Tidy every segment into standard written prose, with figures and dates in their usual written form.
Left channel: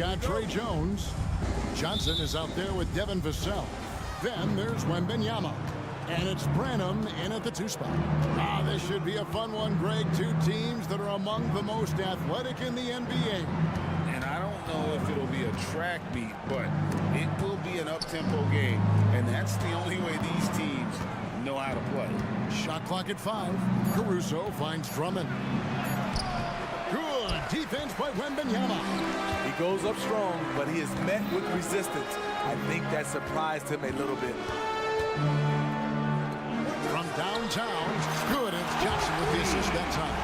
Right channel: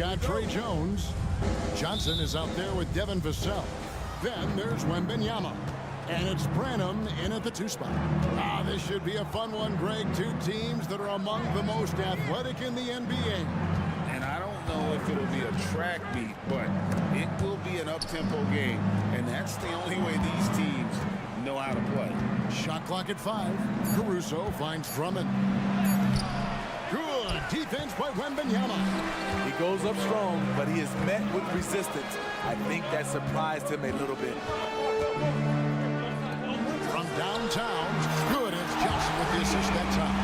got Trey Jones. Johnson is out there with Devin Vassell. Then there's Wembanyama. And it's Branham in at the 2 spot. This should be a fun one, Greg. Two teams that are among the most athletic in the NBA. And I don't know if it'll be a track meet, but it will be an up-tempo game. And that's the only way these teams know how to play. Shot clock at 5. Caruso finds Drummond. Good defense by Wembanyama. He goes up strong, but he is met with resistance. I think that surprised him a little bit. From downtown, good. It's Johnson with the assist that time.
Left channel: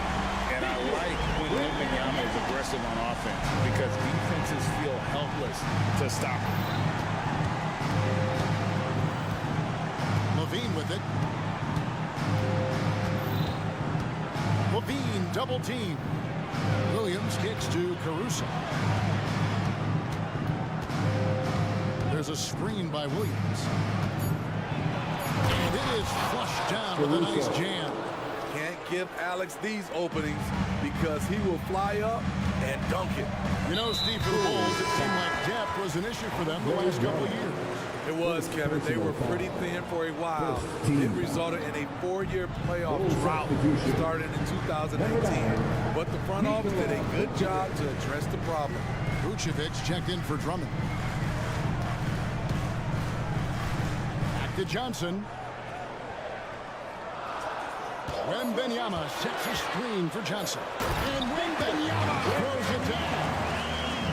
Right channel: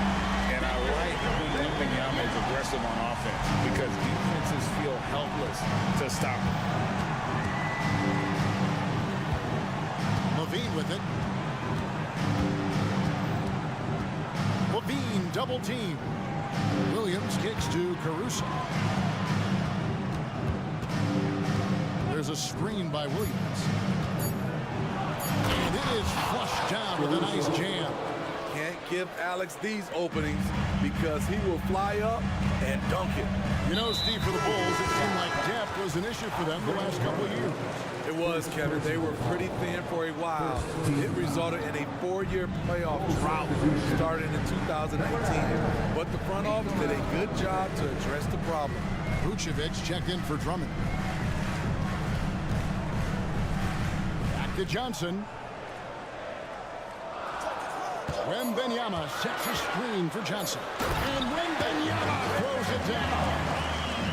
And I like when Wembanyama is aggressive on offense because defenses feel helpless to stop him. Levine with it. Levine double team. Williams kicks to Caruso. There's a screen by Williams. And it is flushed down with a nice jam. Can't give Alex these openings because he will fly up and dunk it. You know, Steve, for the Bulls, it seemed like depth was an issue for them the last couple of years. It was, Kevin. They were pretty thin for a while. It resulted in a 4-year playoff drought starting in 2018. But the front office did a good job to address the problem. Vucevic checked in for Drummond. Back to Johnson. Wembanyama sets a screen for Johnson. And Wembanyama throws it down.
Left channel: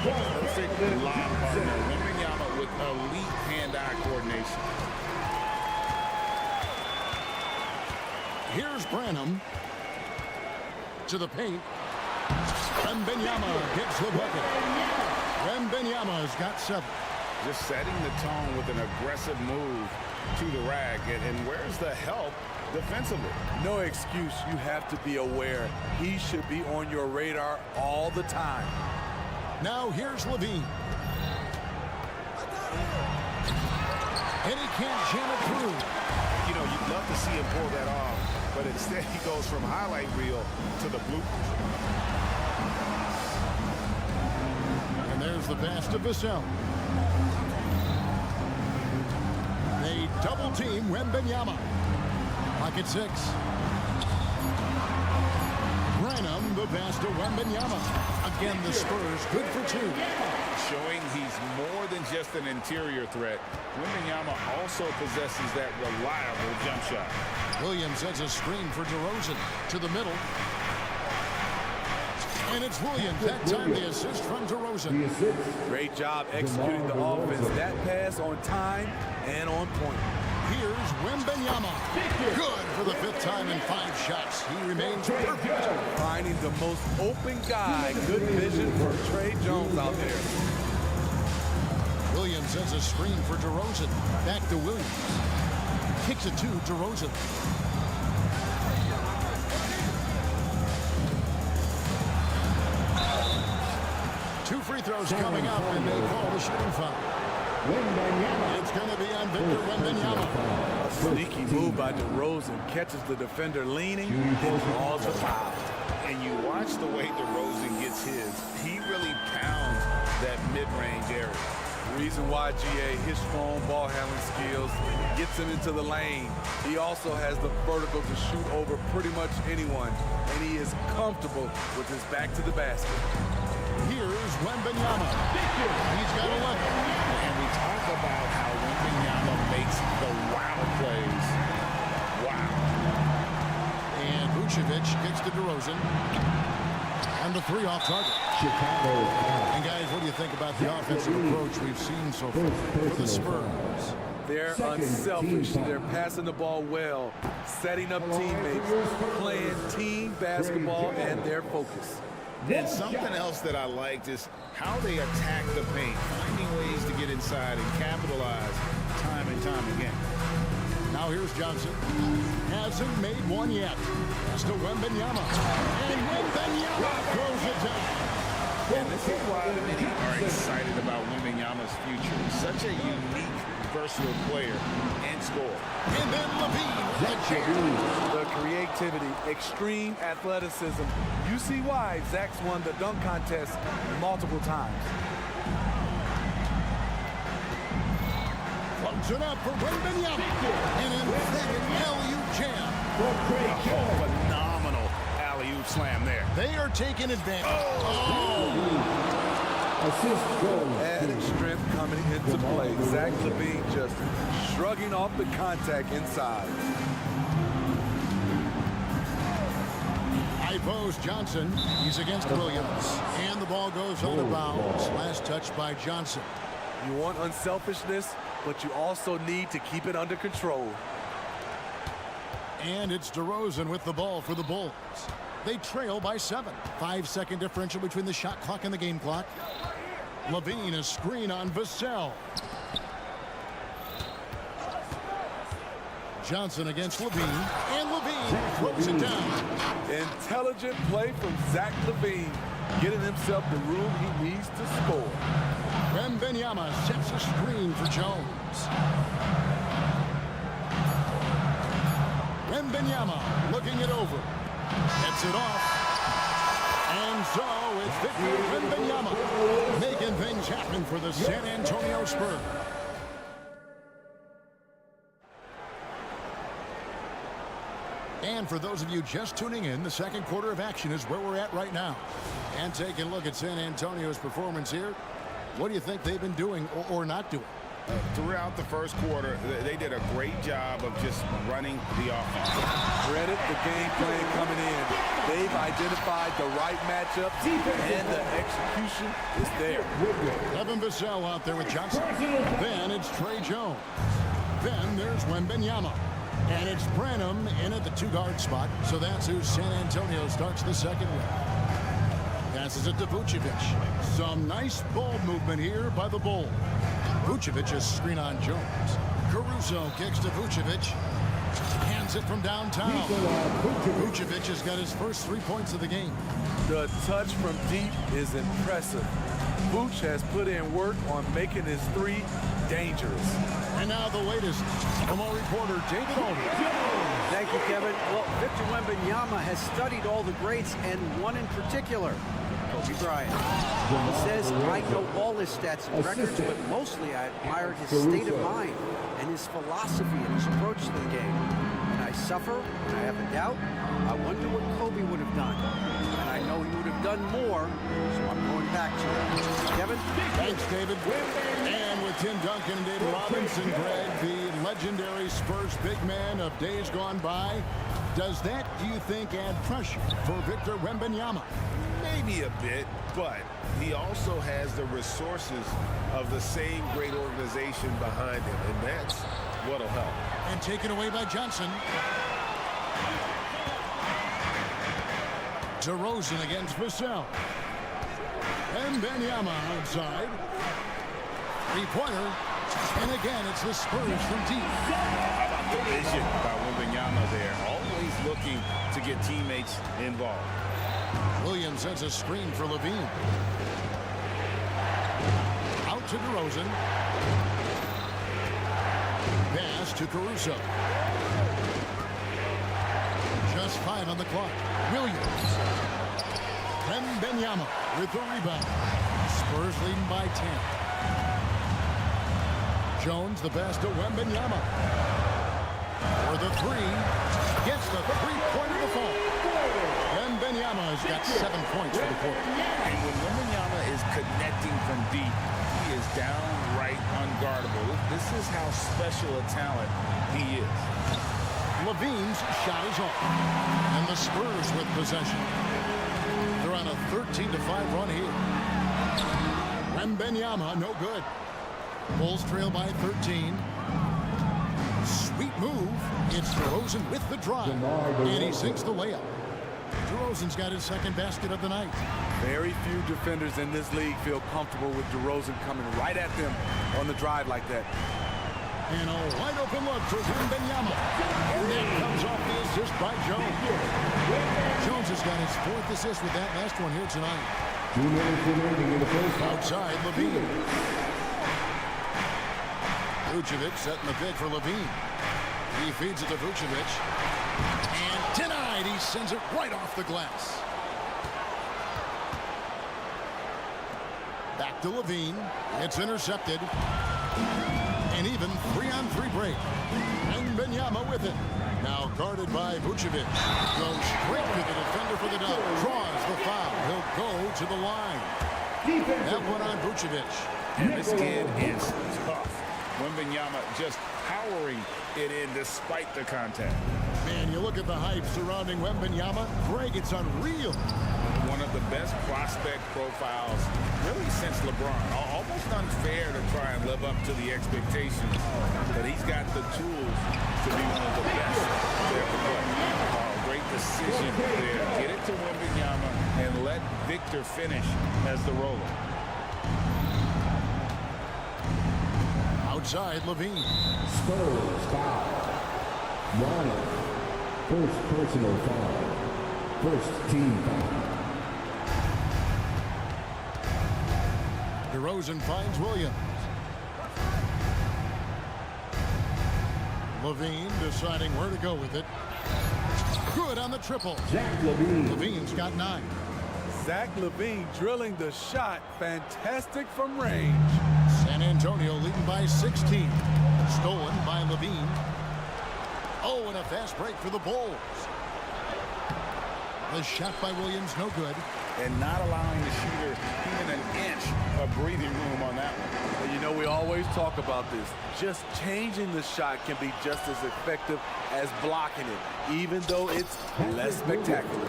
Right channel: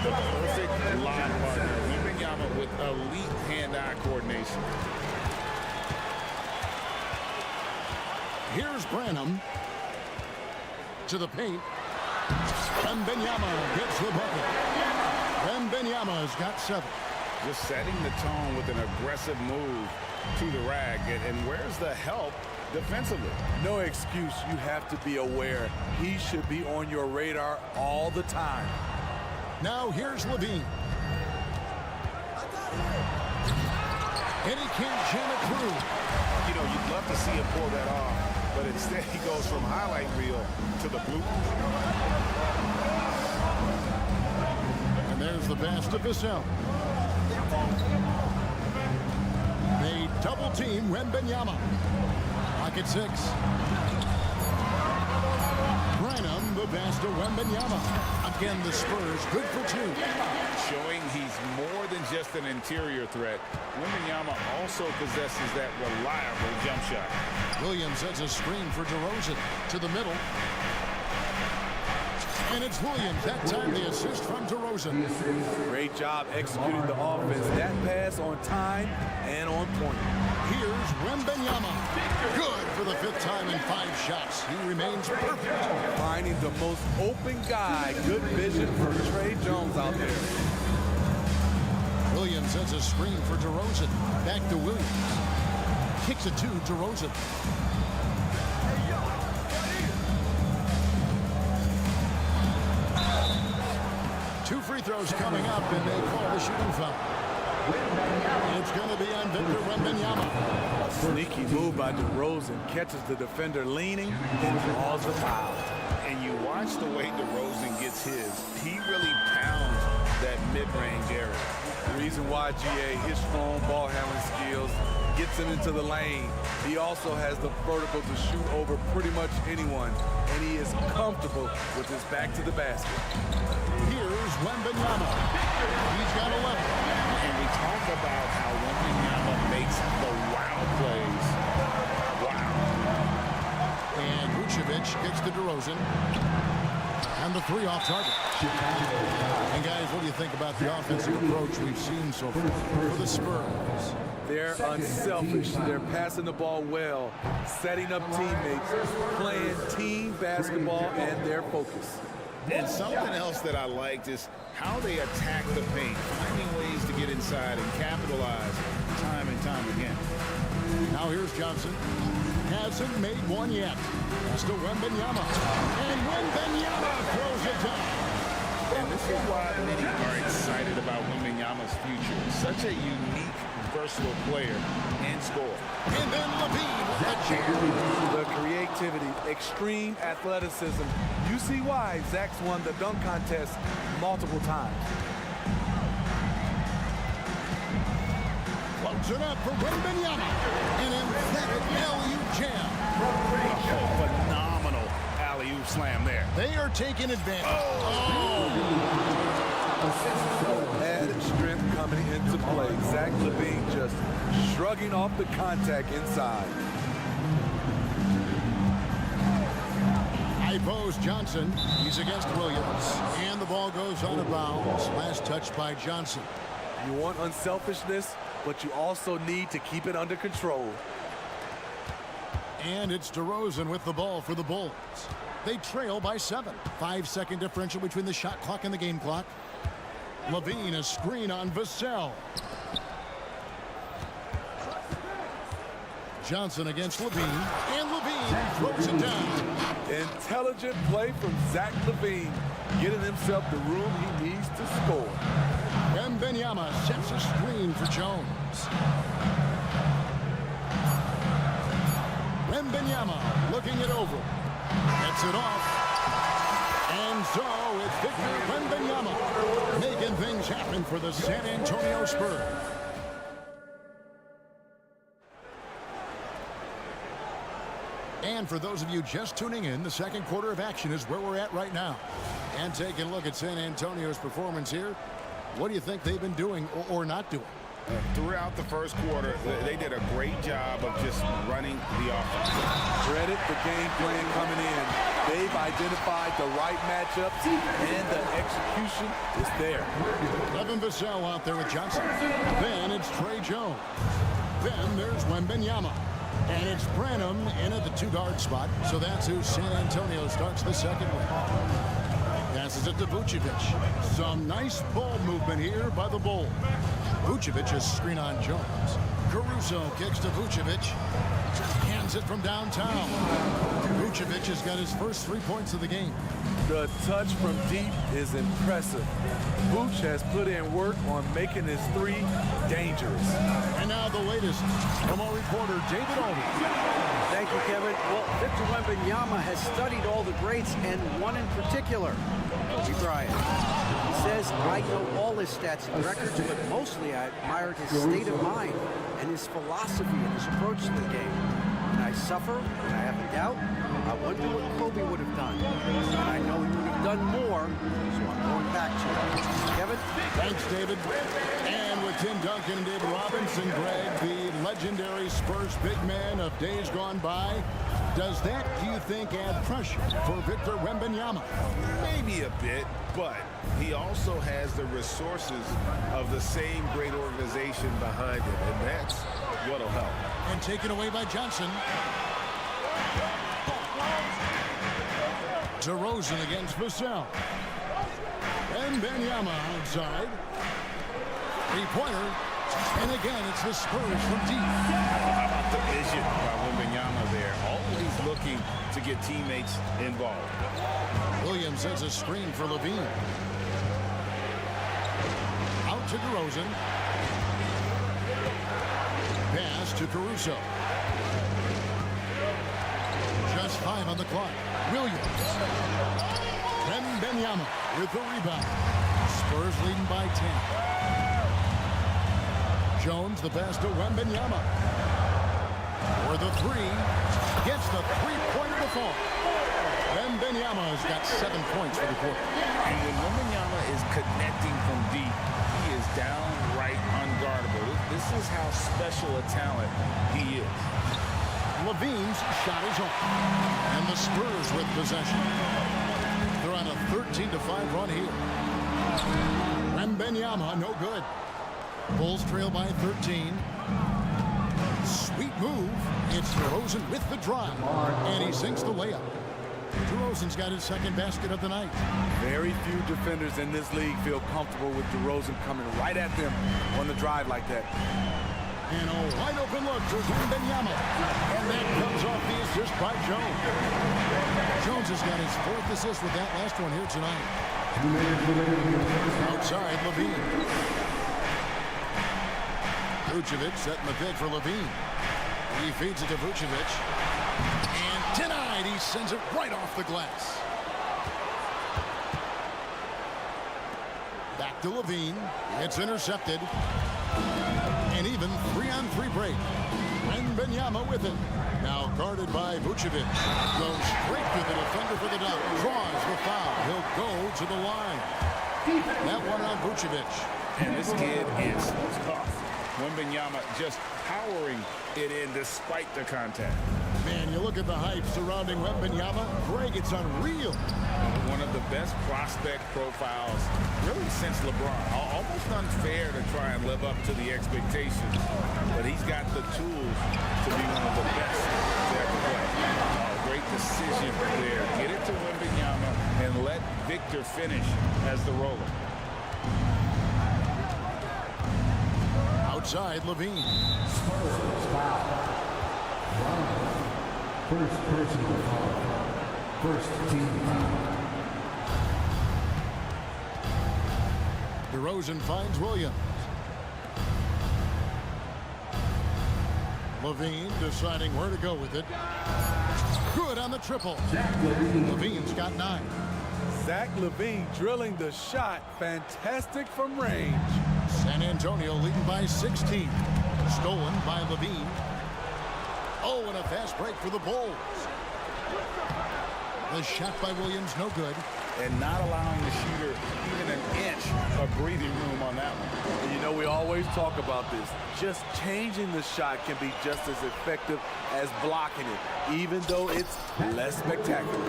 The perfect lob partner. Wembanyama with elite hand-eye coordination. Here's Branham. To the paint. Wembanyama gets the bucket. Wembanyama's got 7. Just setting the tone with an aggressive move to the rack. And where's the help defensively? No excuse. You have to be aware. He should be on your radar all the time. Now here's Levine. And he can't jam it through. You know, you'd love to see him pull that off, but instead he goes from highlight reel to the bloopers. And there's the pass to Vassell. They double team Wembanyama. Clock at 6. Branham, the pass to Wembanyama. Again, the Spurs good for 2. Showing he's more than just an interior threat. Wembanyama also possesses that reliable jump shot. Williams sets a screen for DeRozan to the middle. And it's Williams. That time the assist from DeRozan. Great job executing the offense. That pass on time and on point. Here's Wembanyama. Good for the 5th time in 5 shots. He remains perfect. Finding the most open guy. Good vision for Trey Jones out there. Williams sets a screen for DeRozan. Back to Williams. Kicks it to DeRozan. Two free throws coming up, and they call the shooting foul. It's going to be on Victor Wembanyama. A sneaky move by DeRozan. Catches the defender leaning, then draws the foul. And you watch the way DeRozan gets his. He really pounds that mid-range area. The reason why, GA, his strong ball handling skills gets him into the lane. He also has the vertical to shoot over pretty much anyone, and he is comfortable with his back to the basket. Here's Wembanyama. He's got 11. And we talk about how Wembanyama makes the wow plays. Wow. And Vucevic kicks to DeRozan. And the 3 off target. And guys, what do you think about the offensive approach we've seen so far for the Spurs? They're unselfish. They're passing the ball well, setting up teammates, playing team basketball, and their focus. And something else that I liked is how they attack the paint, finding ways to get inside and capitalize time and time again. Now here's Johnson. Hasn't made one yet. That's to Wembanyama. And Wembanyama throws it down. And this is why many are excited about Wembanyama's future. Such a unique, versatile player and scorer. And then Levine with the jam. The creativity, extreme athleticism. You see why Zach's won the dunk contest multiple times. Loads it up for Wembanyama. An emphatic alley-oop jam. Oh, phenomenal alley-oop slam there. They are taking advantage. Added strength coming into play. Zach LaVine just shrugging off the contact inside. High post Johnson. He's against Williams. And the ball goes out of bounds. Last touch by Johnson. You want unselfishness, but you also need to keep it under control. And it's DeRozan with the ball for the Bulls. They trail by 7. 5-second differential between the shot clock and the game clock. LaVine, a screen on Vassell. Johnson against LaVine, and LaVine throws it down. Intelligent play from Zach LaVine, getting himself the room he needs to score. Wembanyama sets a screen for Jones. Wembanyama looking it over. Gets it off. And so it's Victor Wembanyama making things happen for the San Antonio Spurs. And for those of you just tuning in, the second quarter of action is where we're at right now. And taking a look at San Antonio's performance here, what do you think they've been doing or not doing? Throughout the first quarter, they did a great job of just running the offense. Credit the game plan coming in. They've identified the right matchups, and the execution is there. Devin Vassell out there with Johnson. Then it's Trey Jones. Then there's Wembanyama. And it's Branham in at the 2-guard spot. So that's who San Antonio starts the second with. Passes it to Vucevic. Some nice ball movement here by the Bulls. Vucevic is screen on Jones. Caruso kicks to Vucevic. Hands it from downtown. Vucevic has got his first 3 points of the game. The touch from deep is impressive. Vooch has put in work on making his 3 dangerous. And now the latest from our reporter, David Aldridge. Thank you, Kevin. Well, Victor Wembanyama has studied all the greats, and one in particular, Kobe Bryant. He says, I know all his stats and records, but mostly I admired his state of mind and his philosophy and his approach to the game. When I suffer, when I have a doubt, I wonder what Kobe would have done. And I know he would have done more, so I'm going back to it. Kevin? Thanks, David. And with Tim Duncan and David Robinson, Greg, the legendary Spurs big man of days gone by, does that, do you think, add pressure for Victor Wembanyama? Maybe a bit, but he also has the resources of the same great organization behind him, and that's what'll help. And taken away by Johnson. DeRozan against Vassell. Wembanyama outside. 3-pointer. And again, it's the Spurs from deep. How about the vision by Wembanyama there? Always looking to get teammates involved. Williams sets a screen for LaVine. Out to DeRozan. Pass to Caruso. Just 5 on the clock. Williams. Wembanyama with the rebound. Spurs leading by 10. Jones the pass to Wembanyama. For the 3. Gets the 3-pointer to fall. Wembanyama has got 7 points for the quarter. And when Wembanyama is connecting from deep, he is downright unguardable. This is how special a talent he is. LaVine's shot is off. And the Spurs with possession. They're on a 13-5 run here. Wembanyama, no good. Bulls trail by 13. Sweet move. It's DeRozan with the drive. And he sinks the layup. DeRozan's got his second basket of the night. Very few defenders in this league feel comfortable with DeRozan coming right at them on the drive like that. And a wide open look for Wembanyama. And that comes off the assist by Jones. Jones has got his 4th assist with that last one here tonight. Outside, LaVine. Vucevic setting the pick for LaVine. He feeds it to Vucevic. And denied. He sends it right off the glass. Back to LaVine. It's intercepted. An even 3-on-3 break. Wembanyama with it. Now guarded by Vucevic. Goes straight to the defender for the dunk. Draws the foul. He'll go to the line. That one on Vucevic. And this kid is tough. Wembanyama just powering it in despite the contact. Man, you look at the hype surrounding Wembanyama. Greg, it's unreal. One of the best prospect profiles really since LeBron. Almost unfair to try and live up to the expectations, but he's got the tools to be one of the best to ever play. Oh, great decision there. Get it to Wembanyama and let Victor finish as the roller. Outside, Levine. Spurs foul. Brown. First personal foul. First team foul. DeRozan finds Williams. Levine deciding where to go with it. Good on the triple. Zach LaVine. Levine's got 9. Zach LaVine drilling the shot. Fantastic from range. San Antonio leading by 16. Stolen by Levine. Oh, and a fast break for the Bulls. The shot by Williams, no good. And not allowing the shooter even an inch of breathing room on that one. And you know, we always talk about this. Just changing the shot can be just as effective as blocking it, even though it's less spectacular.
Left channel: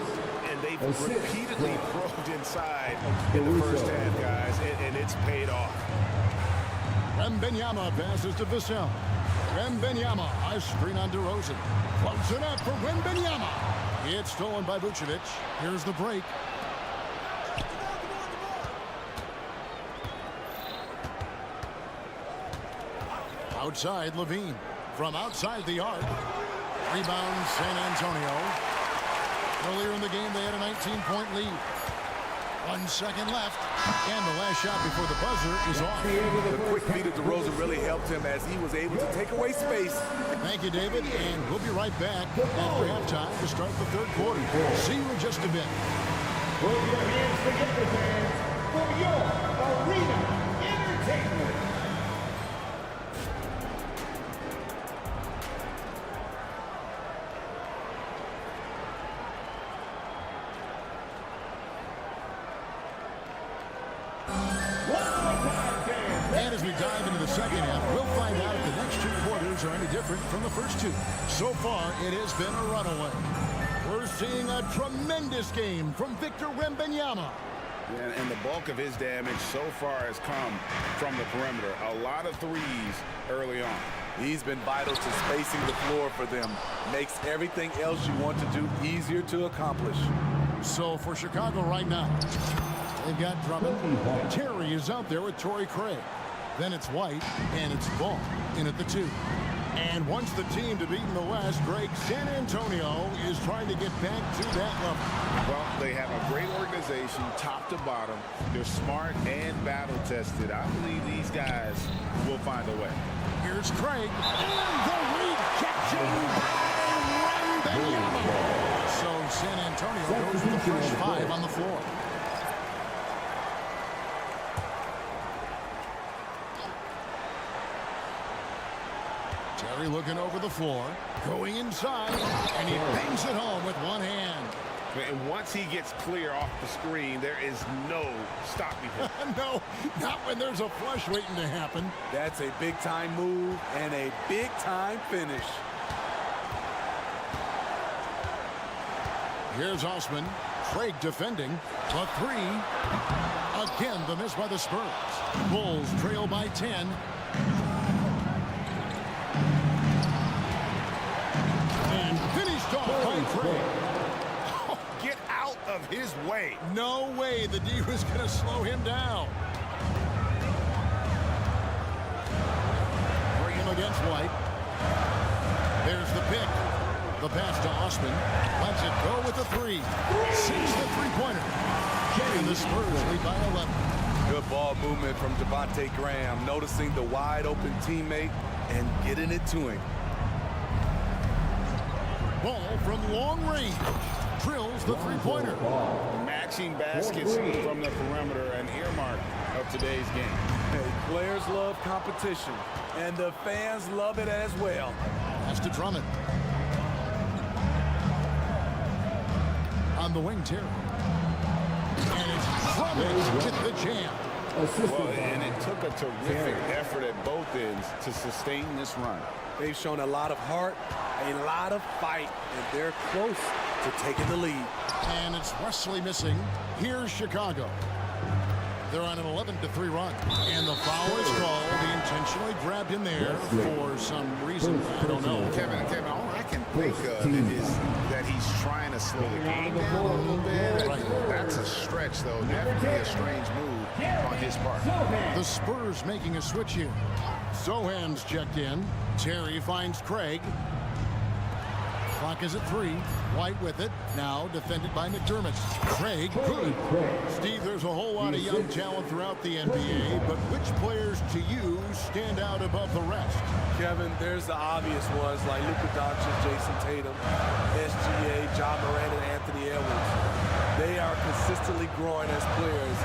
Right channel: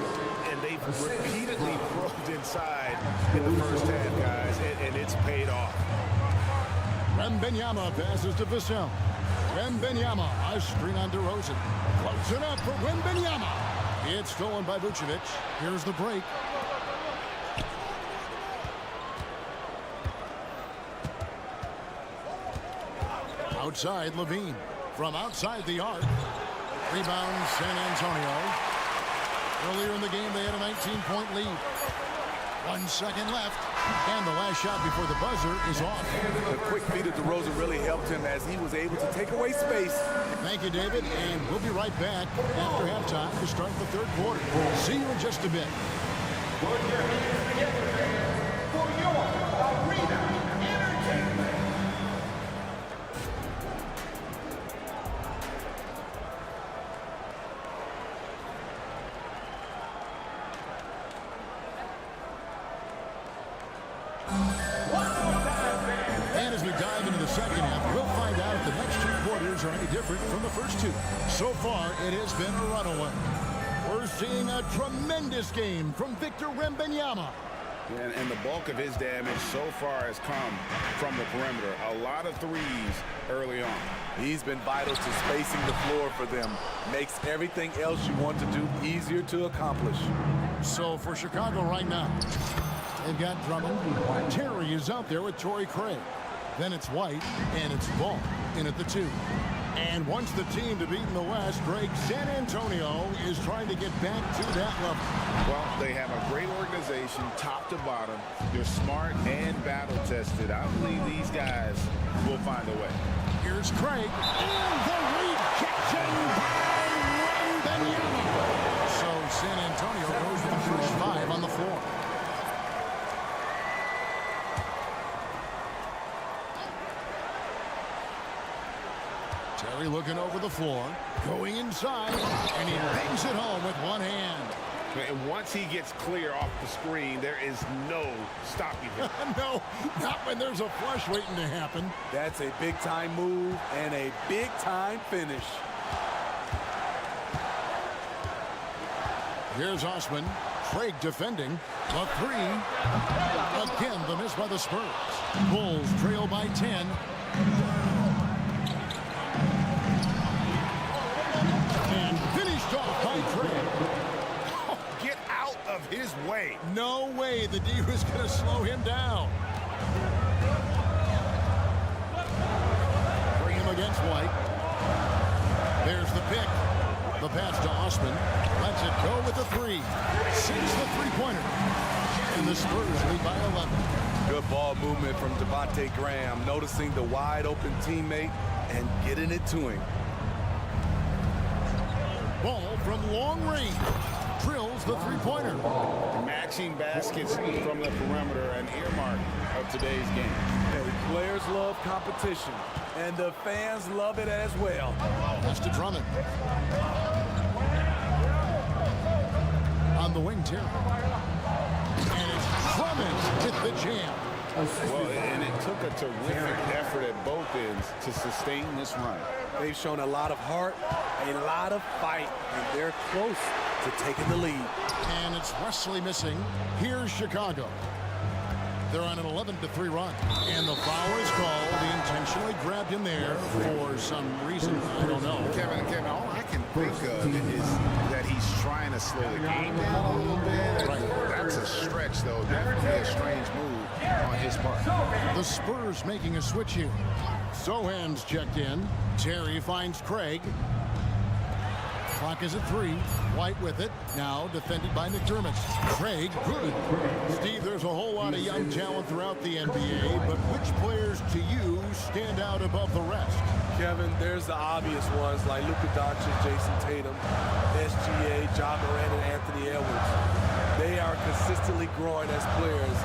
And they've repeatedly probed inside in the first half, guys, and it's paid off. Wembanyama passes to Vassell. Wembanyama, a screen on DeRozan. Floats it up for Wembanyama. It's stolen by Vucevic. Here's the break. Outside, Levine. From outside the arc. Rebound, San Antonio. Earlier in the game, they had a 19-point lead. 1 second left. And the last shot before the buzzer is off. The quick feed of DeRozan really helped him as he was able to take away space. Thank you, David. And we'll be right back after halftime to start the third quarter. See you in just a bit. Put your hands together, fans, for your arena entertainment. And as we dive into the second half, we'll find out if the next 2 quarters are any different from the first 2. So far, it has been a runaway. We're seeing a tremendous game from Victor Wembanyama. And the bulk of his damage so far has come from the perimeter. A lot of threes early on. He's been vital to spacing the floor for them. Makes everything else you want to do easier to accomplish. So for Chicago right now, they've got Drummond. Terry is out there with Torrey Craig. Then it's White, and it's Ball in at the 2. And once the team to beat in the West, Greg, San Antonio is trying to get back to that level. Well, they have a great organization, top to bottom. They're smart and battle-tested. I believe these guys will find a way. Here's Craig, and the rejection by Wembanyama. So San Antonio goes with the first 5 on the floor. Terry looking over the floor, going inside, and he bangs it home with one hand. And once he gets clear off the screen, there is no stopping him. No, not when there's a flush waiting to happen. That's a big-time move and a big-time finish. Here's Osman. Craig defending. The 3. Again, the miss by the Spurs. Bulls trail by 10. And finished off by Craig. Oh, get out of his way. No way the D was going to slow him down. Bring him against White. There's the pick. The pass to Osman. Lets it go with the 3. Sinks the three-pointer. And the Spurs lead by 11. Good ball movement from Devontae Graham, noticing the wide-open teammate and getting it to him. Ball from long range. Drills the three-pointer. matching baskets from the perimeter, an earmark of today's game. Hey, players love competition, and the fans love it as well. Pass to Drummond. On the wing, Terry. And it's Drummond with the jam. Well, and it took a terrific effort at both ends to sustain this run. They've shown a lot of heart, a lot of fight, and they're close to taking the lead. And it's Wesley missing. Here's Chicago. They're on an 11-3 run. And the foul is called. He intentionally grabbed him there for some reason. I don't know. Kevin, all I can think of is that he's trying to slow the game down a little bit. Right. That's a stretch, though. Definitely a strange move on his part. The Spurs making a switch here. Sohan's checked in. Terry finds Craig. Clock is at 3. White with it. Now defended by McDermott. Craig, good. Steve, there's a whole lot of young talent throughout the NBA, but which players to you stand out above the rest? Kevin, there's the obvious ones like Luka Doncic, Jason Tatum, SGA, Ja Morant, and Anthony Edwards. They are consistently growing as players.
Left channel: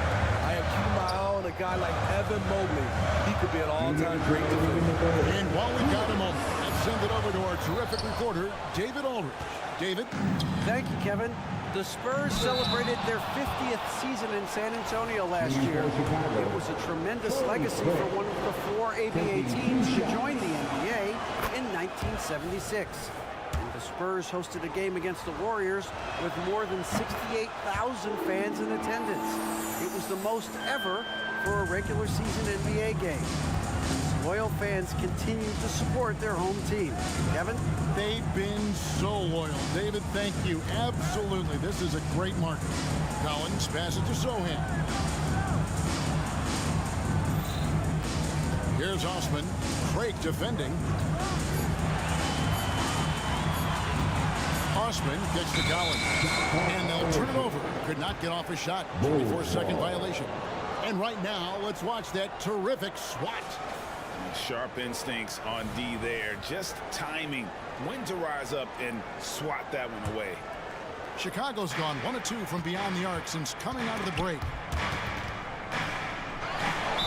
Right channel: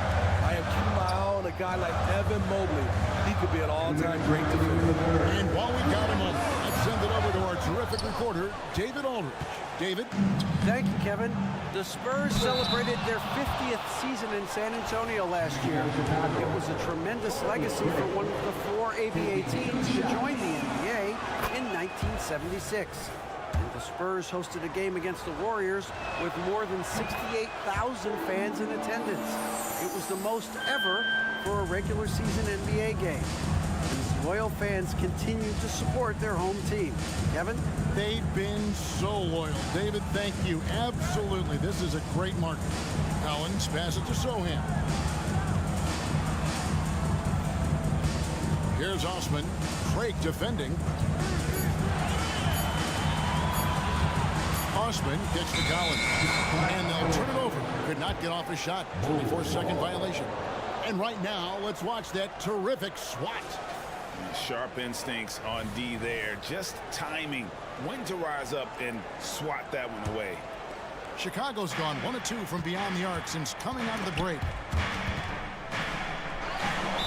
I am keeping my eye on a guy like Evan Mobley. He could be an all-time great defender. And while we've got a moment, let's send it over to our terrific reporter, David Aldridge. David? Thank you, Kevin. The Spurs celebrated their 50th season in San Antonio last year. It was a tremendous legacy for one of the 4 ABA teams to join the NBA in 1976. And the Spurs hosted a game against the Warriors with more than 68,000 fans in attendance. It was the most ever for a regular season NBA game. These loyal fans continue to support their home team. Kevin? They've been so loyal. David, thank you. Absolutely. This is a great market. Collins passes to Sohan. Here's Osman. Craig defending. Osman kicks to Collins. And they'll turn it over. Could not get off a shot. 24-second violation. And right now, let's watch that terrific swat. Sharp instincts on D there. Just timing. When to rise up and swat that one away. Chicago's gone 1 of 2 from beyond the arc since coming out of the break.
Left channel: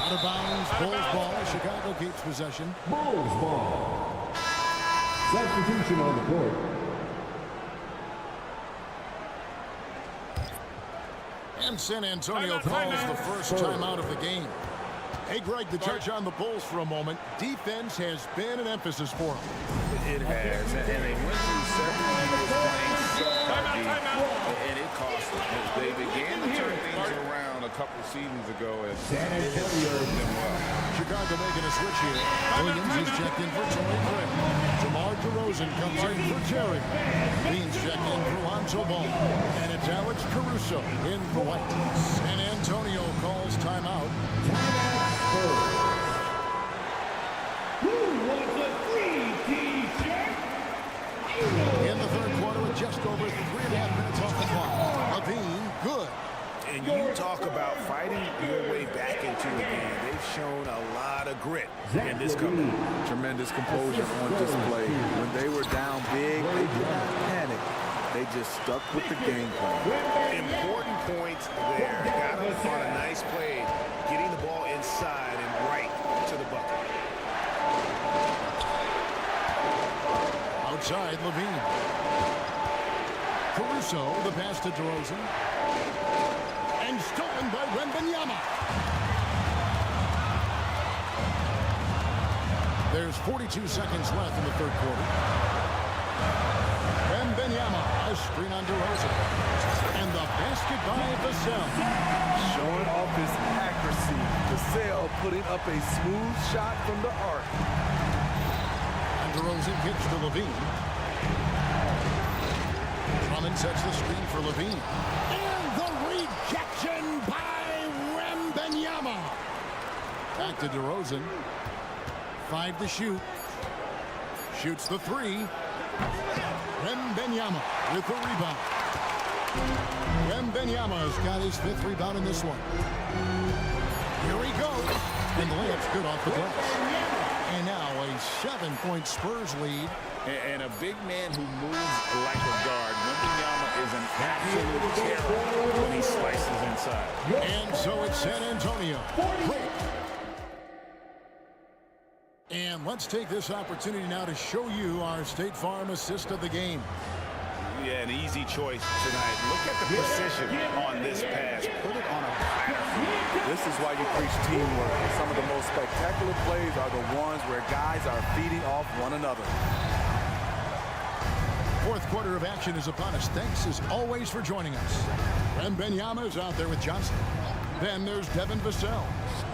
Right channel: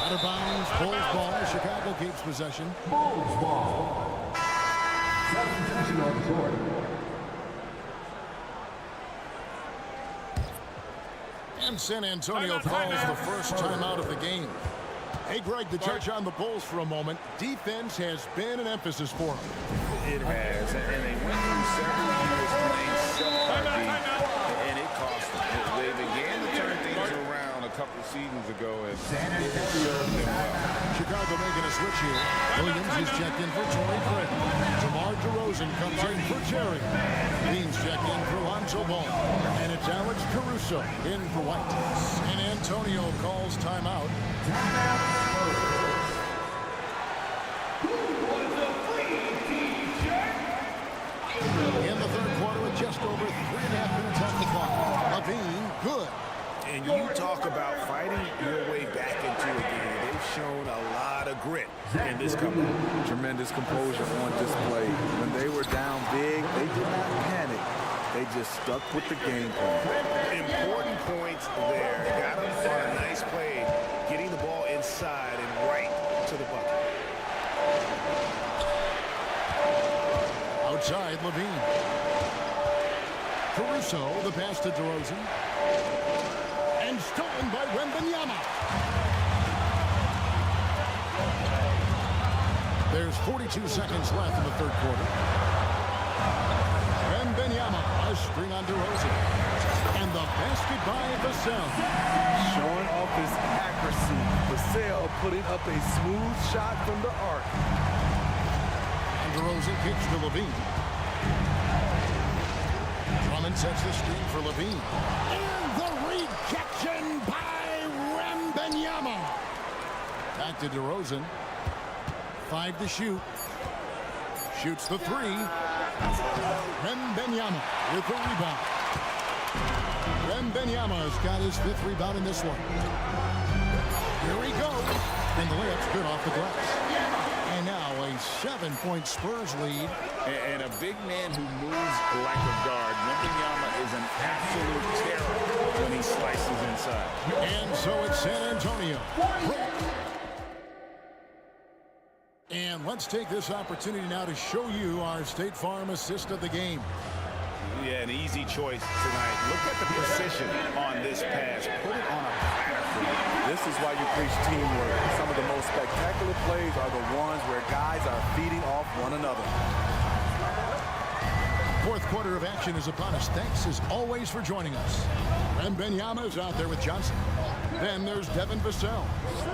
Out of bounds, Bulls ball. Chicago keeps possession. Bulls ball. Substitution on the court. And San Antonio calls the first timeout of the game. Hey, Greg, to touch on the Bulls for a moment, defense has been an emphasis for them. It has, and they went through several years playing subpar D, and it cost them. They began to turn things around a couple seasons ago, and it has served them well. Chicago making a switch here. Williams is checked in for Torrey Craig. DeMar DeRozan comes in for Terry. Beans checked in for Lonzo Ball. And it's Alex Caruso in for White. San Antonio calls timeout. In the third quarter with just over 3.5 minutes off the clock. Levine, good. And you talk about fighting your way back into a game. They've shown a lot of grit in this comeback. Tremendous composure on display. When they were down big, they did not panic. They just stuck with the game plan. Important points there. Got him on a nice play, getting the ball inside and right to the bucket. Outside, Levine. Caruso, the pass to DeRozan. And stolen by Wembanyama. There's 42 seconds left in the third quarter. Wembanyama, a screen on DeRozan. And the basket by Vassell. Showing off his accuracy. Vassell putting up a smooth shot from the arc. And DeRozan kicks to Levine. Drummond sets the screen for Levine. And the rejection by Wembanyama. Back to DeRozan. 5 to shoot. Shoots the 3. Wembanyama with the rebound. Wembanyama's got his 5th rebound in this one. Here he goes. And the layup's good off the glass. And now a 7-point Spurs lead. And a big man who moves like a guard. Wembanyama is an absolute terror when he's slices inside. And so it's San Antonio. Break. And let's take this opportunity now to show you our State Farm assist of the game. Yeah, an easy choice tonight. Look at the precision on this pass. Put it on a platter for him. This is why you preach teamwork. Some of the most spectacular plays are the ones where guys are feeding off one another. Fourth quarter of action is upon us. Thanks, as always, for joining us. Wembanyama is out there with Johnson. Then there's Devin Vassell.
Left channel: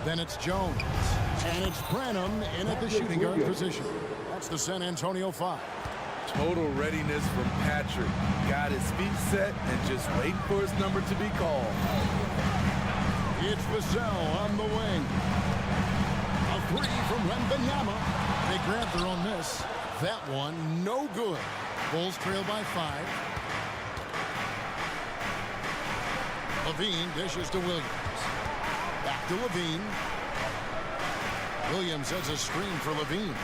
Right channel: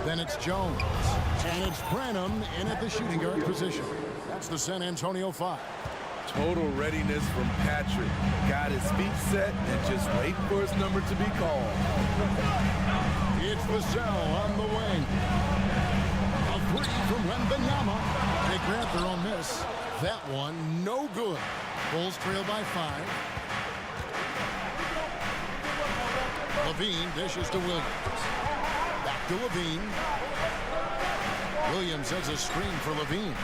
Then it's Jones. And it's Branham in at the shooting guard position. That's the San Antonio 5. Total readiness from Patrick. Got his feet set and just waiting for his number to be called. It's Vassell on the wing. A three from Wembanyama. They grant their own miss. That one, no good. Bulls trail by 5. Levine dishes to Williams. Back to Levine. Williams has a screen for Levine.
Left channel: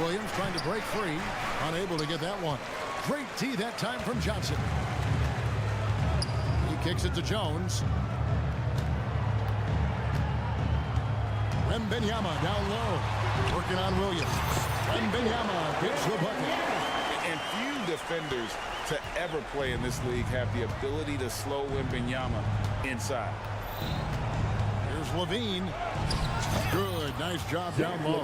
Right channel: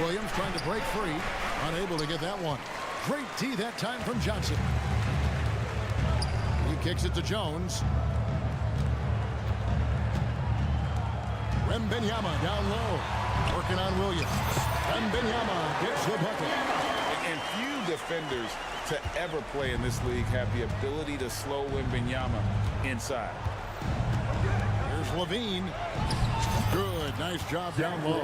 Williams trying to break free. Unable to get that one. Great tee that time from Johnson. He kicks it to Jones. Wembanyama down low. Working on Williams. Wembanyama gets the bucket. And few defenders to ever play in this league have the ability to slow Wembanyama inside. Here's Levine. Good, nice job down low.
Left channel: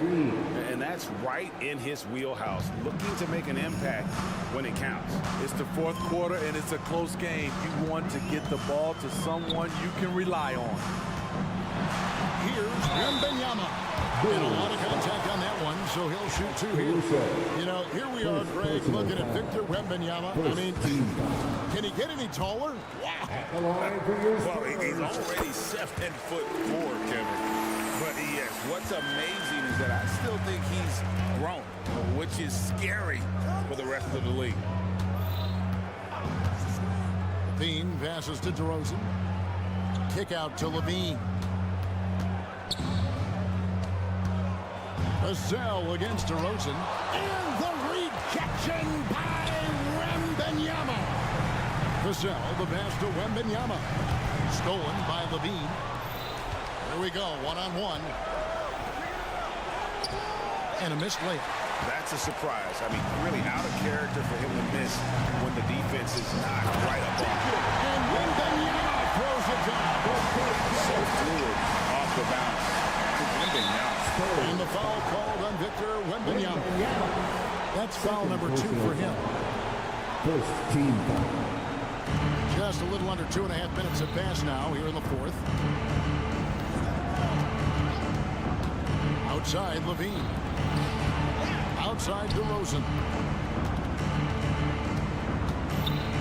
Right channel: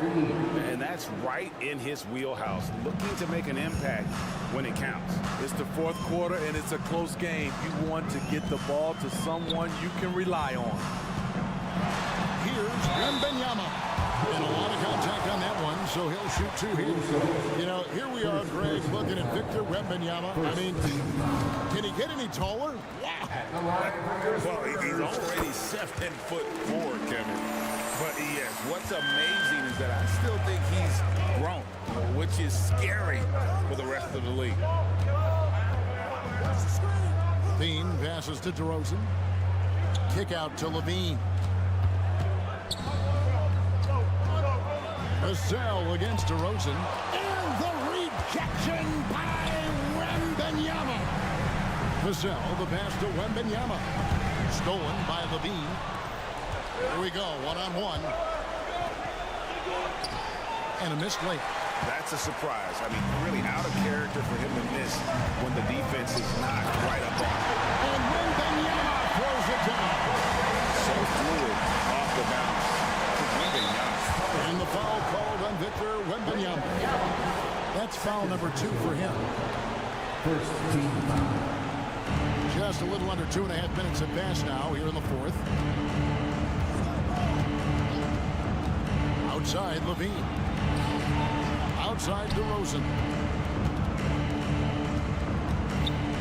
And that's right in his wheelhouse, looking to make an impact when it counts. It's the fourth quarter and it's a close game. You want to get the ball to someone you can rely on. Here's Wembanyama. And a lot of contact on that one, so he'll shoot 2 here. You know, here we are, Greg, looking at Victor Wembanyama. I mean, can he get any taller? Wow. Well, he's already 7'4", Kevin. But yes, what's amazing is that I still think he's grown, which is scary for the rest of the league. Levine passes to DeRozan. Kick out to Levine. Vassell against DeRozan. And the rejection by Wembanyama. Vassell, the pass to Wembanyama. Stolen by Levine. Here we go, one-on-one. And a missed layup. That's a surprise. I mean, really out of character for him to miss when the defense is not right up on him. And Wembanyama throws it down. So fluid off the bounce. Wembanyama. And the foul called on Victor Wembanyama. That's foul number 2 for him. First team foul. Just a little under 2.5 minutes have passed now here in the fourth. Outside Levine. Outside DeRozan.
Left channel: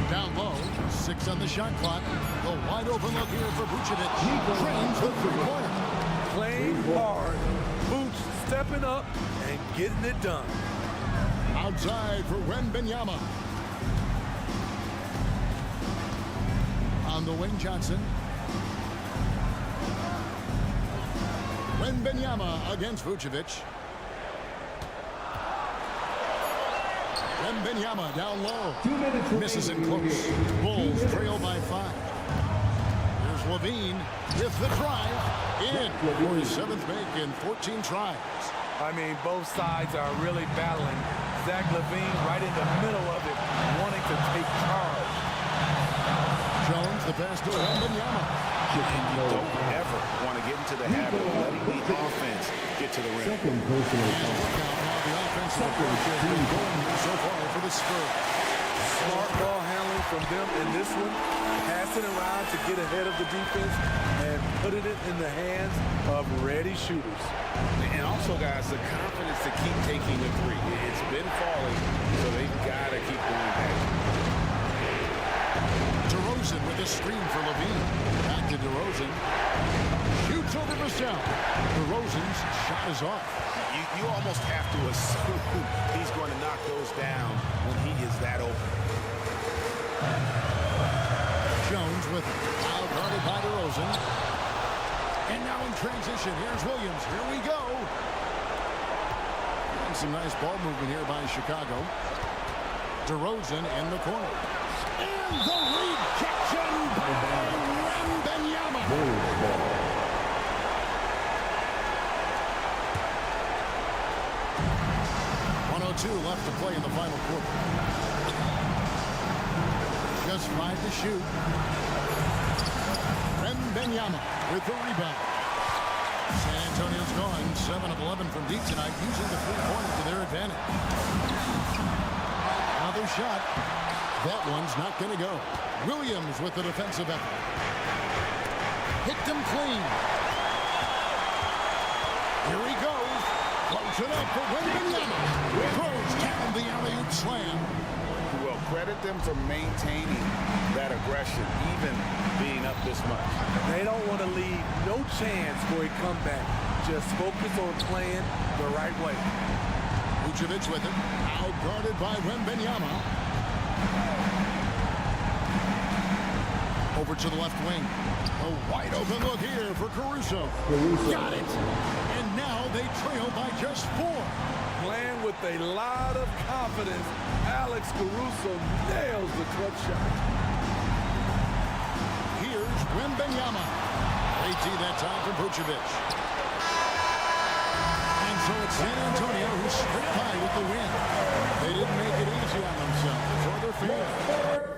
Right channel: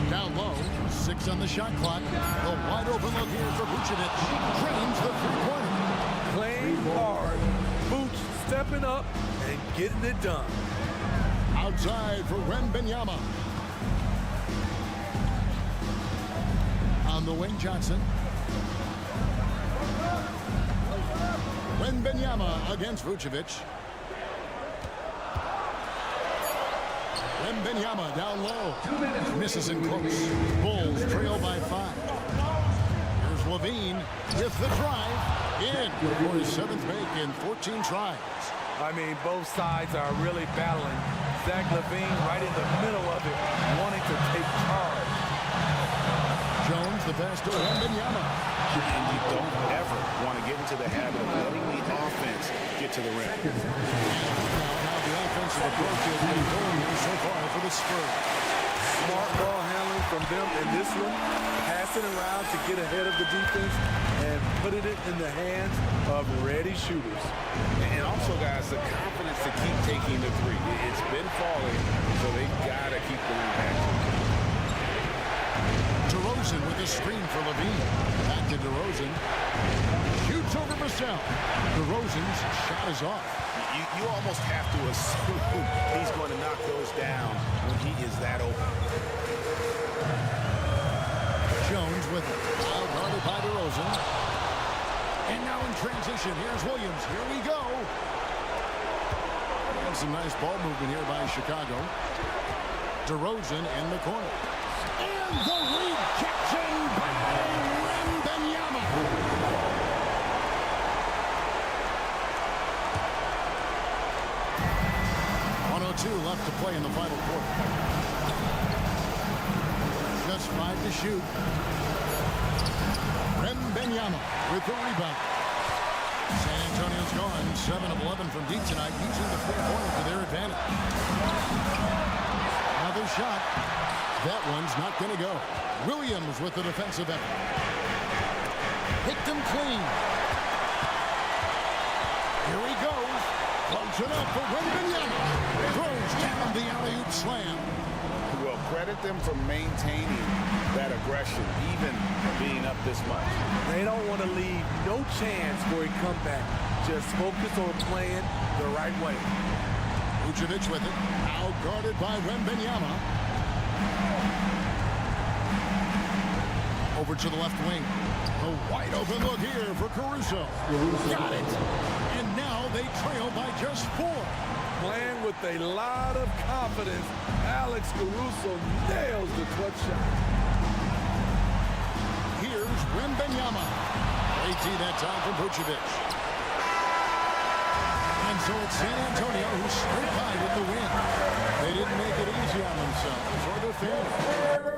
Down low, 6 on the shot clock. The wide open look here for Vucevic. Drains the three-pointer. Playing hard. Boots stepping up and getting it done. Outside for Wembanyama. On the wing, Johnson. Wembanyama against Vucevic. Wembanyama down low. Misses in close. Bulls trail by 5. Here's Levine with the drive. In for his 7th make in 14 tries. I mean, both sides are really battling. Zach LaVine right in the middle of it, wanting to take charge. Jones, the pass to Wembanyama. And you don't ever want to get into the habit of letting the offense get to the rim. And look now how the offensive approach has been going here so far for the Spurs. Smart ball handling from them in this one. Passing around to get ahead of the defense and putting it in the hands of ready shooters. And also, guys, the confidence to keep taking the three. It's been falling, so they've got to keep going back. DeRozan with a screen for Levine. Back to DeRozan. Shoots over Vassell. DeRozan's shot is off. You almost have to assume he's going to knock those down when he is that open. Jones with it. Foul guarded by DeRozan. And now in transition, here's Williams. Here we go. And some nice ball movement here by Chicago. DeRozan in the corner. And the rejection by 2:42 left to play in the final quarter. Just 5 to shoot. Wembanyama with the rebound. San Antonio's gone 7 of 11 from deep tonight, using the three-pointer to their advantage. Another shot. That one's not going to go. Williams with the defensive effort. Picked him clean. Here he goes. Floats it up for Wembanyama. Throws down the alley-oop slam. Well, credit them for maintaining that aggression, even being up this much. They don't want to leave no chance for a comeback. Just focus on playing the right way. Vucevic with it. Out guarded by Wembanyama. Over to the left wing. A wide open look here for Caruso. Got it. And now they trail by just 4. Playing with a lot of confidence, Alex Caruso nails the clutch shot. Here's Wembanyama. AT that time from Vucevic. And so it's San Antonio who's straight by with the win. They didn't make it easy on themselves or their fans.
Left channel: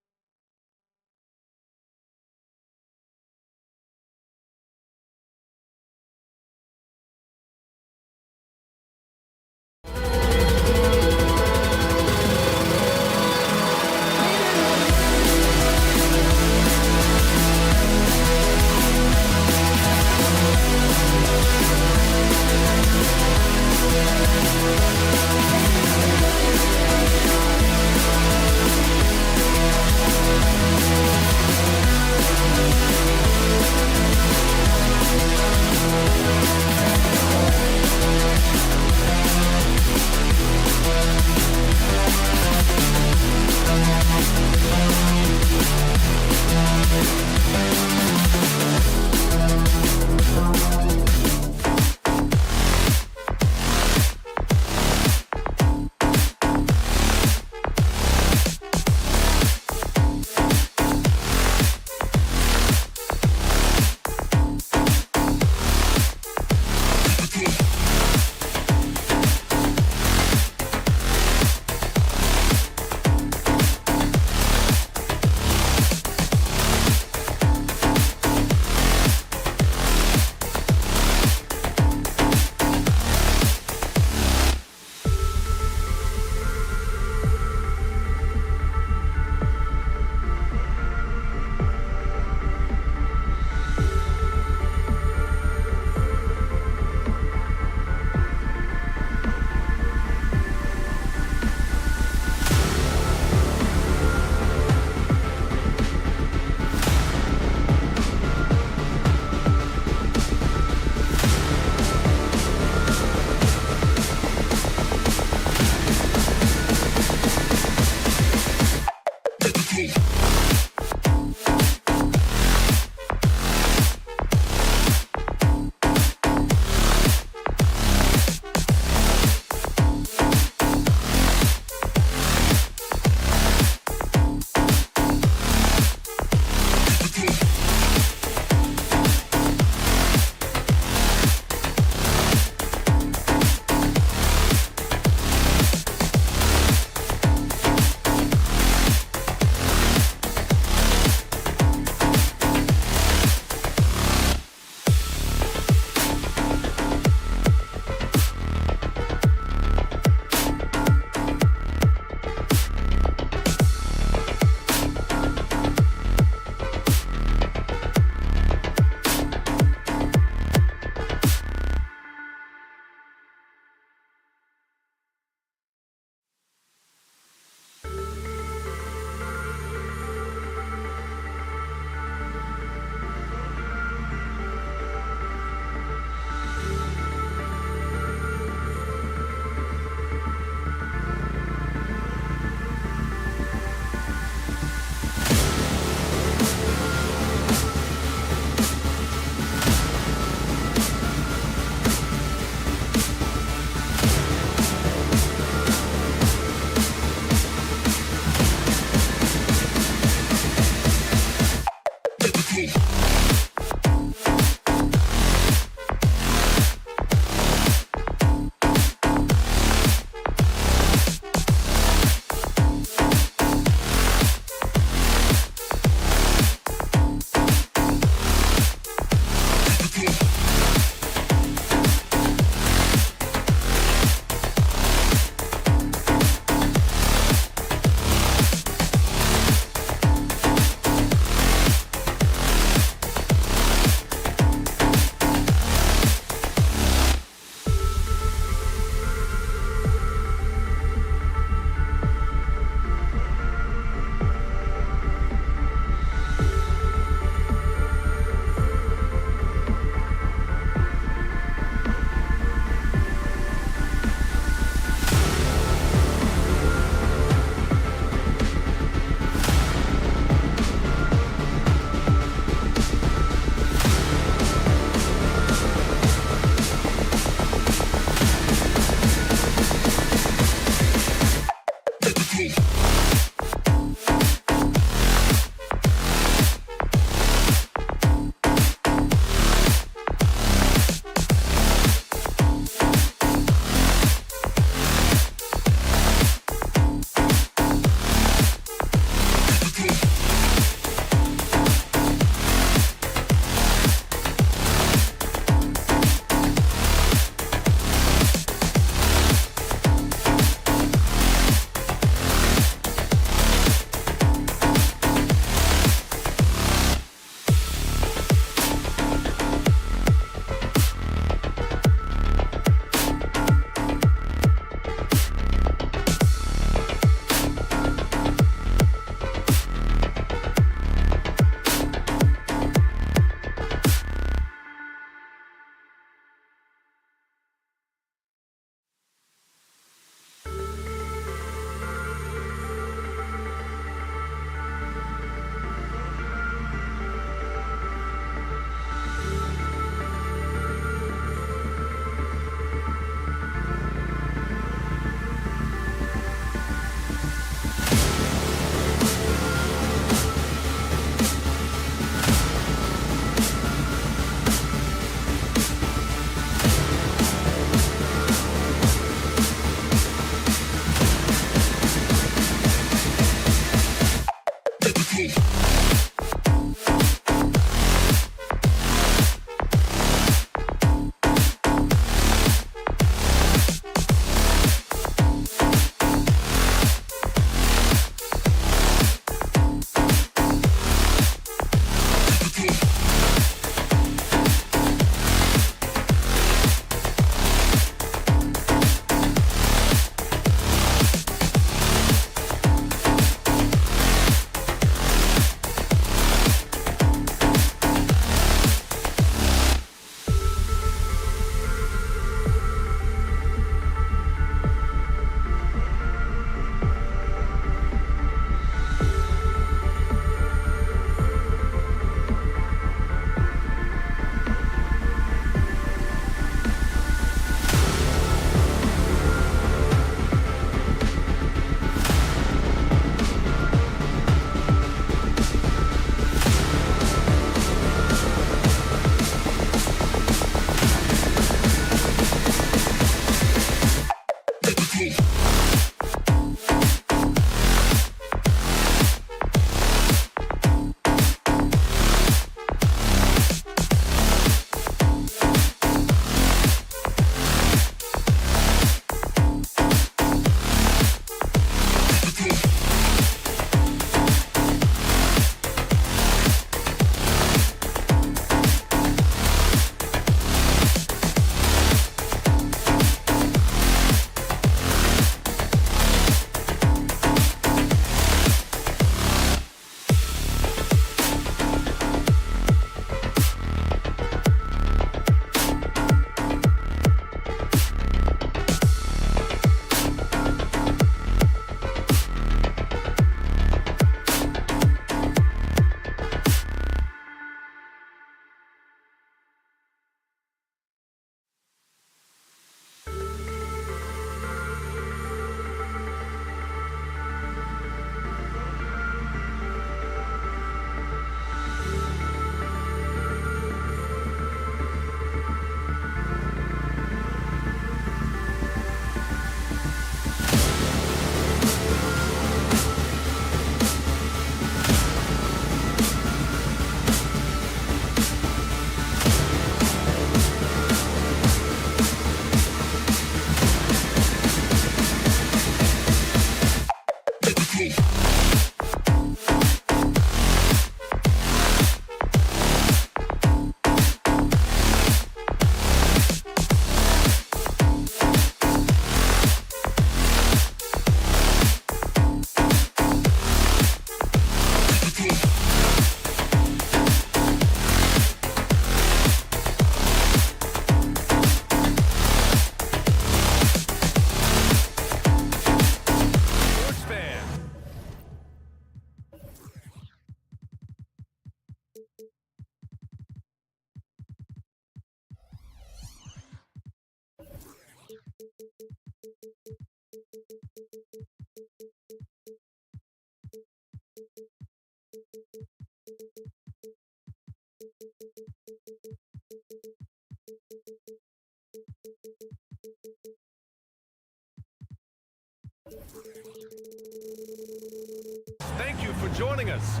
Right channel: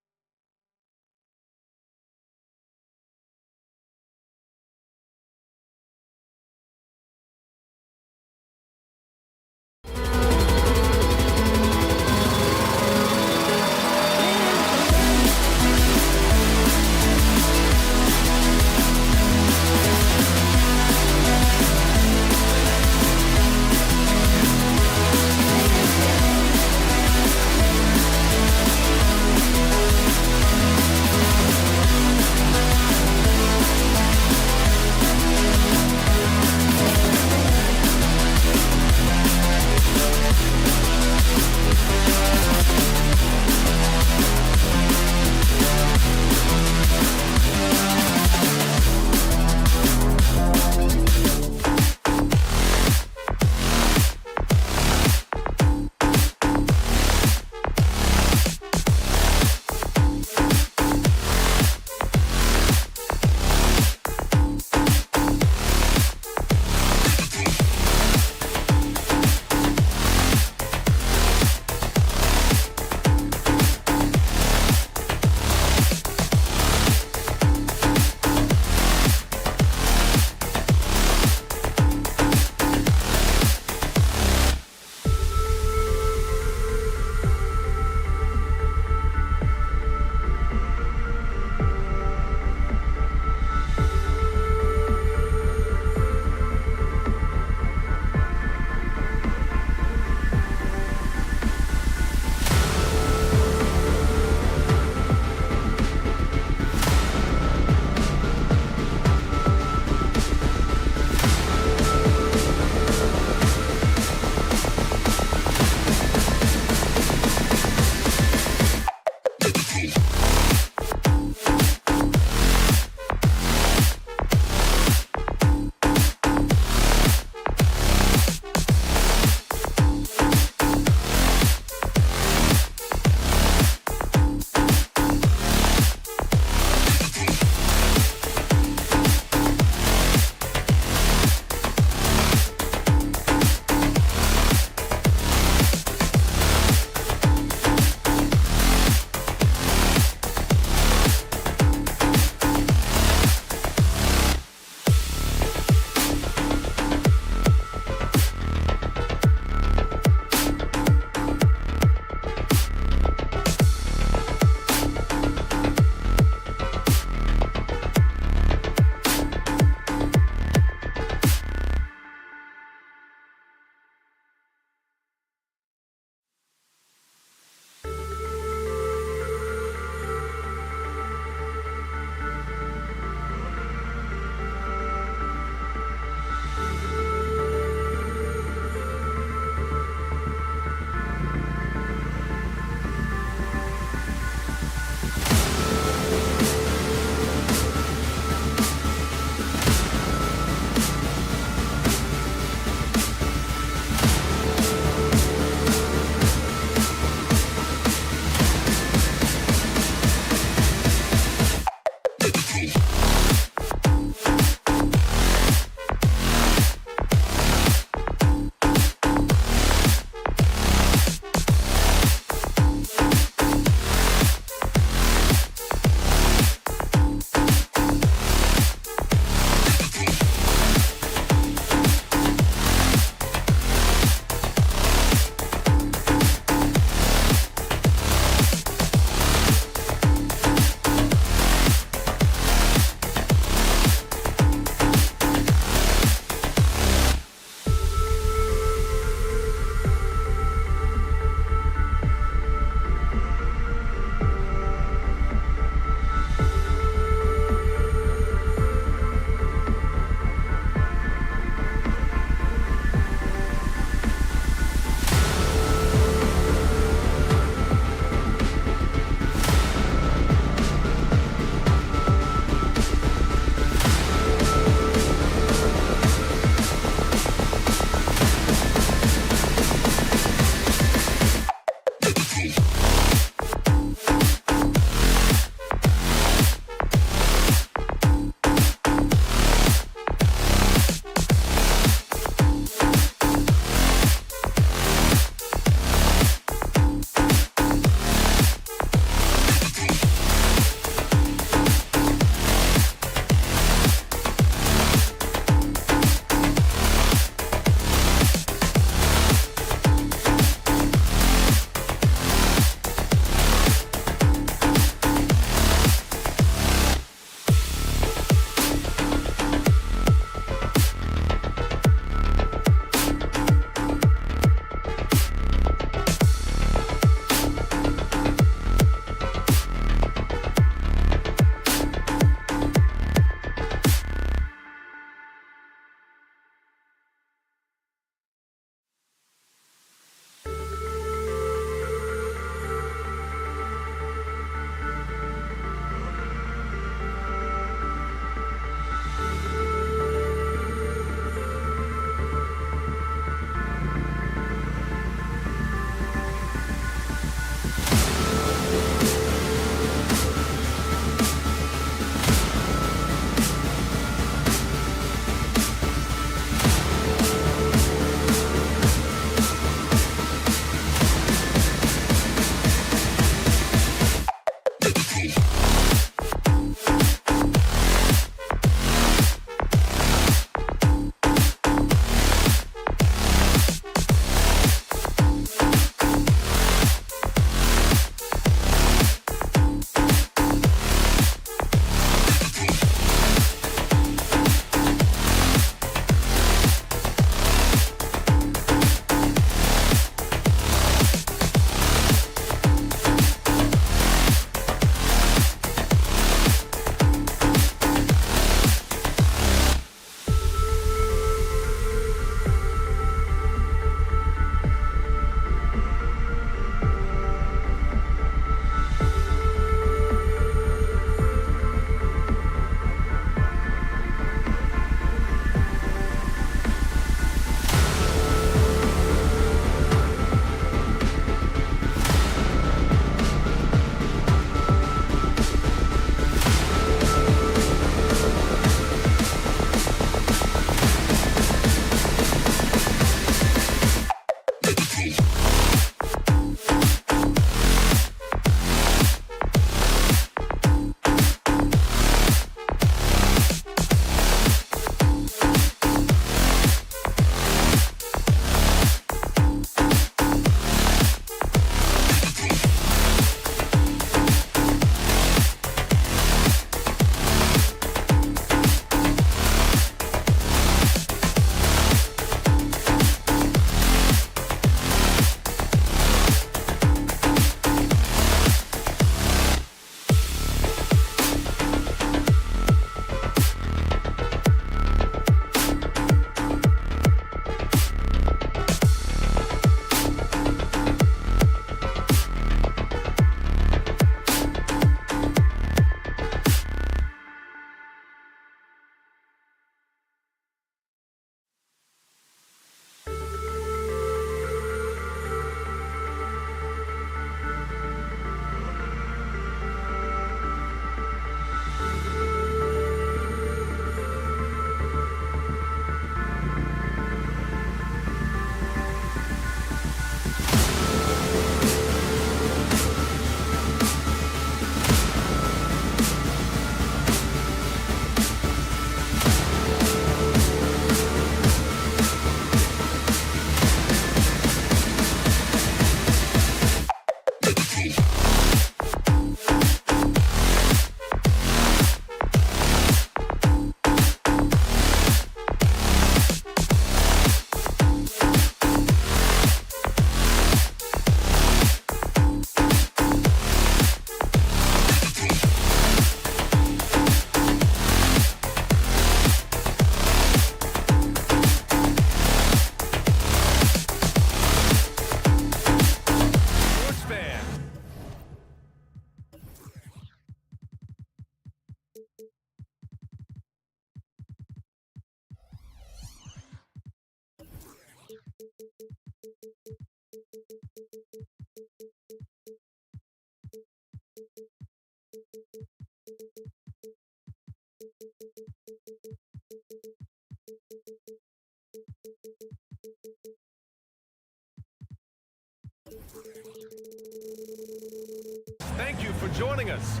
Thank you for joining us.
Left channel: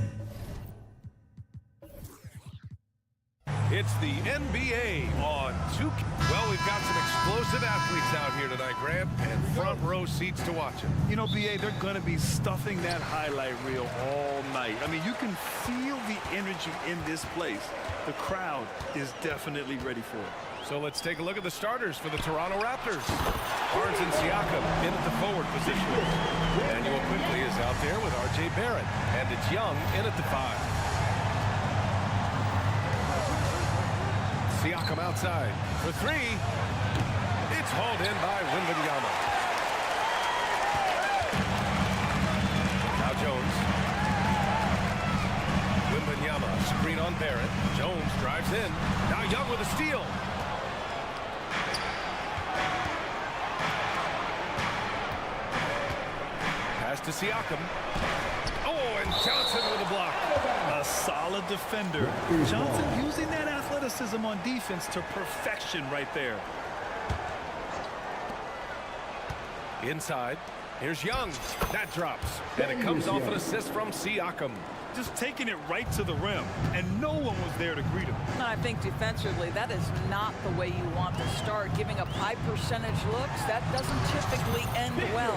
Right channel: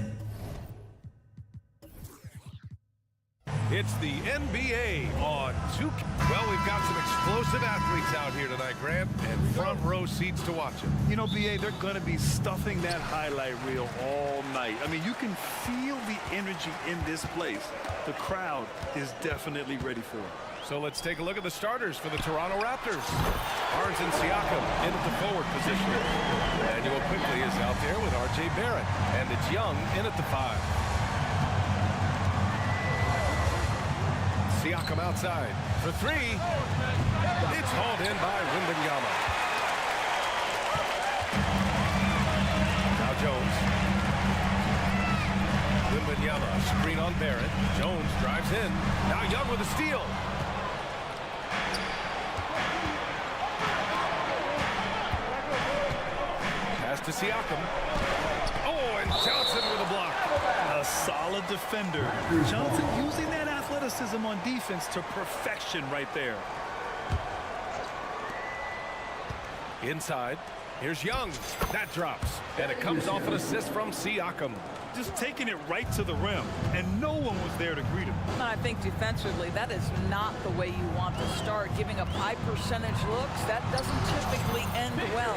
It's the NBA on 2K. Well, we've got some explosive athletes out here tonight, Grant, and front row seats to watch it. You know, B.A., they're going to be stuffing that highlight reel all night. I mean, you can feel the energy in this place. The crowd is definitely ready for it. So let's take a look at the starters for the Toronto Raptors. Barnes and Siakam in at the forward position. Emmanuel quickly is out there with R.J. Barrett, and it's Young in at the 5. Siakam outside for 3. It's hauled in by Wembanyama. Now Jones. Wembanyama, screen on Barrett. Jones drives in. Now Young with a steal. Pass to Siakam. Oh, and Johnson with a block. A solid defender. Johnson using that athleticism on defense to perfection right there. Inside. Here's Young. That drops. And it comes off an assist from Siakam. Just taking it right to the rim, and no one was there to greet him. I think defensively, that is not the way you want to start. Giving up high percentage looks, that doesn't typically end well.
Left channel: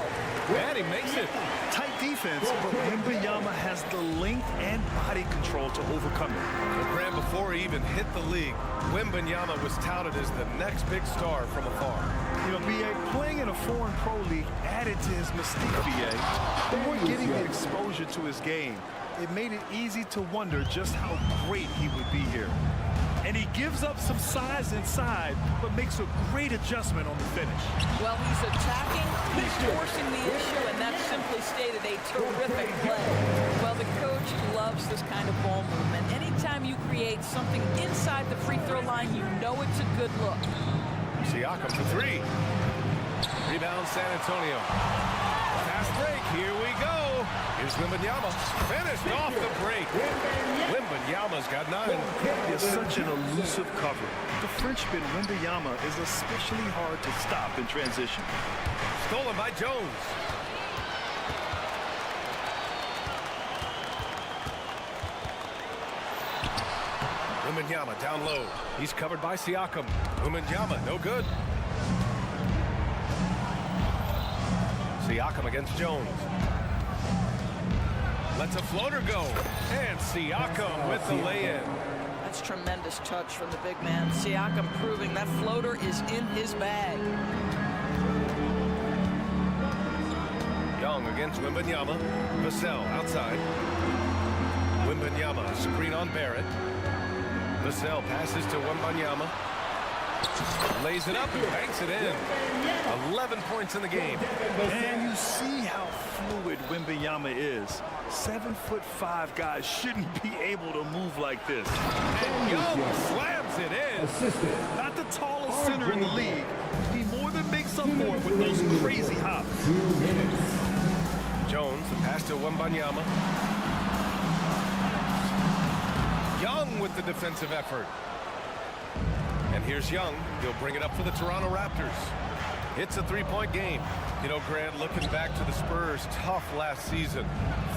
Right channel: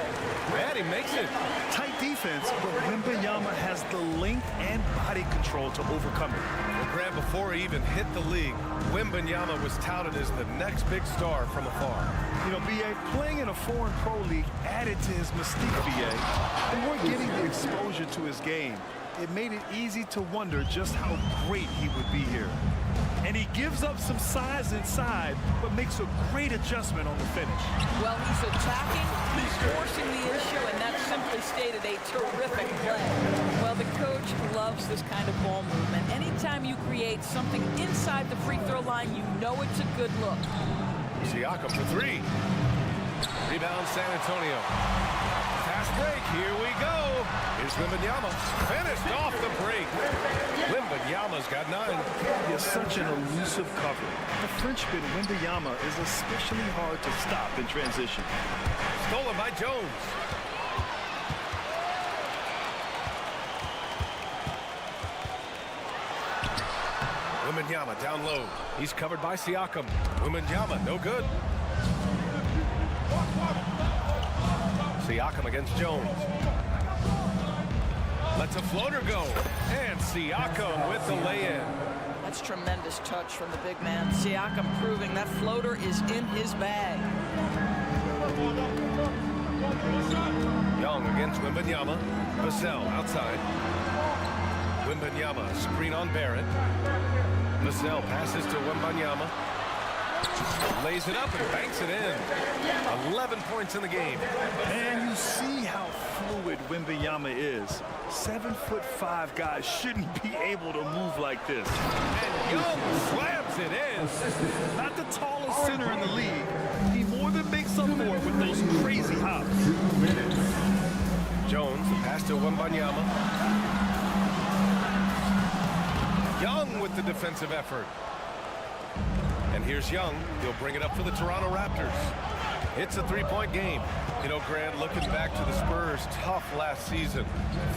And he makes it. Tight defense, but Wembanyama has the length and body control to overcome it. Well, Grant, before he even hit the league, Wembanyama was touted as the next big star from afar. You know, B.A., playing in a foreign pro league added to his mystique, B.A. They weren't getting the exposure to his game. It made it easy to wonder just how great he would be here. And he gives up some size inside, but makes a great adjustment on the finish. Well, he's attacking, he's forcing the issue, and that's simply stated a terrific play. Well, the coach loves this kind of ball movement. Anytime you create something inside the free throw line, you know it's a good look. Siakam for 3. Rebound San Antonio. Fast break, here we go. Here's Wembanyama, finished off the break. Wembanyama's got 9. It's such an elusive cover. The Frenchman Wembanyama is especially hard to stop in transition. Stolen by Jones. Wembanyama down low. He's covered by Siakam. Wembanyama, no good. Siakam against Jones. Lets a floater go. And Siakam with the lay-in. That's tremendous touch from the big man. Siakam proving that floater is in his bag. Young against Wembanyama. Vassell outside. Wembanyama, screen on Barrett. Vassell passes to Wembanyama. Lays it up and banks it in. 11 points in the game. And you see how fluid Wembanyama is. 7'5" guys shouldn't be able to move like this. And Young slams it in. Not the tallest center in the league. He more than makes up for it with those crazy hops. Jones, the pass to Wembanyama. Young with the defensive effort. And here's Young. He'll bring it up for the Toronto Raptors. It's a 3-point game. You know, Grant, looking back to the Spurs' tough last season,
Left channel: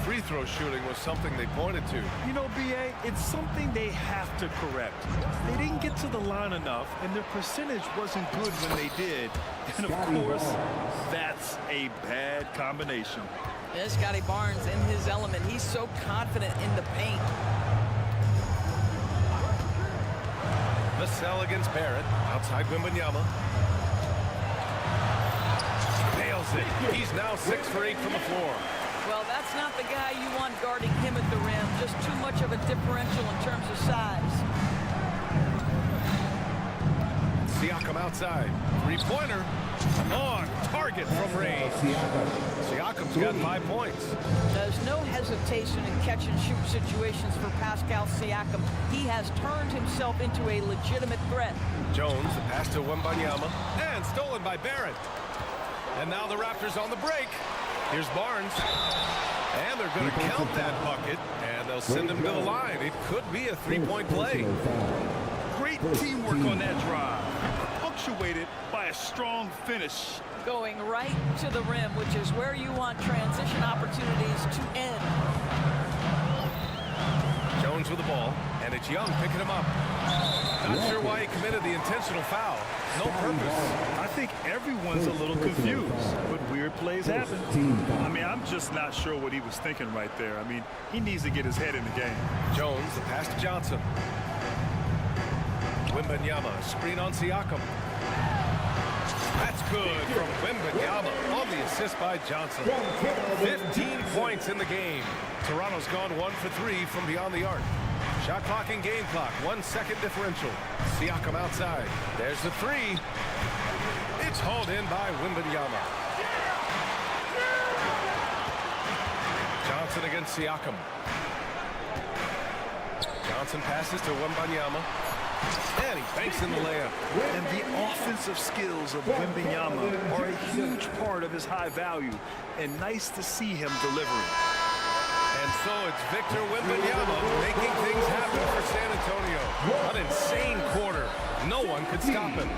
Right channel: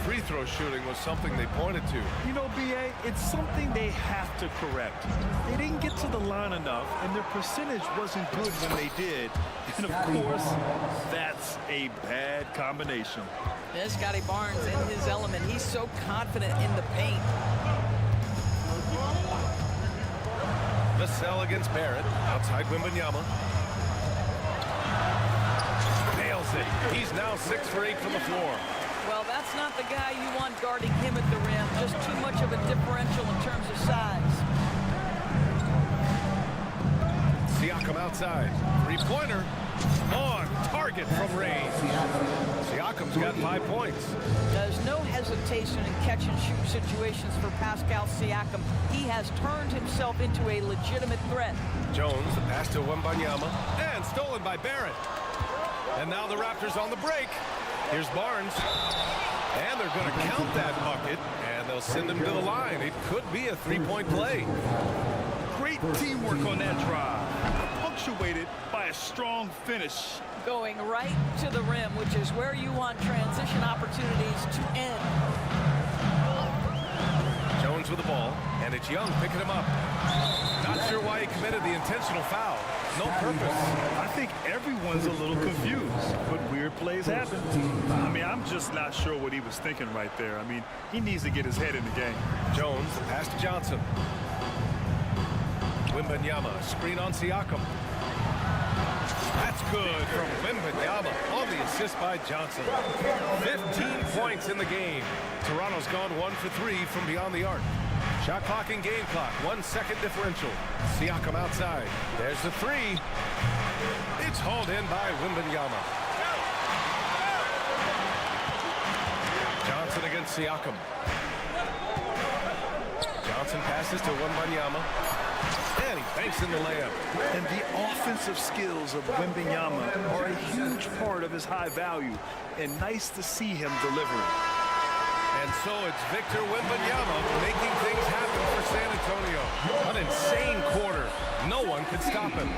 free throw shooting was something they pointed to. You know, B.A., it's something they have to correct. They didn't get to the line enough, and their percentage wasn't good when they did. And, of course, that's a bad combination. Yeah, Scotty Barnes in his element. He's so confident in the paint. Vassell against Barrett. Outside Wembanyama. Nails it. He's now 6 for 8 from the floor. Well, that's not the guy you want guarding him at the rim. Just too much of a differential in terms of size. Siakam outside. 3-pointer. On target from range. Siakam's got 5 points. There's no hesitation in catch-and-shoot situations for Pascal Siakam. He has turned himself into a legitimate threat. Jones, the pass to Wembanyama, and stolen by Barrett. And now the Raptors on the break. Here's Barnes. And they're going to count that bucket, and they'll send him to the line. It could be a 3-point play. Great teamwork on that drive. punctuated by a strong finish. Going right to the rim, which is where you want transition opportunities to end. Jones with the ball, and it's Young picking him up. Not sure why he committed the intentional foul. No purpose. I think everyone's a little confused, but weird plays happen. I mean, I'm just not sure what he was thinking right there. I mean, he needs to get his head in the game. Jones, the pass to Johnson. Wembanyama, screen on Siakam. That's good from Wembanyama on the assist by Johnson. 15 points in the game. Toronto's gone 1 for 3 from beyond the arc. Shot clock and game clock, 1 second differential. Siakam outside. There's the three. It's hauled in by Wembanyama. Johnson against Siakam. Johnson passes to Wembanyama. And he banks in the layup. And the offensive skills of Wembanyama are a huge part of his high value. And nice to see him delivering. And so it's Victor Wembanyama making things happen for San Antonio. An insane quarter. No one could stop him.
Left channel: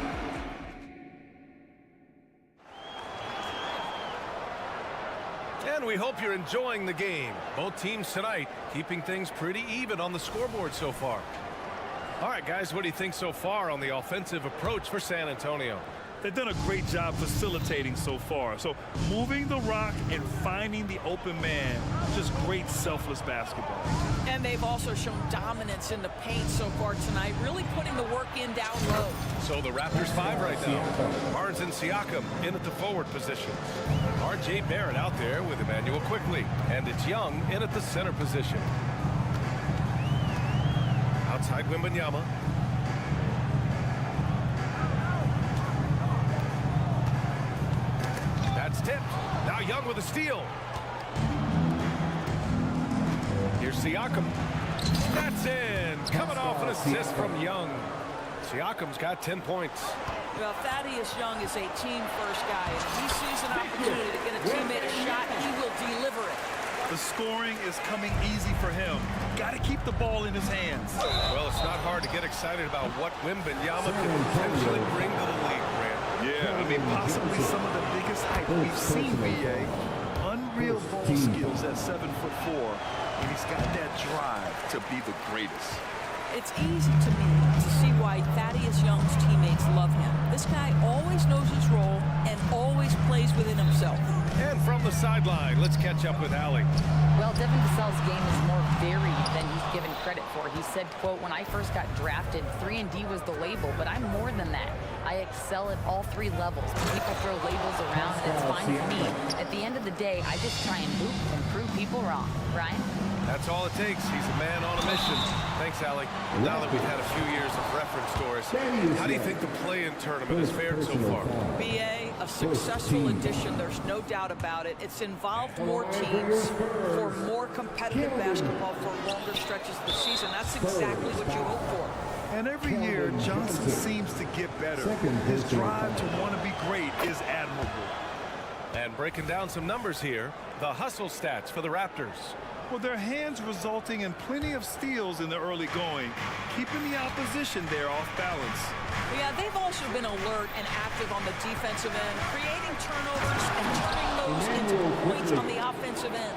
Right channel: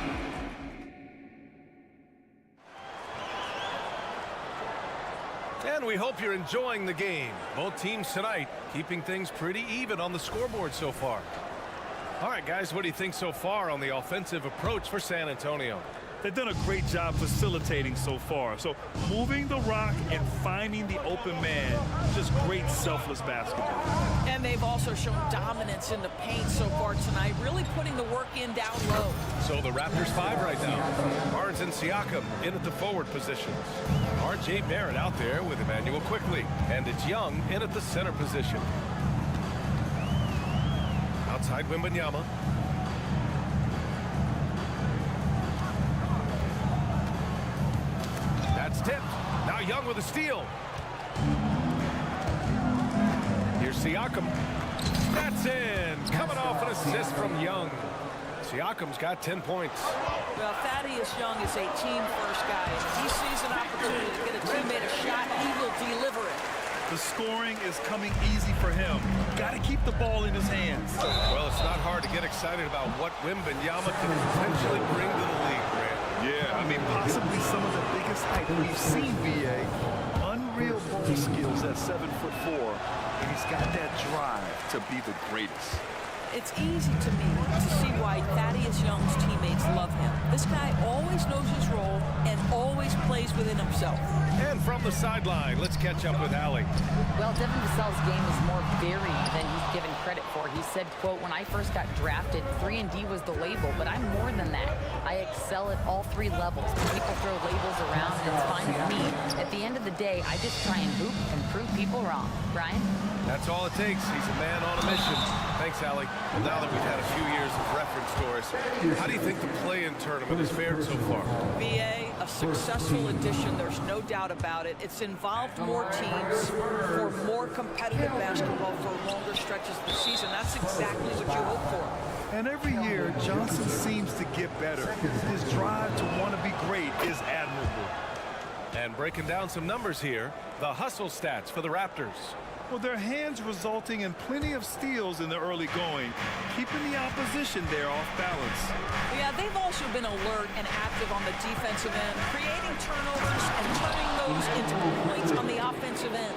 And we hope you're enjoying the game. Both teams tonight keeping things pretty even on the scoreboard so far. All right, guys, what do you think so far on the offensive approach for San Antonio? They've done a great job facilitating so far. So moving the rock and finding the open man, just great selfless basketball. And they've also shown dominance in the paint so far tonight, really putting the work in down low. So the Raptors 5 right now. Barnes and Siakam in at the forward positions. R.J. Barrett out there with Emmanuel Quickly. And it's Young in at the center position. Outside Wembanyama. That's tipped. Now Young with a steal. Here's Siakam. That's in. Coming off an assist from Young. Siakam's got 10 points. Well, Thaddeus Young is a team-first guy, and if he sees an opportunity to get a teammate a shot, he will deliver it. The scoring is coming easy for him. Got to keep the ball in his hands. Well, it's not hard to get excited about what Wembanyama can potentially bring to the league, Grant. Yeah, I mean, possibly some of the biggest hype we've seen, B.A. Unreal ball skills at 7'4", and he's got that drive to be the greatest. It's easy to me to see why Thaddeus Young's teammates love him. This guy always knows his role and always plays within himself. And from the sideline, let's catch up with Allie. Well, Devin Vassell's game is more varied than he's given credit for. He said, quote, "When I first got drafted, 3-and-D was the label, but I'm more than that. I excel at all 3 levels. People throw labels around, and it's fine with me. At the end of the day, I just try and hoop and prove people wrong." Brian? That's all it takes. He's a man on a mission. Thanks, Allie. Well, now that we've had a few years of reference to us, how do you think the play-in tournament has fared so far? B.A., a successful addition, there's no doubt about it. It's involved more teams for more competitive basketball for longer stretches of the season. That's exactly what you hope for. And every year, Johnson seems to get better. His drive to want to be great is admirable. And breaking down some numbers here, the hustle stats for the Raptors. Well, their hands resulting in plenty of steals in the early going, keeping the opposition there off balance. Yeah, they've also been alert and active on the defensive end, creating turnovers and turning those into points on the offensive end.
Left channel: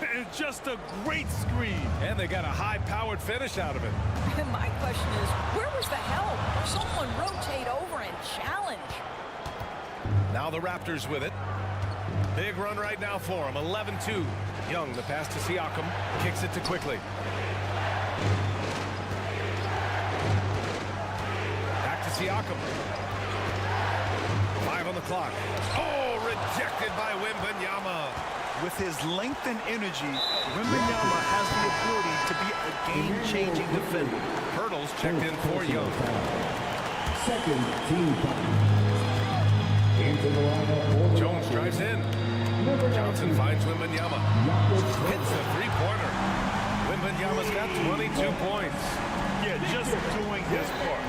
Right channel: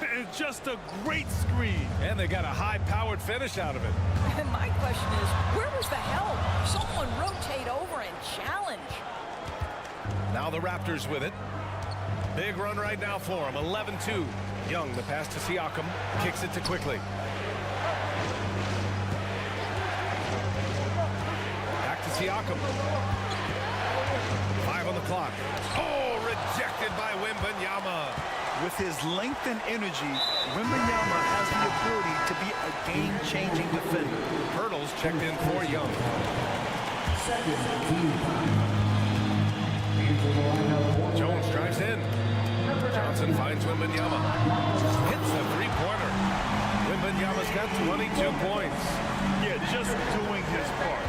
It's just a great screen. And they got a high-powered finish out of it. And my question is, where was the help? Someone rotate over and challenge. Now the Raptors with it. Big run right now for them, 11-2. Young, the pass to Siakam, kicks it to Quickly. Back to Siakam. 5 on the clock. Oh, rejected by Wembanyama. With his length and energy, Wembanyama has the ability to be a game-changing defender. Hurdles checked in for Young. Second team into the lineup. Jones drives in. Johnson finds Wembanyama. Hits a three-pointer. Wembanyama's got 22 points. Yeah, just doing his part.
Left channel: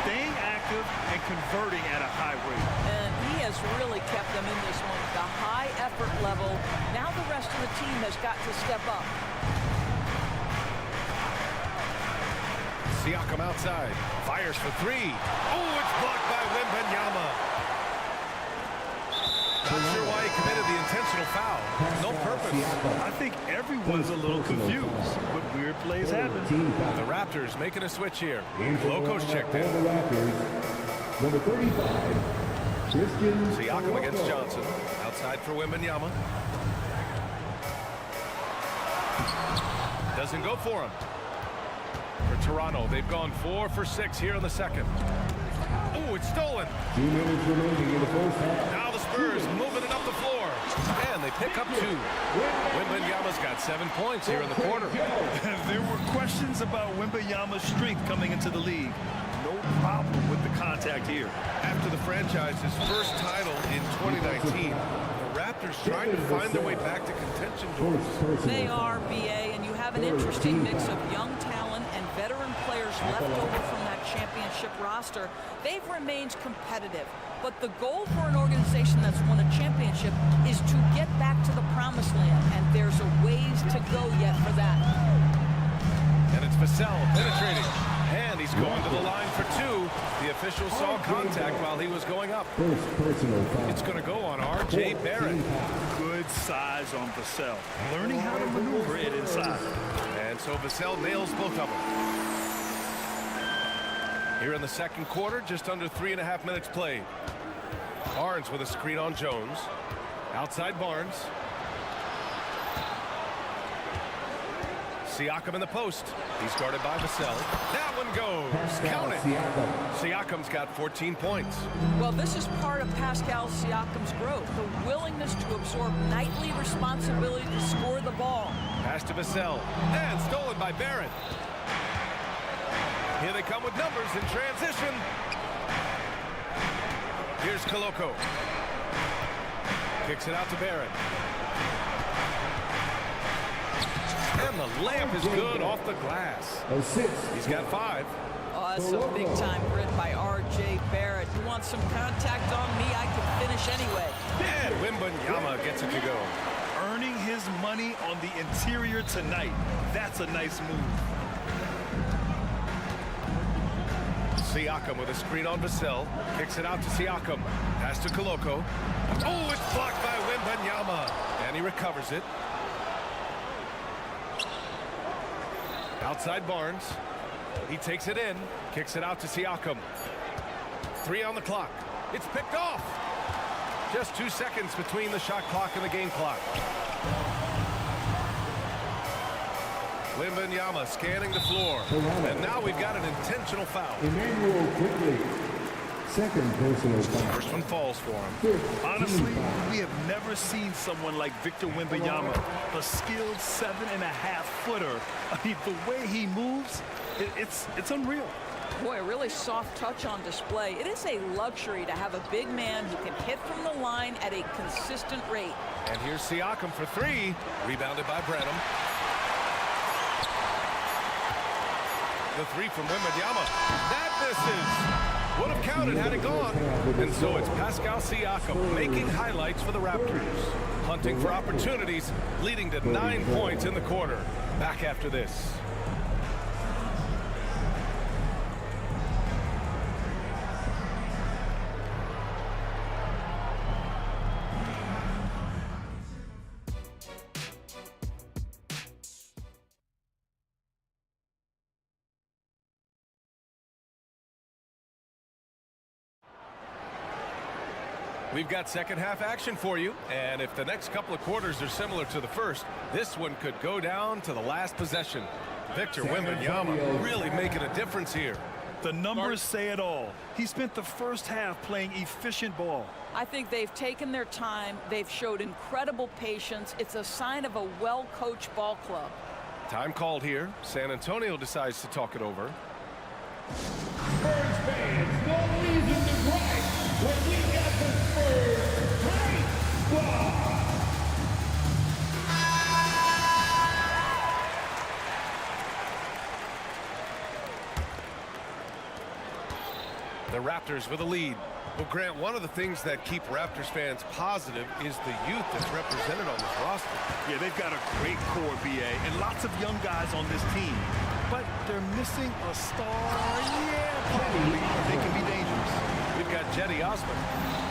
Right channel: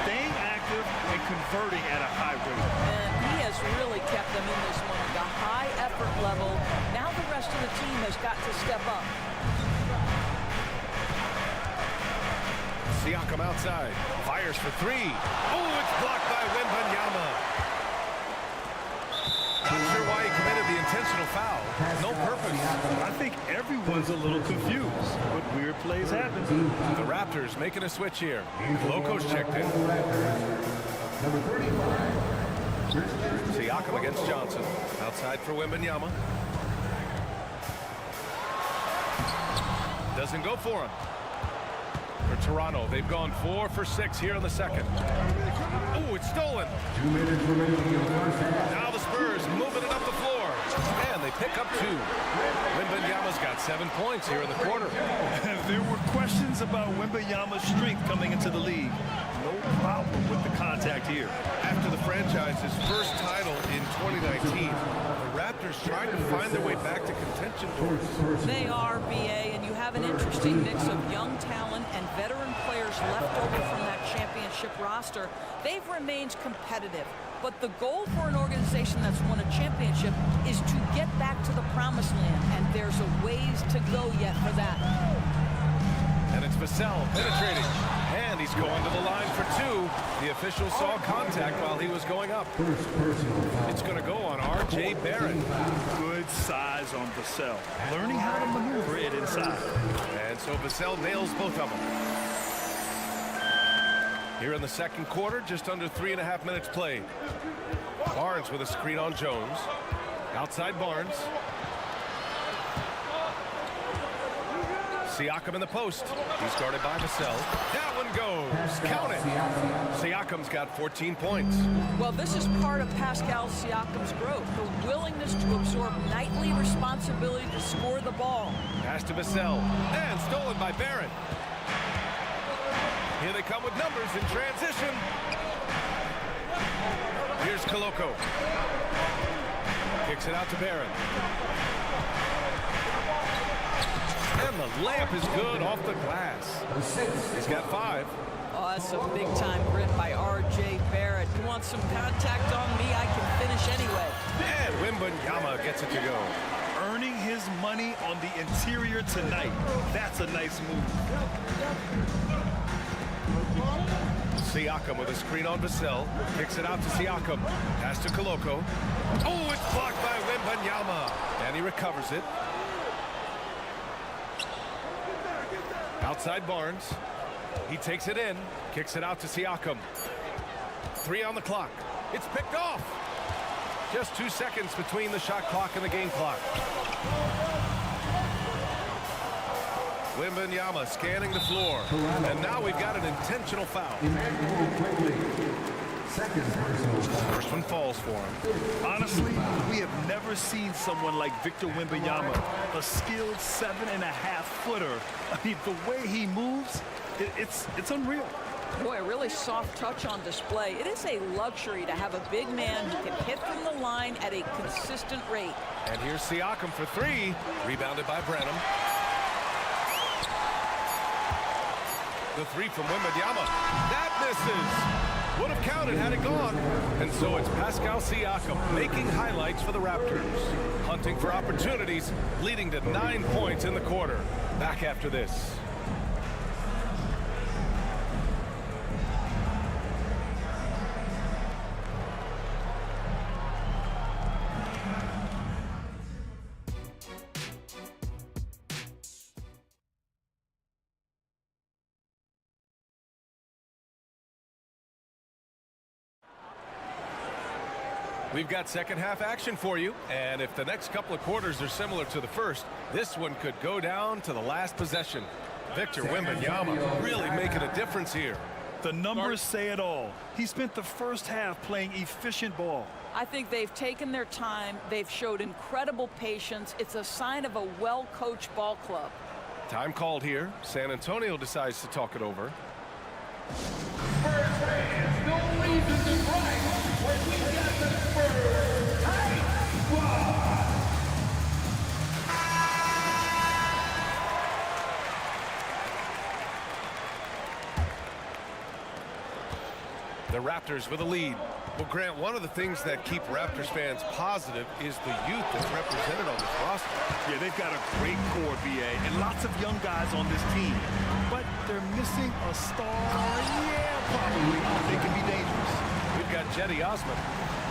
Staying active and converting at a high rate. And he has really kept them in this one. The high effort level. Now the rest of the team has got to step up. Siakam outside. Fires for three. Oh, it's blocked by Wembanyama. Not sure why he committed the intentional foul. No purpose. I think everyone's a little confused, but weird plays happen. The Raptors making a switch here. Loco's checked in. Number 35, Christian. Siakam against Johnson. Outside for Wembanyama. Doesn't go for him. For Toronto, they've gone 4 for 6 here in the second. Oh, it's stolen. 2 minutes remaining in the first half. Now the Spurs moving it up the floor. And they pick up 2. Wembanyama's got 7 points here in the quarter. There were questions about Wembanyama's strength coming into the league. No problem with the contact here. After the franchise's first title in 2019, the Raptors trying to find their way back to contention doors. They are, B.A., and you have an interesting mix of young talent and veteran players left over from that championship roster. They've remained competitive, but the goal for an organization that's won a championship is to get back to the promised land, and there's a ways to go yet for that. And it's Vassell penetrating. And he's going to the line for 2. The official saw contact while he was going up. First personal foul. It's going to go on R.J. Barrett. Good size on Vassell. Learning how to maneuver it inside. And so Vassell nails both of them. Here in the second quarter, just under 3.5 minutes played. Barnes with a screen on Jones. Outside Barnes. Siakam in the post. He's guarded by Vassell. That one goes. Count it. Siakam's got 14 points. Well, this is part of Pascal Siakam's growth, the willingness to absorb nightly responsibility to score the ball. Pass to Vassell. And stolen by Barrett. Here they come with numbers in transition. Here's Koloko. Kicks it out to Barrett. And the layup is good off the glass. He's got 5. Oh, that's a big-time grit by R.J. Barrett. You want some contact on me, I can finish anyway. And Wembanyama gets it to go. Earning his money on the interior tonight. That's a nice move. Siakam with a screen on Vassell. Kicks it out to Siakam. Pass to Koloko. Oh, it's blocked by Wembanyama. And he recovers it. Outside Barnes. He takes it in. Kicks it out to Siakam. 3 on the clock. It's picked off. Just 2 seconds between the shot clock and the game clock. Wembanyama scanning the floor. And now we've got an intentional foul. Emmanuel Quigley. Second personal foul. First one falls for him. Honestly, we have never seen someone like Victor Wembanyama, a skilled 7.5-footer. I mean, the way he moves, it's unreal. Boy, a really soft touch on display. It is a luxury to have a big man who can hit from the line at a consistent rate. And here's Siakam for 3. Rebounded by Branham. The 3 from Wembanyama. That misses. Would have counted had it gone. And so it's Pascal Siakam making highlights for the Raptors. Hunting for opportunities, leading to 9 points in the quarter. Back after this. We've got second half action for you, and if the next couple of quarters are similar to the first, this one could go down to the last possession. Victor Wembanyama really making a difference here. The numbers say it all. He spent the first half playing efficient ball. I think they've taken their time. They've showed incredible patience. It's a sign of a well-coached ball club. Time called here. San Antonio decides to talk it over. Spurs fans, no reason to gripe when we got the Spurs hype squad. The Raptors with a lead. Well, Grant, one of the things that keep Raptors fans positive is the youth that's represented on this roster. Yeah, they've got a great core, B.A., and lots of young guys on this team. but they're missing a star. Yeah, probably. They can be dangerous. We've got Jetty Osman.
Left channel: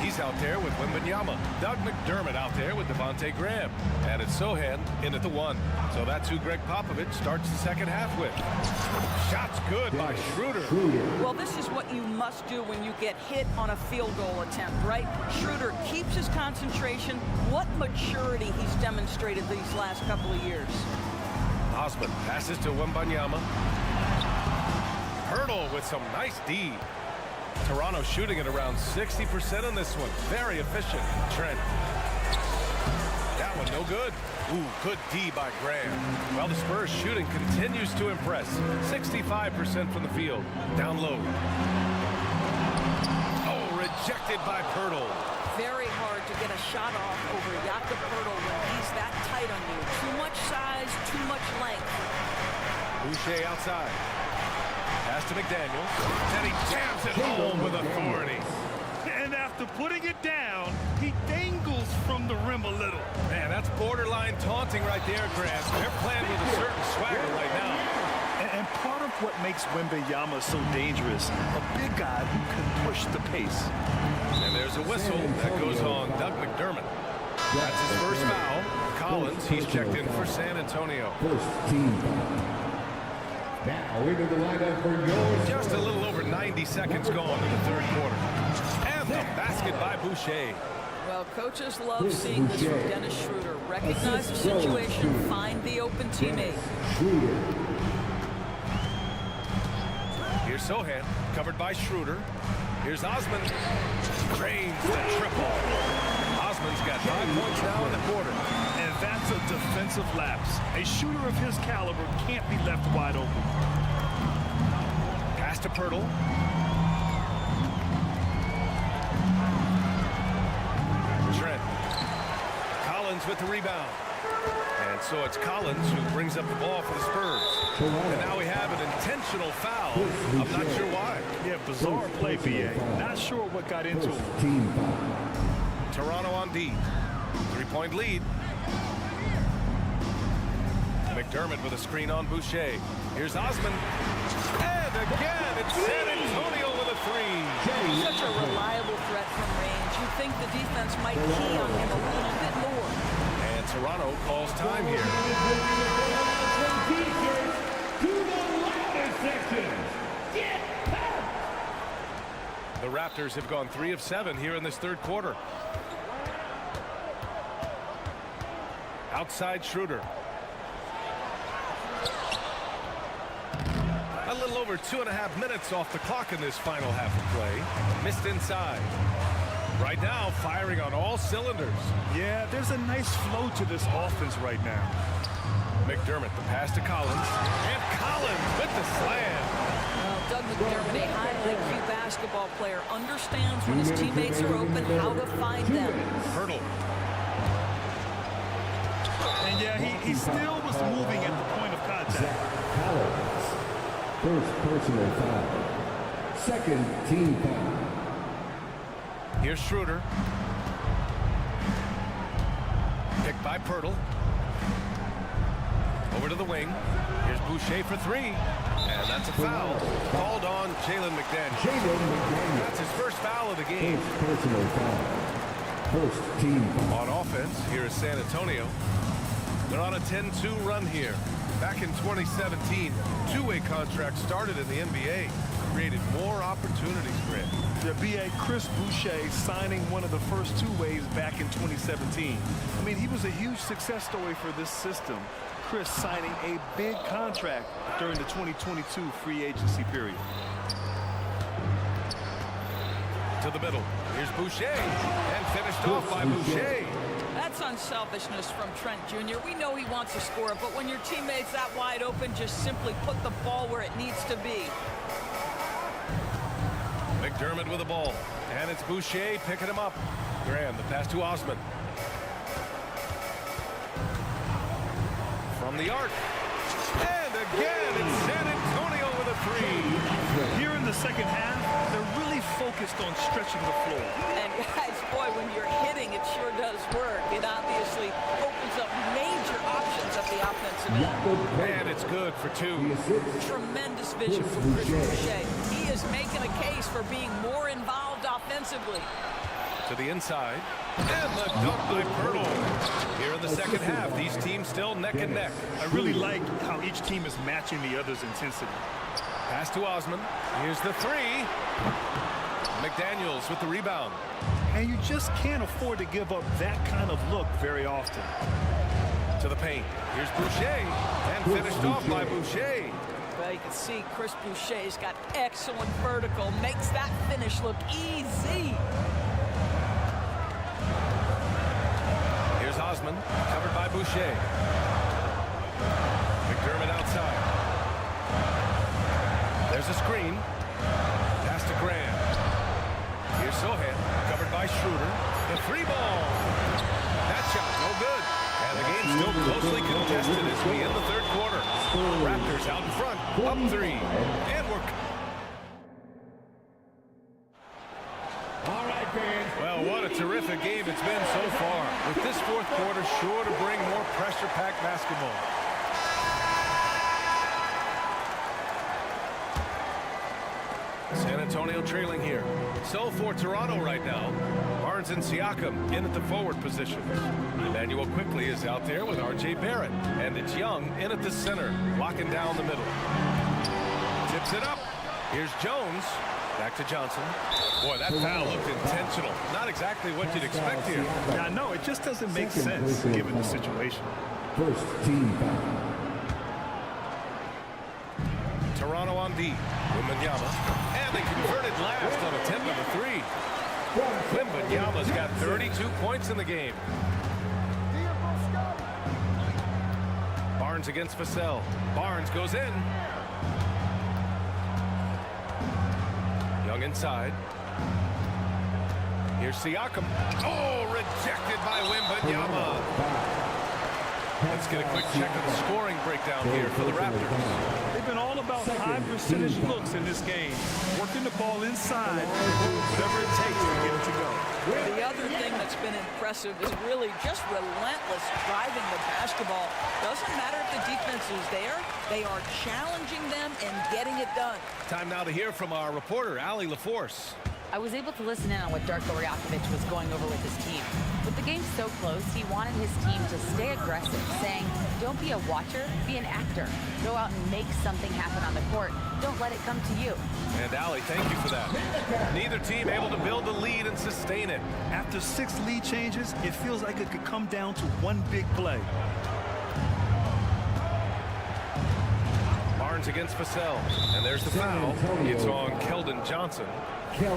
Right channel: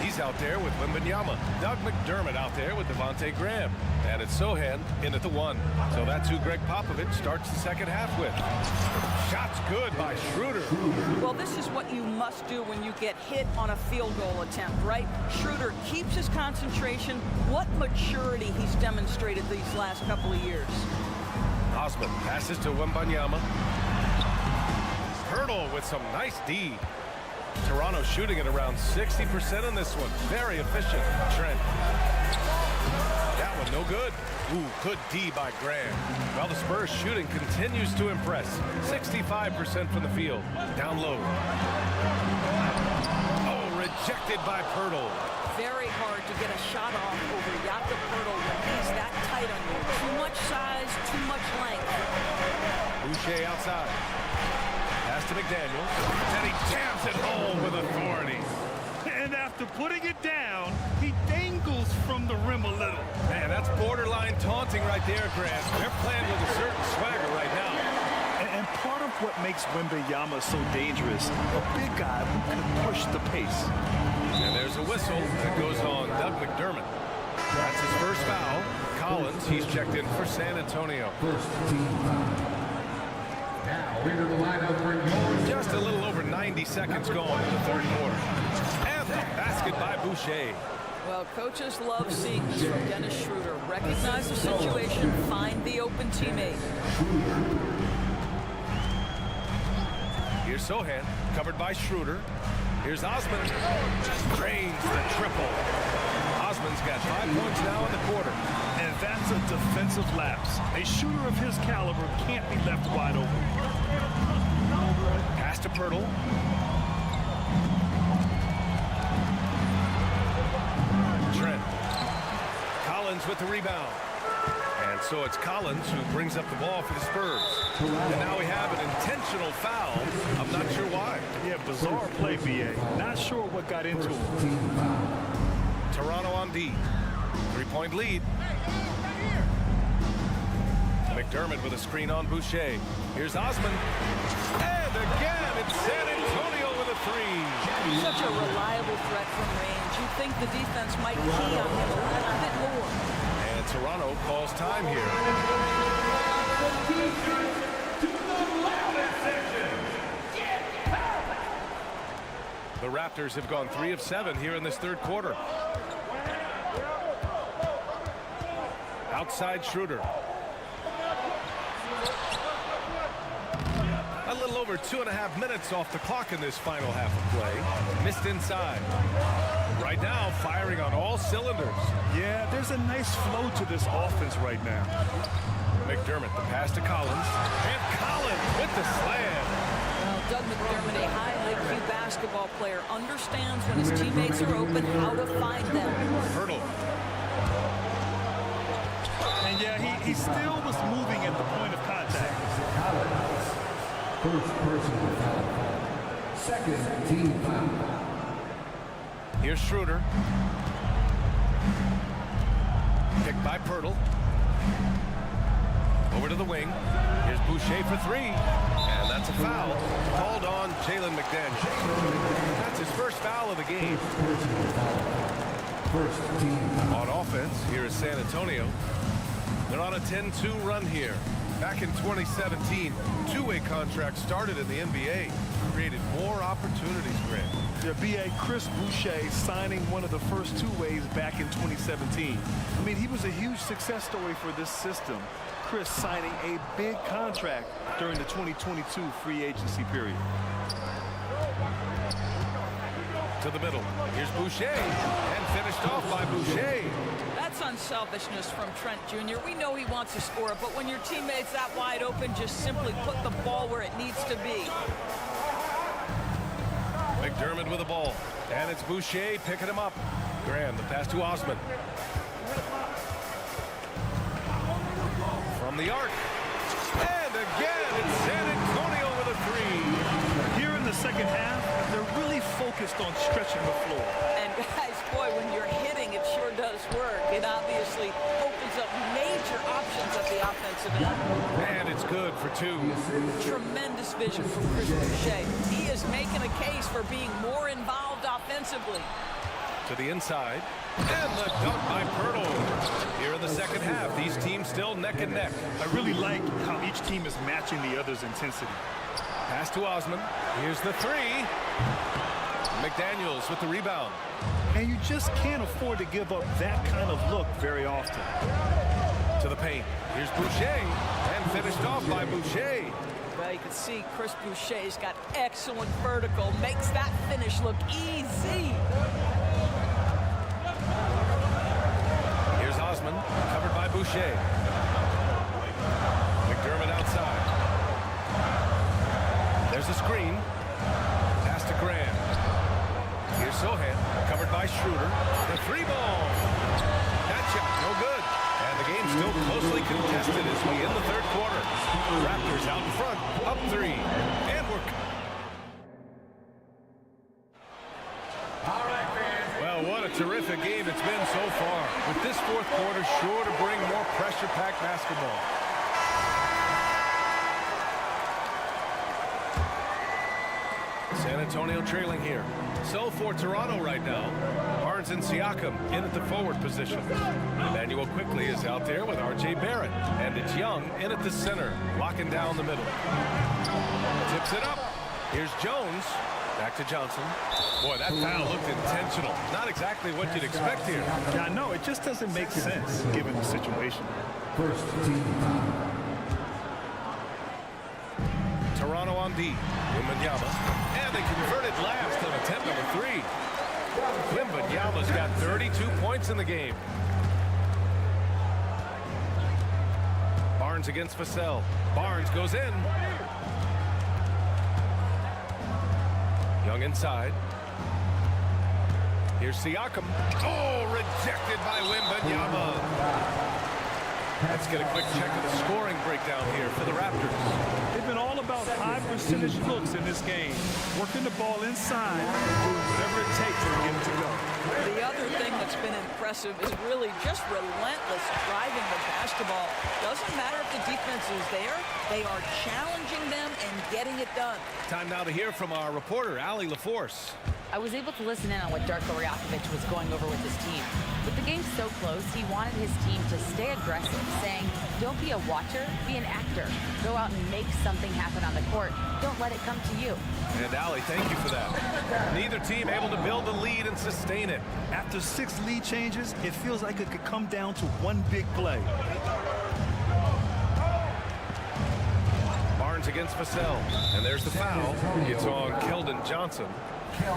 He's out there with Wembanyama. Doug McDermott out there with Devontae Graham. And it's Sochan in at the 1. So that's who Greg Popovich starts the second half with. Shot's good by Schroeder. Well, this is what you must do when you get hit on a field goal attempt, right? Schroeder keeps his concentration. What maturity he's demonstrated these last couple of years. Osman passes to Wembanyama. Hurdle with some nice D. Toronto shooting at around 60% in this one. Very efficient. Trent. That one no good. Ooh, good D by Graham. Well, the Spurs shooting continues to impress. 65% from the field. Down low. Oh, rejected by Pirtle. Very hard to get a shot off over Jakob Pirtle when he's that tight on you. Too much size, too much length. Boucher outside. Pass to McDaniels. And he jams it home with authority. And after putting it down, he dangles from the rim a little. Man, that's borderline taunting right there, Grant. They're playing with a certain swagger right now. And part of what makes Wembanyama so dangerous, a big guy who can push the pace. And there's a whistle that goes on Doug McDermott. That's his first foul. Collins, he's checked in for San Antonio. First team foul. Now into the lineup for yours. Just a little over 90 seconds gone in the third quarter. And the basket by Boucher. Well, coaches love seeing this from Dennis Schroeder. Recognize the situation, find the open teammate. Here's Sochan, covered by Schroeder. Here's Osman. Drains the triple. Osman's got 5 points now in the quarter. And that's a defensive lapse. A shooter of his caliber can't be left wide open. Pass to Pirtle. Trent. Collins with the rebound. And so it's Collins who brings up the ball for the Spurs. And now we have an intentional foul. I'm not sure why. Yeah, bizarre play, B.A. Not sure what got into him. Toronto on D. 3-point lead. McDermott with a screen on Boucher. Here's Osman. And again, it's San Antonio with a 3. Such a reliable threat from range. You'd think the defense might key on him a little bit more. And Toronto calls time here. To the louder section. Get out! The Raptors have gone 3 of 7 here in this third quarter. Outside Schroeder. A little over 2.5 minutes off the clock in this final half of play. Missed inside. Right now, firing on all cylinders. Yeah, there's a nice flow to this offense right now. McDermott, the pass to Collins. And Collins with the slam. Well, Doug McDermott, a high IQ basketball player, understands when his teammates are open, how to find them. Hurdle. And yeah, he still was moving at the point of contact. Collins. First personal foul. Second team foul. Here's Schroeder. Picked by Pirtle. Over to the wing. Here's Boucher for 3. And that's a foul called on Jalen McDaniels. That's his first foul of the game. First personal foul. First team foul. On offense, here is San Antonio. They're on a 10-2 run here. Back in 2017, two-way contracts started in the NBA. Created more opportunities, Grant. Yeah, B.A. Chris Boucher signing one of the first two-ways back in 2017. I mean, he was a huge success story for this system. Chris signing a big contract during the 2022 free agency period. To the middle. Here's Boucher. And finished off by Boucher. That's unselfishness from Trent Jr. We know he wants to score, but when your teammate's that wide open, just simply put the ball where it needs to be. McDermott with the ball. And it's Boucher picking him up. Graham, the pass to Osman. From the arc. And again, it's San Antonio with a 3. Here in the second half, They're really focused on stretching the floor. And guys, boy, when you're hitting, it sure does work. It obviously opens up major options at the offensive end. And it's good for 2. Tremendous vision from Chris Boucher. He is making a case for being more involved offensively. To the inside. And the dunk by Pirtle. Here in the second half, these teams still neck and neck. I really like how each team is matching the other's intensity. Pass to Osman. Here's the 3. McDaniels with the rebound. And you just can't afford to give up that kind of look very often. To the paint. Here's Boucher. And finished off by Boucher. Well, you can see Chris Boucher's got excellent vertical. Makes that finish look easy. Here's Osman, covered by Boucher. McDermott outside. There's a screen. Pass to Grant. Here's Sohan, covered by Schroeder. The 3-ball. That shot, no good. And the game's still closely contested as we end the third quarter. Raptors out in front, up 3. And we're... All right, fans. Well, what a terrific game it's been so far. With this fourth quarter sure to bring more pressure-packed basketball. San Antonio trailing here. So for Toronto right now, Barnes and Siakam in at the forward position. Emmanuel quickly is out there with R.J. Barrett. And it's Young in at the center, locking down the middle. Tips it up. Here's Jones. Back to Johnson. Boy, that foul looked intentional. Not exactly what you'd expect here. Yeah, I know. It just doesn't make sense given the situation. First team foul. Toronto on D. Wembanyama. And they converted last on attempt number 3. Wembanyama's got 32 points in the game. Barnes against Vassell. Barnes goes in. Young inside. Here's Siakam. Oh, rejected by Wembanyama. Let's get a quick check of the scoring breakdown here for the Raptors. They've been all about high percentage looks in this game, working the ball inside, doing whatever it takes to get it to go. The other thing that's been impressive is really just relentless driving the basketball. Doesn't matter if the defense is there, they are challenging them and getting it done. Time now to hear from our reporter, Allie LaForce. I was able to listen in on what Darko Rajakovic was going over with his team. With the game so close, he wanted his team to stay aggressive, saying, don't be a watcher, be an actor. Go out and make something happen on the court. Don't let it come to you. And Allie, thank you for that. Neither team able to build a lead and sustain it. After 6 lead changes, it feels like it could come down to one big play. Barnes against Vassell. And there's the foul. It's on Keldon Johnson.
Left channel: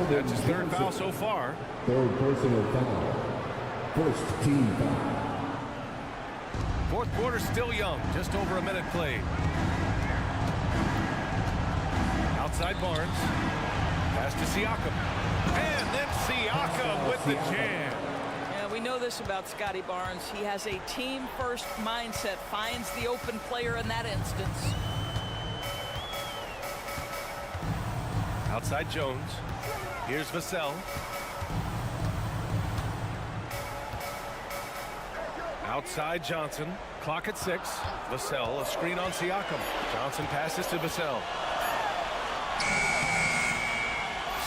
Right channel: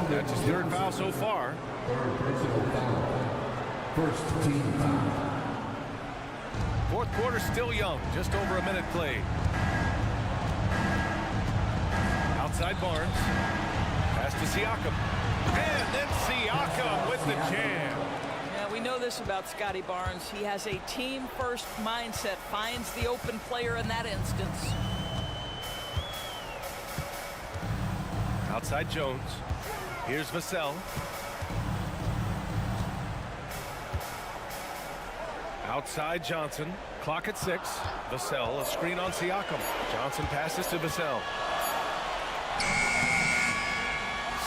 That's his 3rd foul so far. 3rd personal foul. First team foul. Fourth quarter still young. Just over a minute played. Outside Barnes. Pass to Siakam. And then Siakam with the jam. Yeah, we know this about Scotty Barnes. He has a team-first mindset. Finds the open player in that instance. Outside Jones. Here's Vassell. Outside Johnson. Clock at 6. Vassell, a screen on Siakam. Johnson passes to Vassell.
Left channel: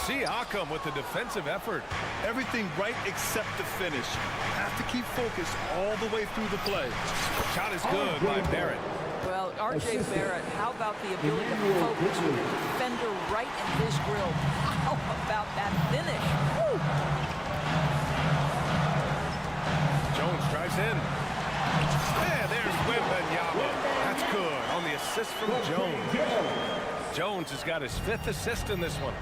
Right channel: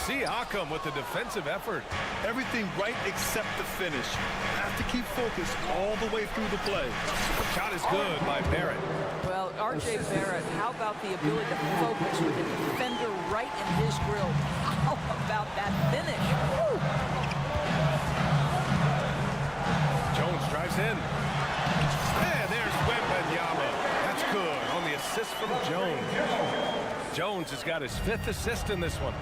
Siakam with the defensive effort. Everything right except the finish. Have to keep focused all the way through the play. Shot is good by Barrett. Well, R.J. Barrett, how about the ability to focus with a defender right in his grill? How about that finish? Woo! Jones drives in. And there's Wembanyama. That's good on the assist from Jones. Jones has got his 5th assist in this one.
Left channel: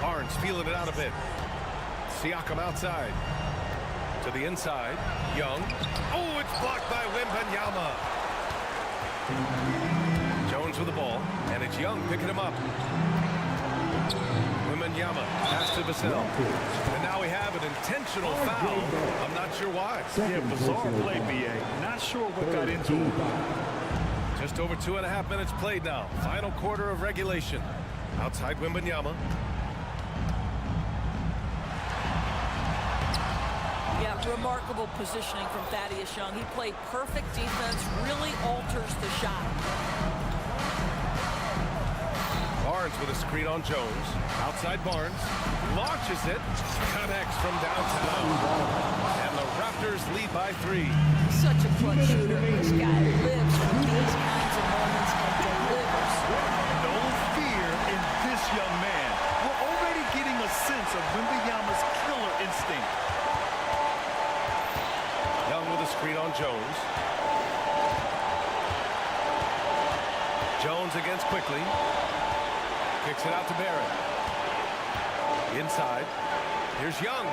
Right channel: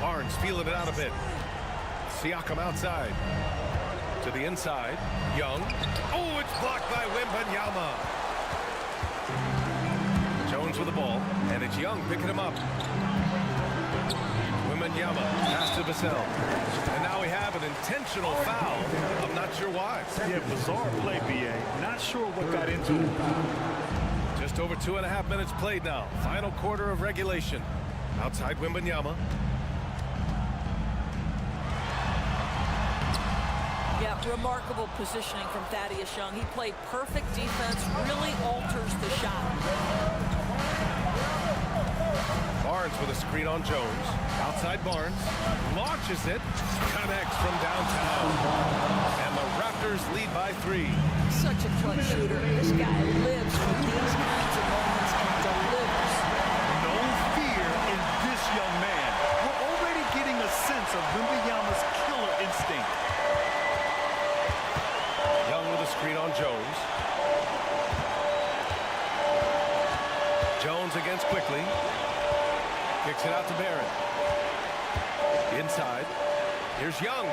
Barnes feeling it out a bit. Siakam outside. To the inside. Young. Oh, it's blocked by Wembanyama. Jones with the ball. And it's Young picking him up. Wembanyama. Pass to Vassell. And now we have an intentional foul. I'm not sure why. Yeah, bizarre play, B.A. Not sure what got into him. Just over 2.5 minutes played now. Final quarter of regulation. Outside Wembanyama. Yeah, remarkable positioning from Thaddeus Young. He played perfect defense, really alters the shot. Barnes with a screen on Jones. Outside Barnes. Launches it. Connects from downtown. And the Raptors lead by 3. Such a clutch shooter. This guy lives for these kinds of moments and delivers. No fear in this young man. We're already getting a sense of Wembanyama's killer instinct. Young with a screen on Jones. Jones against quickly. Kicks it out to Barrett. Inside. Here's Young.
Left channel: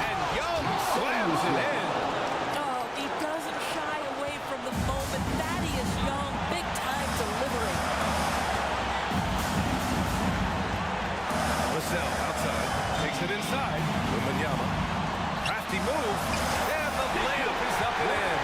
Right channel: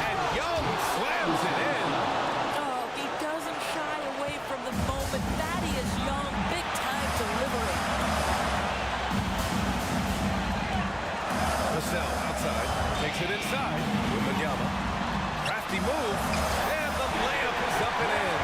And Young slams it in. Oh, he doesn't shy away from the moment. Thaddeus Young, big time delivery. Vassell outside. Takes it inside. Wembanyama. Crafty move. And the layup is up and in.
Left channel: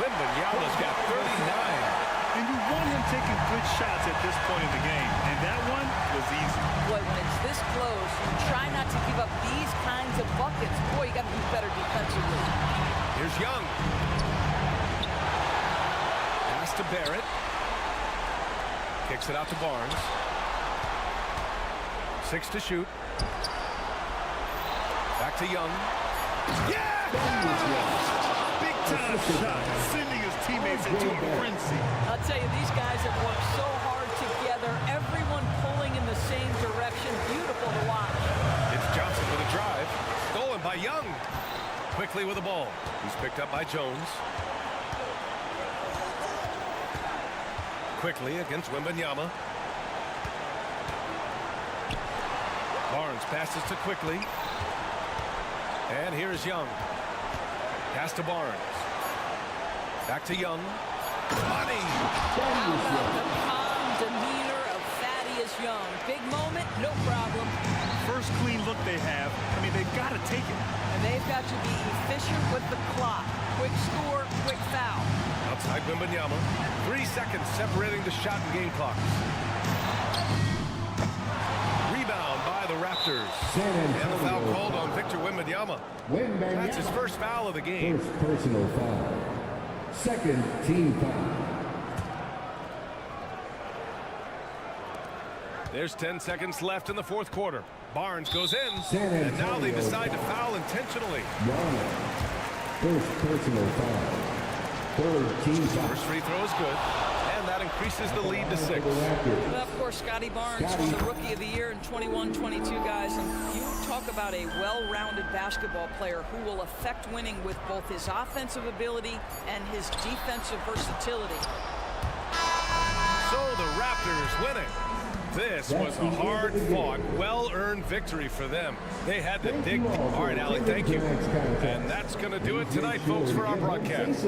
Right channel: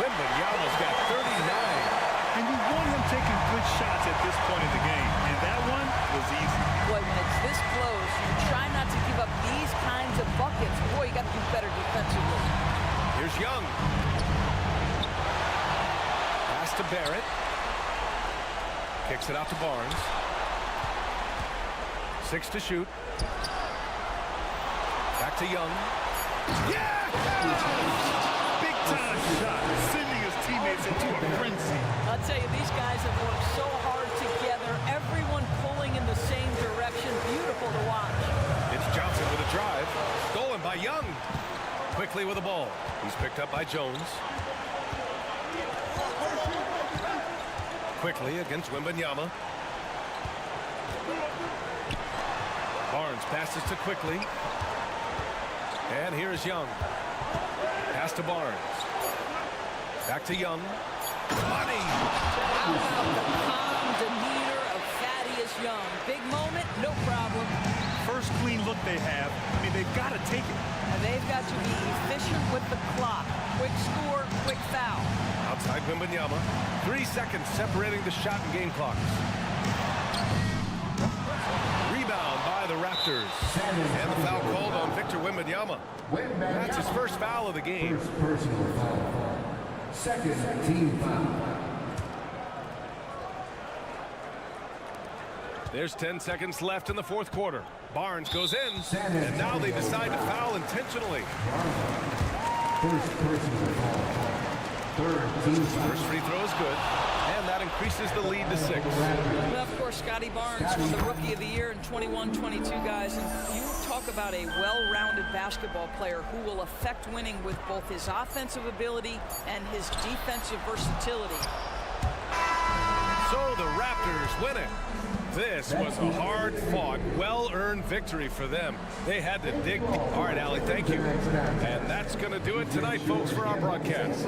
Wembanyama's got 39. And you want him taking good shots at this point in the game. And that one was easy. Boy, when it's this close, you try not to give up these kinds of buckets. Boy, you got to do better defensively. Here's Young. Pass to Barrett. Kicks it out to Barnes. 6 to shoot. Back to Young. Yeah! Big time shot, sending his teammates into a frenzy. I'll tell you, these guys have worked so hard together. Everyone pulling in the same direction. Beautiful to watch. It's Johnson with a drive. Stolen by Young. Quickly with the ball. He's picked up by Jones. Quickly against Wembanyama. Barnes passes to Quickly. And here is Young. Pass to Barnes. Back to Young. Money! How about the calm demeanor of Thaddeus Young? Big moment, no problem. First clean look they have. I mean, they've got to take it. And they've got to be efficient with the clock. Quick score, quick foul. Outside Wembanyama. 3 seconds separating the shot and game clocks. Rebound by the Raptors. And the foul called on Victor Wembanyama. That's his first foul of the game. First personal foul. Second team foul. There's 10 seconds left in the fourth quarter. Barnes goes in, and now they decide to foul intentionally. First personal foul. Third team foul. First free throw is good, and that increases the lead to 6. Well, of course, Scotty Barnes won the Rookie of the Year in 21-22, guys. And you talk about a well-rounded basketball player who will affect winning with both his offensive ability and his defensive versatility. So the Raptors win it. This was a hard-fought, well-earned victory for them. They had to dig. All right, Allie, thank you. And that's going to do it tonight, folks, for our broadcast.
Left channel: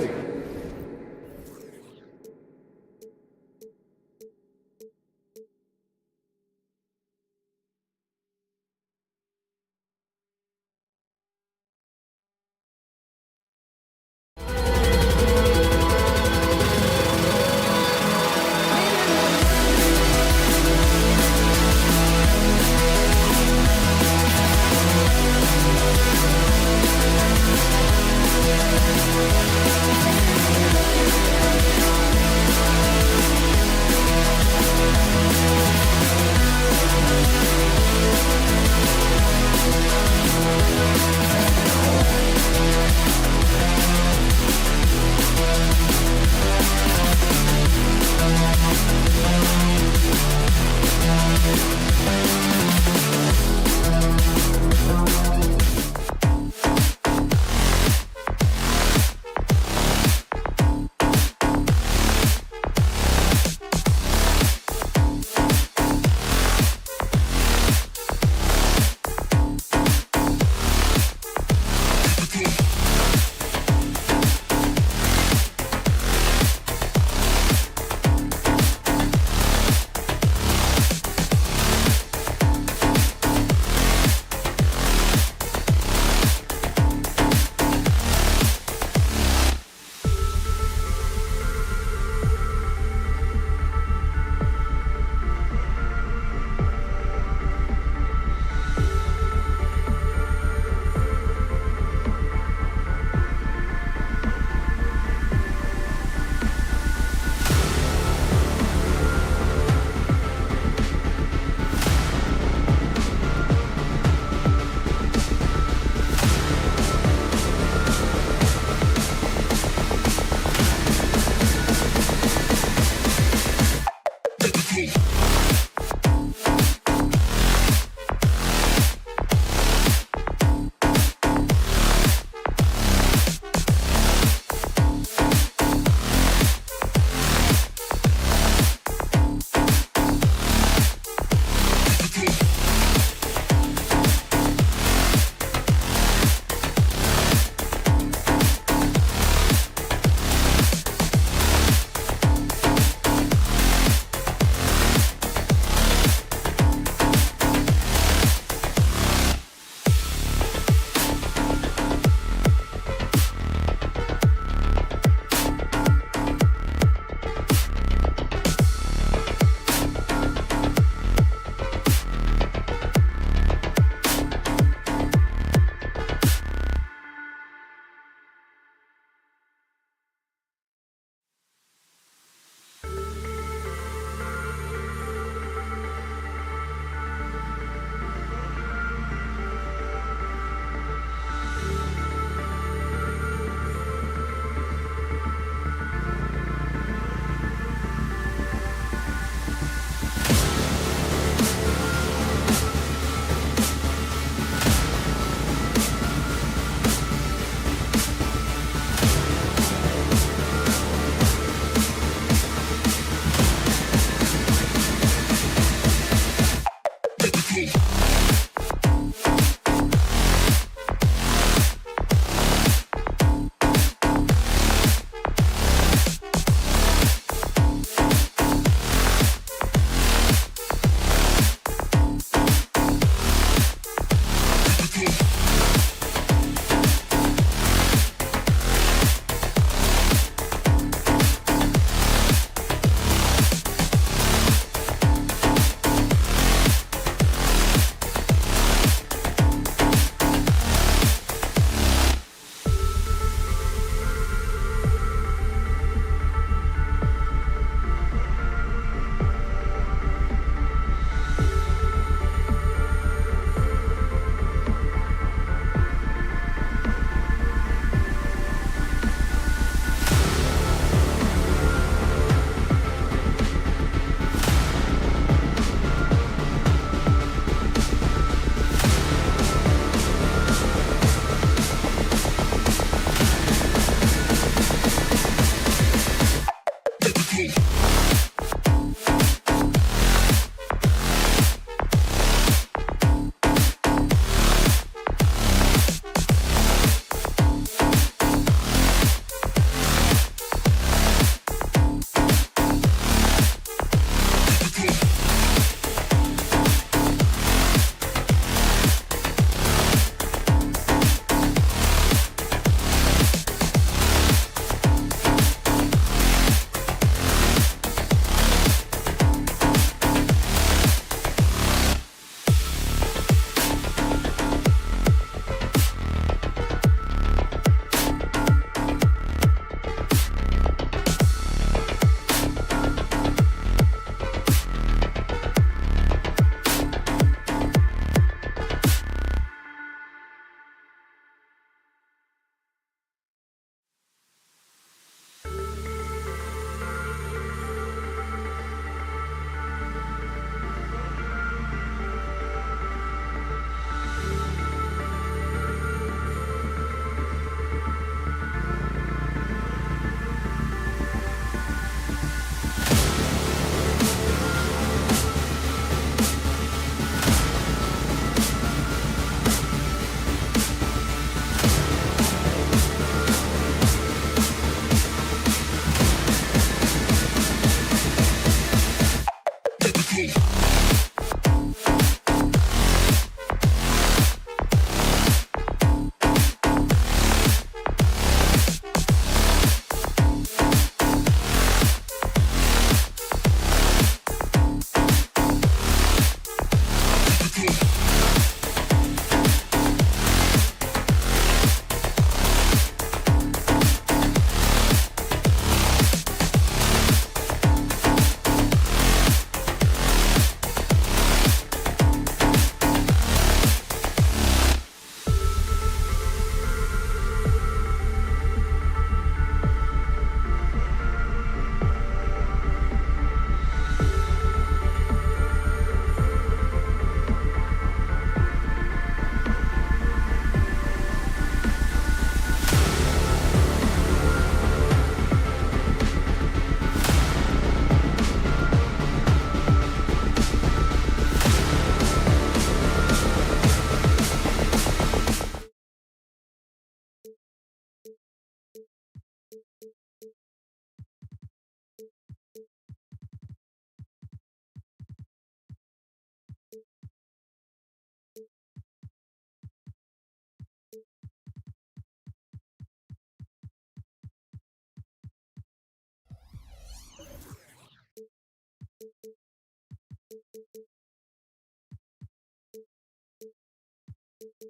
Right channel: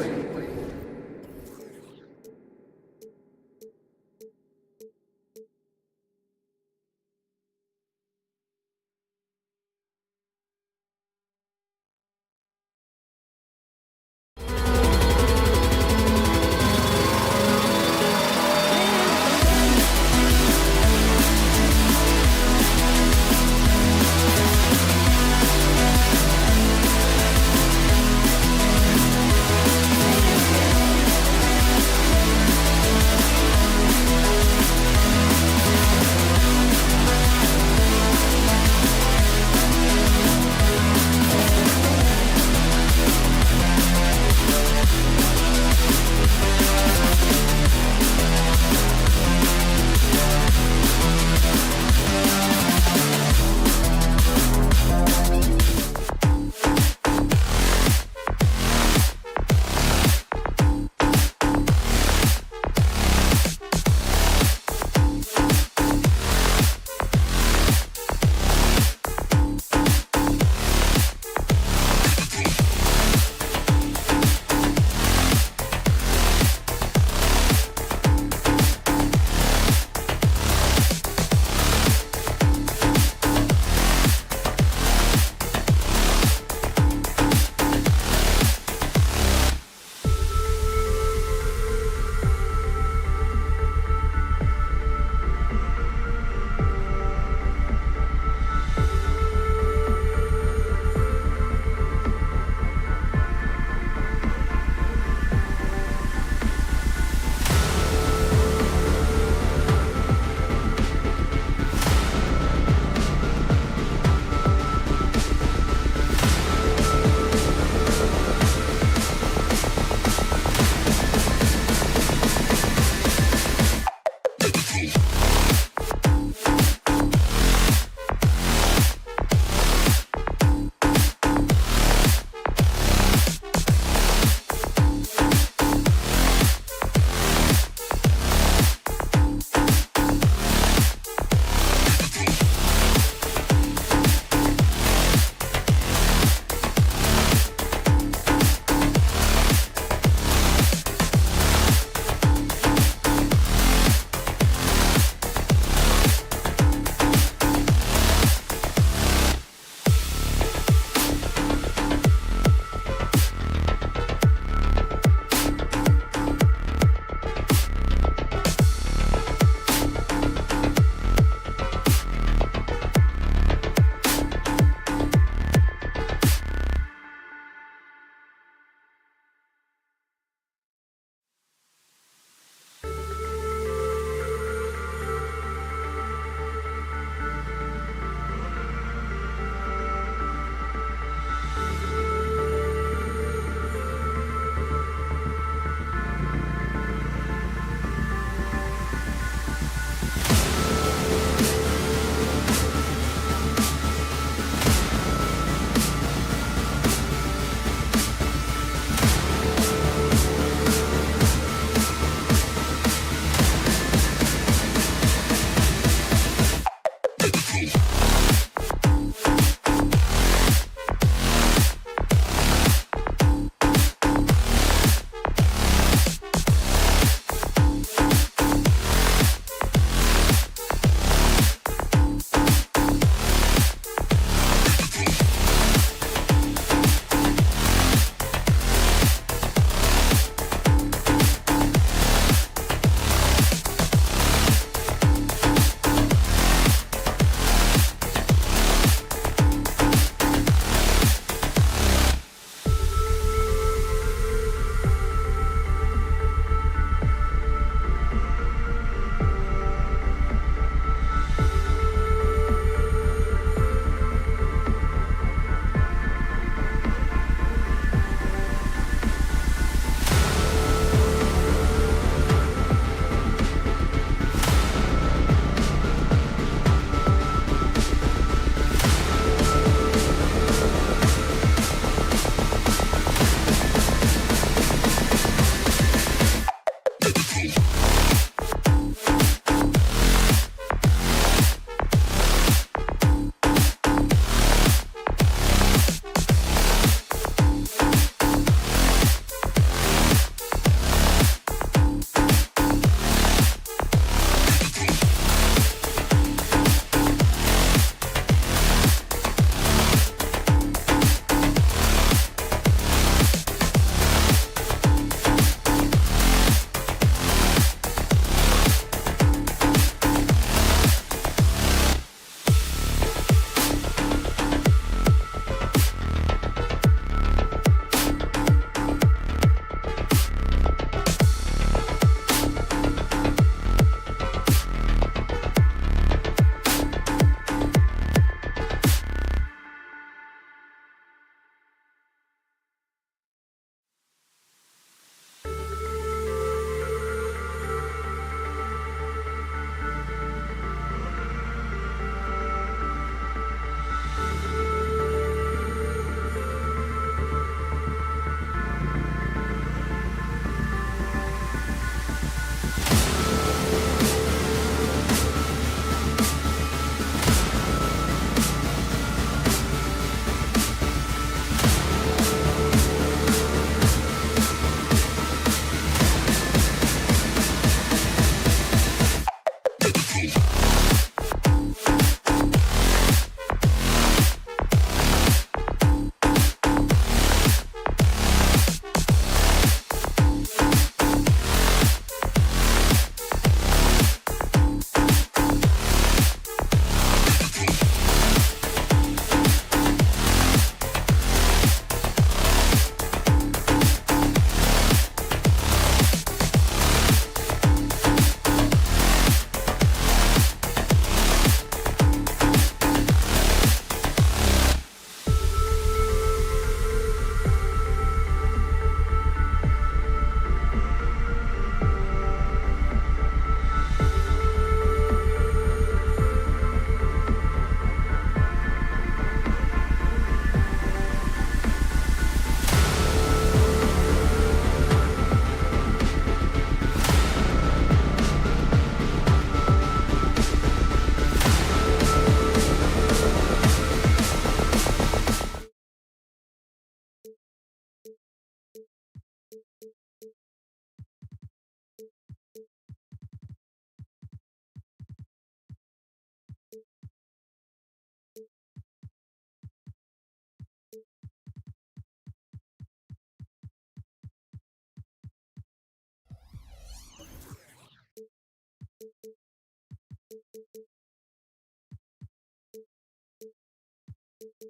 Chicago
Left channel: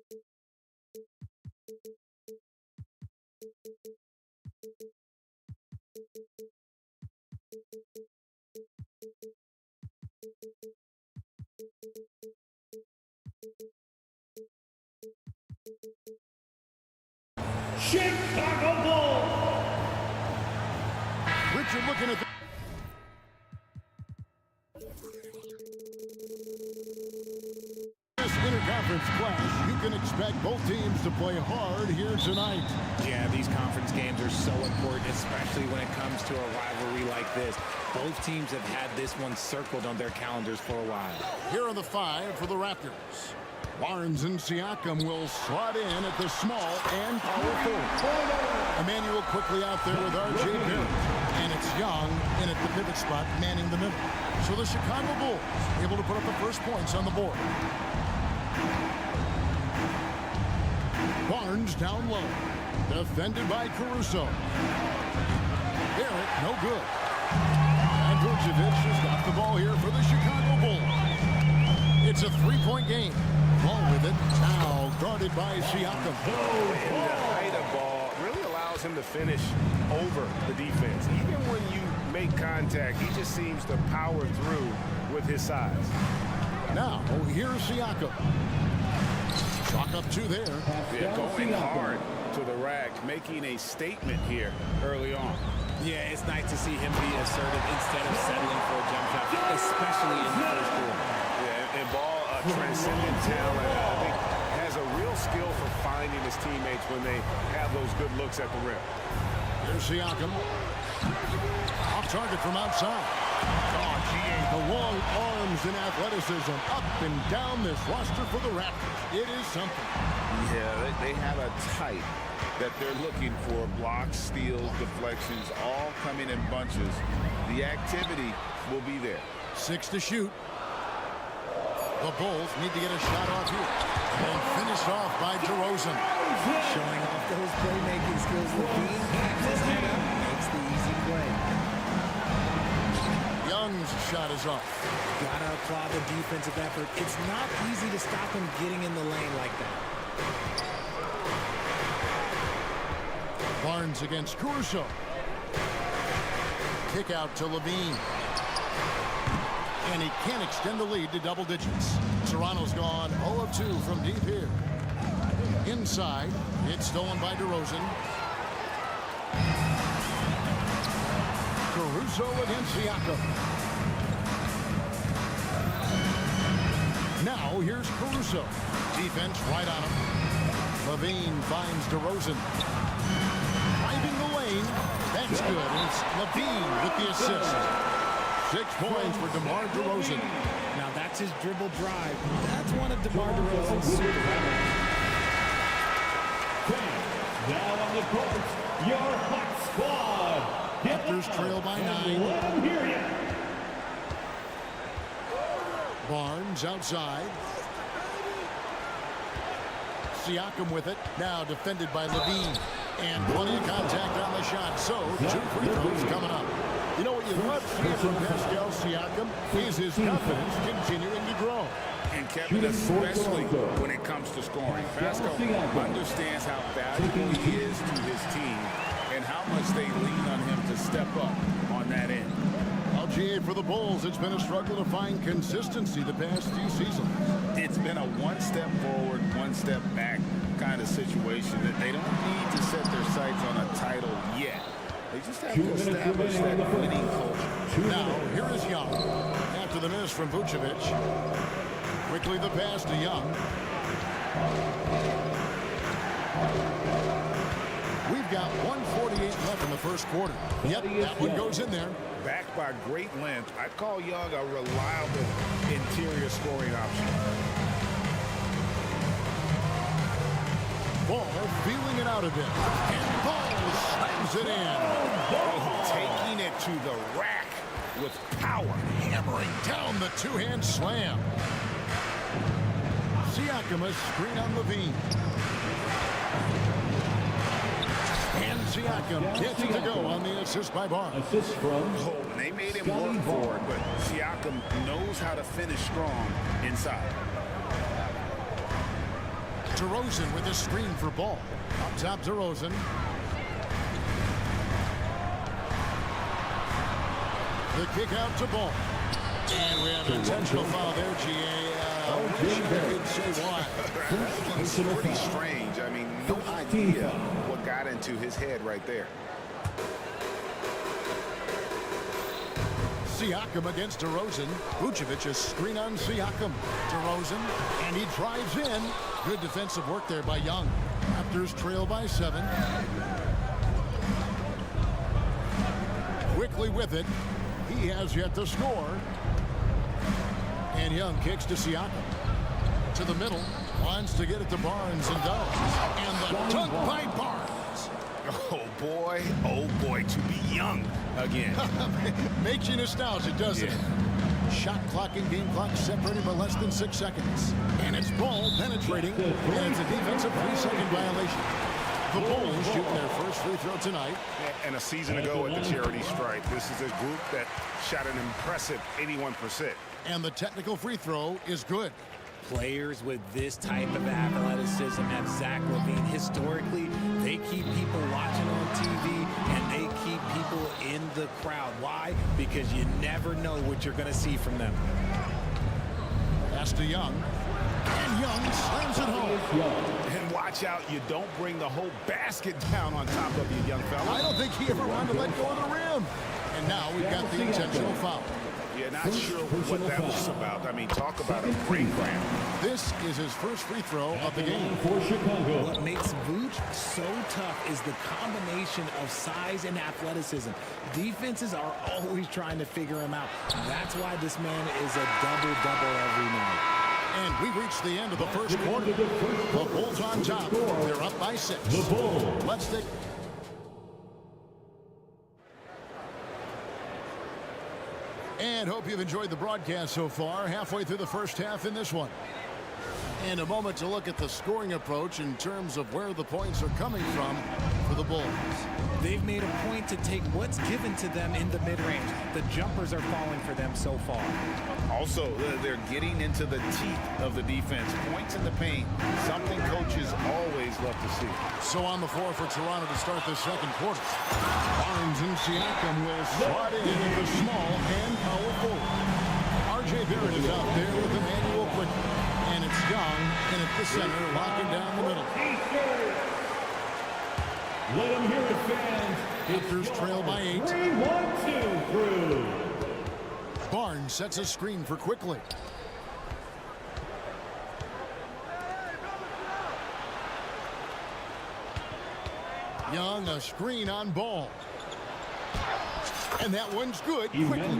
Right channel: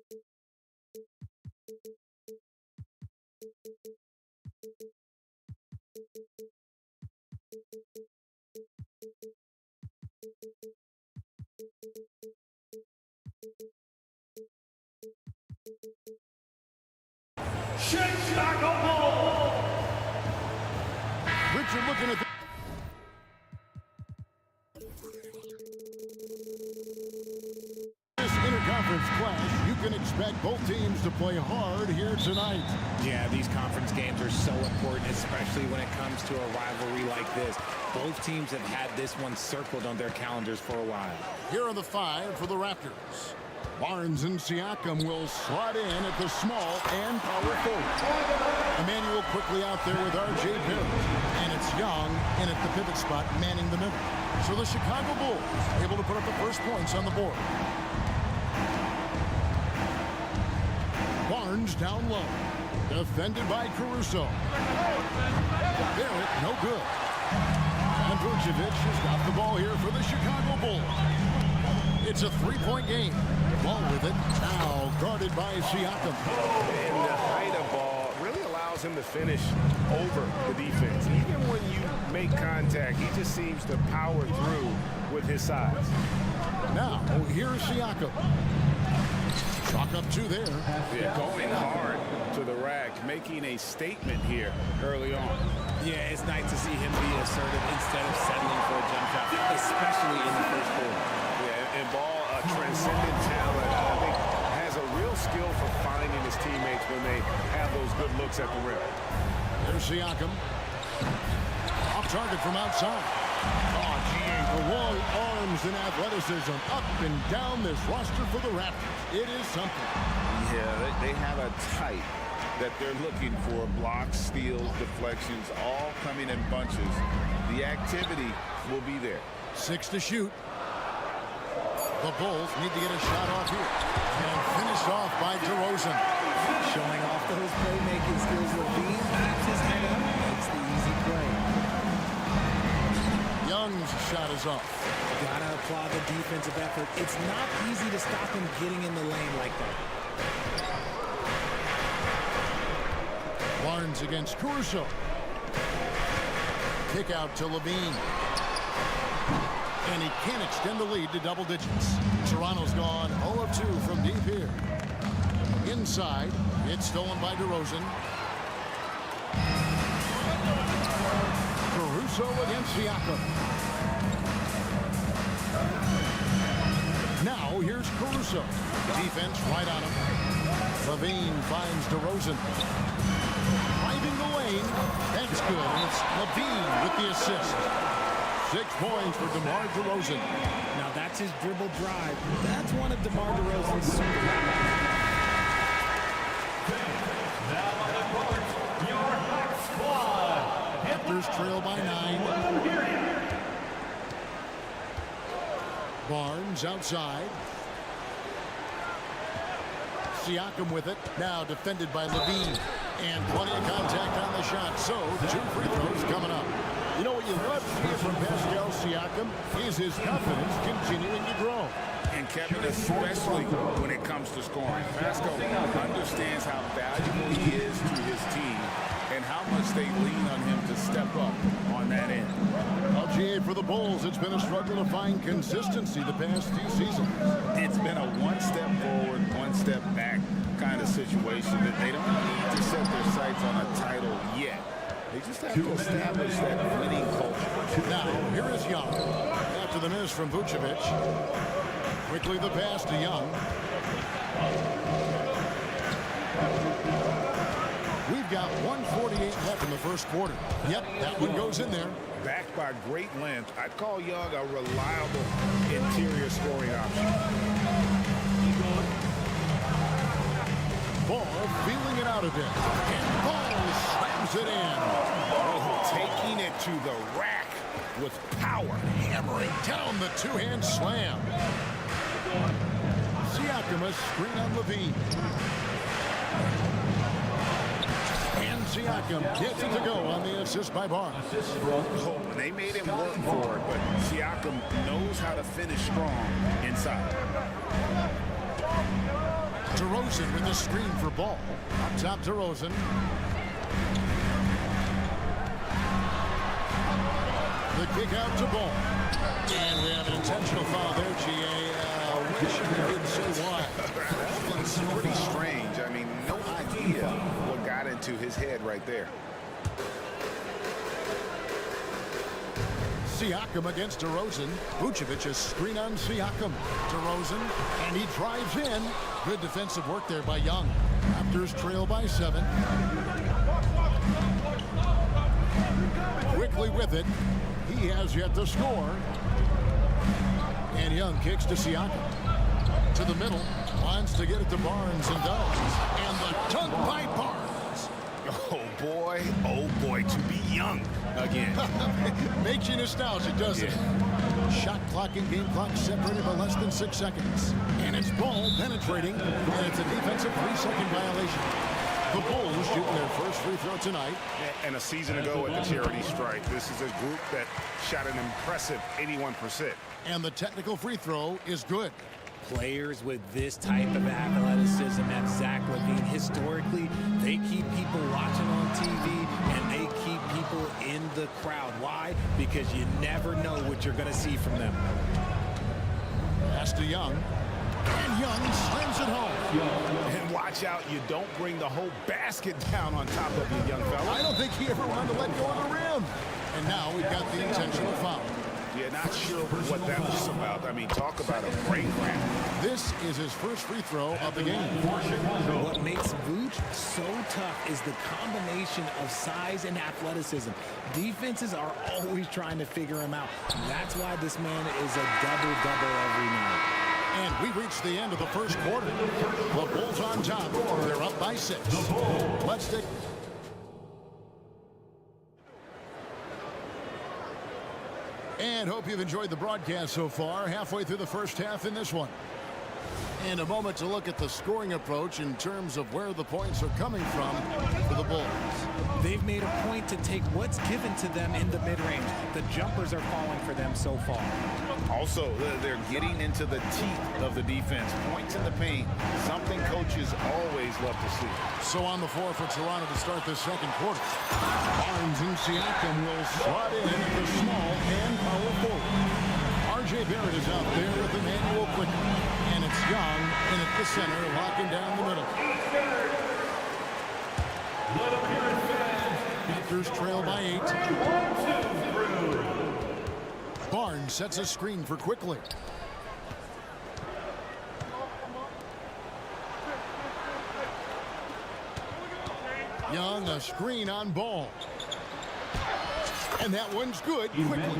Bulls. Richard looking at the this interconference clash. You can expect both teams to play hard here tonight. Yeah, these conference games are so important, especially when it comes to a rivalry like this. Both teams have had this one circled on their calendars for a while. Here are the five for the Raptors. Barnes and Siakam will slot in at the small and power forward. Emmanuel quickly out there with R.J. Barrett. And it's Young in at the pivot spot, manning the middle. So the Chicago Bulls able to put up the first points on the board. Barnes down low. Defended by Caruso. Barrett, no good. And Vucevic has got the ball here for the Chicago Bulls. It's a three-point game. Ball with it. Now guarded by Siakam. And the height of ball really allows him to finish over the defense. Even when you make contact, he just seems to power through with his size. Now, here's Siakam. Chalk up two there. Yeah, going hard to the rack, making a statement here early on. Yeah, it's nice to see him be assertive instead of settling for a jump shot, especially in the first quarter. Yeah, and ball, a transcendent talent, I think, has a real skill for finding his teammates when they have those good looks at the rim. There's Siakam. Off target from outside. Oh, gee, the long arms and athleticism up and down this roster for the Raptors. It is something. Yeah, they have a type that they're looking for. Blocks, steals, deflections, all coming in bunches. The activity will be there. 6 to shoot. The Bulls need to get a shot off here. And finished off by DeRozan. Showing off those playmaking skills, Levine keeps his head up, makes the easy play. Young's shot is off. Gotta applaud the defensive effort. It's not easy to stop him getting in the lane like that. Barnes against Caruso. Kick out to Levine. And he can't extend the lead to double digits. Toronto's gone 0 of 2 from deep here. Inside, it's stolen by DeRozan. Caruso against Siakam. Now here's Caruso. Defense right on him. Levine finds DeRozan. Driving the lane. That's good. And it's Levine with the assist. 6 points for DeMar DeRozan. Now that's his dribble drive. That's one of DeMar DeRozan's super weapons. Now on the court, your hot squad. Raptors trail by 9. Barnes outside. Siakam with it. Now defended by Levine. And plenty of contact on the shot. So 2 free throws coming up. You know what you love seeing from Pascal Siakam is his confidence continuing to grow. And Kevin, especially when it comes to scoring. Pascal understands how valuable he is to his team and how much they lean on him to step up on that end. LGA for the Bulls, it's been a struggle to find consistency the past few seasons. It's been a one step forward, one step back kind of situation that they don't need to set their sights on a title yet. They just have to establish that winning culture. Now, here is Young. After the miss from Vucevic. Quickly the pass to Young. We've got 1:48 left in the first quarter. Yep, that one goes in there. Backed by great length, I'd call Young a reliable interior scoring option. Ball feeling it out a bit. And Ball slams it in. Oh, taking it to the rack with power. Hammering down the two-hand slam. Siakam a screen on Levine. And Siakam gets it to go on the assist by Barnes. Oh, and they made him work for it, but Siakam knows how to finish strong inside. DeRozan with a screen for Ball. Up top, DeRozan. The kick out to Ball. And we have an intentional foul there, GA. Wish I could say why. That one's pretty strange. I mean, no idea what got into his head right there. Siakam against DeRozan. Vucevic a screen on Siakam. DeRozan, and he drives in. Good defensive work there by Young. Raptors trail by 7. Quickly with it. He has yet to score. And Young kicks to Siakam. To the middle. Wants to get it to Barnes and does. And the dunk by Barnes. Oh boy, to be Young again. Makes you nostalgic, doesn't it? Shot clock and game clock separated by less than 6 seconds. And it's Ball penetrating, and it's a defensive 3-second violation. The Bulls shooting their first free throw tonight. And a season ago at the charity stripe, this is a group that shot an impressive 81%. And the technical free throw is good. Players with this type of athleticism have Zach LaVine. Historically, they keep people watching on TV, and they keep people in the crowd. Why? Because you never know what you're going to see from them. Pass to Young. And Young slams it home. And watch out, you don't bring the whole basket down on top of you, young fella. I don't think he ever wanted to let go of the rim. And now we've got the intentional foul. Yeah, not sure what that was about. I mean, talk about a brain cramp. This is his first free throw of the game. What makes Vooch so tough is the combination of size and athleticism. Defenses are always trying to figure him out. That's why this man is a double-double every night. And we've reached the end of the first quarter. The Bulls on top. They're up by 6. Let's take... And hope you've enjoyed the broadcast so far. Halfway through the first half in this one. And a moment to look at the scoring approach in terms of where the points are coming from for the Bulls. They've made a point to take what's given to them in the mid-range. The jumpers are falling for them so far. Also, they're getting into the teeth of the defense. Points in the paint, something coaches always love to see. So on the floor for Toronto to start this second quarter. Barnes and Siakam will slot in at the small and power forward. R.J. Barrett is out there with Emmanuel Quickly. And it's Young in at the center, locking down the middle. Let him hear it, fans. Raptors trail by 8. 3, 1, 2 through. Barnes sets a screen for Quickly. Young, a screen on Ball. And that one's good. Quickly.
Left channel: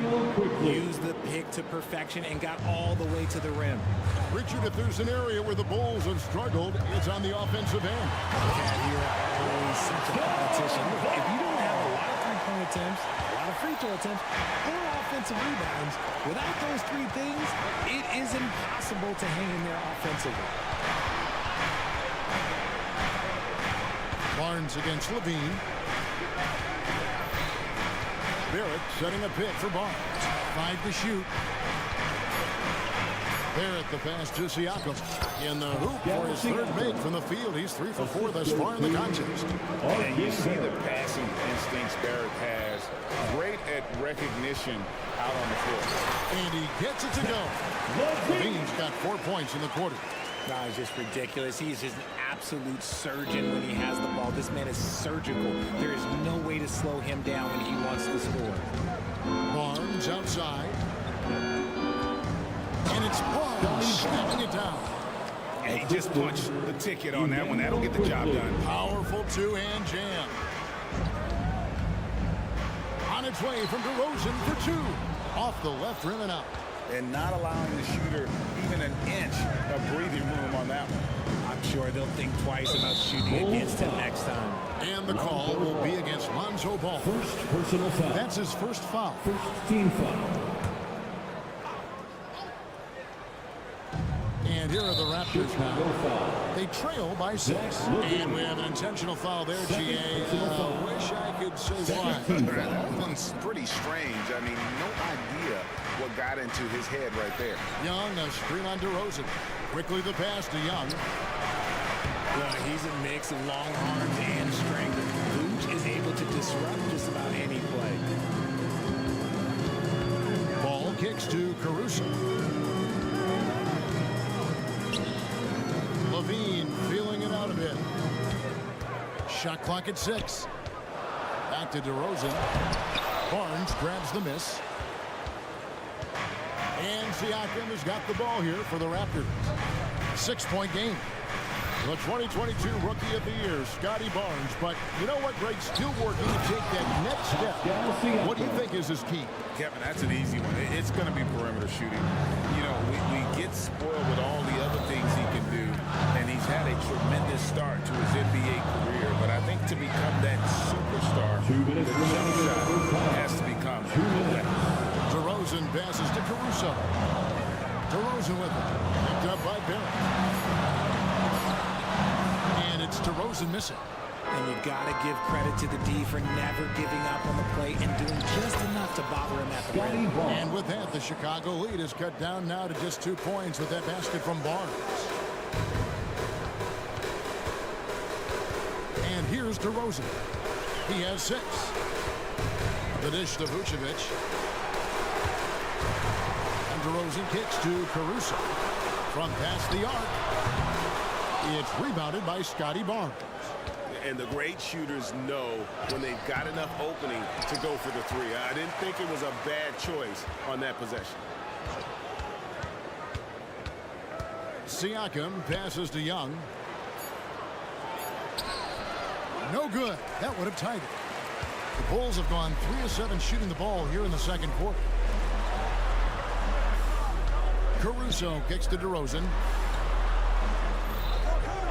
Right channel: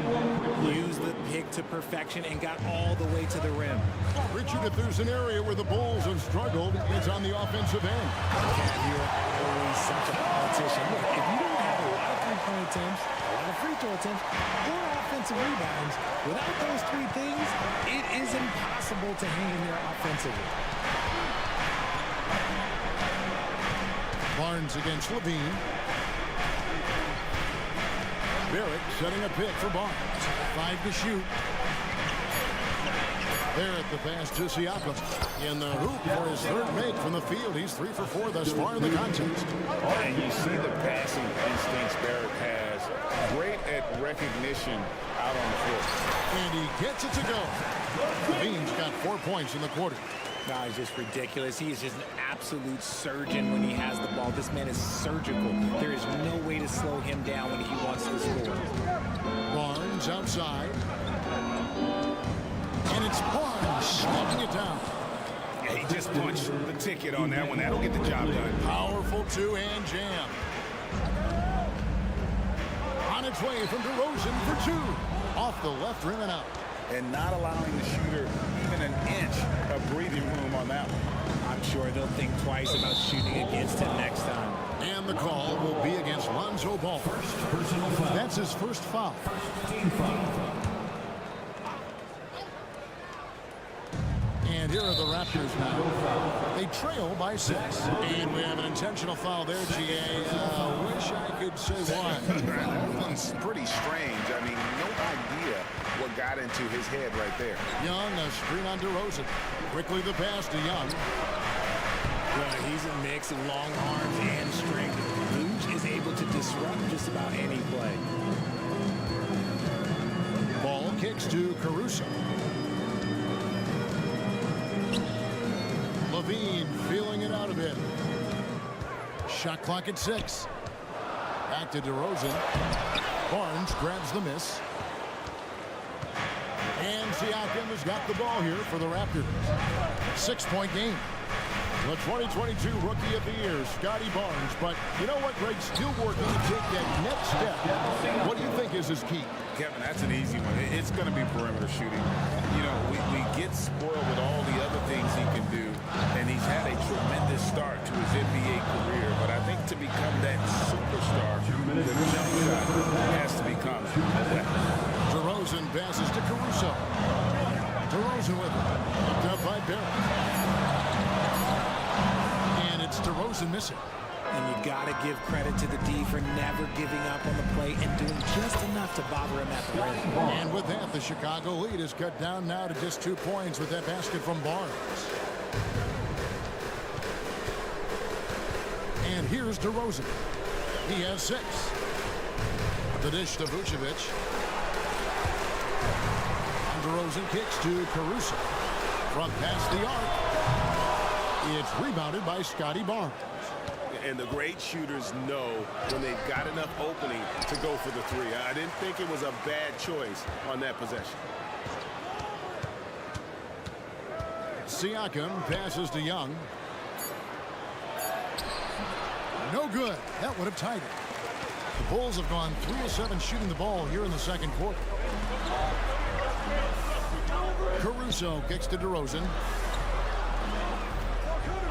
Used the pick to perfection and got all the way to the rim. Richard, if there's an area where the Bulls have struggled, it's on the offensive end. Cat, you are always such a politician. Look, if you don't have a lot of three-point attempts, a lot of free throw attempts, or offensive rebounds, without those 3 things, it is impossible to hang in there offensively. Barnes against LaVine. Barrett setting a pick for Barnes. 5 to shoot. Barrett the pass to Siakam. In the hoop for his 3rd make from the field. He's 3 for 4 thus far in the contest. And you see the passing instincts Barrett has. Great at recognition out on the floor. And he gets it to go. LaVine's got 4 points in the quarter. No, he's just ridiculous. He is just an absolute surgeon when he has the ball. This man is surgical. There is no way to slow him down when he wants to score. Barnes outside. And it's Barnes snapping it down. Yeah, he just punched the ticket on that one. That'll get the job done. Powerful 2-hand jam. On its way from DeRozan for 2. Off the left rim and out. And not allowing the shooter even an inch of breathing room on that one. I'm sure they'll think twice about shooting against him next time. And the call will be against Lonzo Ball. First personal foul. That's his first foul. First team foul. And here are the Raptors now. They trail by 6. And we have an intentional foul there, GA. Wish I could say why. That one's pretty strange. I mean, no idea what got into his head right there. Young, a screen on DeRozan. Quickly the pass to Young. Well, he's a mix of long arms and strength. Vooch is able to disrupt just about any play. Ball kicks to Caruso. Levine feeling it out a bit. Shot clock at 6. Back to DeRozan. Barnes grabs the miss. And Siakam has got the ball here for the Raptors. 6-point game. The 2022 Rookie of the Year, Scotty Barnes. But you know what, Greg? Still working to take that next step. What do you think is his key? Kevin, that's an easy one. It's going to be perimeter shooting. You know, we get spoiled with all the other things he can do, and he's had a tremendous start to his NBA career. But I think to become that superstar, the jump shot has to become a weapon. DeRozan passes to Caruso. DeRozan with it. Picked up by Barrett. And it's DeRozan missing. And you got to give credit to the D for never giving up on the play and doing just enough to bother him at the rim. And with that, the Chicago lead is cut down now to just 2 points with that basket from Barnes. And here's DeRozan. He has 6. The dish to Vucevic. And DeRozan kicks to Caruso. From past the arc. It's rebounded by Scotty Barnes. And the great shooters know when they've got enough opening to go for the 3. I didn't think it was a bad choice on that possession. Siakam passes to Young. No good. That would have tied it. The Bulls have gone 3 of 7 shooting the ball here in the second quarter. Caruso kicks to DeRozan.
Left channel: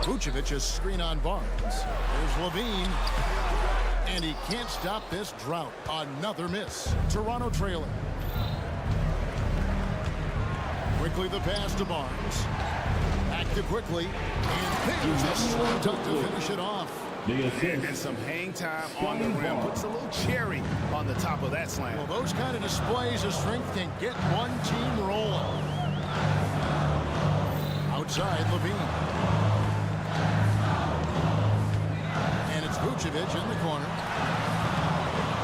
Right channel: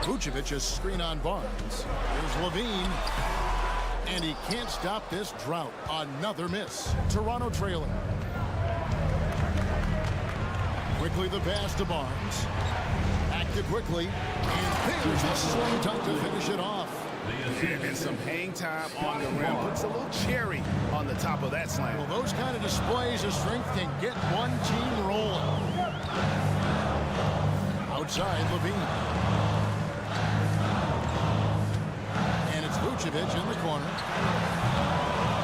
Vucevic is screen on Barnes. Here's Levine. And he can't stop this drought. Another miss. Toronto trailing. Quickly the pass to Barnes. Back to Quickly. And there's a slam dunk to finish it off. And some hang time on the rim. Puts a little cherry on the top of that slam. Well, those kind of displays of strength can get one team rolling. Outside, Levine. And it's Vucevic in the corner.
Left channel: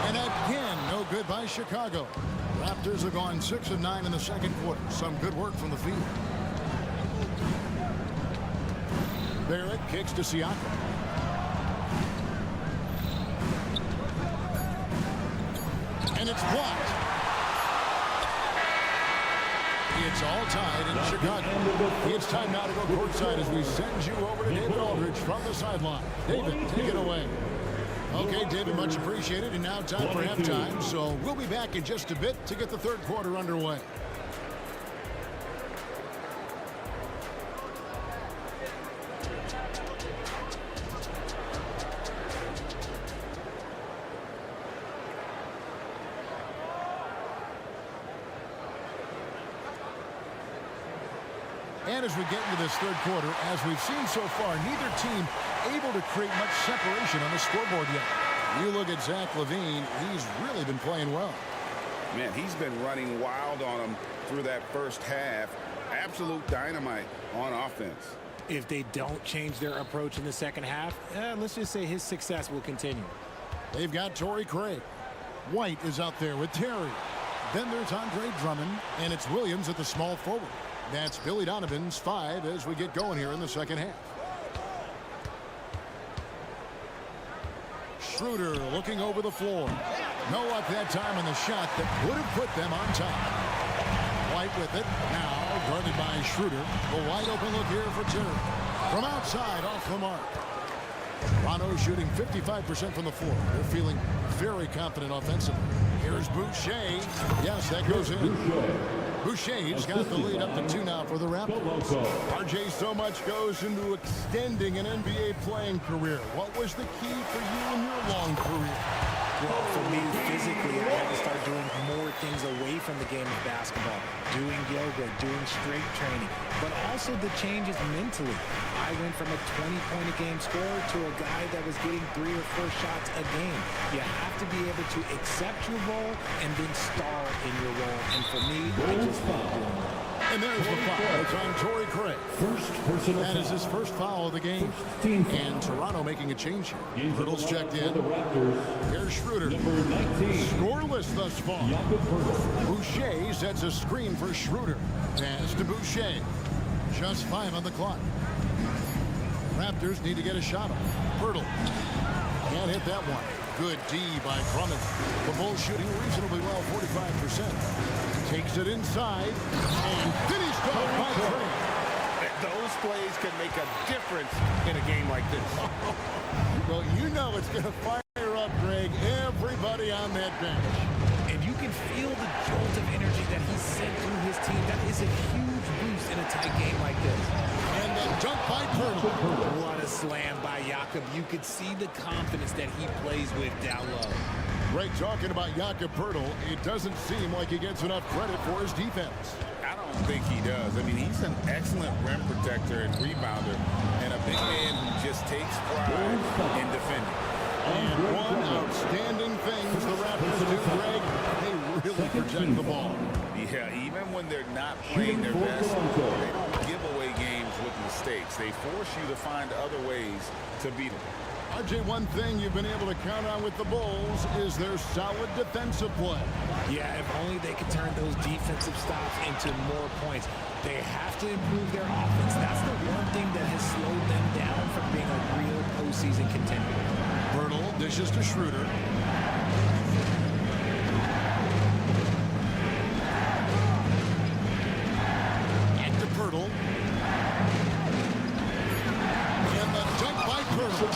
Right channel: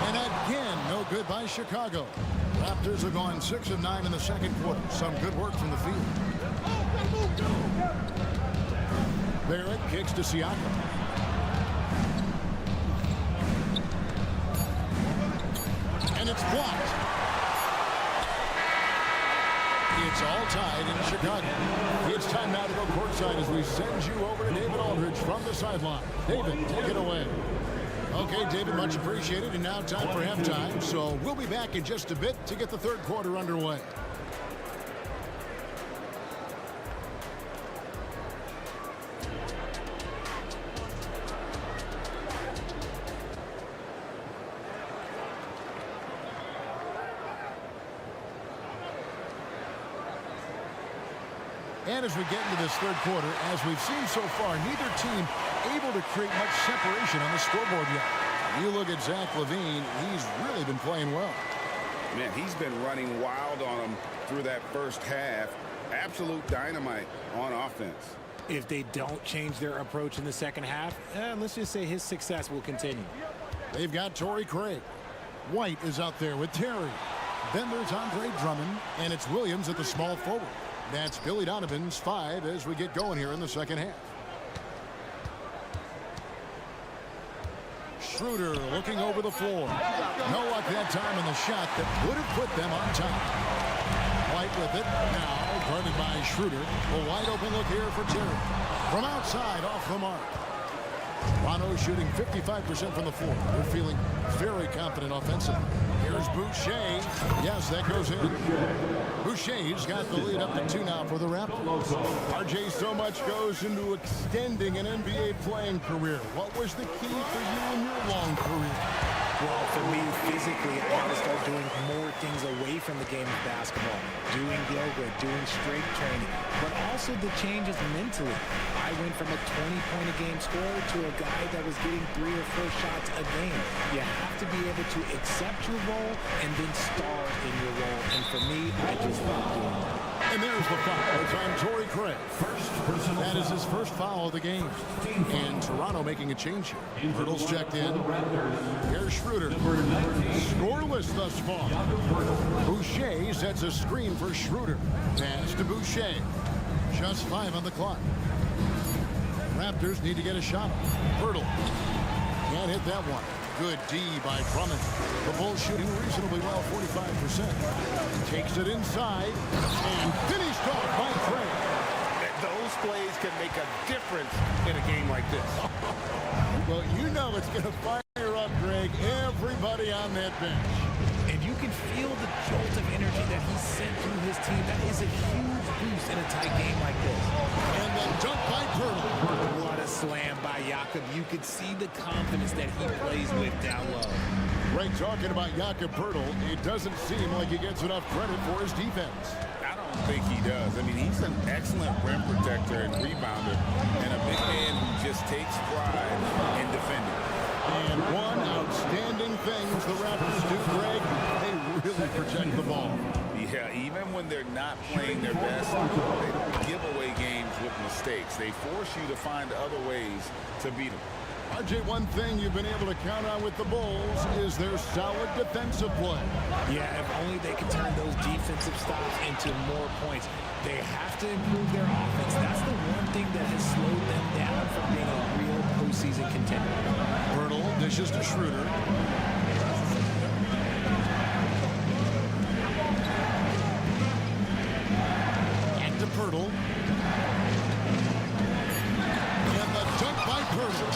And again, no good by Chicago. Raptors have gone 6 of 9 in the second quarter. Some good work from the field. Barrett kicks to Siakam. And it's blocked. It's all tied in Chicago. It's time now to go courtside as we send you over to David Aldridge from the sideline. David, take it away. Okay, David, much appreciated. And now time for halftime. So we'll be back in just a bit to get the third quarter underway. And as we get into this third quarter, as we've seen so far, neither team able to create much separation on the scoreboard yet. You look at Zach LaVine, he's really been playing well. Man, he's been running wild on them through that first half. Absolute dynamite on offense. If they don't change their approach in the second half, let's just say his success will continue. They've got Torrey Craig. White is out there with Terry. Then there's Andre Drummond, and it's Williams at the small forward. That's Billy Donovan's 5 as we get going here in the second half. Schroeder looking over the floor. No luck that time on the shot that would have put them on top. White with it. Now guarded by Schroeder. A wide open look here for Terry. From outside off the mark. Toronto shooting 55% from the floor. They're feeling very confident offensively. Here's Boucher. Yes, that goes in. Boucher's got the lead up to 2 now for the Raptors. RJ, so much goes into extending an NBA playing career. What was the key for you in your long career? Well, for me, physically, I had to start doing more things away from the game of basketball. Doing yoga, doing strength training, but also the changes mentally. I went from a 20-point-a-game scorer to a guy that was getting 3 or 4 shots a game. You have to be able to accept your role and then star in your role. And for me, I just love doing that. And there's the foul. It's on Torrey Craig. First personal That is his first foul of the game. And Toronto making a change here. Hurdle's checked in. Here's Schroeder. Scoreless thus far. Boucher sets a screen for Schroeder. Pass to Boucher. Just 5 on the clock. Raptors need to get a shot off. Hurdle. Can't hit that one. Good D by Drummond. The Bulls shooting reasonably well, 45%. Takes it inside and finished off by Craig. Those plays can make a difference in a game like this. Well, you know it's going to fire up, Greg, everybody on that bench. And you can feel the jolt of energy that he sent through his team. That is a huge boost in a tight game like this. And the dunk by Pirtle. What a slam by Jakob. You could see the confidence that he plays with down low. Greg, talking about Jakob Pirtle, it doesn't seem like he gets enough credit for his defense. I don't think he does. I mean, he's an excellent rim protector and rebounder, and a big man who just takes pride in defending. And one outstanding things the Raptors do, Greg, they really protect the ball. Yeah, even when they're not playing their best, they don't give away games with mistakes. They force you to find other ways to beat them. RJ, one thing you've been able to count on with the Bulls is their solid defensive play. Yeah, if only they could turn those defensive stops into more points. They have to improve their offense. That's the one thing that has slowed them down from being a real postseason contender. Pirtle dishes to Schroeder. Back to Pirtle. And the dunk by Pirtle.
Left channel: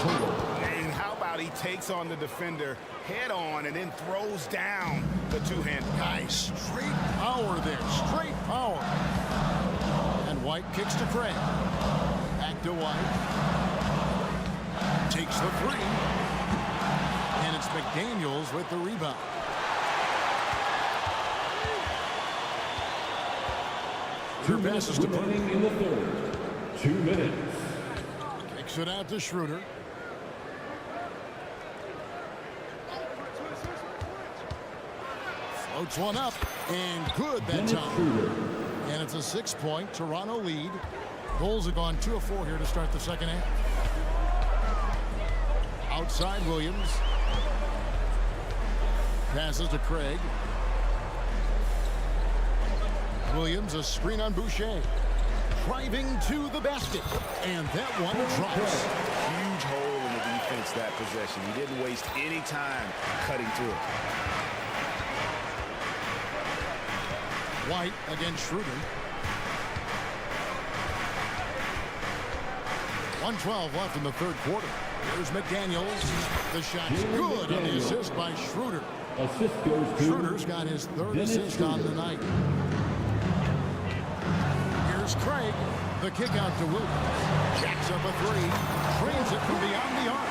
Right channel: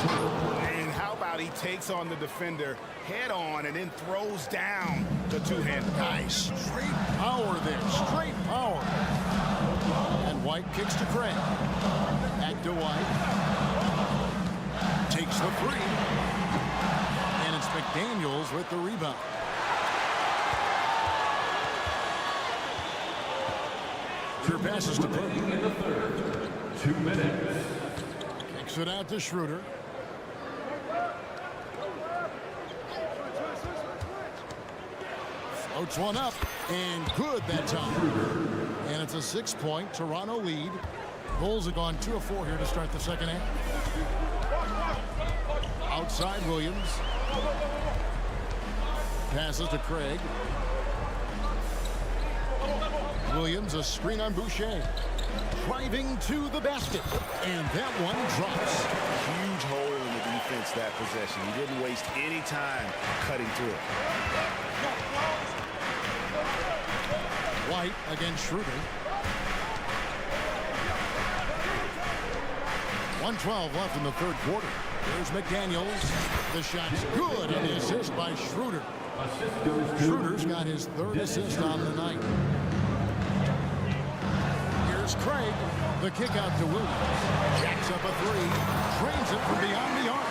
And how about he takes on the defender head on and then throws down the two-hander. Nice. Straight power there. Straight power. And White kicks to Craig. Back to White. Takes the three. And it's McDaniels with the rebound. Schroeder passes to Pirtle. In the third. 2 minutes. Kicks it out to Schroeder. Floats one up. And good that time. And it's a 6-point Toronto lead. Bulls have gone 2 of 4 here to start the second half. Outside Williams. Passes to Craig. Williams, a screen on Boucher. Driving to the basket. And that one drops. Huge hole in the defense that possession. He didn't waste any time cutting through it. White against Schroeder. 1:12 left in the third quarter. Here's McDaniels. The shot's good on the assist by Schroeder. Assist goes to Schroeder's got his third assist on the night. Here's Craig. The kick out to Williams. Jacks up a three. Trains it from beyond the arc.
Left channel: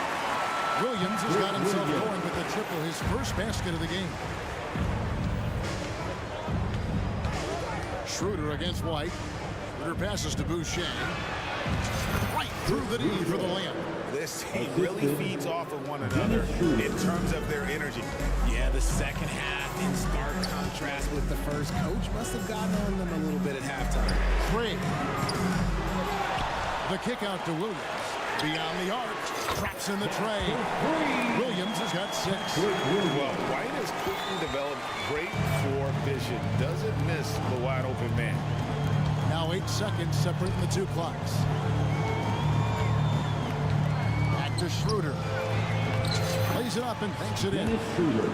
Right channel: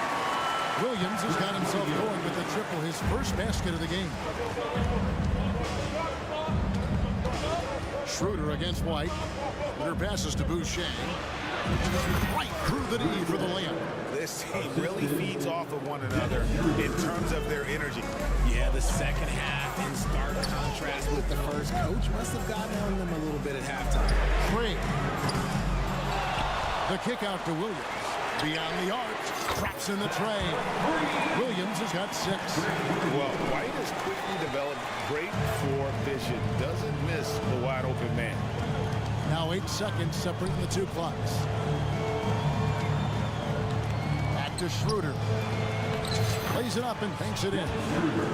Williams has got himself going with the triple, his first basket of the game. Schroeder against White. Schroeder passes to Boucher. Right through the D for the layup. This team really feeds off of one another in terms of their energy. Yeah, the second half in stark contrast with the first. Coach must have gotten on them a little bit at halftime. Craig. The kick out to Williams. Beyond the arc. Traps in the tray. Williams has got 6. Well, White has quickly developed great floor vision. Doesn't miss the wide open man. Now 8 seconds separating the two clocks. Back to Schroeder. Plays it up and banks it in.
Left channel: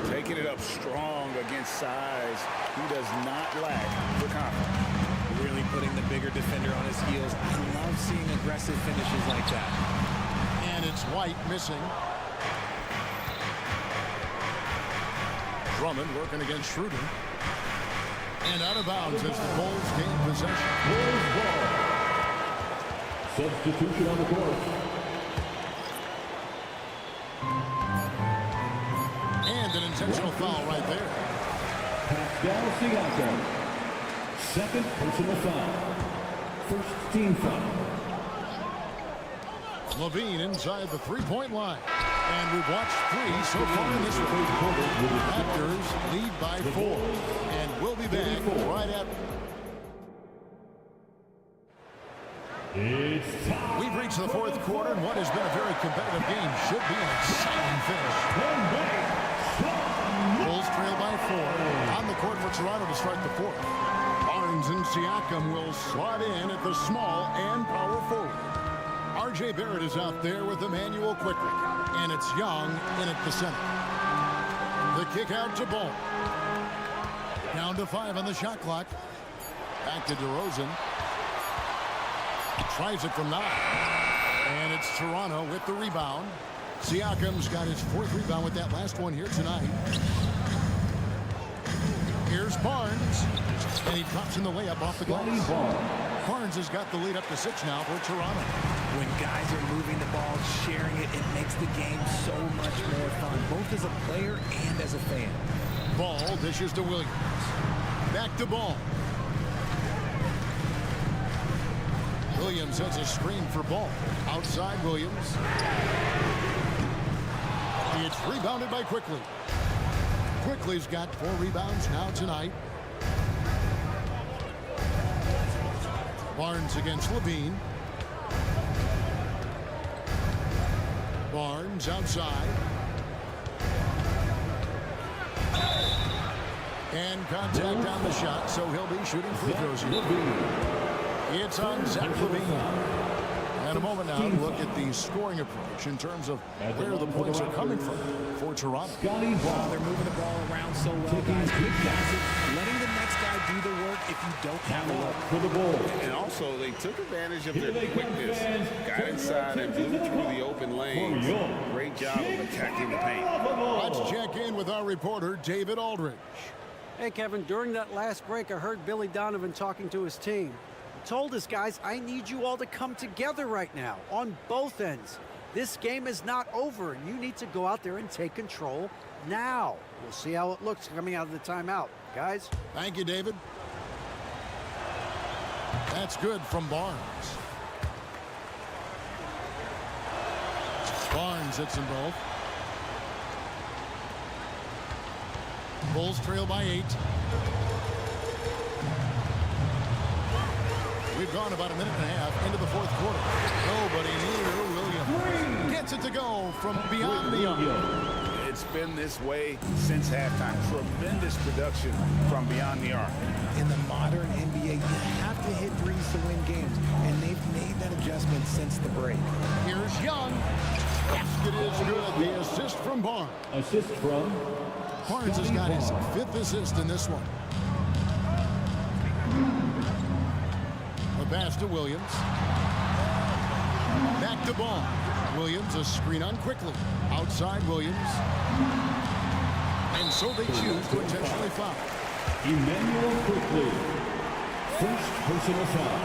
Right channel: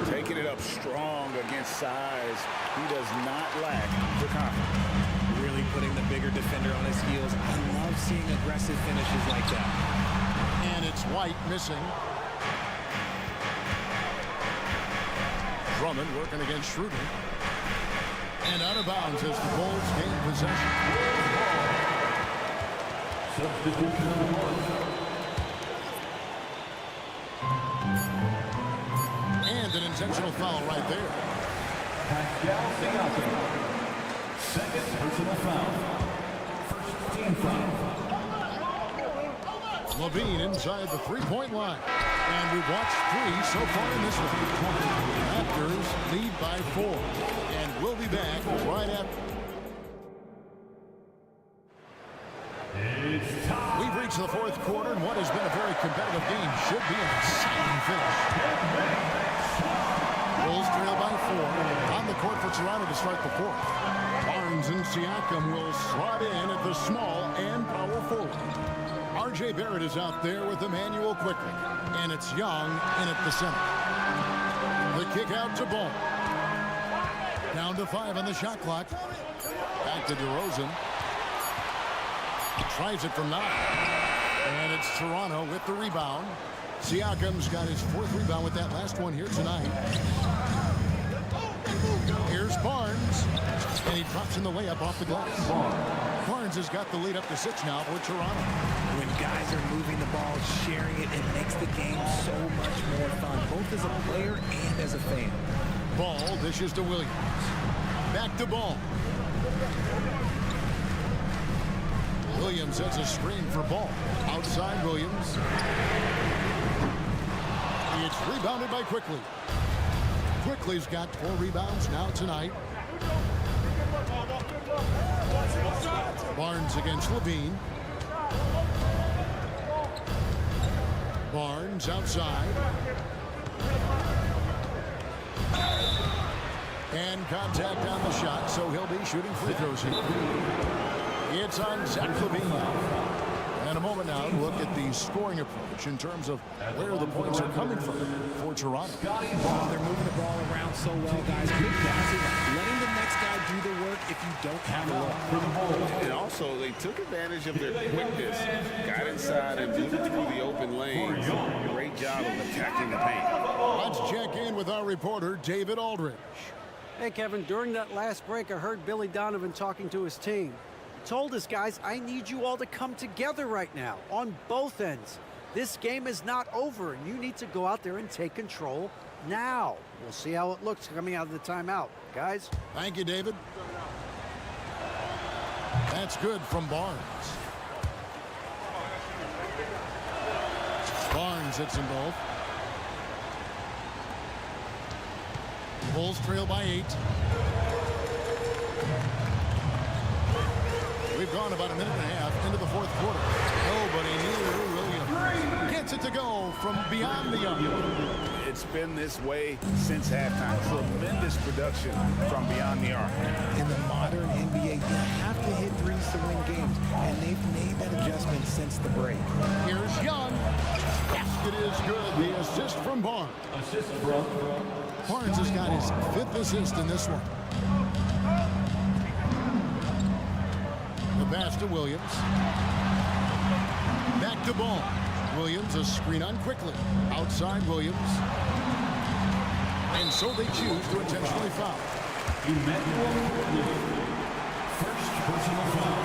Taking it up strong against size. He does not lack for confidence. Really putting the bigger defender on his heels. I love seeing aggressive finishes like that. And it's White missing. Drummond working against Schroeder. And out of bounds as the Bulls gain possession. Substitution on the court. And an intentional foul right there. Pascal Siakam. Second personal foul. First team foul. Levine inside the three-point line. And we've watched 3 so far in this one. Raptors lead by 4. And we'll be back right after. It's time. We've reached the fourth quarter, and what has been a very competitive game should be an exciting finish. Bulls trail by 4. On the court for Toronto to start the fourth. Barnes and Siakam will slot in at the small and power forward. R.J. Barrett is out there with Emmanuel quickly, and it's Young in at the center. The kick out to Ball. Down to 5 on the shot clock. Back to DeRozan. Tries it from 9. And it's Toronto with the rebound. Siakam's got his 4th rebound with that last one here tonight. Here's Barnes. And he drops in the layup off the glass. Barnes has got the lead up to 6 now for Toronto. When guys are moving the ball, sharing it, it makes the game so much more fun, both as a player and as a fan. Ball dishes to Williams. Back to Ball. Williams has a screen for Ball. Outside Williams. It's rebounded by Quickly. Quickly's got 4 rebounds now tonight. Barnes against Levine. Barnes outside. And contact on the shot, so he'll be shooting free throws here. It's on Zach Levine. And a moment now to look at the scoring approach in terms of where the points are coming from for Toronto. Oh, they're moving the ball around so well, guys. Quick passes, letting the next guy do the work if you don't have a look. And also, they took advantage of their quickness, got inside and blew through the open lanes. Great job of attacking the paint. Let's check in with our reporter, David Aldridge. Hey, Kevin, during that last break, I heard Billy Donovan talking to his team. He told us, guys, I need you all to come together right now on both ends. This game is not over, and you need to go out there and take control now. We'll see how it looks coming out of the timeout. Guys? Thank you, David. That's good from Barnes. Barnes hits them both. Bulls trail by 8. We've gone about a minute and a half into the fourth quarter. Nobody near Williams. Gets it to go from beyond the arc. It's been this way since halftime. Tremendous production from beyond the arc. In the modern NBA, you have to hit threes to win games, and they've made that adjustment since the break. Here's Young. Basket is good. The assist from Barnes. Assist from Barnes has got his 5th assist in this one. The pass to Williams. Back to Ball. Williams, a screen on Quickly. Outside Williams. And so they choose to intentionally foul. Emmanuel Quickly. First personal foul.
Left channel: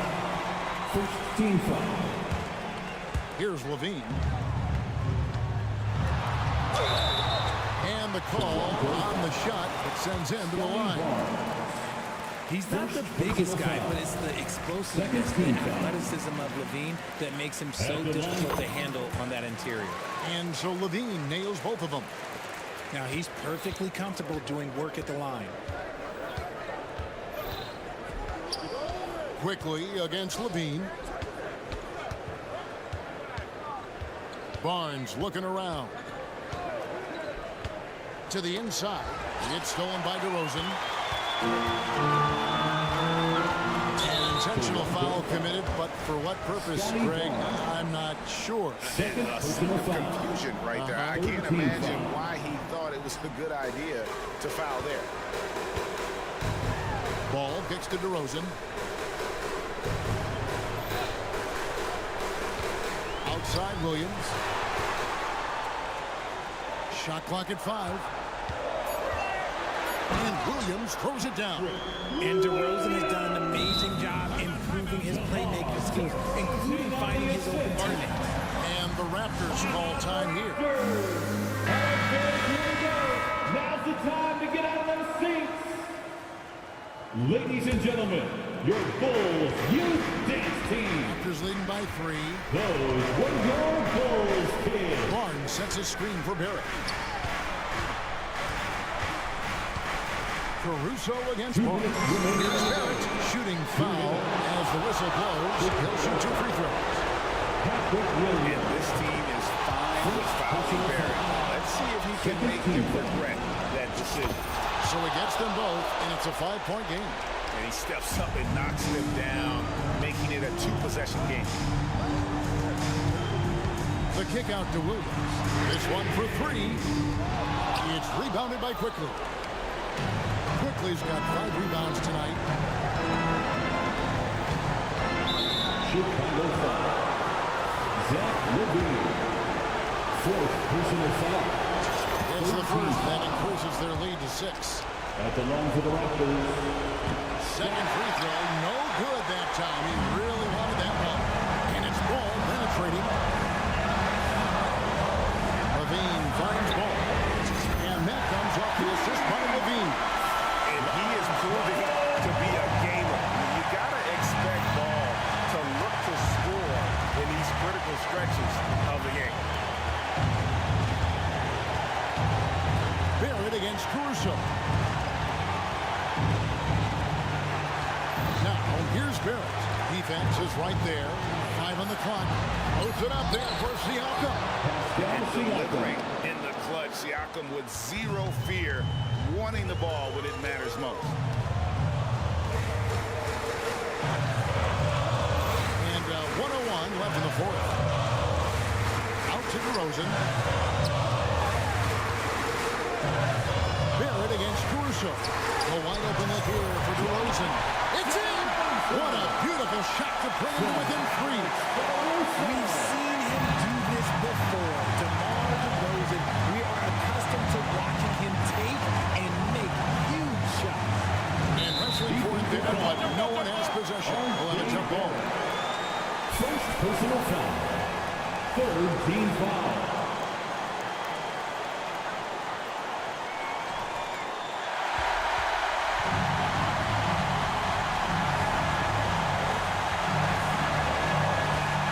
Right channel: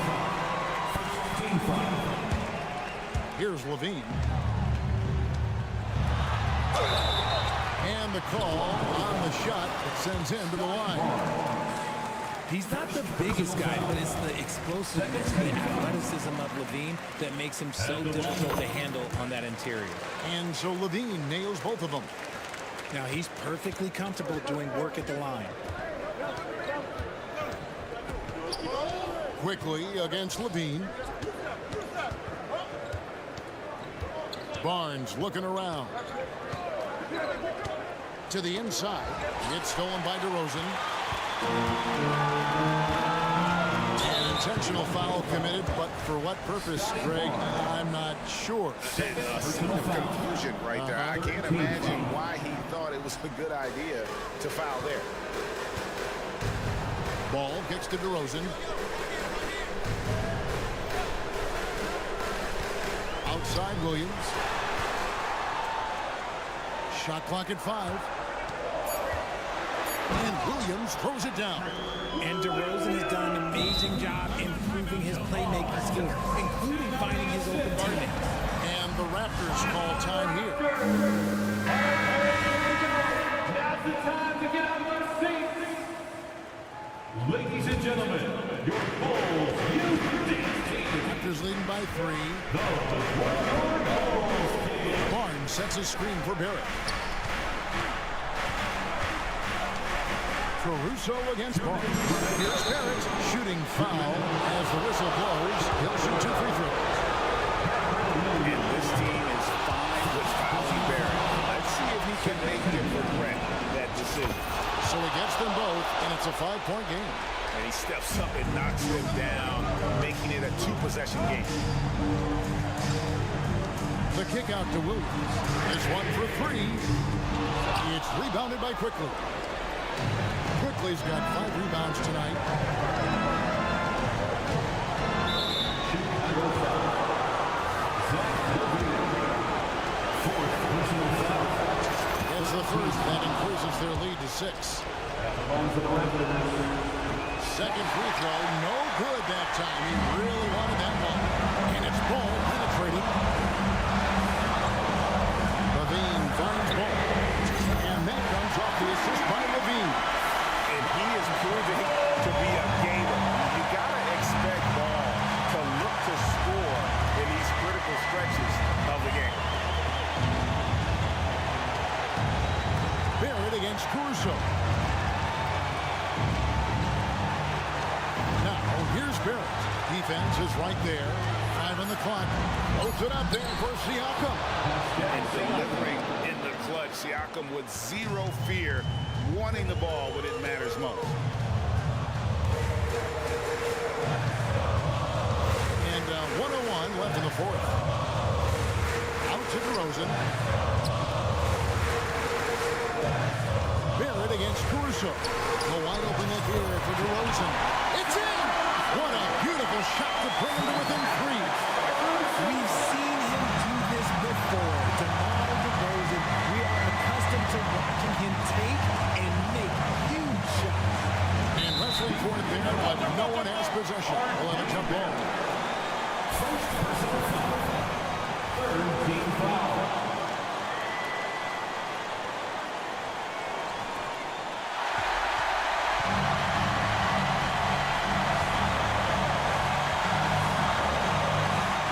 First team foul. Here's Levine. And the call on the shot that sends him to the line. He's not the biggest guy, but it's the explosiveness, the athleticism of Levine that makes him so difficult to handle on that interior. And so Levine nails both of them. Now he's perfectly comfortable doing work at the line. Quickly against Levine. Barnes looking around. To the inside. It's stolen by DeRozan. An intentional foul committed, but for what purpose, Greg, I'm not sure. A scene of confusion right there. I can't imagine why he thought it was a good idea to foul there. Ball kicks to DeRozan. Outside Williams. Shot clock at 5. And Williams throws it down. And DeRozan has done an amazing job improving his playmaking skills, including finding his open teammates. And the Raptors call time here. All right, boys, here we go. Now's the time to get out of our seats. Ladies and gentlemen, your Bulls Youth Dance Team. Raptors leading by 3. Those were your Bulls kids. Barnes sets a screen for Barrett. Caruso against Ball. Here's Barrett shooting foul as the whistle blows. He'll shoot 2 free throws. And this team is fine with fouling Barrett. Let's see if he can make them regret that decision. So he gets them both, and it's a 5-point game. And he steps up and knocks them down, making it a 2-possession game. The kick out to Williams. This one for 3. It's rebounded by Quickly. Quickly's got 5 rebounds tonight. Chicago foul. Zach LaVine. 4th personal foul. It's the first. That increases their lead to 6. That's a long for the Raptors. Second free throw, no good that time. He really wanted that one. And it's Ball penetrating. LaVine finds Ball. And that comes off the assist by LaVine. And he is proving to be a gamer. You got to expect Ball to look to score in these critical stretches of the game. Barrett against Caruso. Now, here's Barrett. Defense is right there. 5 on the clock. Loads it up there for Siakam. And delivering in the clutch. Siakam with 0 fear, wanting the ball when it matters most. And 1:01 left in the 4th. Out to DeRozan. Barrett against Caruso. A wide open look here for DeRozan. It's in! What a beautiful shot to bring him to within 3. We've seen him do this before. DeMar DeRozan, we are accustomed to watching him take and make huge shots. And wrestling for it there, but no one has possession. We'll have a jump ball. First personal foul. 3rd team foul.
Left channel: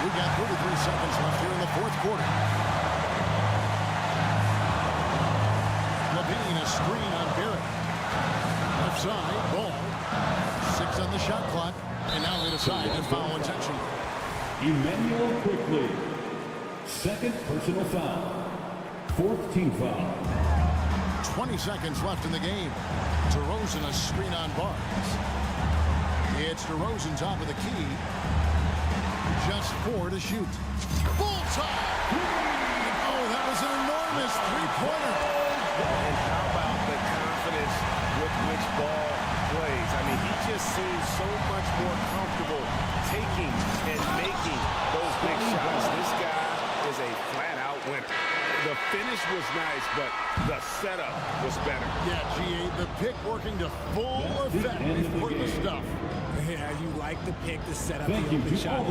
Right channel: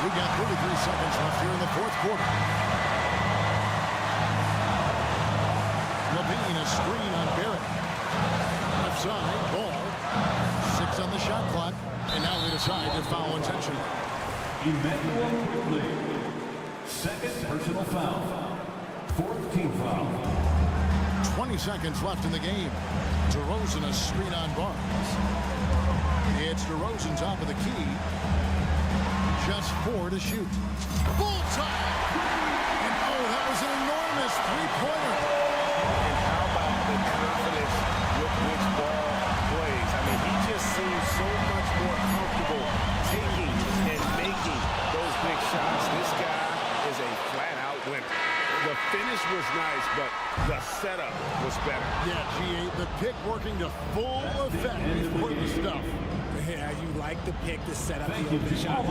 We've got 33 seconds left here in the 4th quarter. LaVine, a screen on Barrett. Left side, Ball. 6 on the shot clock. And now they decide to foul intentionally. Emmanuel Quickly. 2nd personal foul. 4th team foul. 20 seconds left in the game. DeRozan, a screen on Barnes. It's DeRozan top of the key. Just 4 to shoot. Bullseye! And oh, that was an enormous 3-pointer. And how about the confidence with which Ball plays? I mean, he just seems so much more comfortable taking and making those big shots. This guy is a flat-out winner. The finish was nice, but the setup was better. Yeah, G8, the pick working to full effect before the stuff. Yeah, you like the pick to set up the open shot.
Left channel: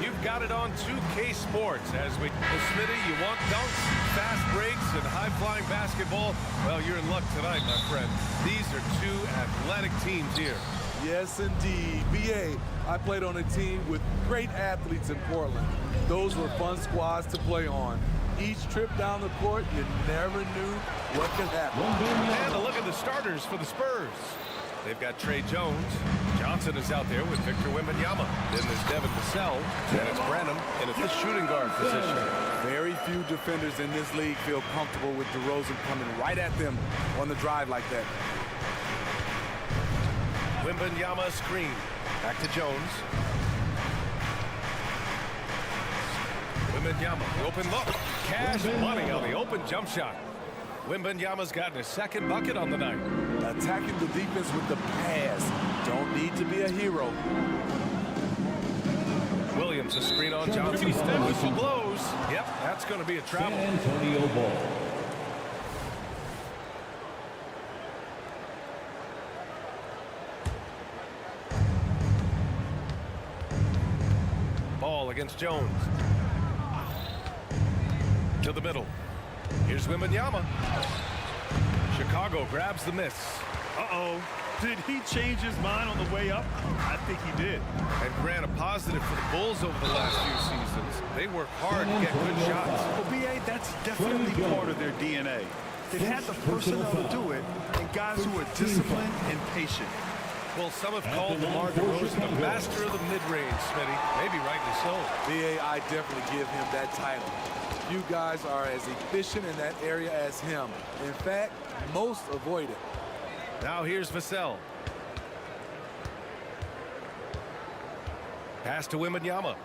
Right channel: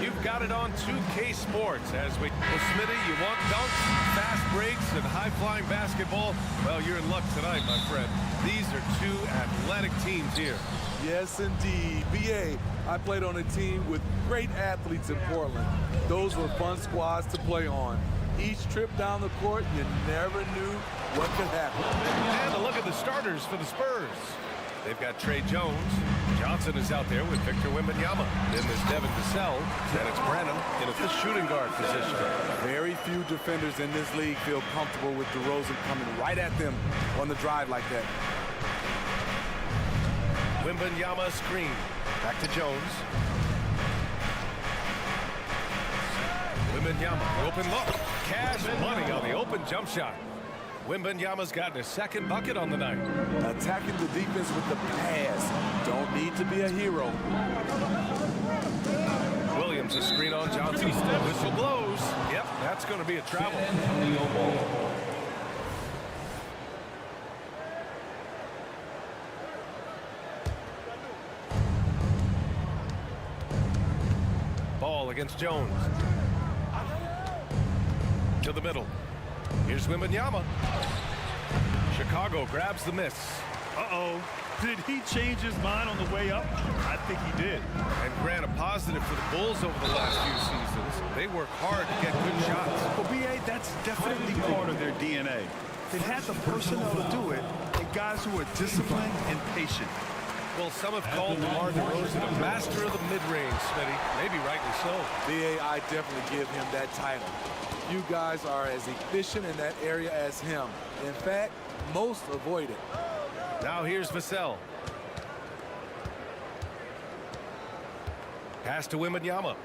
You've got it on 2K Sports as we... Well, Smitty, you want dunks, fast breaks, and high-flying basketball? Well, you're in luck tonight, my friend. These are two athletic teams here. Yes, indeed. B.A., I played on a team with great athletes in Portland. Those were fun squads to play on. Each trip down the court, you never knew what could happen. And a look at the starters for the Spurs. They've got Trey Jones. Johnson is out there with Victor Wembanyama. Then there's Devin Vassell. Then it's Branham in at the shooting guard position. Very few defenders in this league feel comfortable with DeRozan coming right at them on the drive like that. Wembanyama screen. Back to Jones. Wembanyama, the open look. Cash money on the open jump shot. Wembanyama's gotten his second bucket on the night. Attacking the defense with the pass. Don't need to be a hero. Williams, a screen on Johnson. Whistle blows. Yep, that's going to be a travel. Antonio Ball. Ball against Jones. To the middle. Here's Wembanyama. Chicago grabs the miss. Uh-oh. Did he change his mind on the way up? I think he did. And Grant, a positive for the Bulls over the last few seasons. They work hard to get good shots. Well, B.A., that's definitely part of their DNA. They've had the personnel to do it, and guys who are disciplined and patient. Well, some have called DeMar DeRozan a master of the mid-range, Smitty. Maybe rightly so. B.A., I definitely give him that title. You guys are as efficient in that area as him. In fact, most avoid it. Now here's Vassell. Pass to Wembanyama.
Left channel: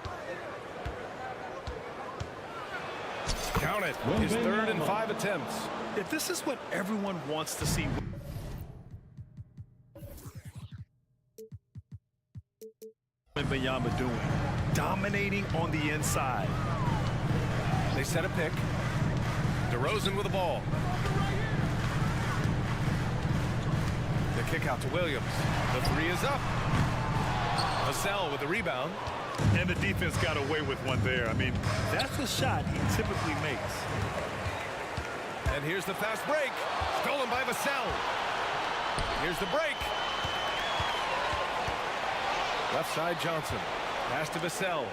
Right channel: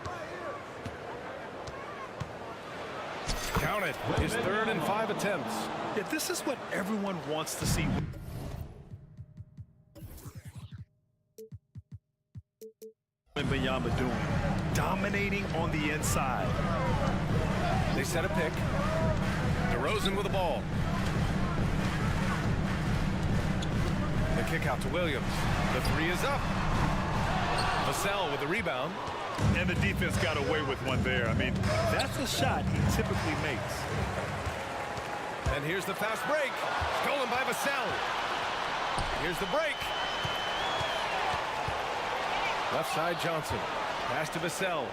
Count it. His 3rd and 5 attempts. Yeah, this is what everyone wants to see. Wembanyama doing. Dominating on the inside. They set a pick. DeRozan with the ball. The kick out to Williams. The 3 is up. Vassell with the rebound. And the defense got away with one there. I mean, that's a shot he typically makes. And here's the fast break. Stolen by Vassell. Here's the break. Left side Johnson. Pass to Vassell.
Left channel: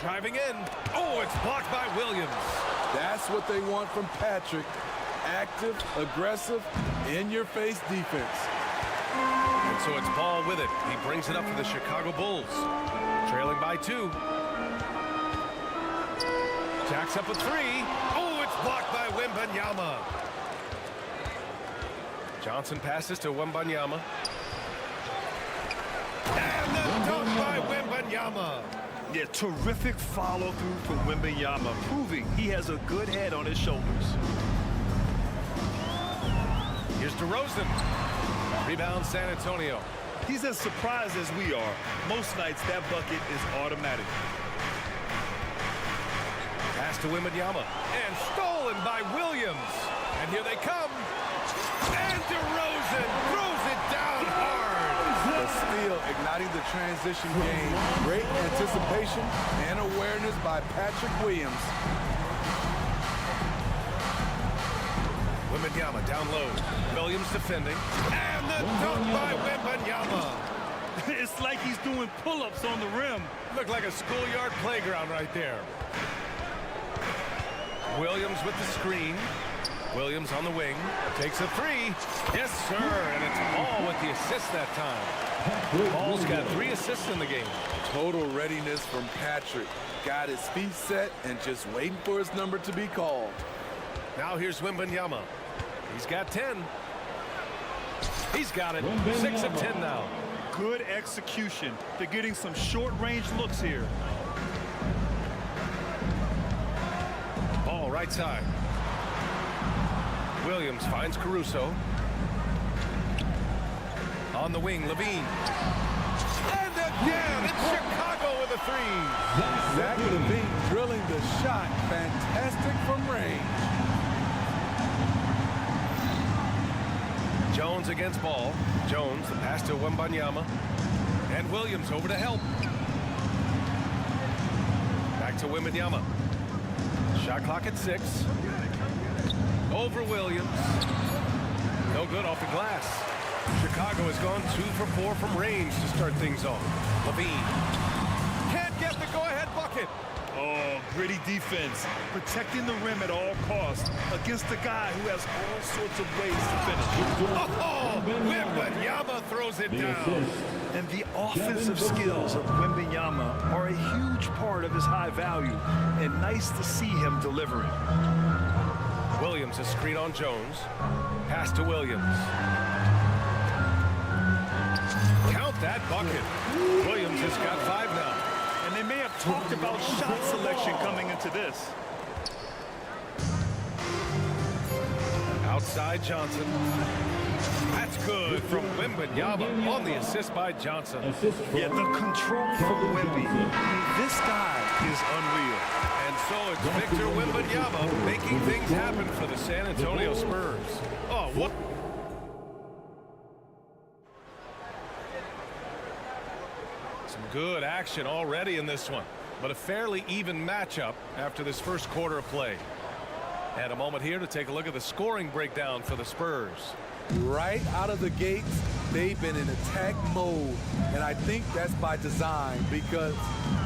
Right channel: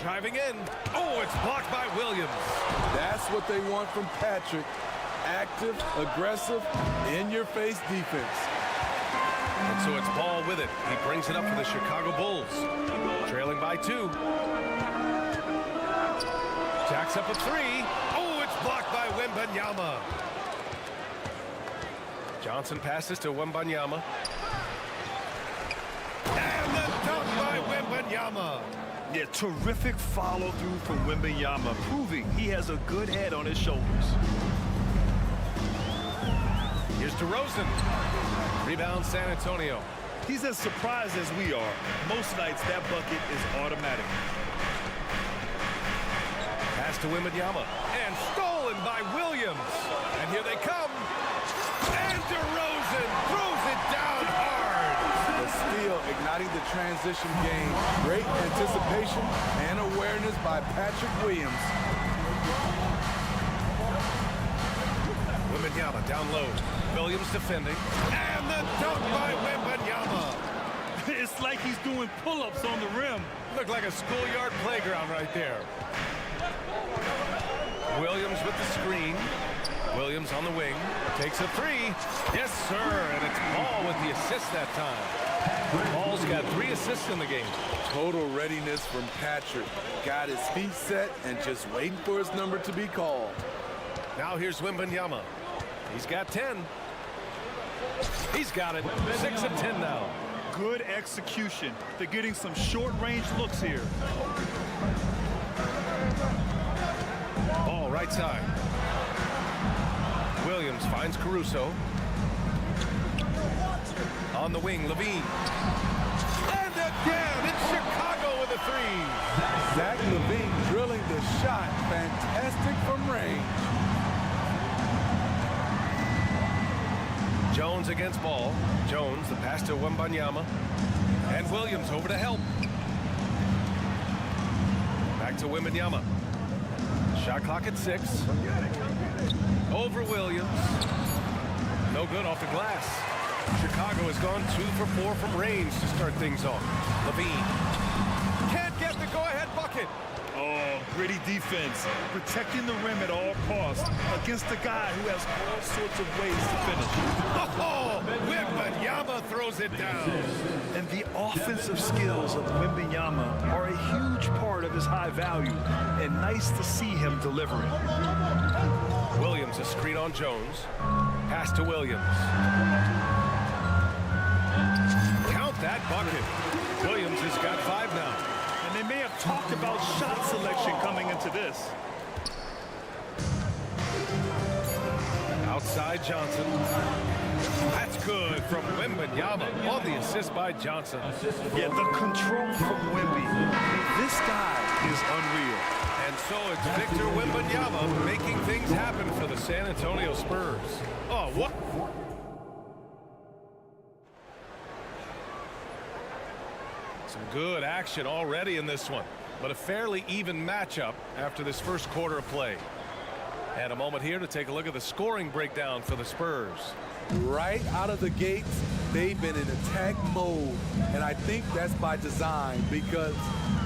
Driving in. Oh, it's blocked by Williams. That's what they want from Patrick. Active, aggressive, in-your-face defense. And so it's Ball with it. He brings it up for the Chicago Bulls. Trailing by 2. Jacks up a 3. Oh, it's blocked by Wembanyama. Johnson passes to Wembanyama. And the dunk by Wembanyama. Yeah, terrific follow-through from Wembanyama, proving he has a good head on his shoulders. Here's DeRozan. Rebound San Antonio. He's as surprised as we are. Most nights that bucket is automatic. Pass to Wembanyama. And stolen by Williams. And here they come. And DeRozan throws it down hard. The steal igniting the transition game. Great anticipation and awareness by Patrick Williams. Wembanyama down low. Williams defending. And the dunk by Wembanyama. It's like he's doing pull-ups on the rim. Looked like a schoolyard playground right there. Williams with the screen. Williams on the wing. Takes a 3. Yes, sir. And it's Ball with the assist that time. Ball's got 3 assists in the game. Total readiness from Patrick. Got his feet set and just waiting for his number to be called. Now here's Wembanyama. He's got 10. He's got it. 6 of 10 now. Good execution. They're getting some short-range looks here. Ball right side. Williams finds Caruso. On the wing, Levine. And again, it's Chicago with a 3. Zach Levine drilling the shot. Fantastic from range. Jones against ball. Jones, the pass to Wembanyama. And Williams over to help. Back to Wembanyama. Shot clock at 6. Over Williams. No good off the glass. Chicago has gone 2 for 4 from range to start things off. Levine can't get the go-ahead bucket. Oh, gritty defense, protecting the rim at all costs against a guy who has all sorts of ways to finish. Oh, Wembanyama throws it down. And the offensive skills of Wembanyama are a huge part of his high value, and nice to see him delivering. Williams, a screen on Jones. Pass to Williams. Count that bucket. Williams has got 5 now. And they may have talked about shot selection coming into this. Outside Johnson. That's good from Wembanyama on the assist by Johnson. Yeah, the control from Wemby. I mean, this guy is unreal. And so it's Victor Wembanyama making things happen for the San Antonio Spurs. Oh, what? Some good action already in this one, but a fairly even matchup after this first quarter of play. And a moment here to take a look at the scoring breakdown for the Spurs. Right out of the gates, they've been in attack mode, and I think that's by design because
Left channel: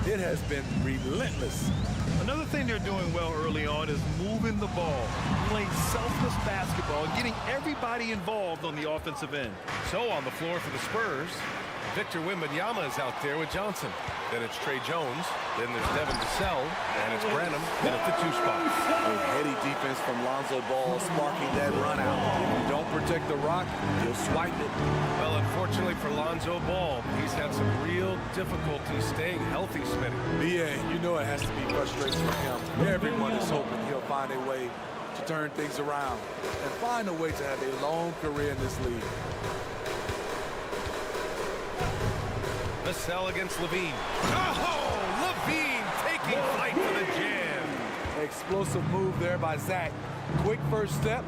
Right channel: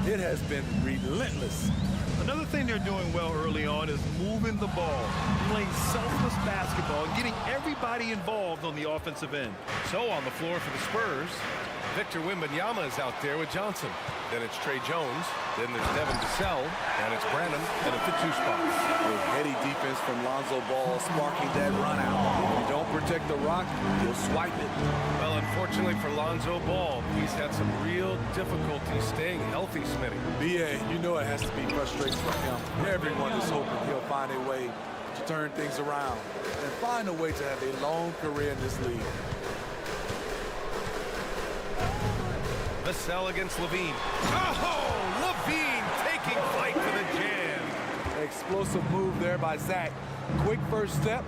it has been relentless. Another thing they're doing well early on is moving the ball, playing selfless basketball, and getting everybody involved on the offensive end. So on the floor for the Spurs, Victor Wembanyama is out there with Johnson. Then it's Trey Jones. Then there's Devin Vassell. And it's Branham in at the 2 spot. A heady defense from Lonzo Ball sparking that run out. If you don't protect the rock, he'll swipe it. Well, unfortunately for Lonzo Ball, he's had some real difficulty staying healthy, Smitty. B.A., you know it has to be frustrating for him. Everyone is hoping he'll find a way to turn things around and find a way to have a long career in this league. Vassell against Levine. Oh, Levine taking flight for the jam. Explosive move there by Zach. Quick first step,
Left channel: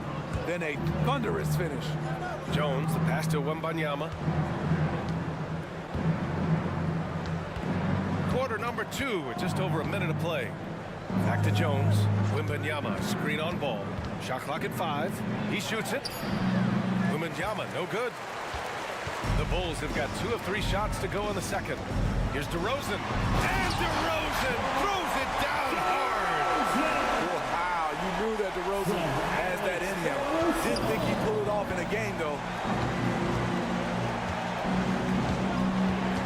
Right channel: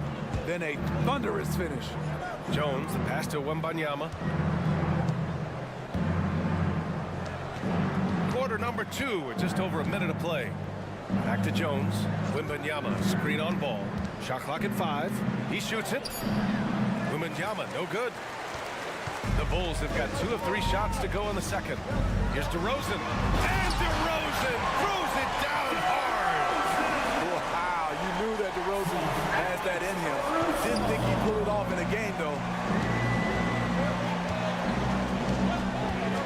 then a thunderous finish. Jones, the pass to Wembanyama. Quarter number 2 with just over a minute of play. Back to Jones. Wembanyama, screen on ball. Shot clock at 5. He shoots it. Wembanyama, no good. The Bulls have got 2 of 3 shots to go in the second. Here's DeRozan. And DeRozan throws it down hard. Wow, you knew that DeRozan has that in him. Didn't think he'd pull it off in a game, though.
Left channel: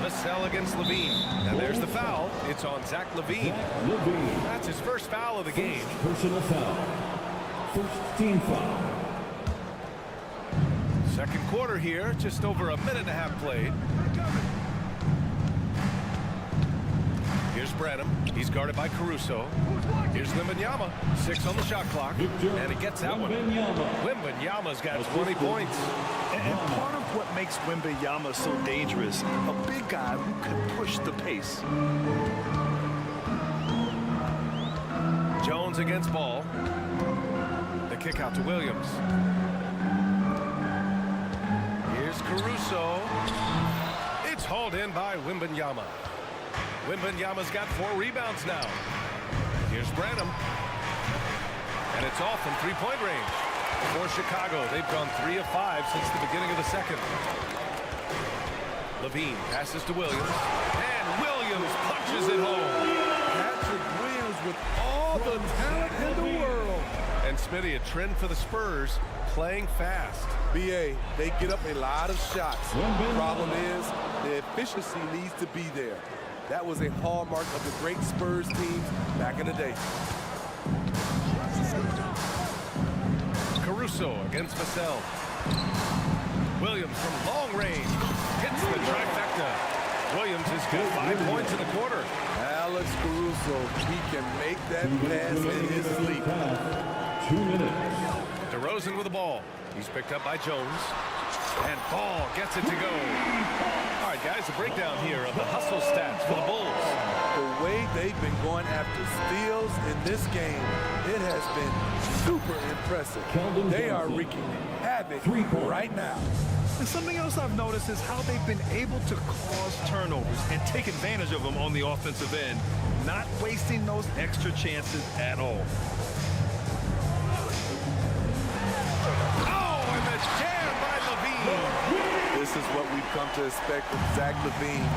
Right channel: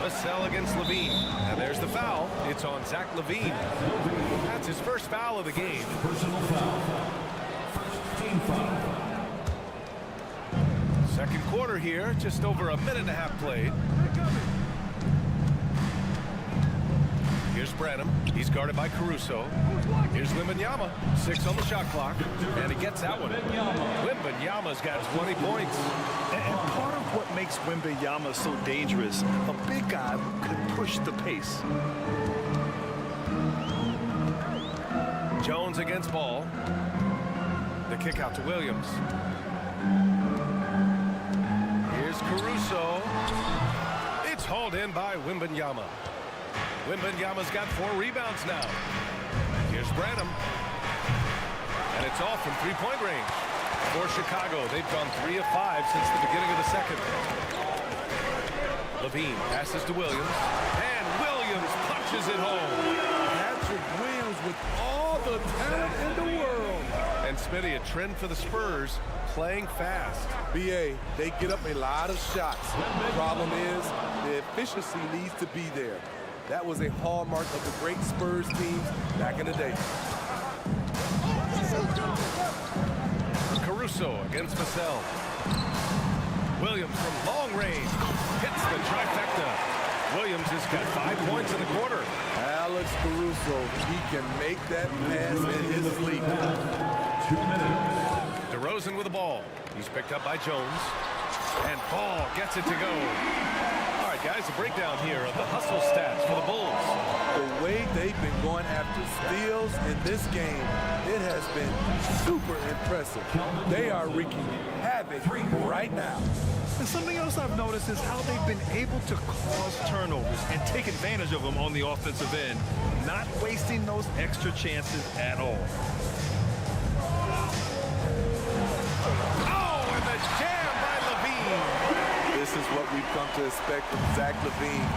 Vassell against Levine. And there's the foul. It's on Zach Levine. That's his first foul of the game. Personal foul. First team foul. Second quarter here, just over a minute and a half played. Here's Branham. He's guarded by Caruso. Here's Wembanyama. 6 on the shot clock. And he gets that one. Wembanyama's got 20 points. And part of what makes Wembanyama so dangerous, a big guy who can push the pace. Jones against ball. The kick out to Williams. Here's Caruso. It's hauled in by Wembanyama. Wembanyama's got 4 rebounds now. Here's Branham. And it's off from 3-point range. For Chicago, they've gone 3 of 5 since the beginning of the second. Levine passes to Williams. And Williams punches it home. Patrick Williams with all the talent in the world. And Smitty, a trend for the Spurs, playing fast. B.A., they get up a lot of shots. Problem is, the efficiency needs to be there. That was a hallmark of the great Spurs teams back in the day. Caruso against Vassell. Williams from long range hits the trifecta. Williams has got 5 points in the quarter. Alex Caruso, he can make that pass in his sleep. 2 minutes. DeRozan with the ball. He's picked up by Jones. And Ball gets it to go. All right, guys, a breakdown here of the hustle stats for the Bulls. The way they've been going after steals in this game, it has been super impressive. They are wreaking havoc have it right now. And something else I've noticed is how they've been able to cause turnovers and take advantage of them on the offensive end, not wasting those extra chances at all. Oh, and the jam by Levine. This is what we've come to expect from Zach LaVine.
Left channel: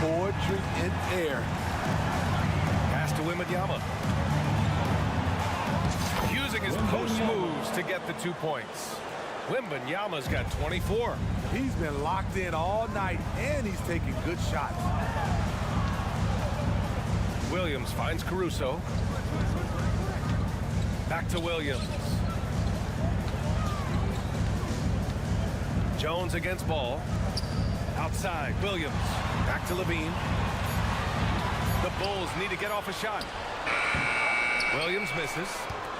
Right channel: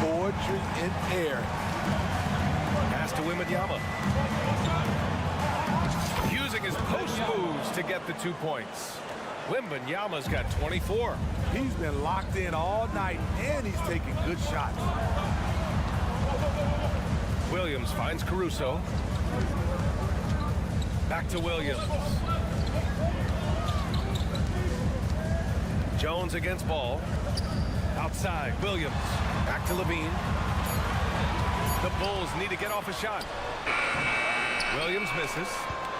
Poetry in air. Pass to Wembanyama. Using his post moves to get the 2 points. Wembanyama's got 24. He's been locked in all night, and he's taking good shots. Williams finds Caruso. Back to Williams. Jones against Ball. Outside, Williams. Back to Levine. The Bulls need to get off a shot. Williams misses.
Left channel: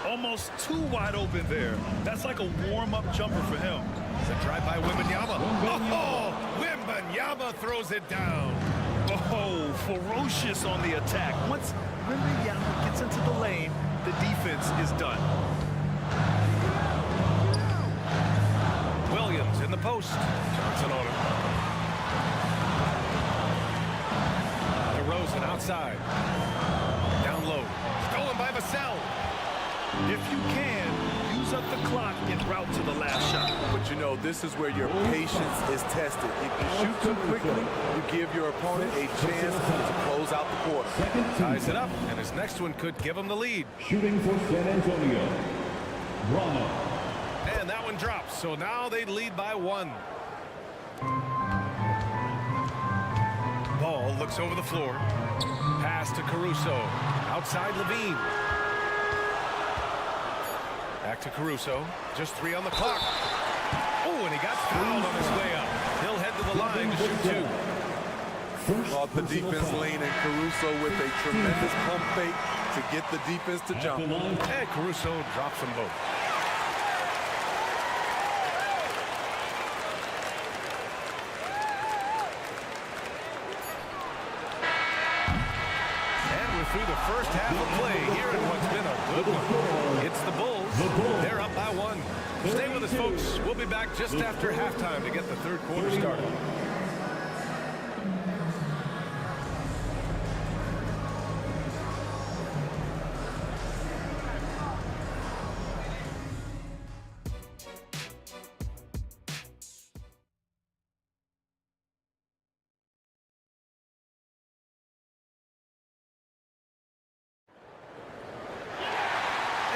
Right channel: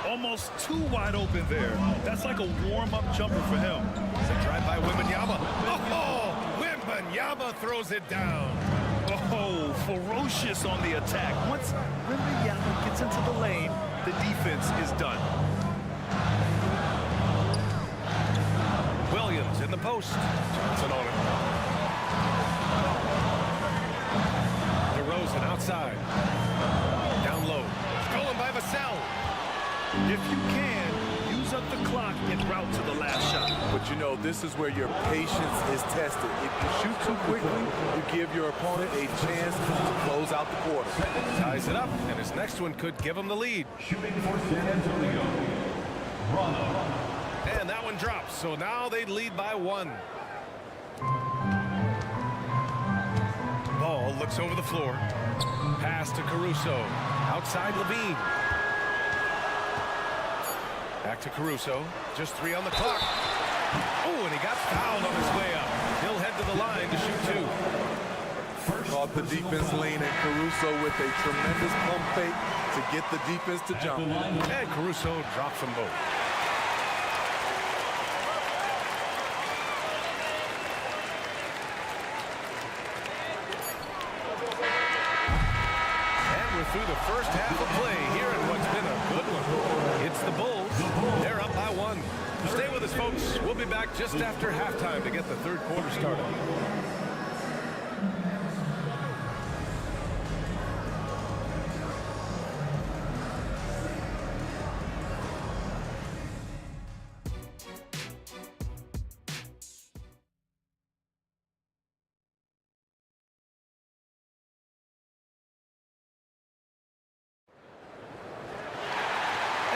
Almost too wide open there. That's like a warm-up jumper for him. It's a drive by Wembanyama. Oh, Wembanyama throws it down. Oh, ferocious on the attack. Once Wembanyama gets into the lane, the defense is done. Williams in the post. Johnson on it. DeRozan outside. Down low. Stolen by Vassell. If you can, use up the clock en route to the last shot. But you know, this is where your patience is tested. If you shoot too quickly, you give your opponent a chance to close out the quarter. Ties it up, and his next one could give him the lead. Shooting for San Antonio, Rondo. And that one drops, so now they lead by 1. Ball looks over the floor. Pass to Caruso. Outside Levine. Back to Caruso. Just 3 on the clock. Oh, and he got fouled on his way up. He'll head to the line to shoot 2. Caught the defense lean, and Caruso with a tremendous pump fake to get the defense to jump. And Caruso drops them both. Through the first half of play here in what's been a good one. It's the Bulls. They're up by 1. Stay with us, folks. We'll be back just after halftime to get the third quarter started.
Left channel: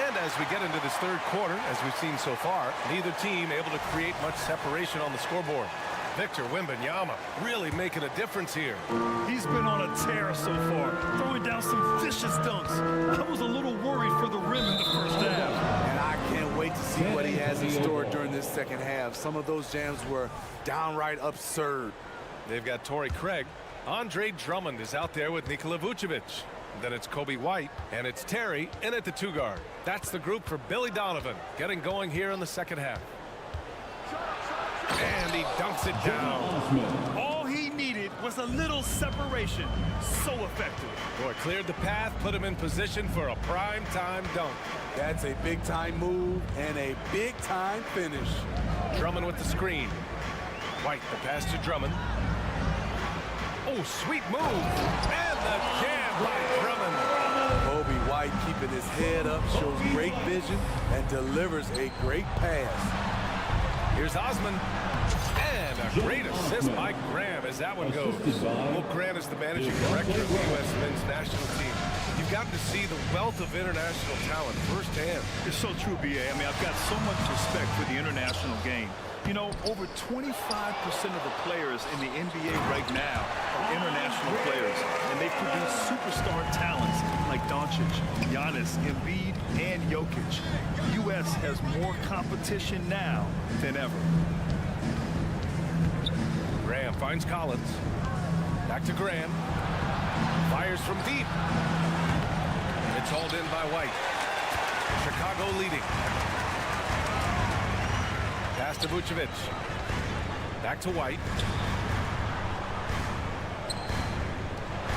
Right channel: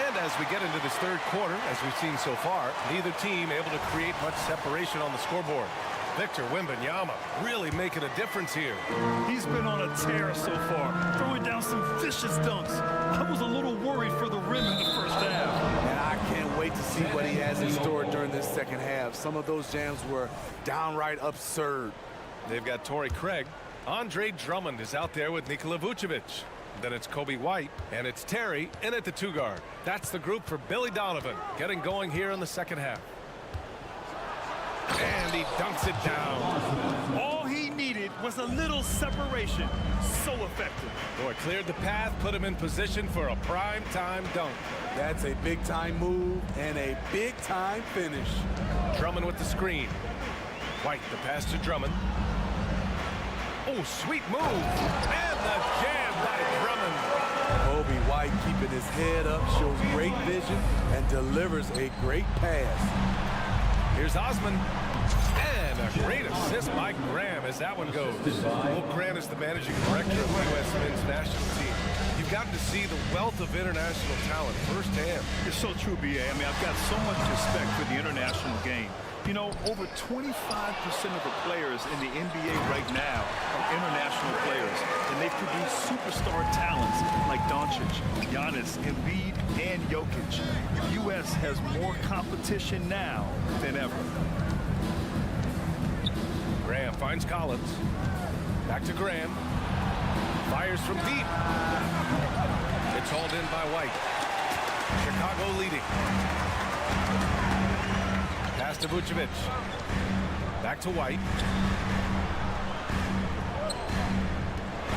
And as we get into this third quarter, as we've seen so far, neither team able to create much separation on the scoreboard. Victor Wembanyama really making a difference here. He's been on a tear so far, throwing down some vicious dunks. I was a little worried for the rim in the first half. And I can't wait to see what he has in store during this second half. Some of those jams were downright absurd. They've got Torrey Craig. Andre Drummond is out there with Nikola Vucevic. Then it's Kobe White, and it's Terry in at the 2 guard. That's the group for Billy Donovan, getting going here in the second half. And he dunks it down. All he needed was a little separation. So effective. Boy, cleared the path, put him in position for a prime-time dunk. That's a big-time move and a big-time finish. Drummond with the screen. White, the pass to Drummond. Oh, sweet move. And the jam by Drummond. Kobe White keeping his head up, shows great vision, and delivers a great pass. Here's Osman. And a great assist by Graham as that one goes. Well, Graham is the managing director of the U.S. men's national team. You've gotten to see the wealth of international talent firsthand. It's so true, B.A. I mean, I've got so much respect for the international game. You know, over 25% of the players in the NBA right now are international players, and they produce superstar talents like Doncic, Giannis, Embiid, and Jokic. The U.S. has more competition now than ever. Graham finds Collins. Back to Graham. Fires from deep. It's hauled in by White. Chicago leading. Pass to Vucevic. Back to White.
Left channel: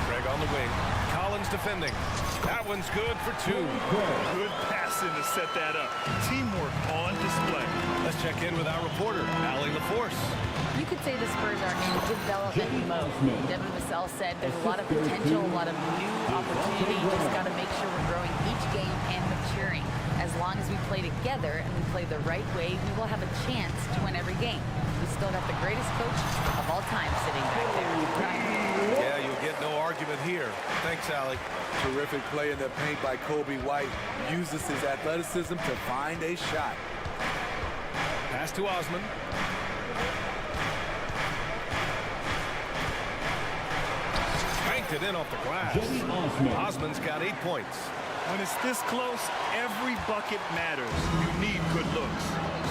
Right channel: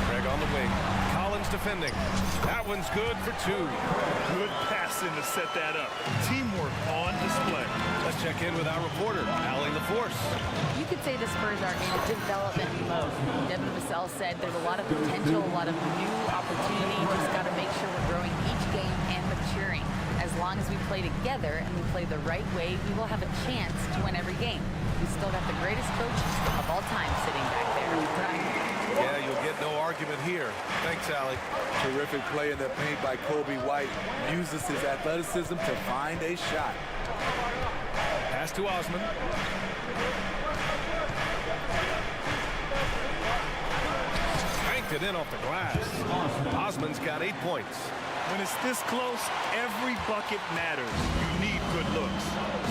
Craig on the wing. Collins defending. That one's good for 2. Good passing to set that up. Teamwork on display. Let's check in with our reporter, Allie LaForce. You could say the Spurs are in development mode. Devin Vassell said there's a lot of potential, a lot of new opportunity. Just got to make sure we're growing each game and maturing. As long as we play together and we play the right way, we will have a chance to win every game. We still got the greatest coach of all time sitting back there. Brian. Yeah, you'll get no argument here. Thanks, Allie. Terrific play in the paint by Kobe White. Uses his athleticism to find a shot. Pass to Osman. Banked it in off the glass. Osman's got 8 points. When it's this close, every bucket matters. You need good looks.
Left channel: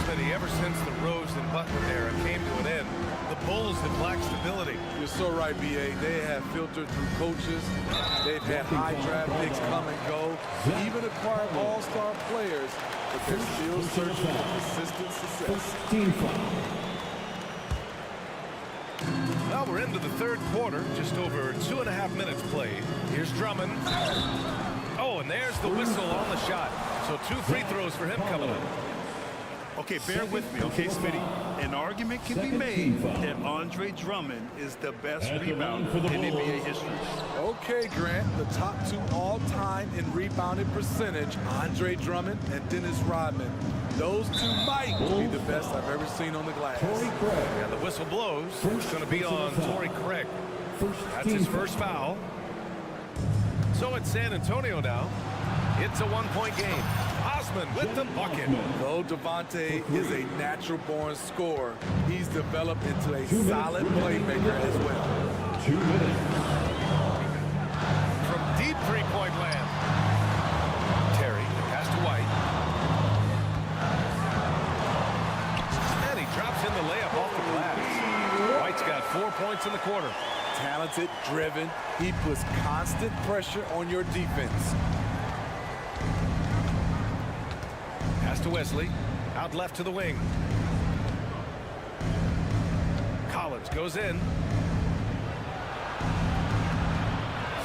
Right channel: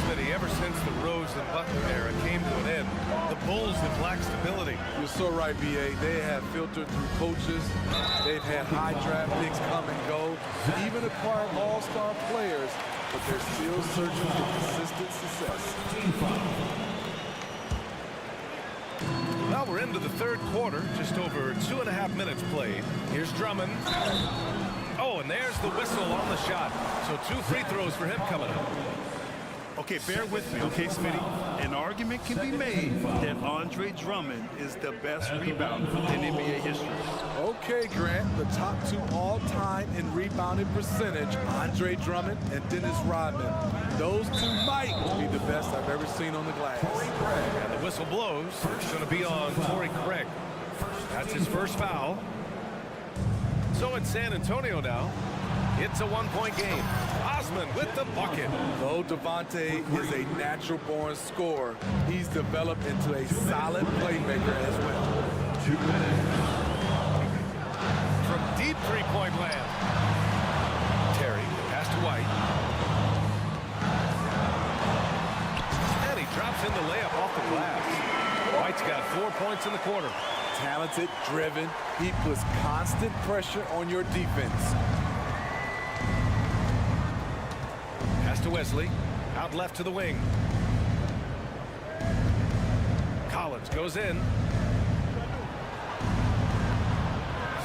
Smitty, ever since the Rose and Butler era came to an end, the Bulls have lacked stability. You're so right, B.A. They have filtered through coaches. They've had high draft picks come and go, even acquired all-star players, but they're still searching for consistent success. Well, we're into the third quarter, just over 2.5 minutes played. Here's Drummond. Oh, and there's the whistle on the shot. So 2 free throws for him coming up. Okay, bear with me, okay, Smitty? An argument can be made that Andre Drummond is the best rebounder in NBA history. Okay, Grant, the top 2 all-time in rebounding percentage, Andre Drummond and Dennis Rodman. Those 2 might be the best I've ever seen on the glass. And the whistle blows. It's going to be on Torrey Craig. That's his first foul. So it's San Antonio now. It's a 1-point game. Osman with the bucket. Though Devontae is a natural-born scorer, he's developed into a solid playmaker as well. 2 minutes. From deep 3-point land. Terry, the pass to White. And he drops in the layup off the glass. White's got 4 points in the quarter. Talented, driven, he puts constant pressure on your defense. Pass to Wesley. Out left to the wing. Collins goes in.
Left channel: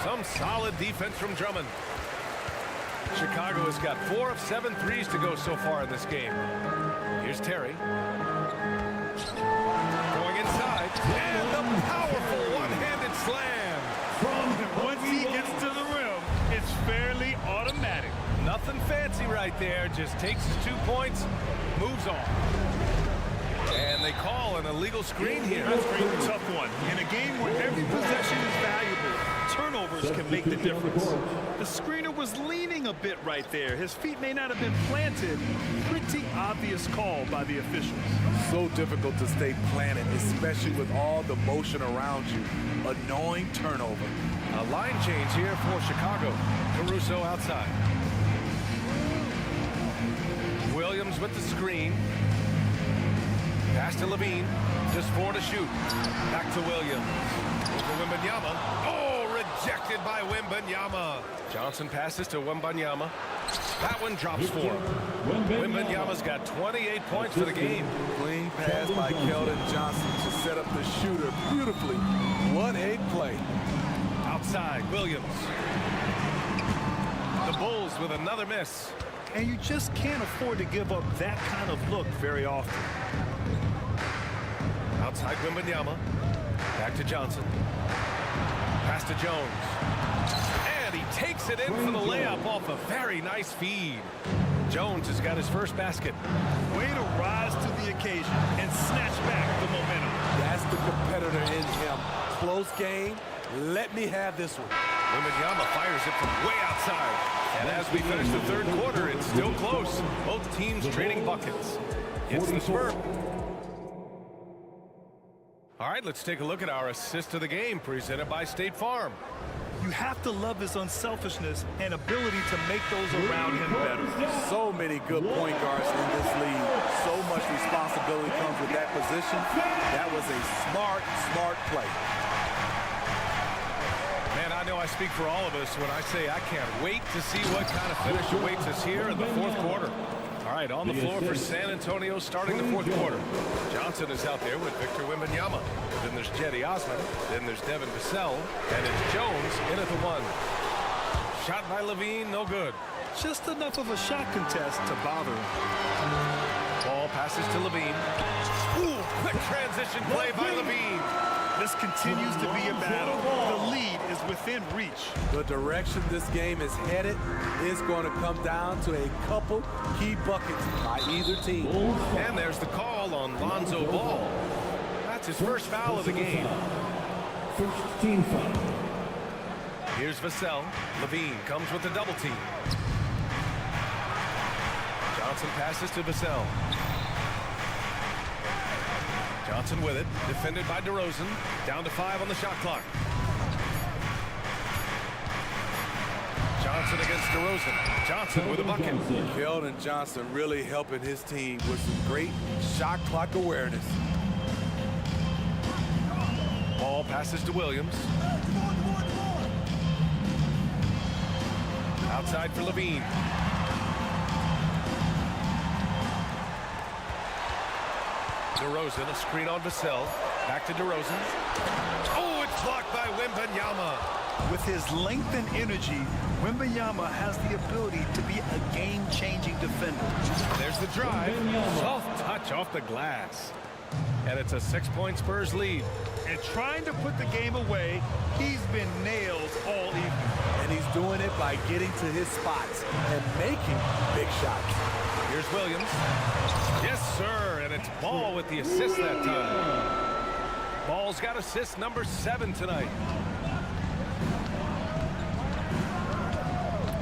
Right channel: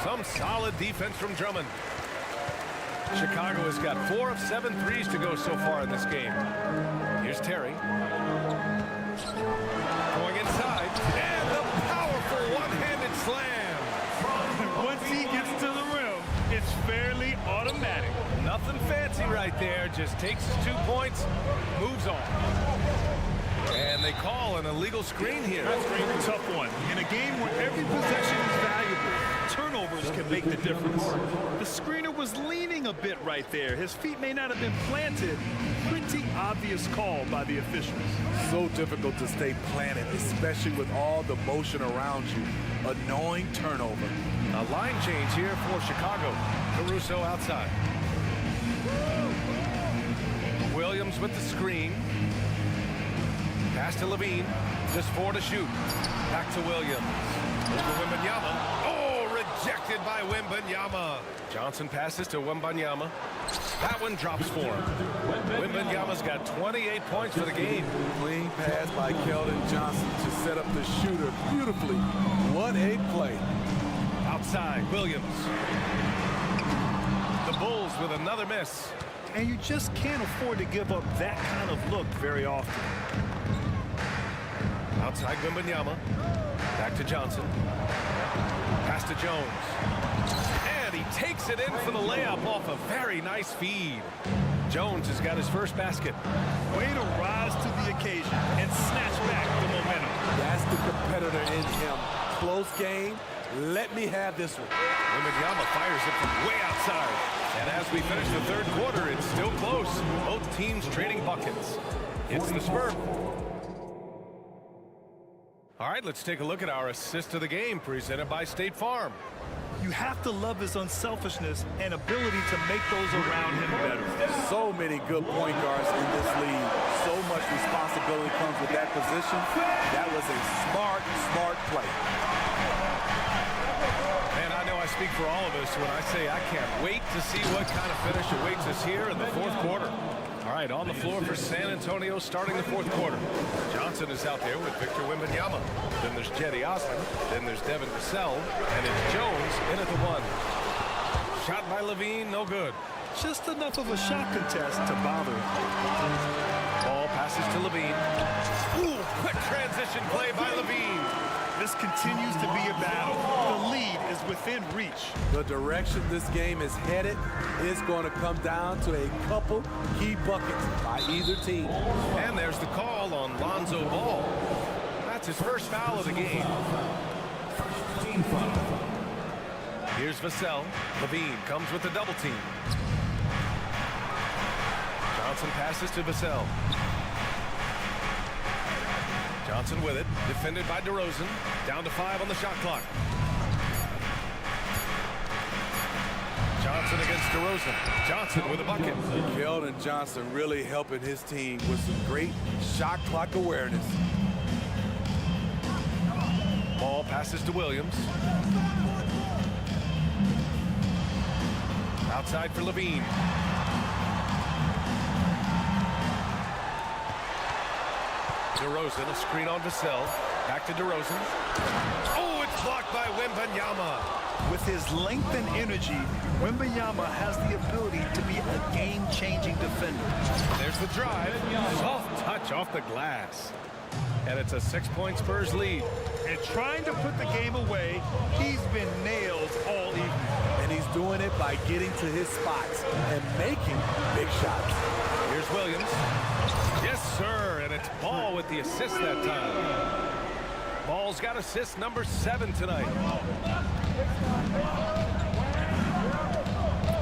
Some solid defense from Drummond. Chicago has got 4 of 7 threes to go so far in this game. Here's Terry. Going inside. And the powerful one-handed slam. Once he gets to the rim, it's fairly automatic. Nothing fancy right there. Just takes his 2 points, moves on. And they call an illegal screen here. That's a tough one. In a game where every possession is valuable, turnovers can make the difference. The screener was leaning a bit right there. His feet may not have been planted. Pretty obvious call by the officials. So difficult to stay planted, especially with all the motion around you. Annoying turnover. A line change here for Chicago. Caruso outside. Williams with the screen. Pass to Levine. Just 4 to shoot. Back to Williams. Over Wembanyama. Oh, rejected by Wembanyama. Johnson passes to Wembanyama. That one drops for him. Wembanyama's got 28 points for the game. Clean pass by Keldon Johnson to set up the shooter beautifully. What a play. Outside, Williams. The Bulls with another miss. And you just can't afford to give up that kind of look very often. Outside Wembanyama. Back to Johnson. Pass to Jones. And he takes it in for the layup off a very nice feed. Jones has got his first basket. Way to rise to the occasion and snatch back the momentum. That's the competitor in him. Close game. Let me have this one. Wembanyama fires it from way outside. And as we finish the third quarter, it's still close. Both teams trading buckets. It's the Spurs. All right, let's take a look at our assist of the game presented by State Farm. You have to love his unselfishness and ability to make those around him better. So many good point guards in this league. So much responsibility comes with that position. That was a smart play. Man, I know I speak for all of us when I say I can't wait to see what kind of finish awaits us here in the fourth quarter. All right, on the floor for San Antonio starting the fourth quarter. Johnson is out there with Victor Wembanyama. Then there's Jetty Osman. Then there's Devin Vassell. And it's Jones in at the 1. Shot by Levine, no good. Just enough of a shot contest to bother him. Ball passes to Levine. Ooh, quick transition play by Levine. This continues to be a battle. The lead is within reach. The direction this game is headed is going to come down to a couple key buckets by either team. And there's the call on Lonzo Ball. That's his first foul of the game. First team foul. Here's Vassell. Levine comes with a double team. Johnson passes to Vassell. Johnson with it, defended by DeRozan. Down to 5 on the shot clock. Johnson against DeRozan. Johnson with a bucket. Keldon Johnson really helping his team with some great shot clock awareness. Ball passes to Williams. Outside for Levine. DeRozan, a screen on Vassell. Back to DeRozan. Oh, it's blocked by Wembanyama. With his length and energy, Wembanyama has the ability to be a game-changing defender. There's the drive. Soft touch off the glass. And it's a 6-point Spurs lead. And trying to put the game away, he's been nailed all evening. And he's doing it by getting to his spots and making big shots. Here's Williams. Yes, sir, and it's Ball with the assist that time. Ball's got assist number 7 tonight.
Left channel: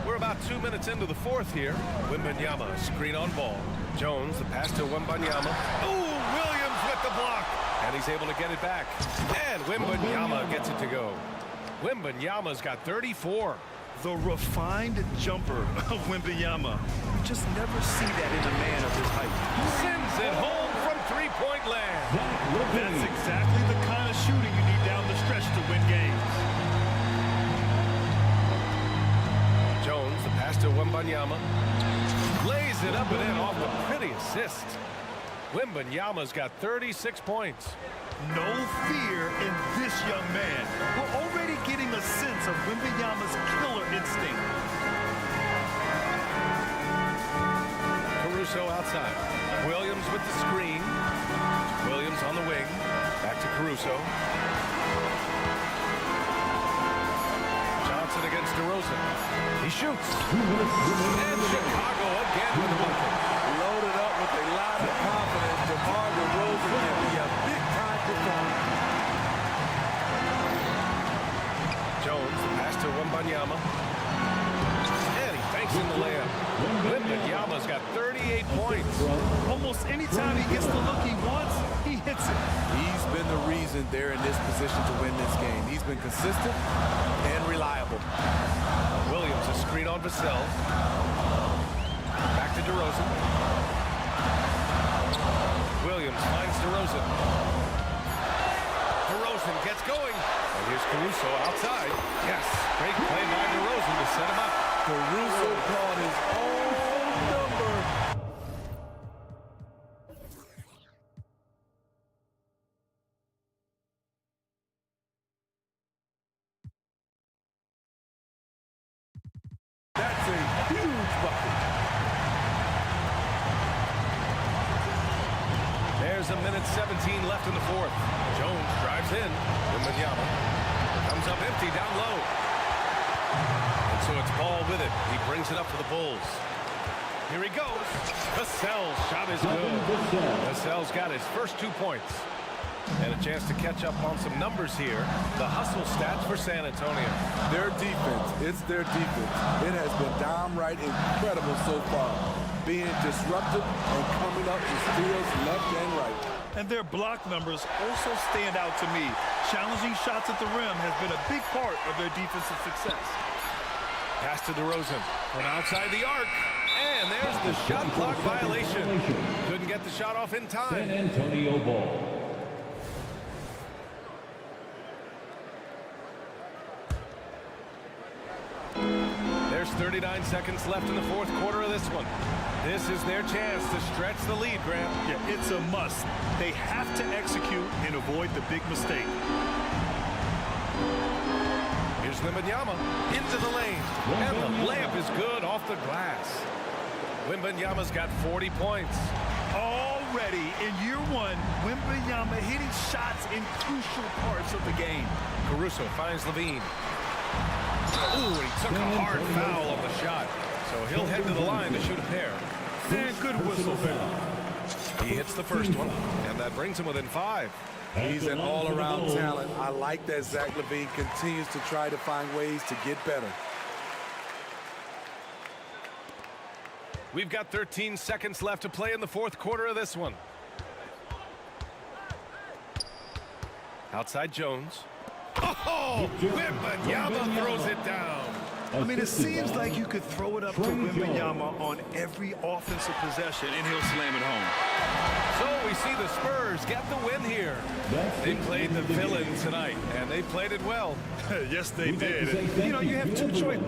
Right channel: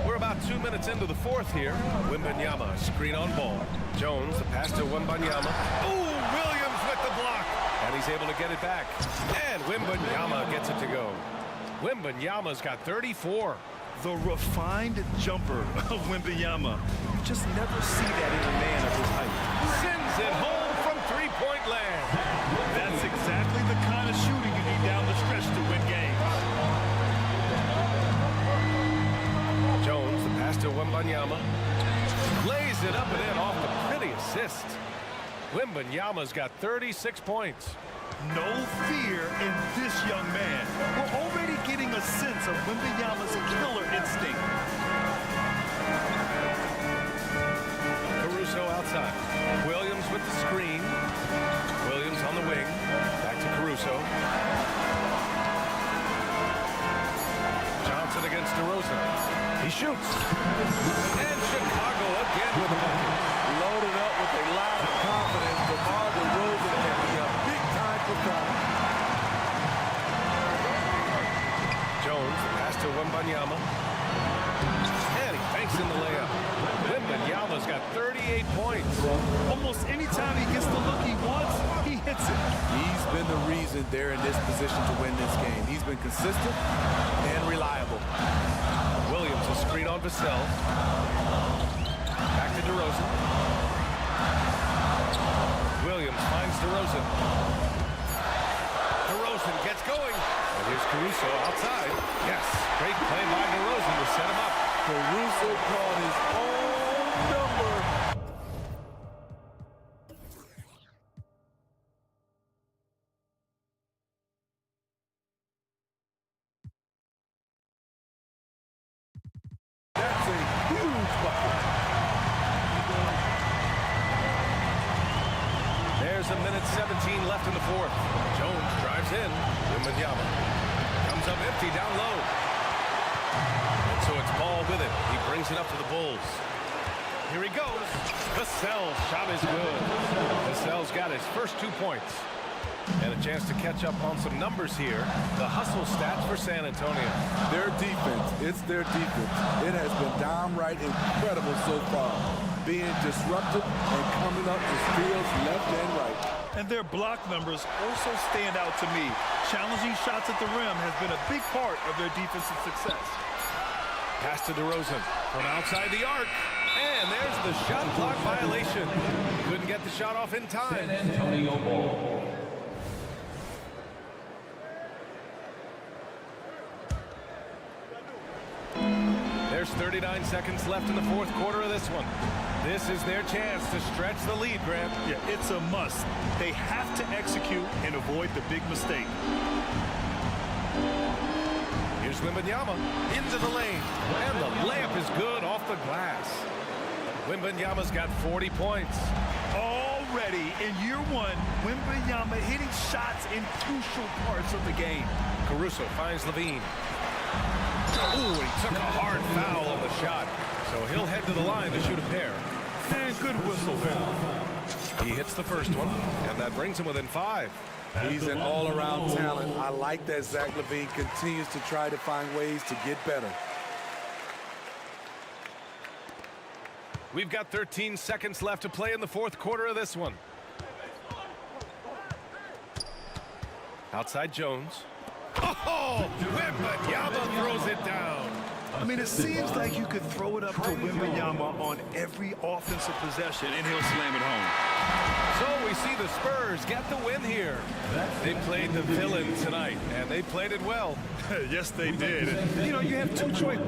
We're about 2 minutes into the fourth here. Wembanyama, screen on Ball. Jones, the pass to Wembanyama. Oh, Williams with the block. And he's able to get it back. And Wembanyama gets it to go. Wembanyama's got 34. The refined jumper of Wembanyama. You just never see that in a man of his height. Sends it home from three-point land. That's exactly the kind of shooting you need down the stretch to win games. Jones, the pass to Wembanyama. Lays it up and in off the pretty assist. Wembanyama's got 36 points. No fear in this young man. We're already getting a sense of Wembanyama's killer instinct. Caruso outside. Williams with the screen. Williams on the wing. Back to Caruso. Johnson against DeRozan. He shoots. And Chicago again with a bucket. Loaded up with a lot of confidence. DeMar DeRozan can be a big-time performer. Jones, the pass to Wembanyama. And he banks in the layup. Wembanyama's got 38 points. Almost any time he gets the look he wants, he hits it. He's been the reason they're in this position to win this game. He's been consistent and reliable. Williams, a screen on Vassell. Back to DeRozan. Williams finds DeRozan. DeRozan gets going. And here's Caruso outside. Yes, great play by DeRozan to set him up. Caruso called his own number. That's a huge bucket. There's a minute 17 left in the fourth. Jones drives in. Wembanyama comes up empty down low. And so it's Ball with it. He brings it up for the Bulls. Here he goes. Vassell's shot is good. Vassell's got his first 2 points. And a chance to catch up on some numbers here. The hustle stats for San Antonio. Their defense, it's their defense. It has been downright incredible so far. Being disruptive and coming up with steals left and right. And their block numbers also stand out to me. Challenging shots at the rim has been a big part of their defensive success. Pass to DeRozan from outside the arc. And there's the shot clock violation. Couldn't get the shot off in time. San Antonio ball. There's 39 seconds left in the fourth quarter of this one. This is their chance to stretch the lead, Grant. Yeah, it's a must. They have to execute and avoid the big mistake. Here's Wembanyama into the lane, and the layup is good off the glass. Wembanyama's got 40 points. Already in year one, Wembanyama hitting shots in crucial parts of the game. Caruso finds Levine. Ooh, and he took a hard foul on the shot. So he'll head to the line to shoot a pair. And good whistle there. He hits the first one, and that brings him within 5. He's an all-around talent. I like that Zach LaVine continues to try to find ways to get better. We've got 13 seconds left to play in the fourth quarter of this one. Outside Jones. Oh, Wembanyama throws it down. I mean, it seems like you could throw it up to Wembanyama on every offensive possession, and he'll slam it home. So we see the Spurs get the win here. They played the villain tonight, and they played it well. Yes, they did. And, you know, you have two choices.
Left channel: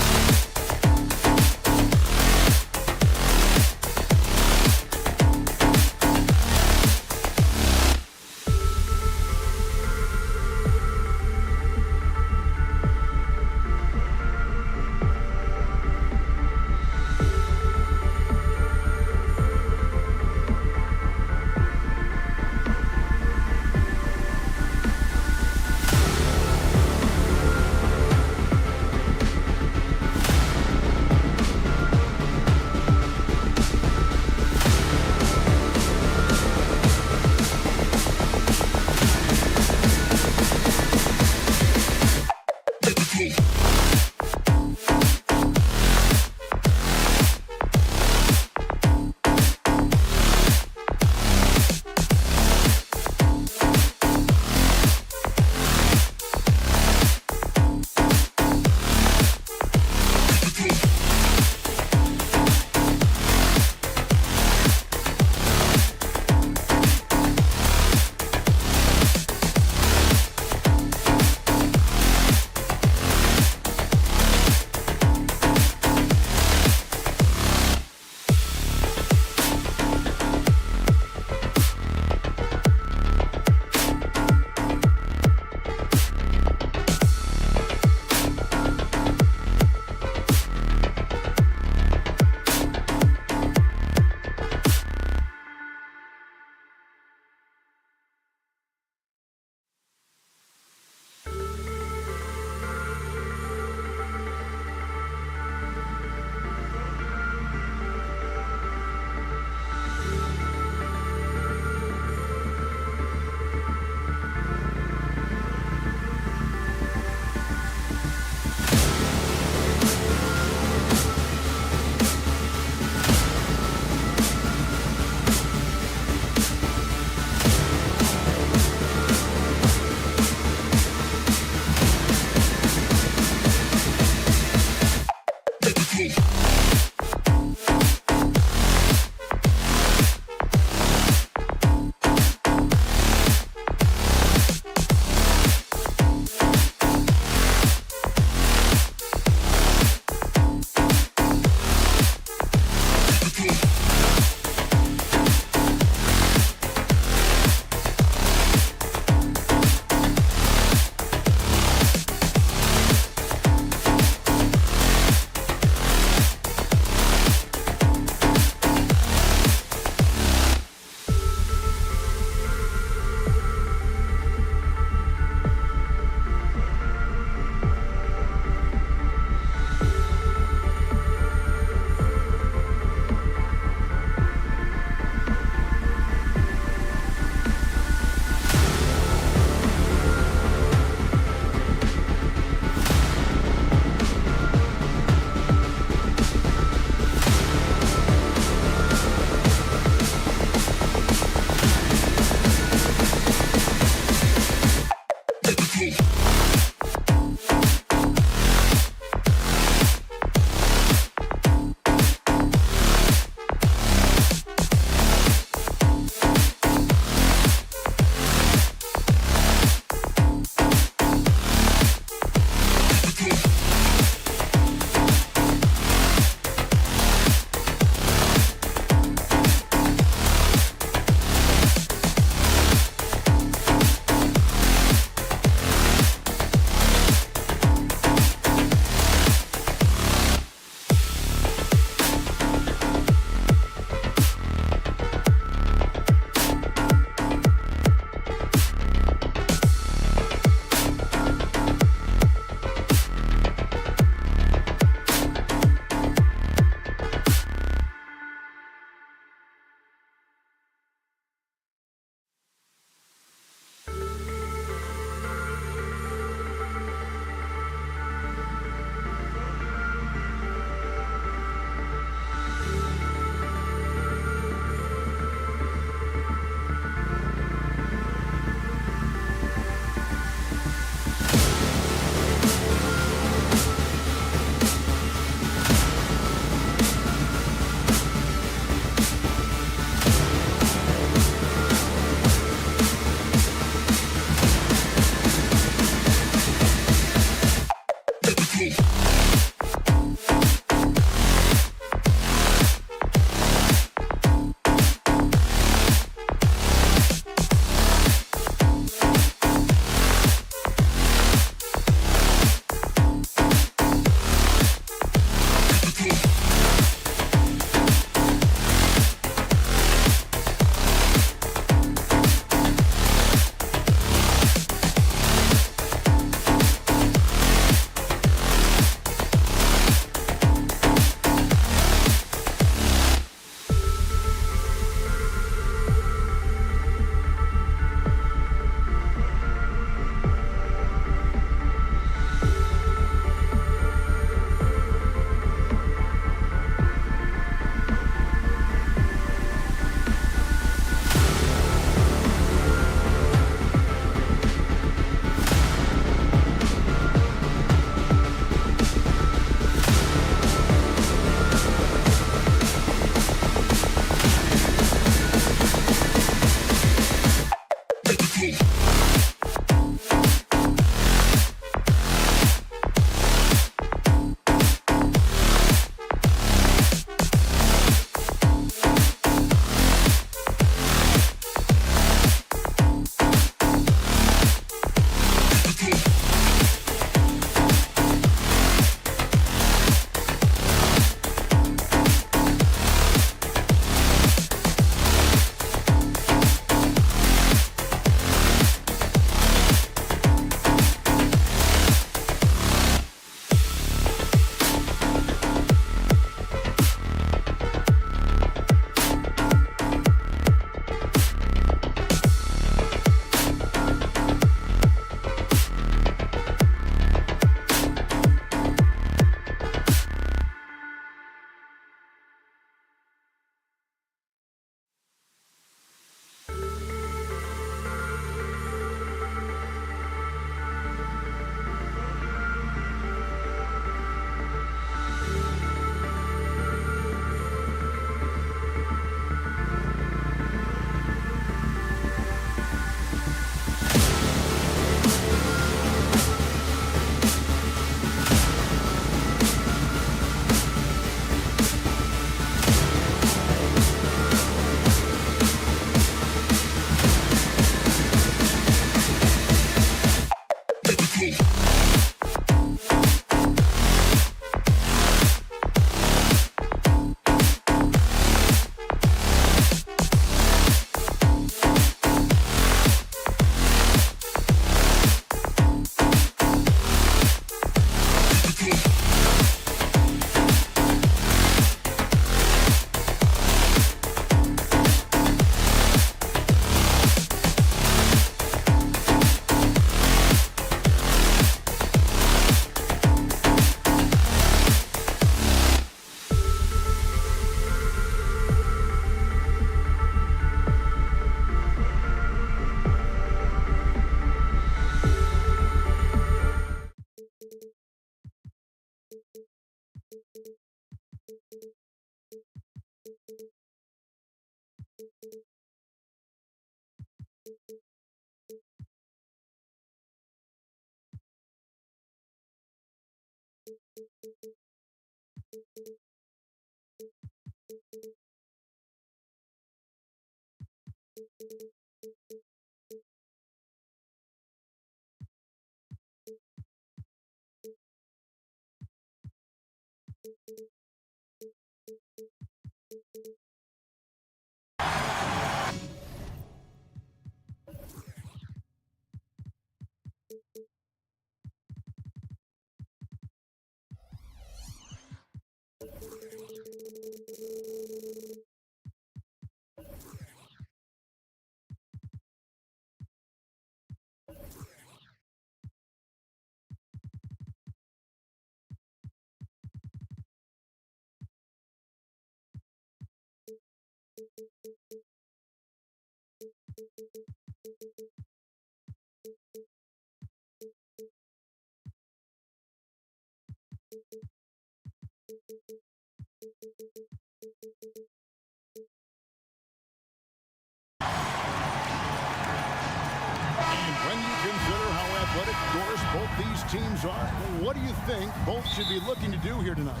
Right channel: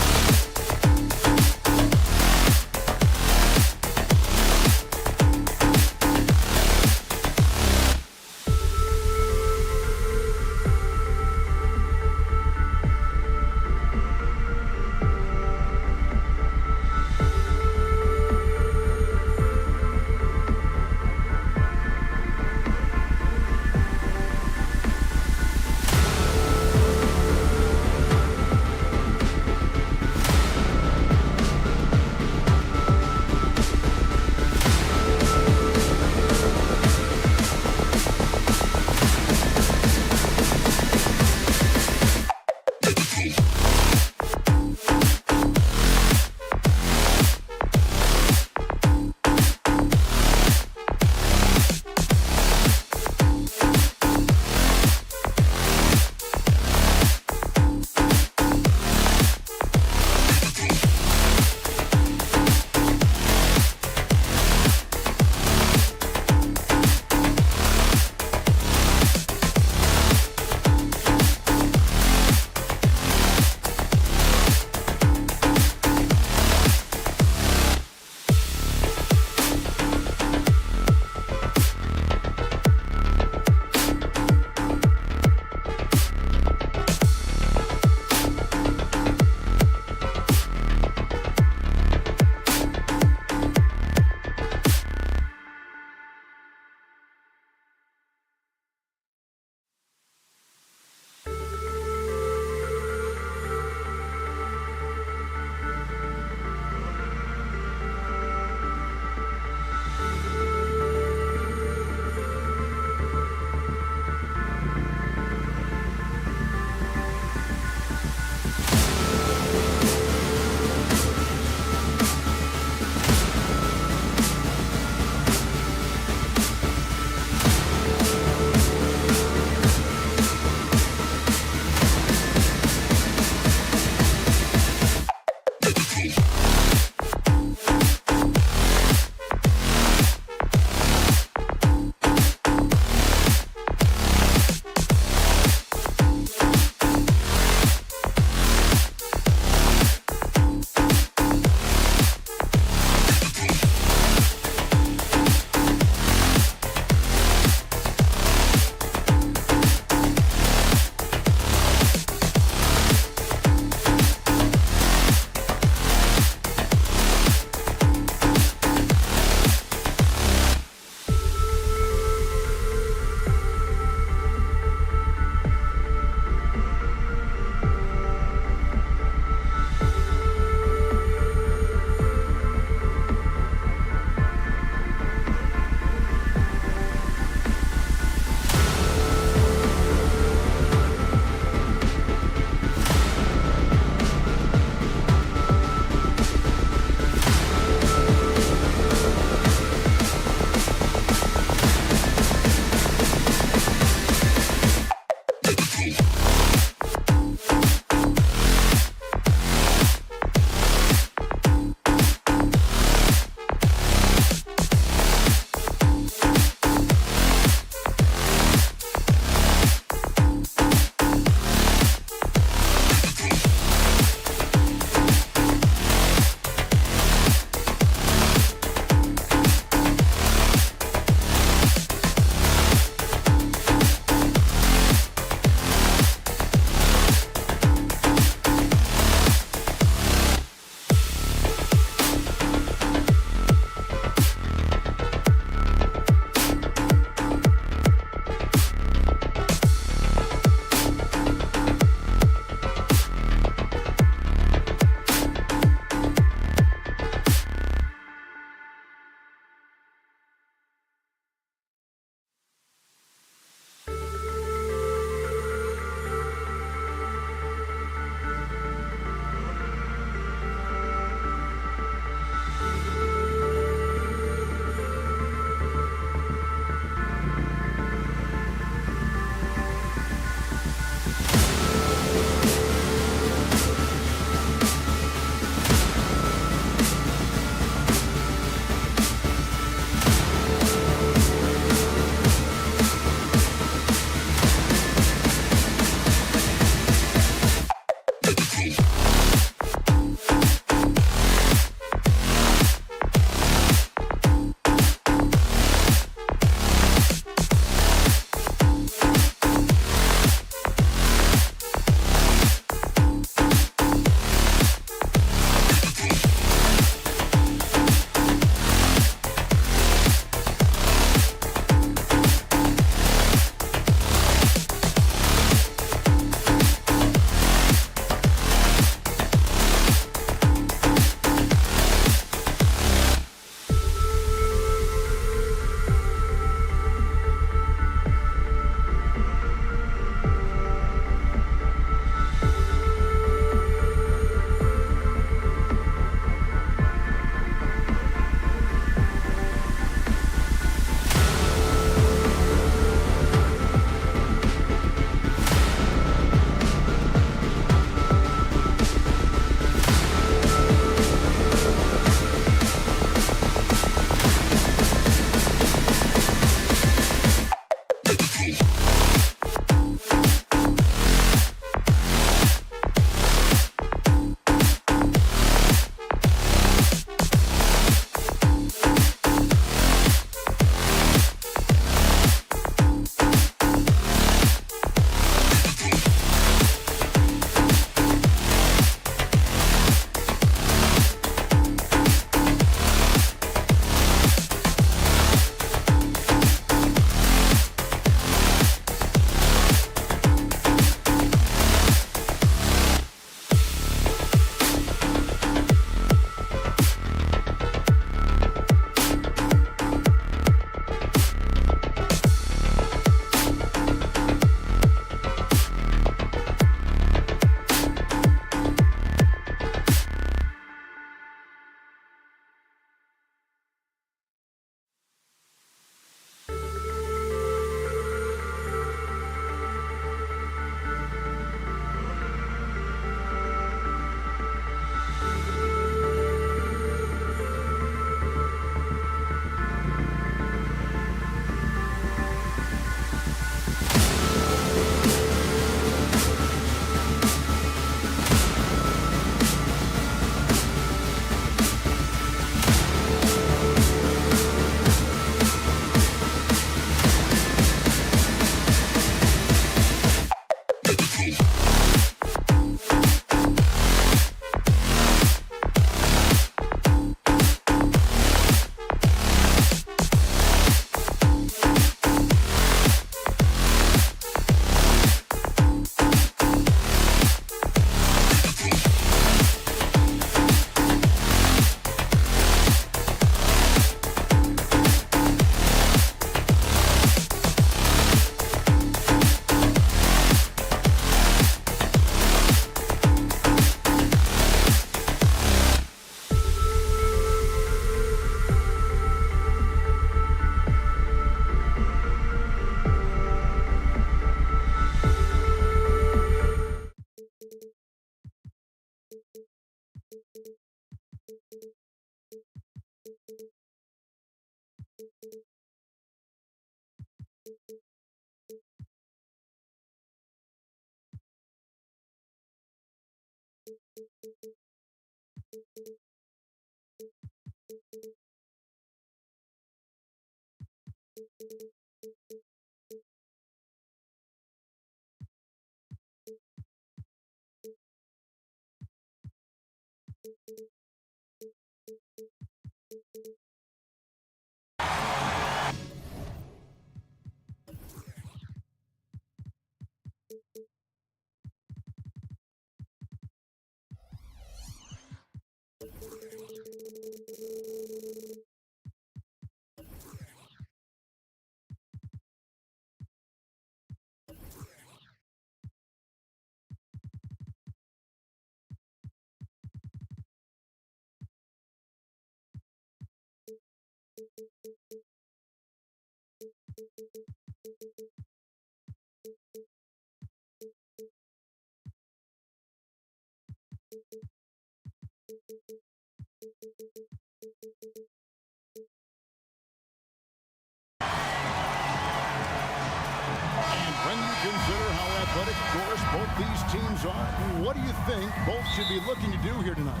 When you consider how athletic Doris both these teams are, what do you think both should be looking to do here tonight?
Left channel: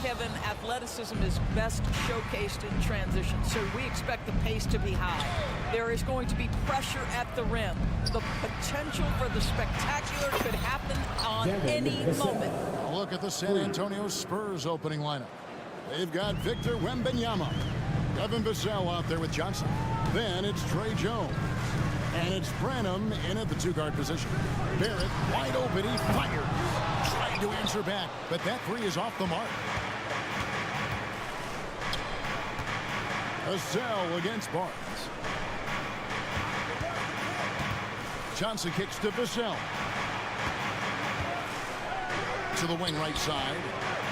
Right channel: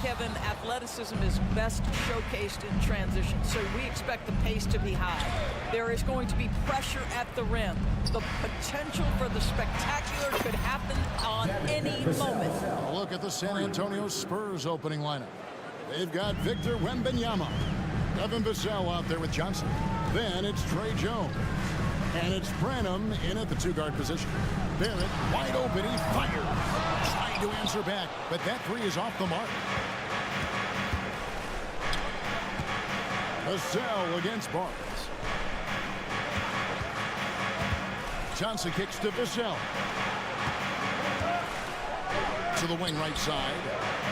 Kevin, athleticism is best showcased in transition, so we expect the pace to be high. There is going to be pressure at the rim. The potential for the spectacular could happen on any moment. A look at the San Antonio Spurs opening lineup. They've got Victor Wembanyama, Devin Vassell out there with Johnson. Then it's Trey Jones. And it's Branham in at the two-guard position. Barrett wide open, he fires. Trying to answer back, but that three is off the mark. Vassell against Barnes. Johnson kicks to Vassell. To the wing right side.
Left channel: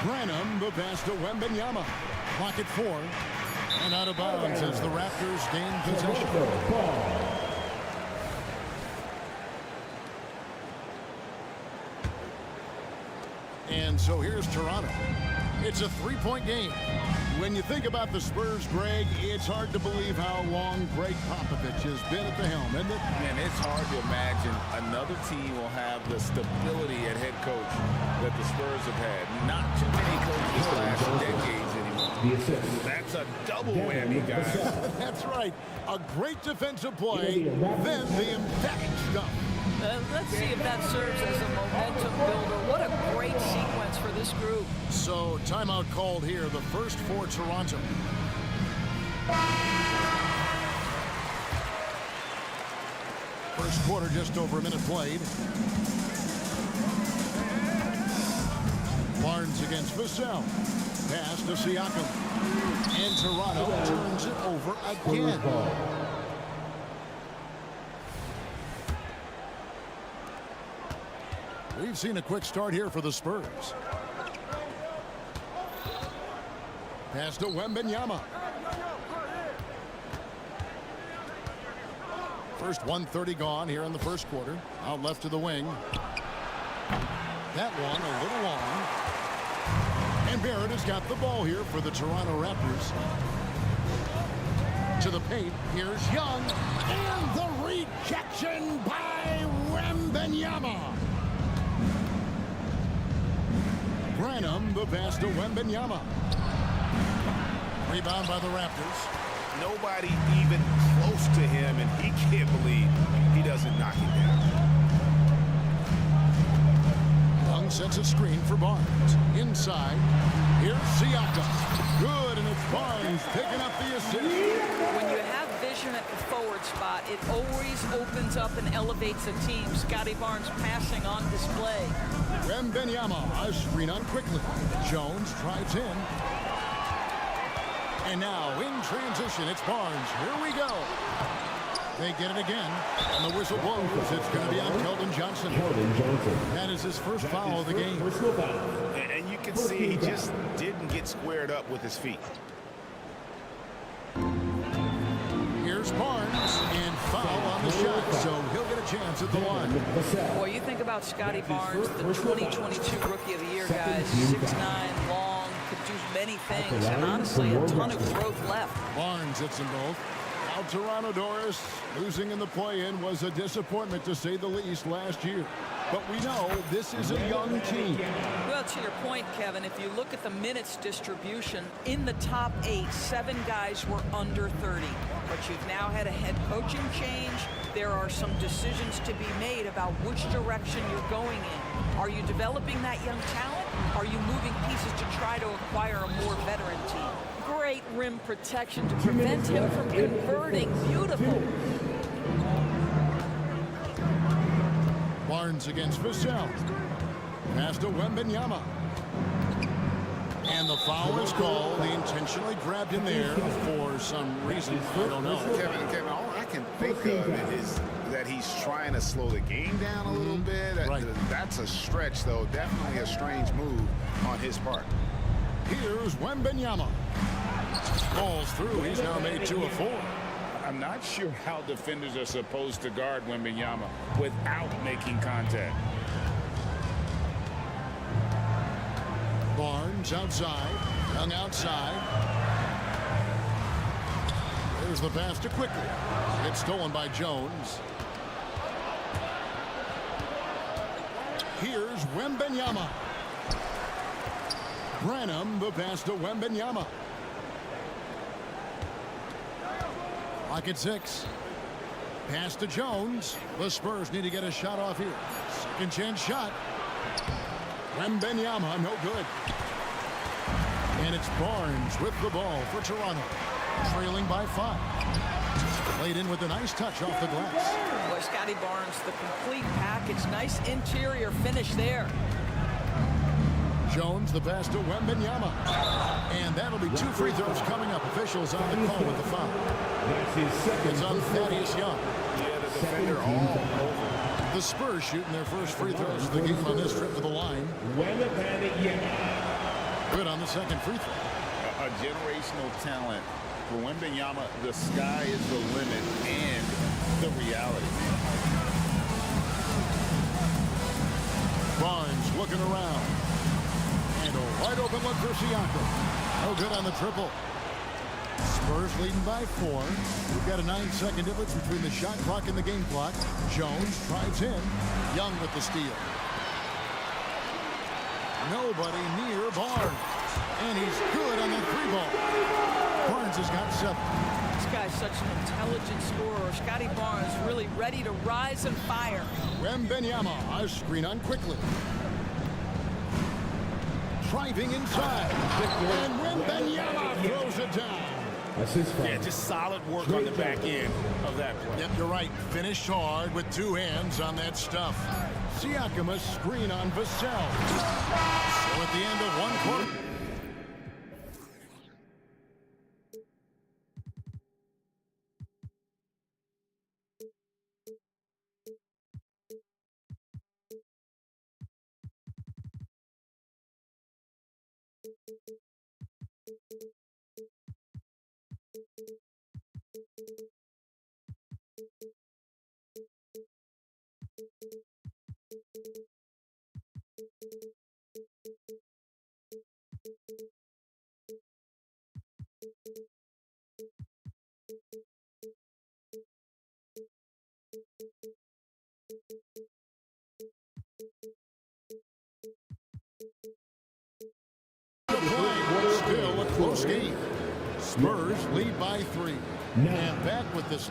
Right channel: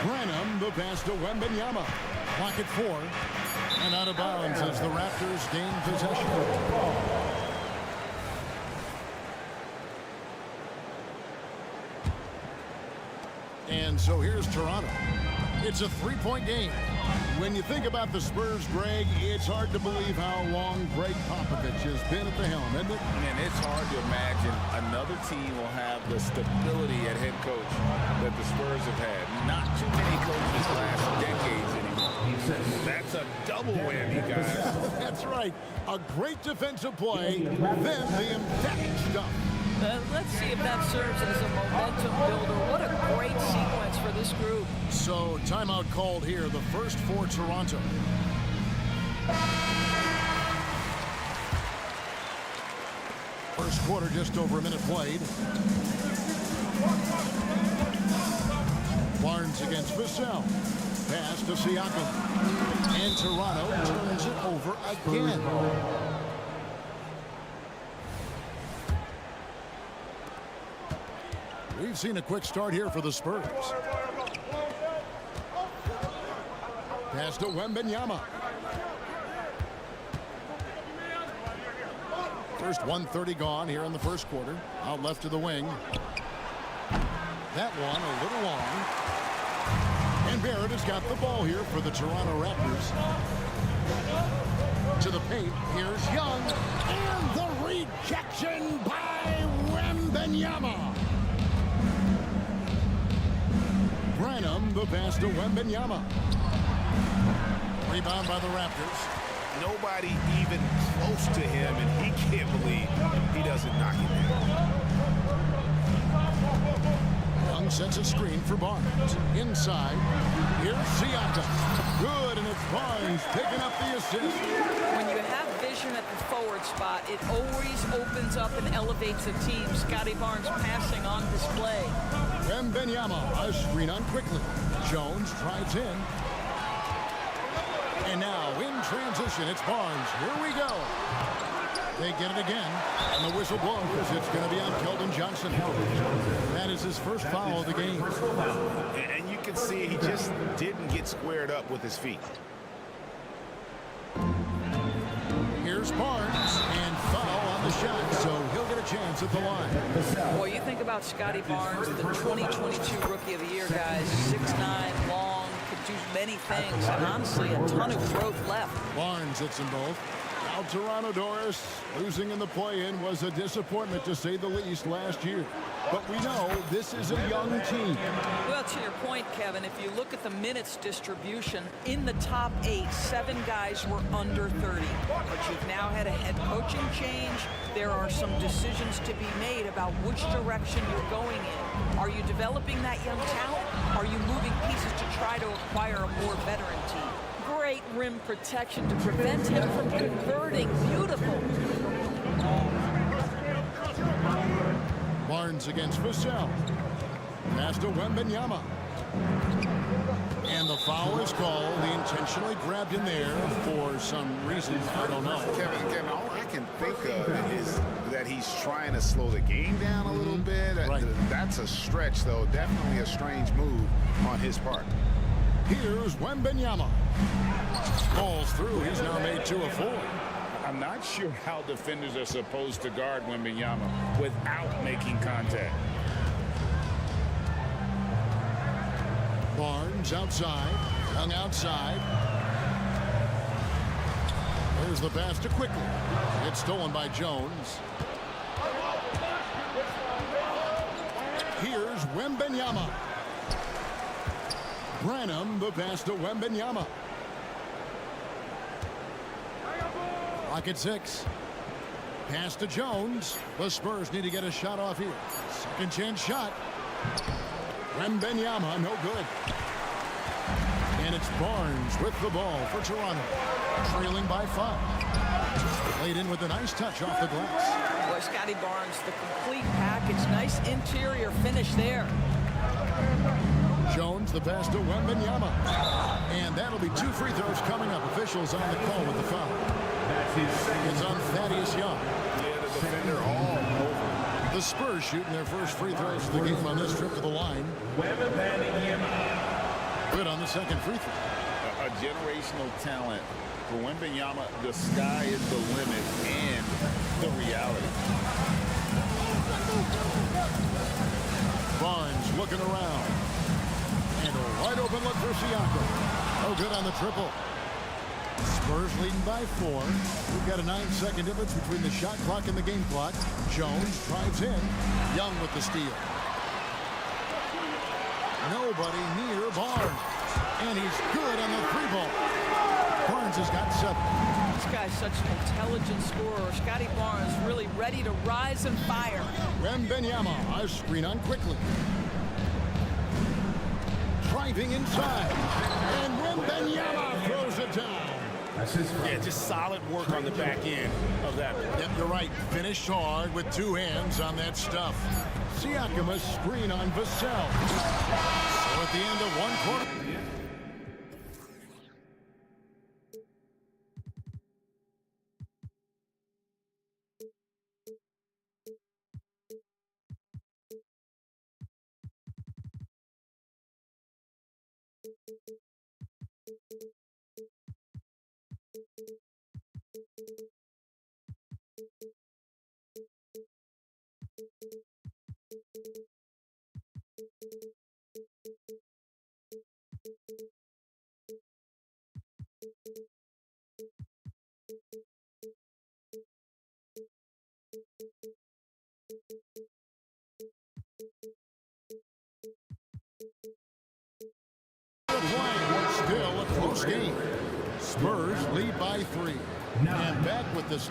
Branham, the pass to Wembanyama. Clock at 4. And out of bounds as the Raptors gain possession. And so here's Toronto. It's a three-point game. When you think about the Spurs, Greg, it's hard to believe how long Greg Popovich has been at the helm, isn't it? And it's hard to imagine another team will have the stability at head coach that the Spurs have had. Not too many coaches last decades anymore. That's a double whammy, guys. That's right. A great defensive play, then the emphatic stuff. Let's see if that serves as a momentum builder. What a great sequence for this group. So, timeout called here, the first for Toronto. First quarter, just over a minute played. Barnes against Vassell. Pass to Siakam. And Toronto turns it over again. We've seen a quick start here for the Spurs. Pass to Wembanyama. First 1:30 gone here in the first quarter. Out left to the wing. That one a little long. And Barrett has got the ball here for the Toronto Raptors. To the paint. Here's Young. And the rejection by Wembanyama. Branham, the pass to Wembanyama. Rebound by the Raptors. Nobody even close to him, and he can't believe he doesn't knock it down. Young sets a screen for Barnes. Inside, here's Siakam. Good, and it's Barnes picking up the assist. When you have vision at the forward spot, it always opens up and elevates a team. Scotty Barnes passing on display. Wembanyama, a screen on quickly. Jones drives in. And now in transition, it's Barnes. Here we go. They get it again, and the whistle blows. It's going to be on Keldon Johnson. That is his first foul of the game. And you can see he just didn't get squared up with his feet. Here's Barnes, and foul on the shot, so he'll get a chance at the line. Boy, you think about Scotty Barnes, the 2022 Rookie of the Year, guys. 6'9", long, could do many things, and honestly, a ton of growth left. Barnes hits them both. Now Well, Toronto, Doris, losing in the play-in was a disappointment to say the least last year. But we know this is a young team. Well, to your point, Kevin, if you look at the minutes distribution, in the top 8, 7 guys were under 30. But you've now had a head coaching change. There are some decisions to be made about which direction you're going in. Are you developing that young talent? Are you moving pieces to try to acquire a more veteran team? Great rim protection to prevent him from converting. Beautiful. Barnes against Vassell. Pass to Wembanyama. And the foul is called. He intentionally grabbed him there for some reason. I don't know. Kevin, all I can think of is that he's trying to slow the game down a little bit. Right. That's a stretch, though. Definitely a strange move on his part. Here's Wembanyama. Falls through. He's now made 2 of 4. I'm not sure how defenders are supposed to guard Wembanyama without making contact. Barnes outside. Young outside. There's the pass to Quickly. It's stolen by Jones. Here's Wembanyama. Branham, the pass to Wembanyama. Clock at 6. Pass to Jones. The Spurs need to get a shot off here. Second chance shot. Wembanyama, no good. And it's Barnes with the ball for Toronto. Trailing by 5. Played in with a nice touch off the glass. Boy, Scotty Barnes, the complete package. Nice interior finish there. Jones, the pass to Wembanyama. And that'll be 2 free throws coming up. Officials on the call with the foul. It's on Thaddeus Young. Yeah, the defender all over. The Spurs shooting their first free throws of the game on this trip to the line. Good on the second free throw. A generational talent. For Wembanyama, the sky is the limit and the reality. Barnes looking around. And a wide open look for Siakam. No good on the triple. Spurs leading by 4. We've got a 9-second difference between the shot clock and the game clock. Jones drives in. Young with the steal. Nobody near Barnes. And he's good on the 3-ball. Barnes has got 7. This guy's such an intelligent scorer. Scotty Barnes really ready to rise and fire. Wembanyama, a screen on Quickly. Driving inside. And Wembanyama throws it down. Yeah, just solid work on the back end of that play. Yep, you're right. Finished hard with 2 hands on that stuff. Siakam, a screen on Vassell. So at the end of 1 quarter. Still a close game. Spurs lead by 3. And back with this.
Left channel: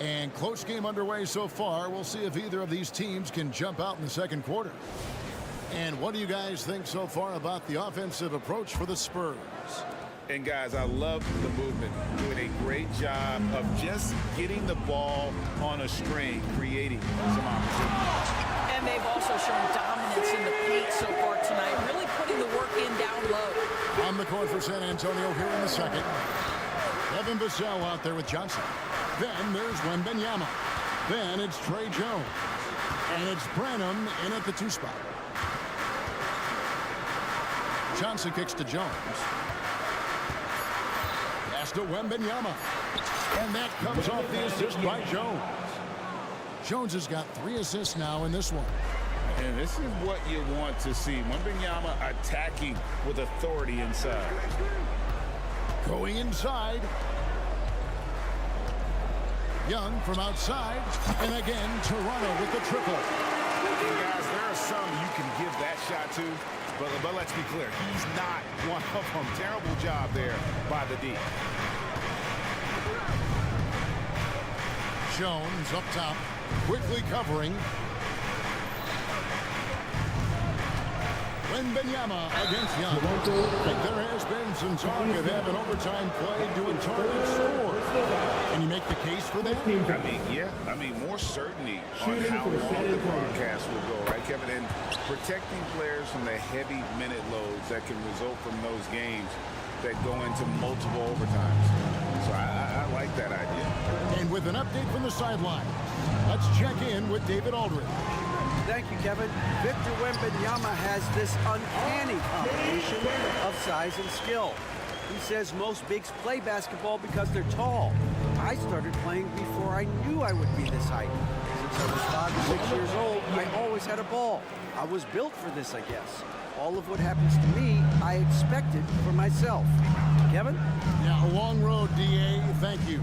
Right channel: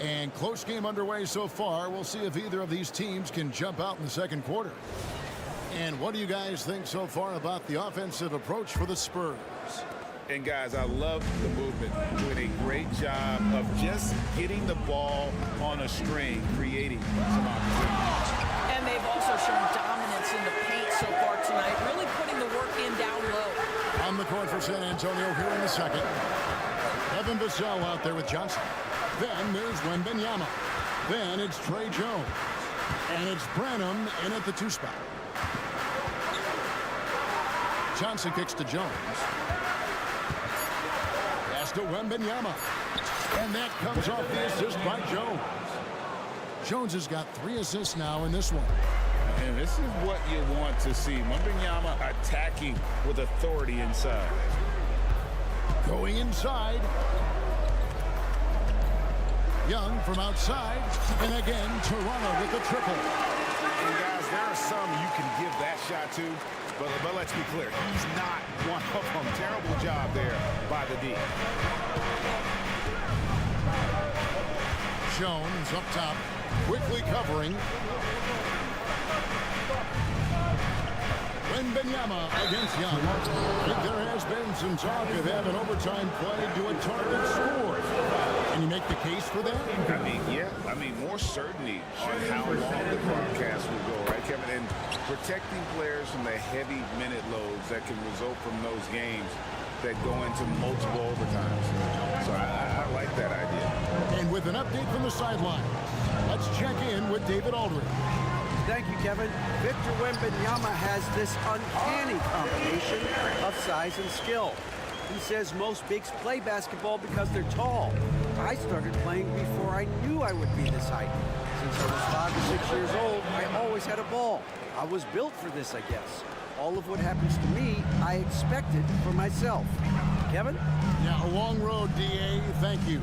And close game underway so far. We'll see if either of these teams can jump out in the second quarter. And what do you guys think so far about the offensive approach for the Spurs? And guys, I love the movement. Doing a great job of just getting the ball on a string, creating some opportunities. And they've also shown dominance in the paint so far tonight, really putting the work in down low. On the court for San Antonio here in the second. Devin Vassell out there with Johnson. Then there's Wembanyama. Then it's Trey Jones. And it's Branham in at the 2 spot. Johnson kicks to Jones. Pass to Wembanyama. And that comes off the assist by Jones. Jones has got 3 assists now in this one. And this is what you want to see. Wembanyama attacking with authority inside. Going inside. Young from outside. And again, Toronto with the triple. And guys, there are some you can give that shot to, but let's be clear, he's not one of them. Terrible job there by the D. Jones up top, quickly covering. Wembanyama against Young. I think there has been some talk of having overtime play do a target score. Can you make the case for that? I mean, yeah. I mean, more certainty on how long the broadcast will go, right, Kevin? And protecting players from the heavy minute loads that can result from those games that go into multiple overtimes. So I like that idea. And with an update from the sidelines, let's check in with David Aldridge. Thank you, Kevin. Victor Wembanyama has this uncanny combination of size and skill. He says most bigs play basketball because they're tall. I started playing before I knew I would be this height. Since I was 5 or 6 years old, I always had a ball. I was built for this, I guess. All of what happens to me, I expected for myself. Kevin? Yeah, a long road, DA. Thank you.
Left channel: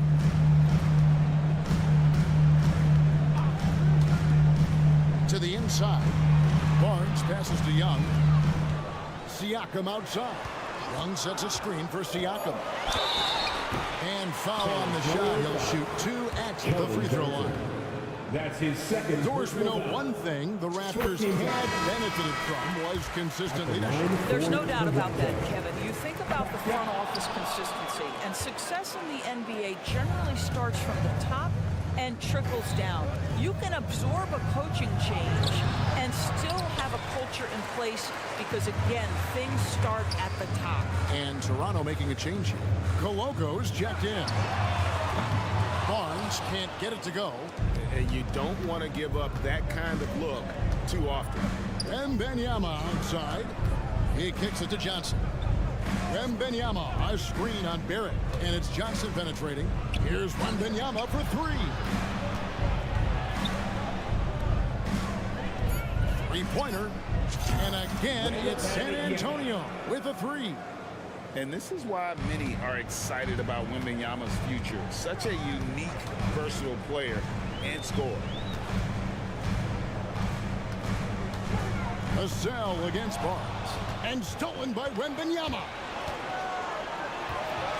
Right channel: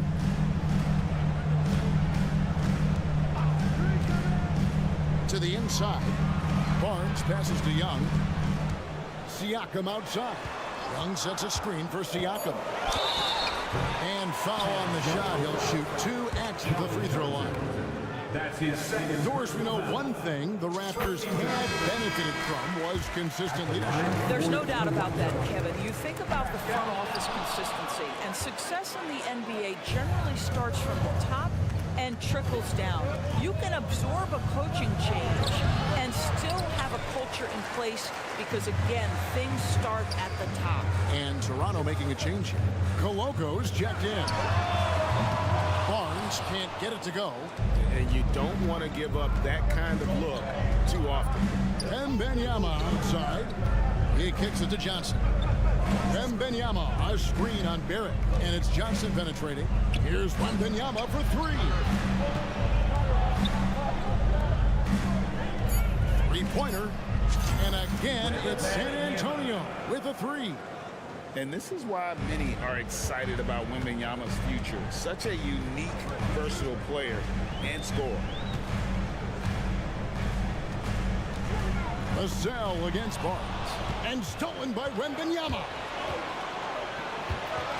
To the inside. Barnes passes to Young. Siakam outside. Young sets a screen for Siakam. And foul on the shot. He'll shoot 2 at the free throw line. That's his second. Of course, we know one thing the Raptors had benefited from was consistent leadership. There's no doubt about that, Kevin. You think about the front office consistency, and success in the NBA generally starts from the top and trickles down. You can absorb a coaching change and still have a culture in place because, again, things start at the top. And Toronto making a change here. Coloco's checked in. Barnes can't get it to go. And you don't want to give up that kind of look too often. Wembanyama outside. He kicks it to Johnson. Wembanyama, a screen on Barrett. And it's Johnson penetrating. Here's Wembanyama for 3. Three-pointer. And again, it's San Antonio with a 3. And this is why many are excited about Wembanyama's future. Such a unique, versatile player and scorer. Vassell against Barnes. And stolen by Wembanyama.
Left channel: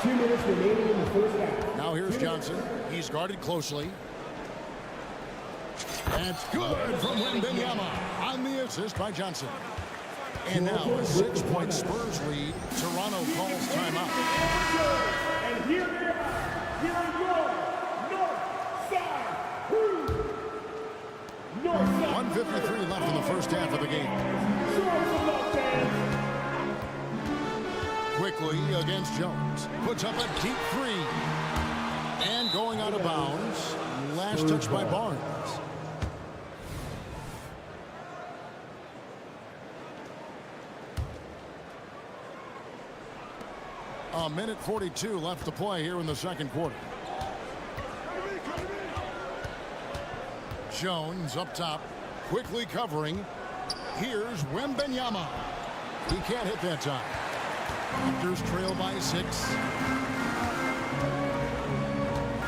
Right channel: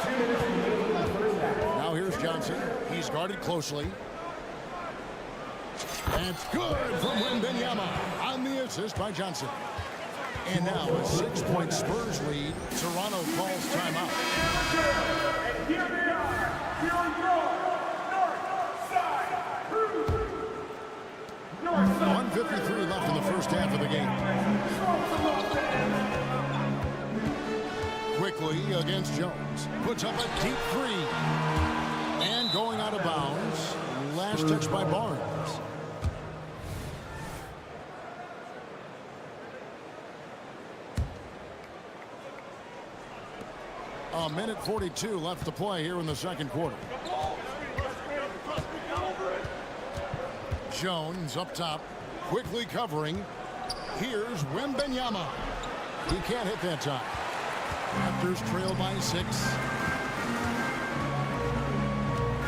2 minutes remaining in the first half. Now here's Johnson. He's guarded closely. That's good from Wembanyama on the assist by Johnson. And now a 6-point Spurs lead. Toronto calls timeout. And here they are, here on your North Side Crew. North Side. 1:53 left in the first half of the game. Quickly against Jones. Puts up a deep 3. And going out of bounds. Last touch by Barnes. A minute 42 left to play here in the second quarter. Jones up top, quickly covering. Here's Wembanyama. He can't hit that time. Raptors trail by 6.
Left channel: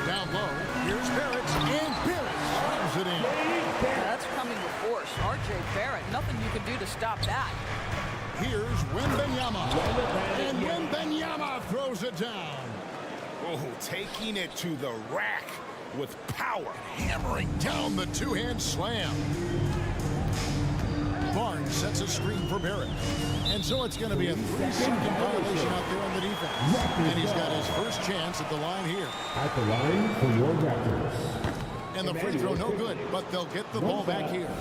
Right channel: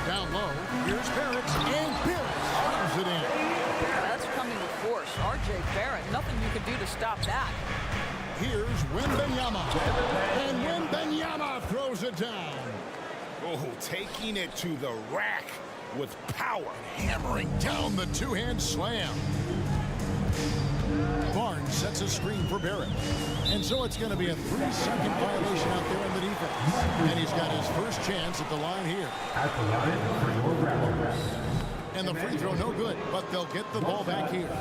Down low, here's Barrett, and Barrett slams it in. That's coming with force. R.J. Barrett, nothing you can do to stop that. Here's Wembanyama. And Wembanyama throws it down. Oh, taking it to the rack with power. Hammering down the two-hand slam. Barnes sets a screen for Barrett. And so it's going to be a 3-second violation out there on the defense. And he's got his first chance at the line here. At the line for your Raptors. And the free throw no good, but they'll get the ball back here.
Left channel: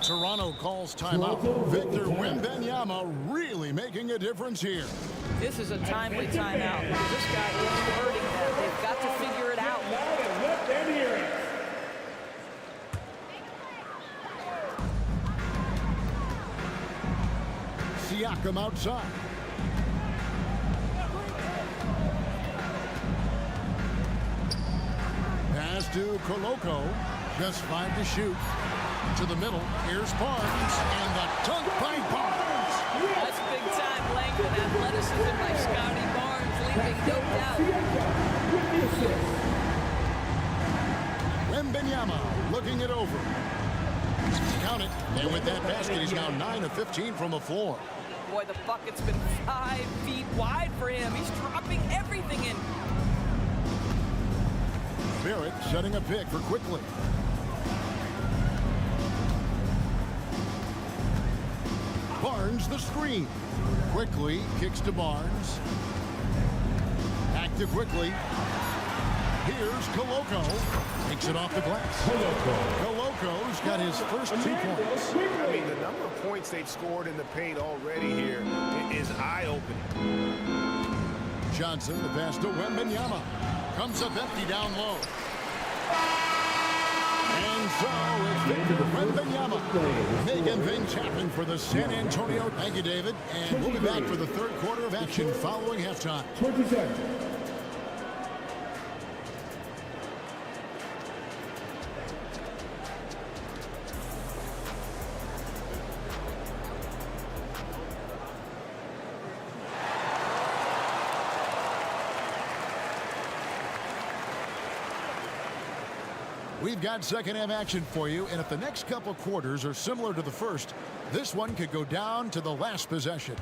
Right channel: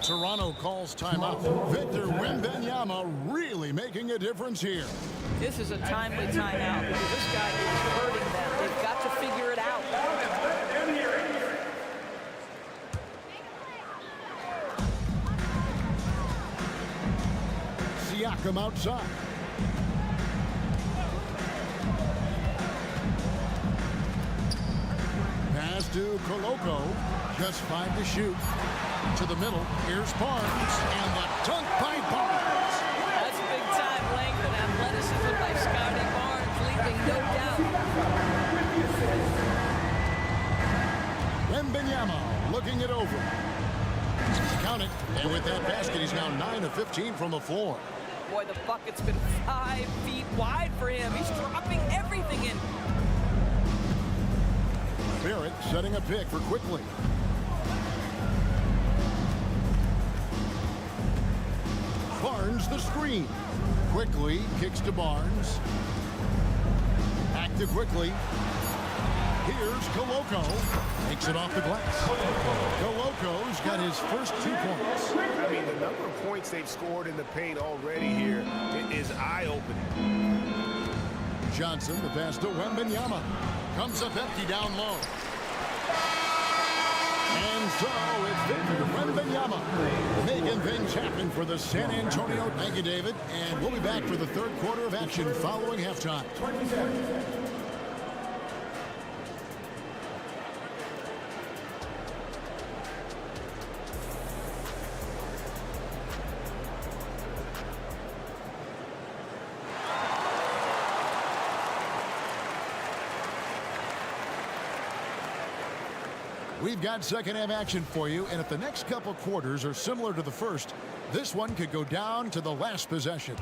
Toronto calls timeout. Victor Wembanyama really making a difference here. This is a timely timeout because this guy is hurting them. They've got to figure it out. Let them hear it. Siakam outside. Pass to Coloco. Just 5 to shoot. To the middle, here's Barnes, and the dunk by Barnes. That's big-time length and athleticism by Scotty Barnes, leaving no doubt. Wembanyama looking it over. Count it, and with that basket, he's now 9 of 15 from the floor. Boy, the bucket's been 5 feet wide for him. He's dropping everything in. Barrett setting a pick for Quickly. Barnes the screen. Quickly kicks to Barnes. Back to Quickly. Here's Koloko. Takes it off the glass. Koloko's got his first 2 points. I mean, the number of points they've scored in the paint already here is eye-opening. Johnson, the pass to Wembanyama. Comes up empty down low. And so it's Victor Wembanyama making things happen for the San Antonio. Thank you, David. And we'll be back for the third quarter of action following halftime. 27. We've got second half action for you, and if the next couple quarters are similar to the first, this one could go down to the last possession.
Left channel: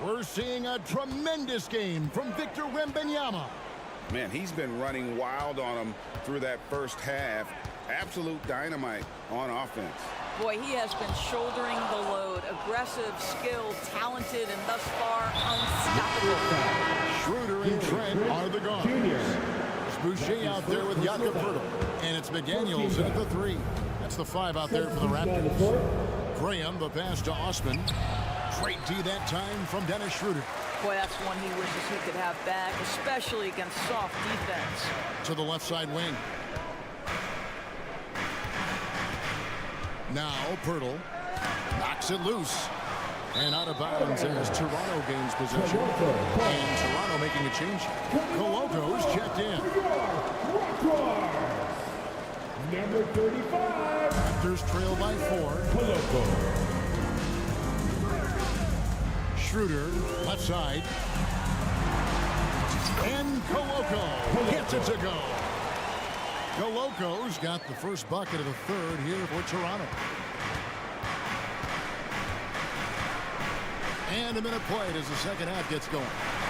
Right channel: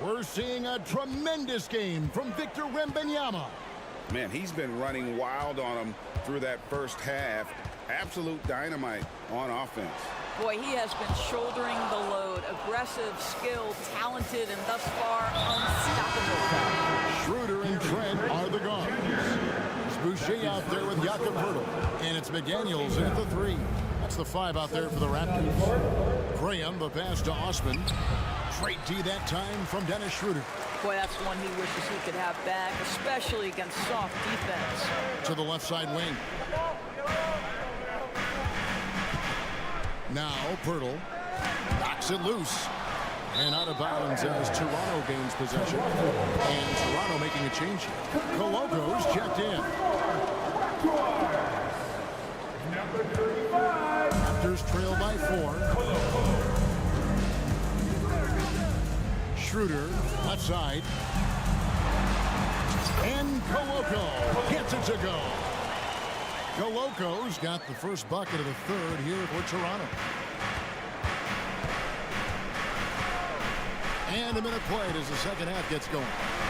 We're seeing a tremendous game from Victor Wembanyama. Man, he's been running wild on him through that first half. Absolute dynamite on offense. Boy, he has been shouldering the load. Aggressive, skilled, talented, and thus far unstoppable. Schroeder and Trent are the guards. It's Boucher out there with Jakob Poeltl. And it's McDaniels in at the 3. That's the 5 out there for the Raptors. Graham, the pass to Osman. Straight D that time from Dennis Schroeder. Boy, that's one he wishes he could have back, especially against soft defense. To the left side wing. Now Poeltl knocks it loose. And out of bounds as Toronto gains possession. And Toronto making a change. Koloko's checked in. Number 35. Raptors trail by 4. Schroeder, left side. And Koloko gets it to go. Koloko's got the first bucket of the third here for Toronto. And a minute played as the second half gets going.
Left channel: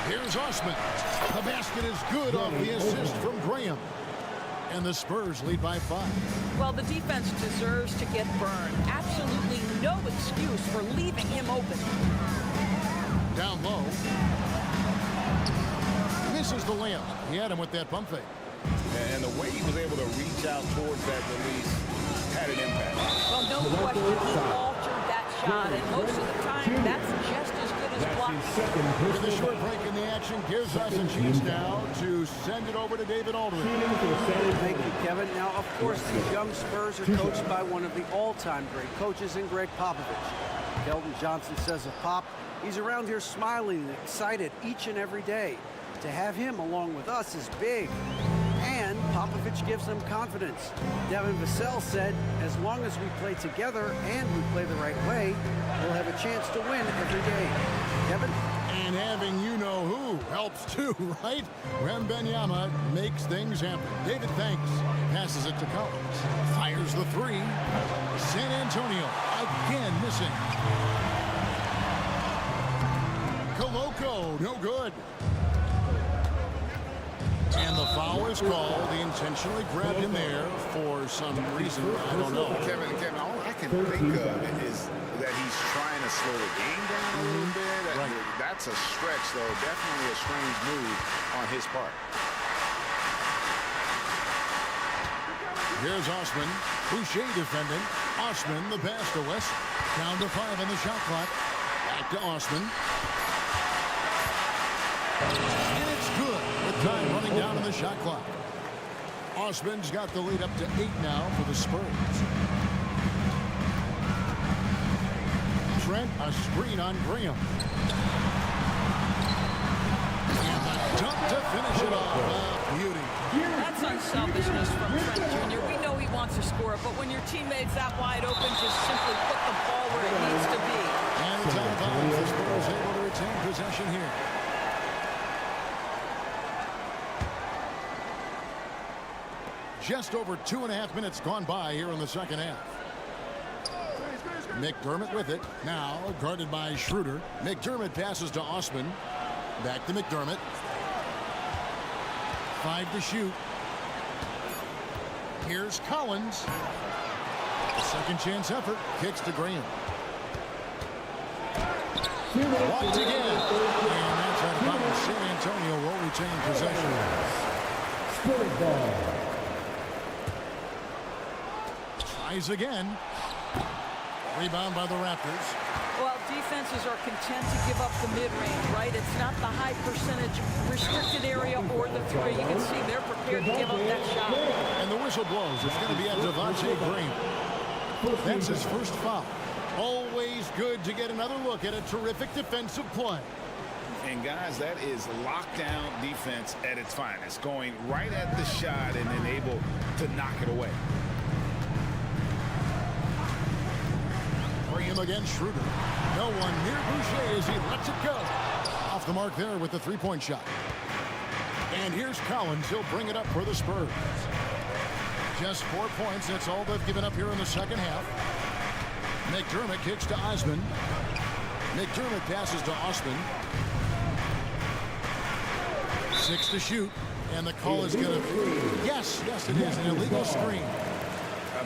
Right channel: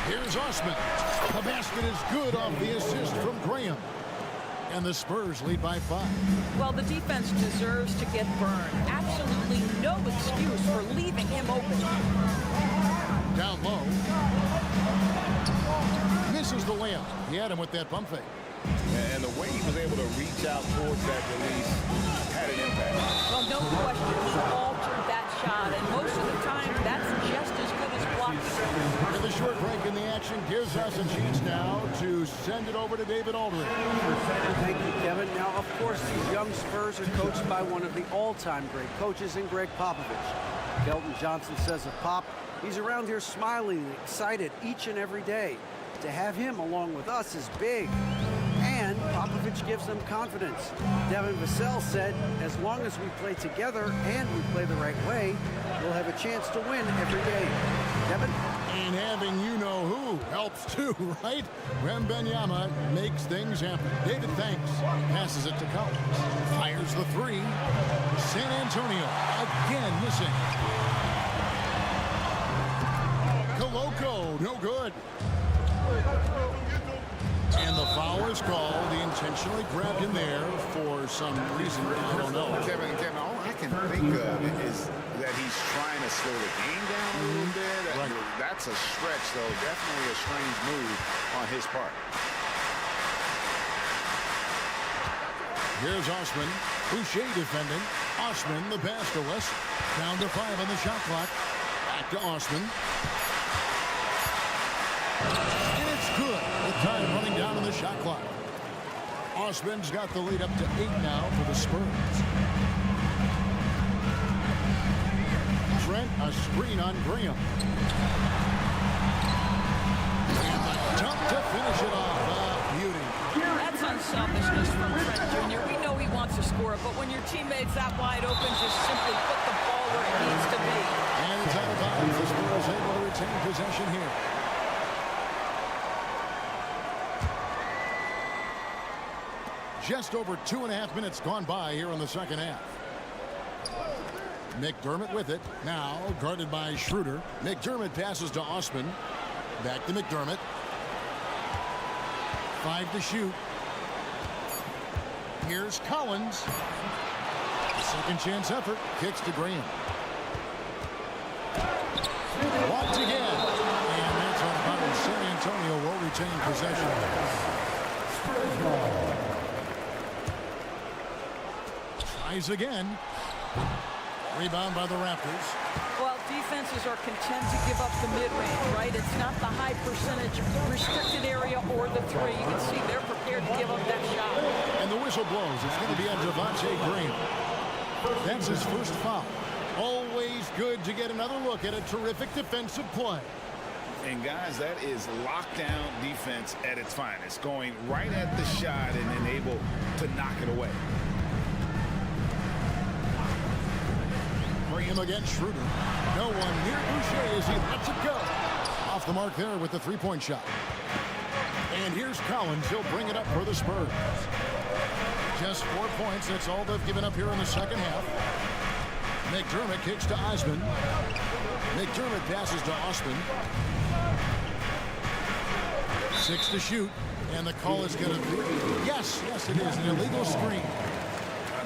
Here's Osman. The basket is good off the assist from Graham. And the Spurs lead by 5. Well, the defense deserves to get burned. Absolutely no excuse for leaving him open. Down low. Misses the layup. He had him with that pump fake. And the way he was able to reach out towards that release had an impact. Well, no question, he altered that shot, and most of the time, that's just as good as blocking. With a short break in the action, gives us a chance now to send it over to David Aldridge. Thank you, Kevin. Now, of course, these young Spurs are coached by one of the all-time great coaches in Greg Popovich. Keldon Johnson says of Pop, he's around here smiling and excited each and every day. To have him along with us is big. And Popovich gives them confidence. Devin Vassell said, as long as we play together and we play the right way, we'll have a chance to win every game. Kevin? And having you-know-who helps too, right? Wembanyama makes things happen. David thanks. Passes it to Collins. Fires the 3. San Antonio again missing. Koloko, no good. And the foul is called. He intentionally grabbed him there for some reason. I don't know. Kevin, all I can think of is that he's trying to slow the game down a little bit. Right. That's a stretch, though. Definitely a strange move on his part. Here's Osman. Boucher defending. Osman, the pass to West. Down to 5 on the shot clock. Back to Osman. And it's good with time running down on the shot clock. Osman's got the lead up to 8 now for the Spurs. Trent, a screen on Graham. And the dunk to finish it off. Beauty. That's unselfishness from Trent Jr. We know he wants to score, but when your teammate's that wide open, just simply put the ball where it needs to be. And it's out of bounds. The Spurs able to retain possession here. Just over 2.5 minutes gone by here in the second half. McDermott with it. Now guarded by Schroeder. McDermott passes to Osman. Back to McDermott. 5 to shoot. Here's Collins. A second chance effort. Kicks to Graham. Blocked again. And that's out of bounds. San Antonio will retain possession. Spurs ball. Tries again. Rebound by the Raptors. Well, defenses are content to give up the mid-range, right? It's not the high percentage restricted area or the three. You can see they're prepared to give up that shot. And the whistle blows. It's going to be on Devontae Graham. That's his first foul. Always good to get another look at a terrific defensive play. And guys, that is lockdown defense at its finest. Going right at the shot and then able to knock it away. Graham against Schroeder. No one near Boucher as he lets it go. Off the mark there with the three-point shot. And here's Collins. He'll bring it up for the Spurs. Just 4 points. That's all they've given up here in the second half. McDermott kicks to Osman. McDermott passes to Osman. 6 to shoot. And the call is going to be... Yes, it is. An illegal screen.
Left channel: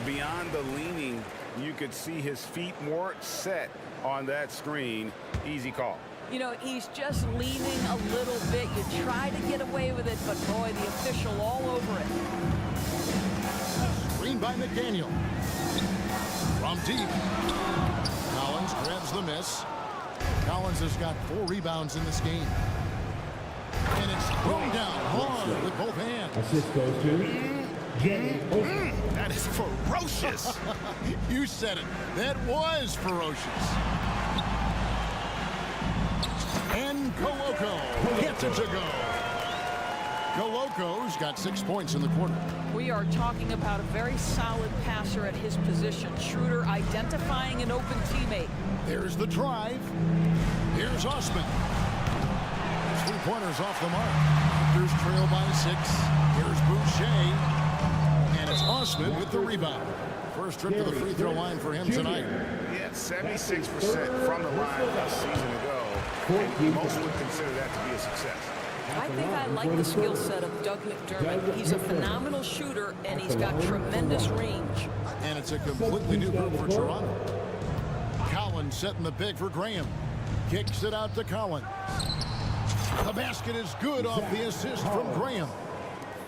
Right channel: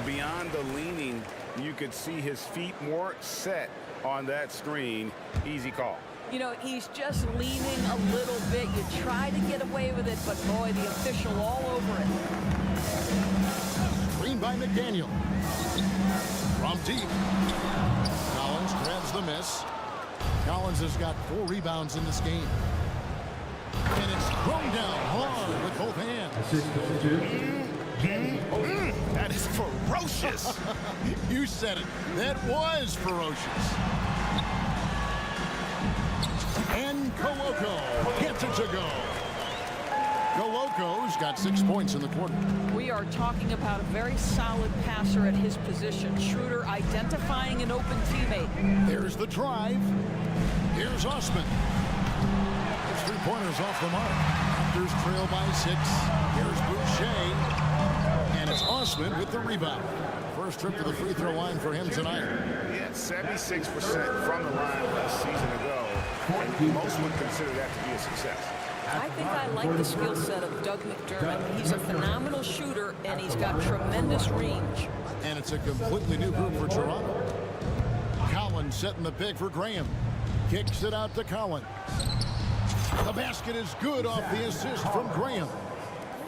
Beyond the leaning, you could see his feet more set on that screen. Easy call. You know, he's just leaning a little bit. You try to get away with it, but boy, the official all over it. Screen by McDaniel. From deep. Collins grabs the miss. Collins has got 4 rebounds in this game. And it's thrown down hard with both hands. Assist goes to That is ferocious. You said it. That was ferocious. And Koloko gets it to go. Koloko's got 6 points in the quarter. We are talking about a very solid passer at his position. Schroeder identifying an open teammate. There's the drive. Here's Osman. His 3-pointers off the mark. Raptors trail by 6. Here's Boucher. And it's Osman with the rebound. First trip to the free throw line for him tonight. He had 76% from the line last season ago, and most would consider that to be a success. I think I like the skill set of Doug McDermott. He's a phenomenal shooter, and he's got tremendous range. And it's a completely new group for Toronto. Collins setting the pick for Graham. Kicks it out to Collins. The basket is good off the assist from Graham.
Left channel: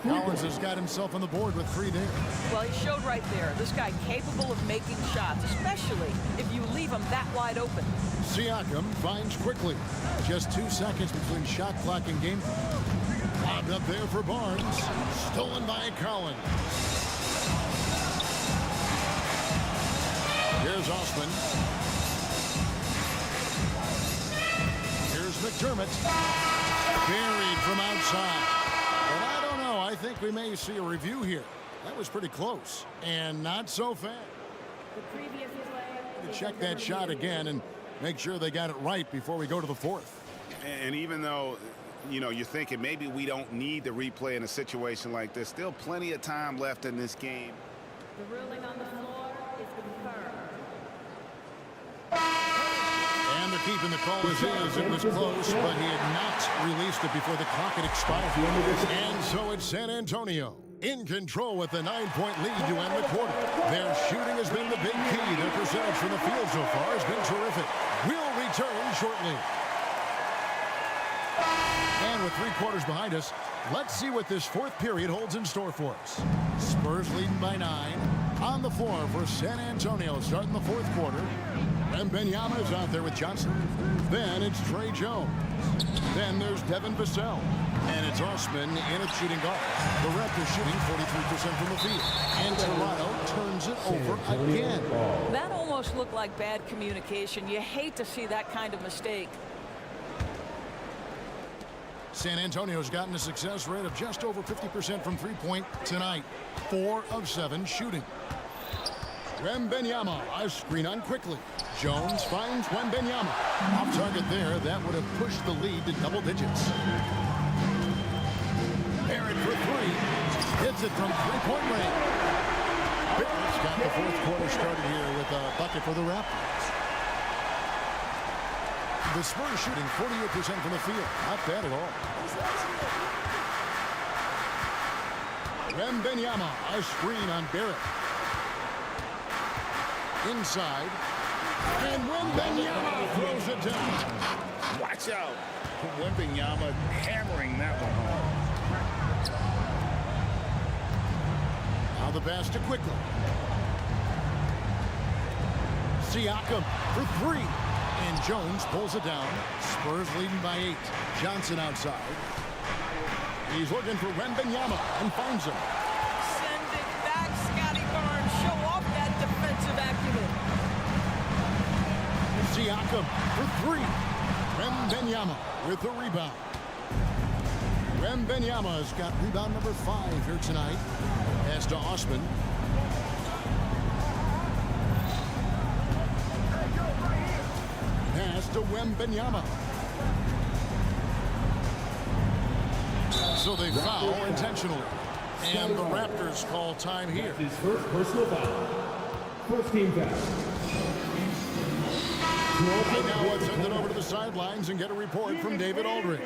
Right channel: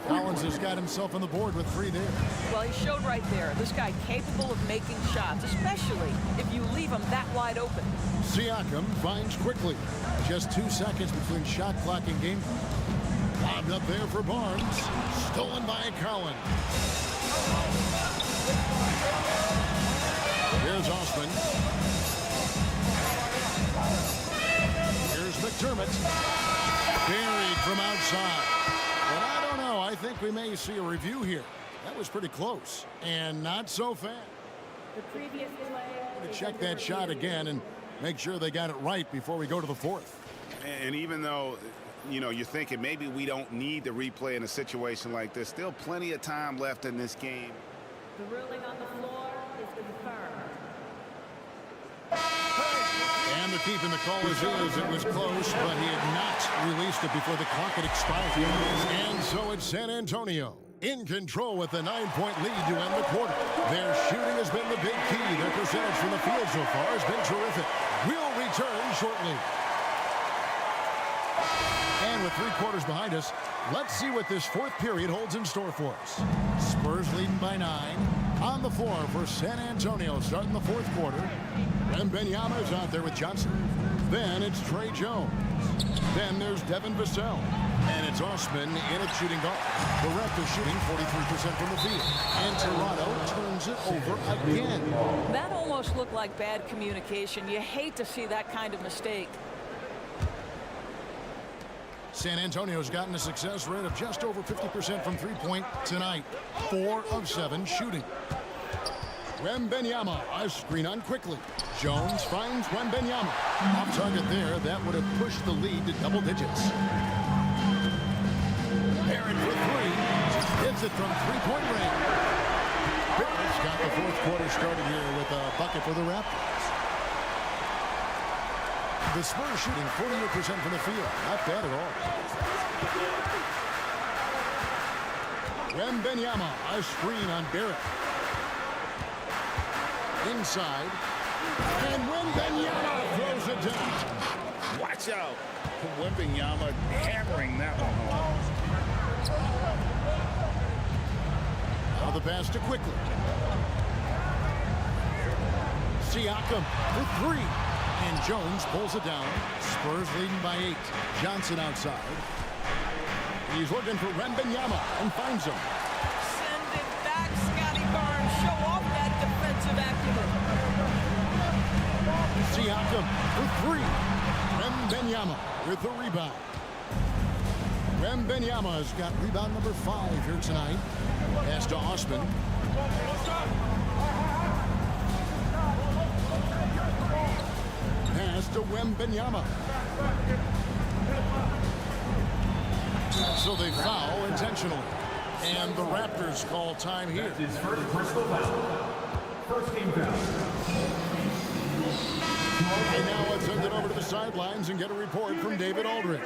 Collins has got himself on the board with 3 there. Well, he showed right there. This guy capable of making shots, especially if you leave him that wide open. Siakam finds quickly. Just 2 seconds between shot clock and game. Lobbed up there for Barnes. Stolen by Collins. Here's Osman. Here's McDermott. Buried from outside. But I don't know. I think we may see a review here. That was pretty close. And not so fast. The previous play. To check that shot again and make sure they got it right before we go to the 4th. And even though, you know, you're thinking maybe we don't need the replay in a situation like this, still plenty of time left in this game. The ruling on the floor is confirmed. And the keep in the call is it was close, but he had not released it before the clock had expired. And so it's San Antonio in control with a 9-point lead to end the quarter. Their shooting has been the big key. Their percentage from the field so far has been terrific. We'll return shortly. And with 3 quarters behind us, let's see what this 4th period holds in store for us. Spurs leading by 9. On the floor for San Antonio starting the 4th quarter. Wembanyama is out there with Johnson. Then it's Trey Jones. Then there's Devin Vassell. And it's Osman in at shooting guard. The Raptors shooting 43% from the field. And Toronto turns it over again. That almost looked like bad communication. You hate to see that kind of mistake. San Antonio's gotten a success rate of just over 50% from three-point tonight. 4 of 7 shooting. Wembanyama, a screen on quickly. Jones finds Wembanyama. Off target there, that would have pushed the lead to double digits. Barrett for 3. Hits it from three-point range. Barrett's got the fourth quarter started here with a bucket for the Raptors. The Spurs shooting 48% from the field. Not bad at all. Wembanyama, a screen on Barrett. Inside. And Wembanyama throws it down. Watch out. Wembanyama hammering that one home. Now the pass to quickly. Siakam for 3. And Jones pulls it down. Spurs leading by 8. Johnson outside. He's looking for Wembanyama and finds him. Send it back, Scotty Barnes. Show off that defensive acumen. Siakam for 3. Wembanyama with the rebound. Wembanyama's got rebound number 5 here tonight. Pass to Osman. Pass to Wembanyama. So they foul intentionally. And the Raptors call time here. His first personal foul. First team foul. Right now, let's send it over to the sidelines and get a report from David Aldridge.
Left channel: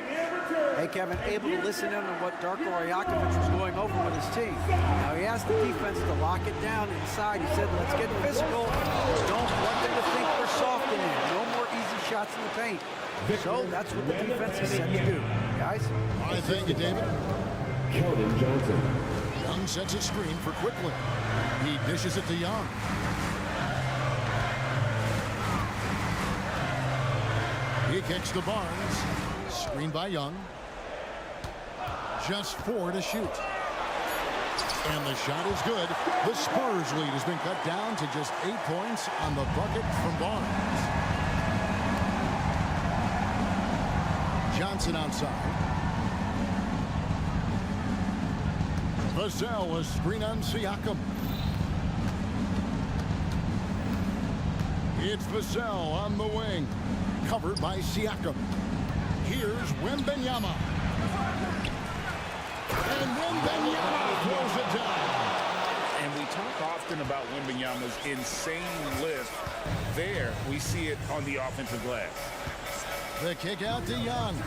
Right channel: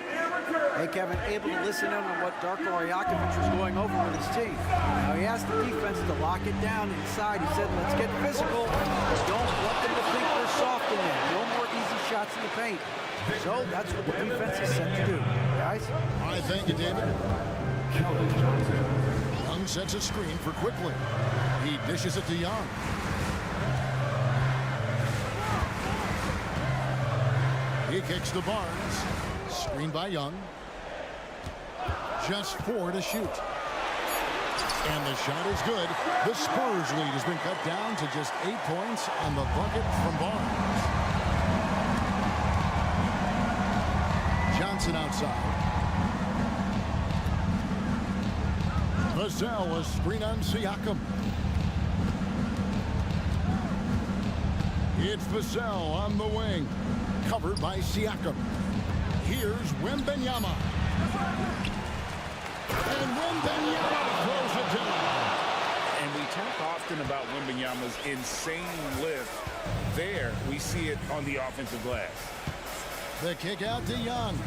Hey, Kevin, able to listen in on what Darko Rajakovic was going over with his team. Now, he asked the defense to lock it down inside. He said, let's get physical. Don't want them to think we're soft in there. No more easy shots in the paint. So that's what the defense is set to do. Guys? All right, thank you, David. Keldon Johnson. Young sets a screen for quickly. He dishes it to Young. He kicks to Barnes. Screen by Young. Just 4 to shoot. And the shot is good. The Spurs lead has been cut down to just 8 points on the bucket from Barnes. Johnson outside. Vassell, a screen on Siakam. It's Vassell on the wing. Covered by Siakam. Here's Wembanyama. And Wembanyama throws it down. And we talk often about Wembanyama's insane lift. There, we see it on the offensive glass. The kick out to Young.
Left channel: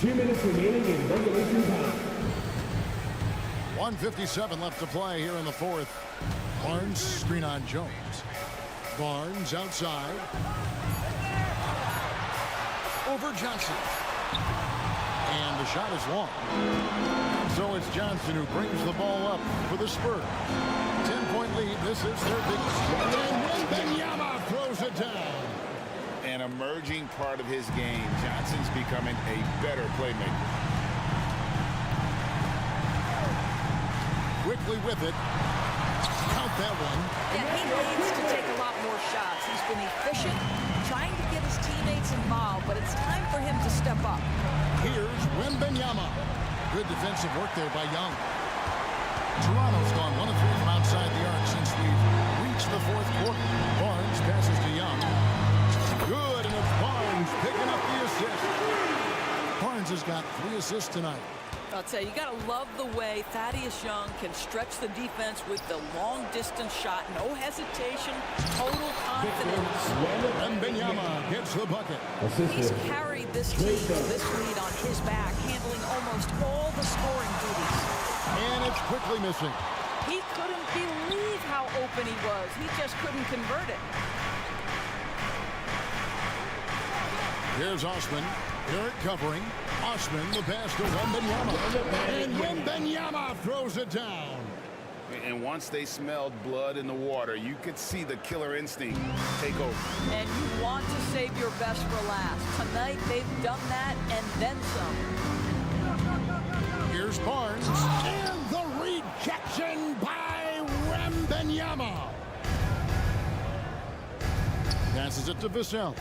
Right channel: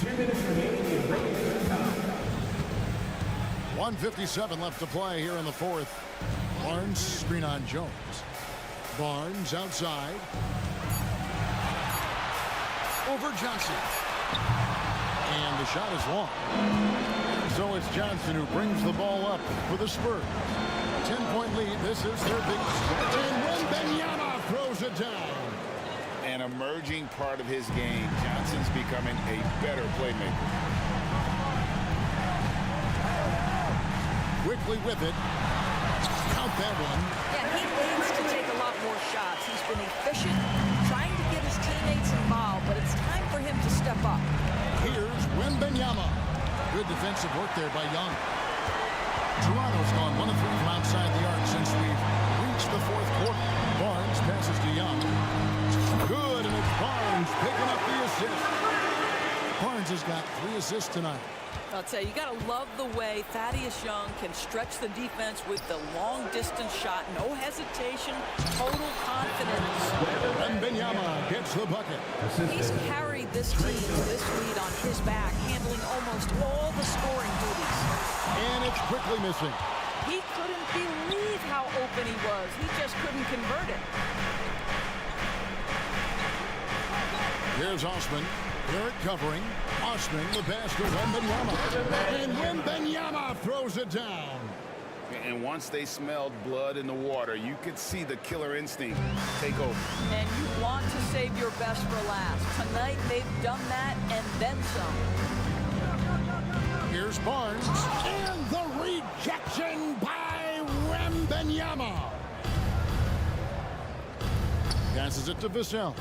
2 minutes remaining in regulation time. 1:57 left to play here in the fourth. Barnes screen on Jones. Barnes outside. Over Johnson. And the shot is long. And so it's Johnson who brings the ball up for the Spurs. 10-point lead. This is their big. And Wembanyama throws it down. An emerging part of his game. Johnson's becoming a better playmaker. Quickly with it. Count that one. Yeah, he needs to take a lot more shots. He's been efficient, trying to get his teammates involved, but it's time for him to step up. Here's Wembanyama. Good defensive work there by Young. Toronto's gone 1 of 3 from outside the arc since we've reached the fourth quarter. Barnes passes to Young. Good, and it's Barnes picking up the assist. Barnes has got 3 assists tonight. I'll tell you, you got to love the way Thaddeus Young can stretch the defense with the long-distance shot. No hesitation, total confidence. Wembanyama gets the bucket. He's carried this team to this lead on his back, handling almost all the scoring duties. And it's quickly missing. He couldn't believe how open he was. He just couldn't convert it. Here's Osman. Barrett covering. Osman, the pass to Wembanyama. And Wembanyama throws it down. And once they smelled blood in the water, you could see the killer instinct take over. And you want to save your best for last. Tonight, they've done that and then some. Here's Barnes. And the rejection by Wembanyama. Passes it to Vassell.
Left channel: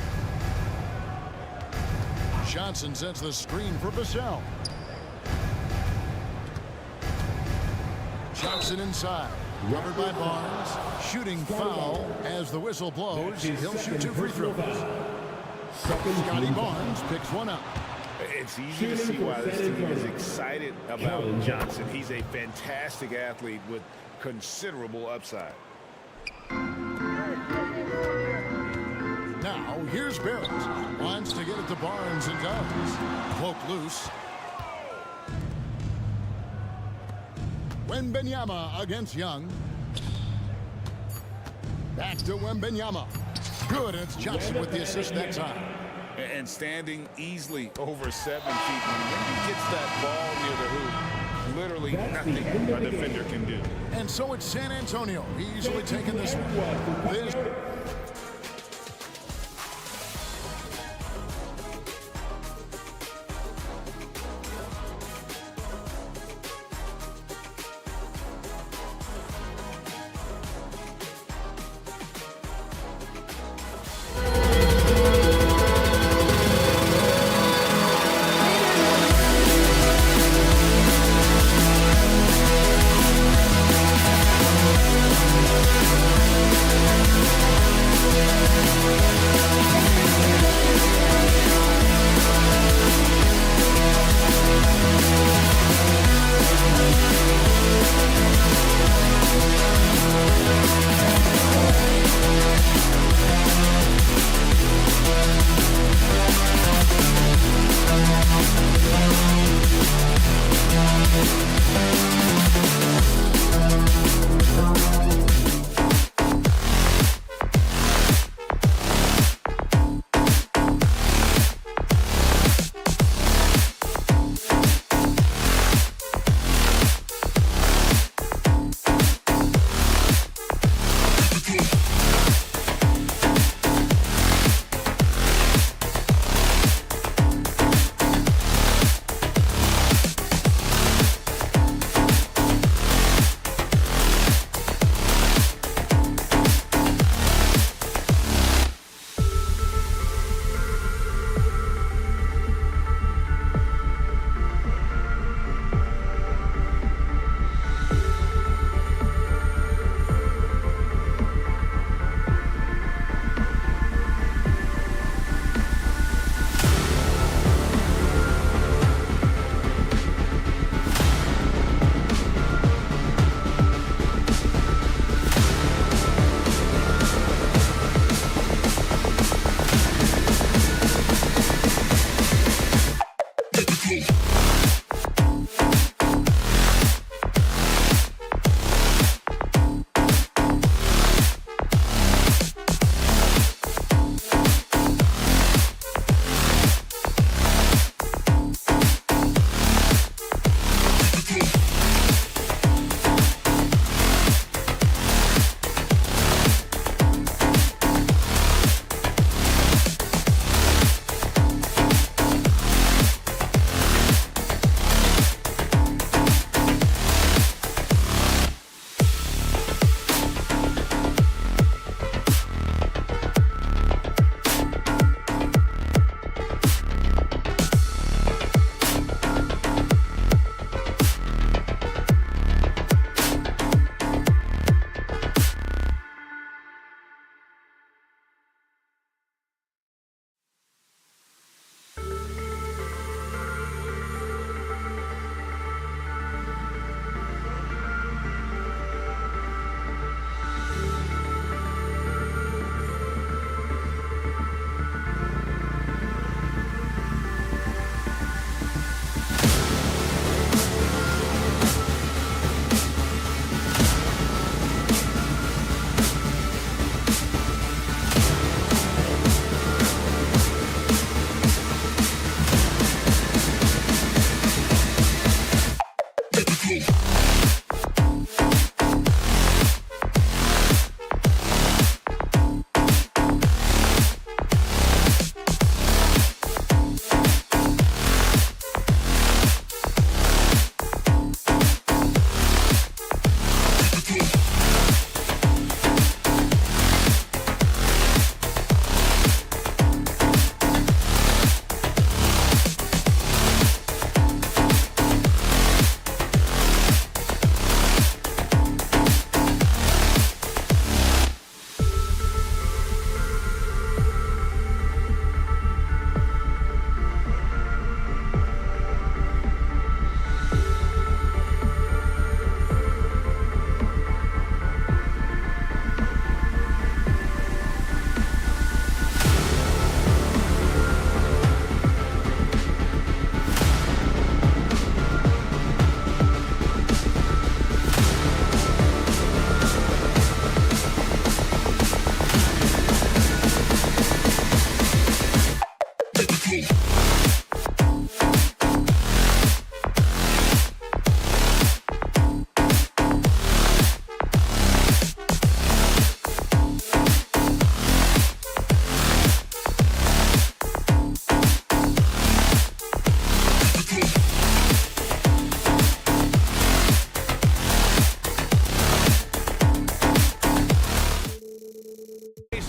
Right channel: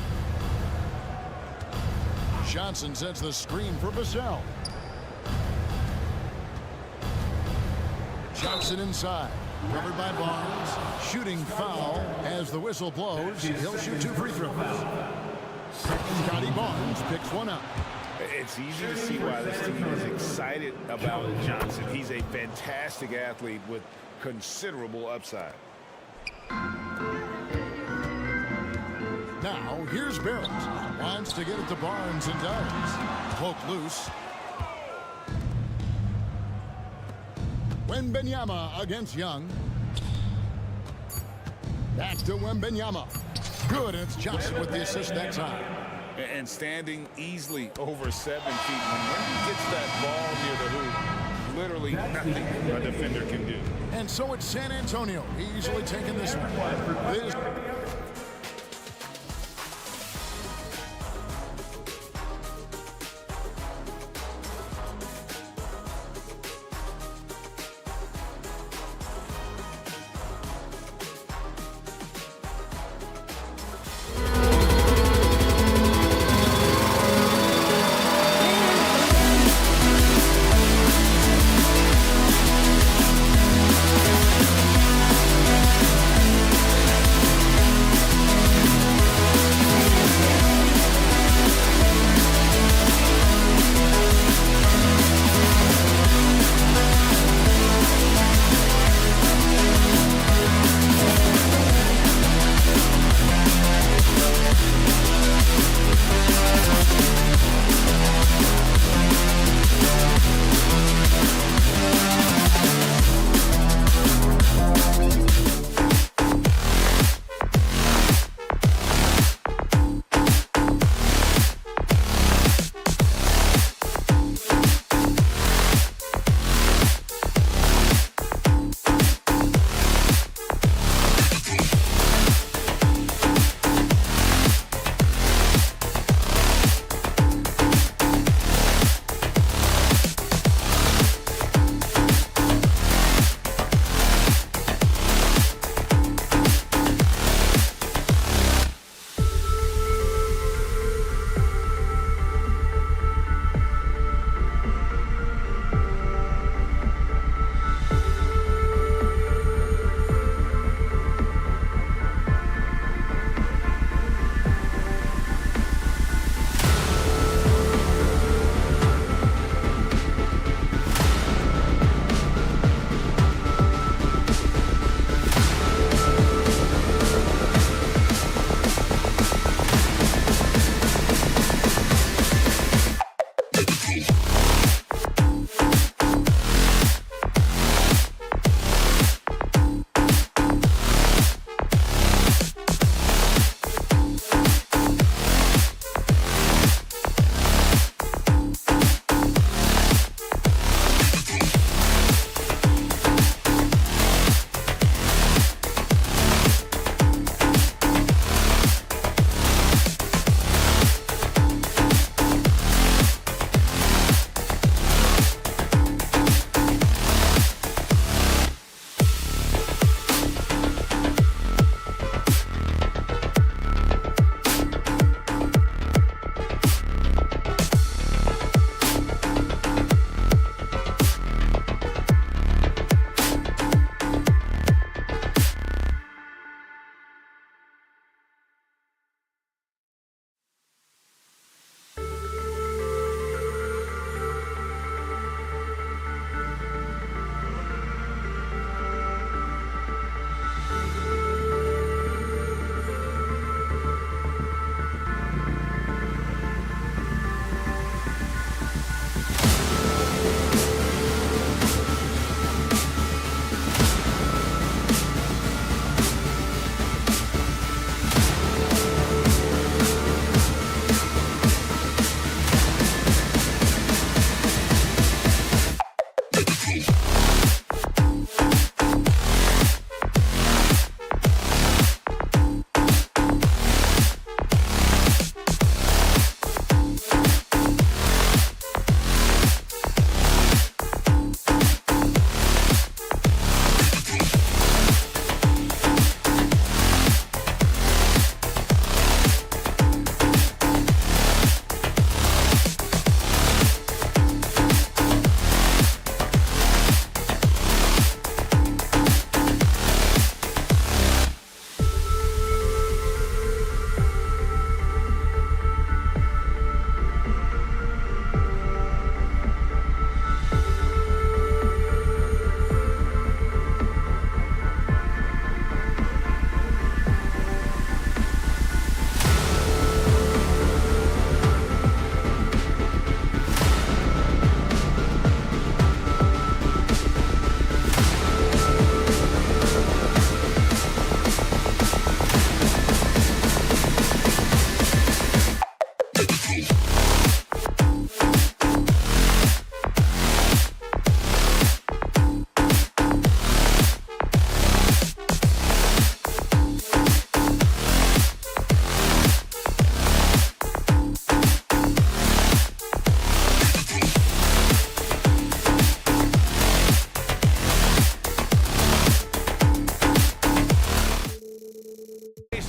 Johnson sets the screen for Vassell. Johnson inside. Covered by Barnes. Shooting foul as the whistle blows. He'll shoot 2 free throws. Scotty Barnes picks one up. It's easy to see why this team is excited about Johnson. He's a fantastic athlete with considerable upside. Now, here's Barrett. Wants to get it to Barnes and does. Poke loose. Wembanyama against Young. Back to Wembanyama. Good, and it's Johnson with the assist that time. And standing easily over 7 feet. When Wemby gets that ball near the hoop, literally nothing a defender can do. And so it's San Antonio easily taking this one. This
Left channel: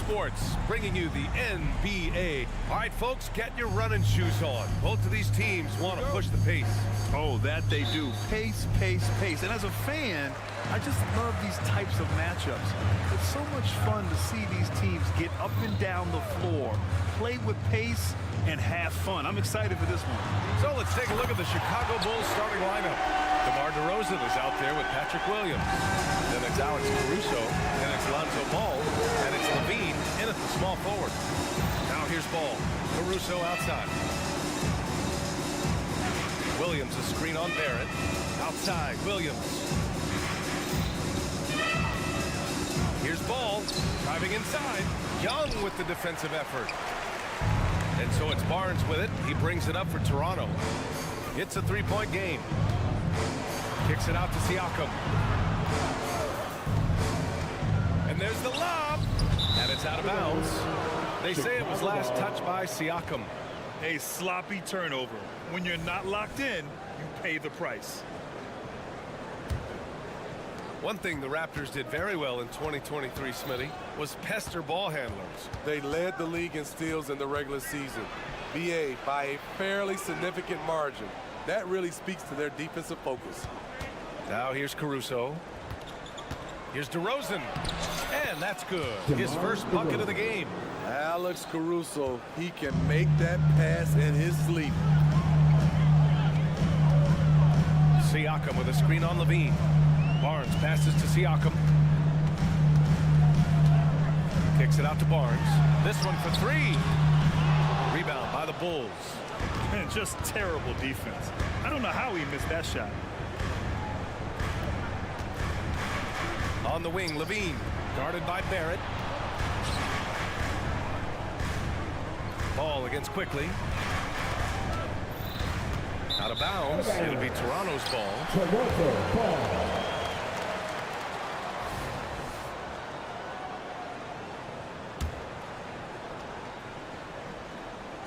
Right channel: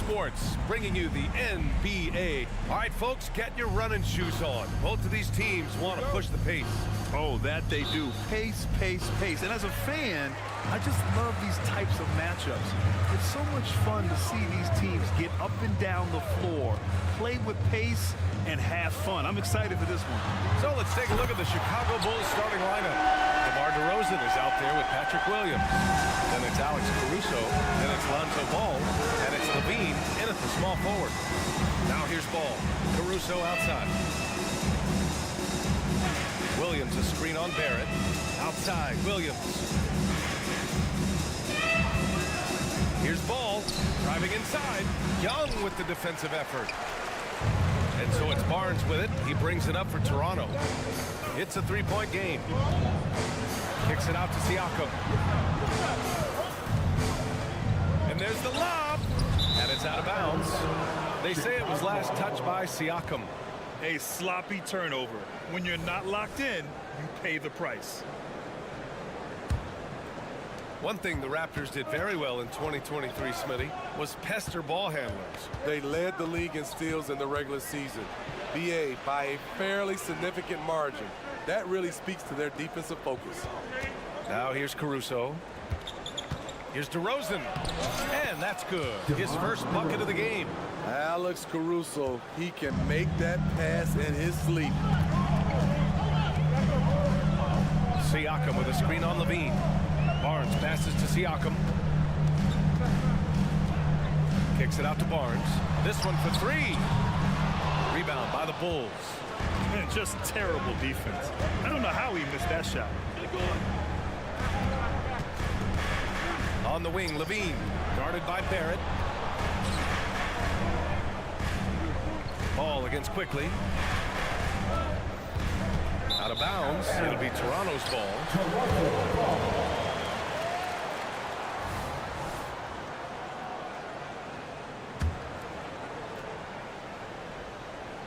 Sports, bringing you the NBA. All right, folks, get your running shoes on. Both of these teams want to push the pace. Oh, that they do. Pace, pace, pace. And as a fan, I just love these types of matchups. It's so much fun to see these teams get up and down the floor, play with pace, and have fun. I'm excited for this one. So let's take a look at the Chicago Bulls starting lineup. DeMar DeRozan is out there with Patrick Williams. Then it's Alex Caruso, then it's Lonzo Ball, and it's Levine in at the small forward. Now here's Ball. Caruso outside. Williams a screen on Barrett. Outside, Williams. Here's Ball, driving inside. Young with the defensive effort. And so it's Barnes with it. He brings it up for Toronto. It's a three-point game. Kicks it out to Siakam. And there's the lob. And it's out of bounds. They say it was last touched by Siakam. A sloppy turnover. When you're not locked in, you pay the price. One thing the Raptors did very well in 2023, Smitty, was pester ball handlers. They led the league in steals in the regular season. BA by a fairly significant margin. That really speaks to their defensive focus. Now here's Caruso. Here's DeRozan. And that's good. His first bucket of the game. Alex Caruso, he can make that pass in his sleep. Siakam with a screen on Levine. Barnes passes to Siakam. Kicks it out to Barnes. This one for three. Rebound by the Bulls. And just terrible defense. I don't know how he missed that shot. On the wing, Levine, guarded by Barrett. Ball against Quickly. Out of bounds. It'll be Toronto's ball.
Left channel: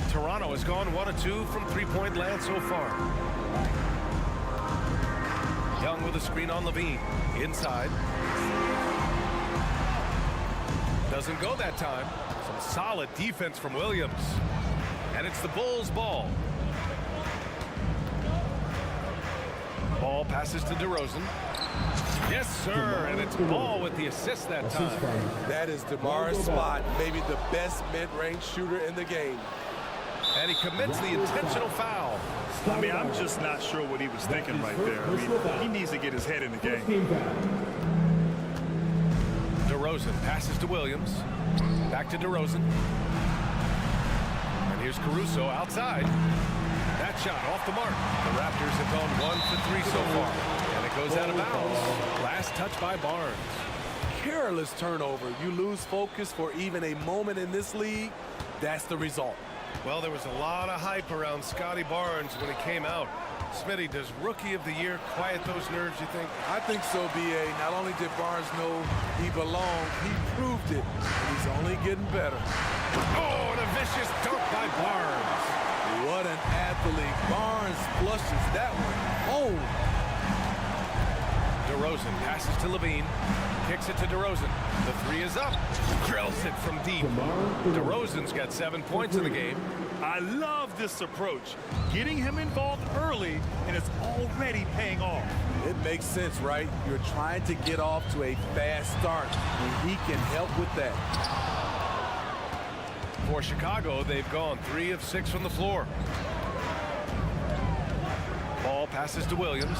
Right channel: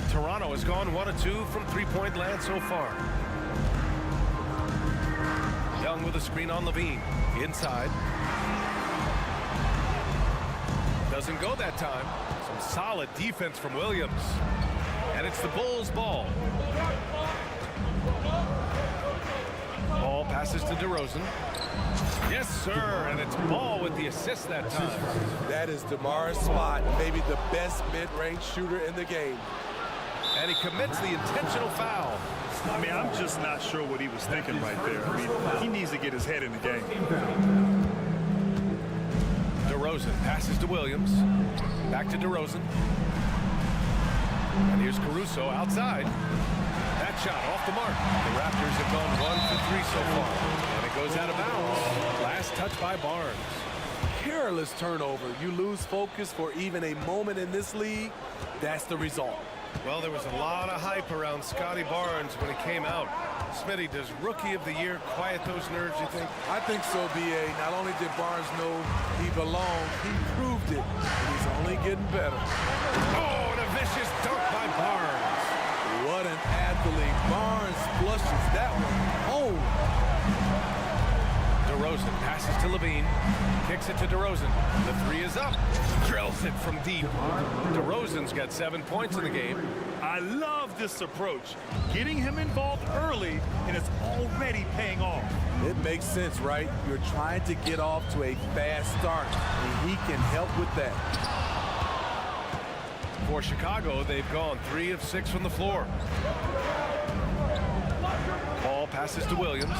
Toronto has gone 1 of 2 from three-point land so far. Young with a screen on Levine. Inside. Doesn't go that time. Some solid defense from Williams. And it's the Bulls' ball. Ball passes to DeRozan. Yes, sir, and it's Ball with the assist that time. That is DeMar's spot, maybe the best mid-range shooter in the game. And he commits the intentional foul. I mean, I'm just not sure what he was thinking right there. I mean, he needs to get his head in the game. DeRozan passes to Williams. Back to DeRozan. And here's Caruso outside. That shot off the mark. The Raptors have gone 1 for 3 so far. And it goes out of bounds. Last touch by Barnes. Careless turnover. You lose focus for even a moment in this league. That's the result. Well, there was a lot of hype around Scotty Barnes when he came out. Smitty, does Rookie of the Year quiet those nerves, you think? I think so, B.A. Not only did Barnes know he belonged, he proved it, and he's only getting better. Oh, and a vicious dunk by Barnes. What an athlete. Barnes flushes that one home. DeRozan passes to Levine. Kicks it to DeRozan. The three is up. Drills it from deep. DeRozan's got 7 points in the game. I love this approach. Getting him involved early, and it's already paying off. It makes sense, right? You're trying to get off to a fast start, and he can help with that. For Chicago, they've gone 3 of 6 from the floor. Ball passes to Williams.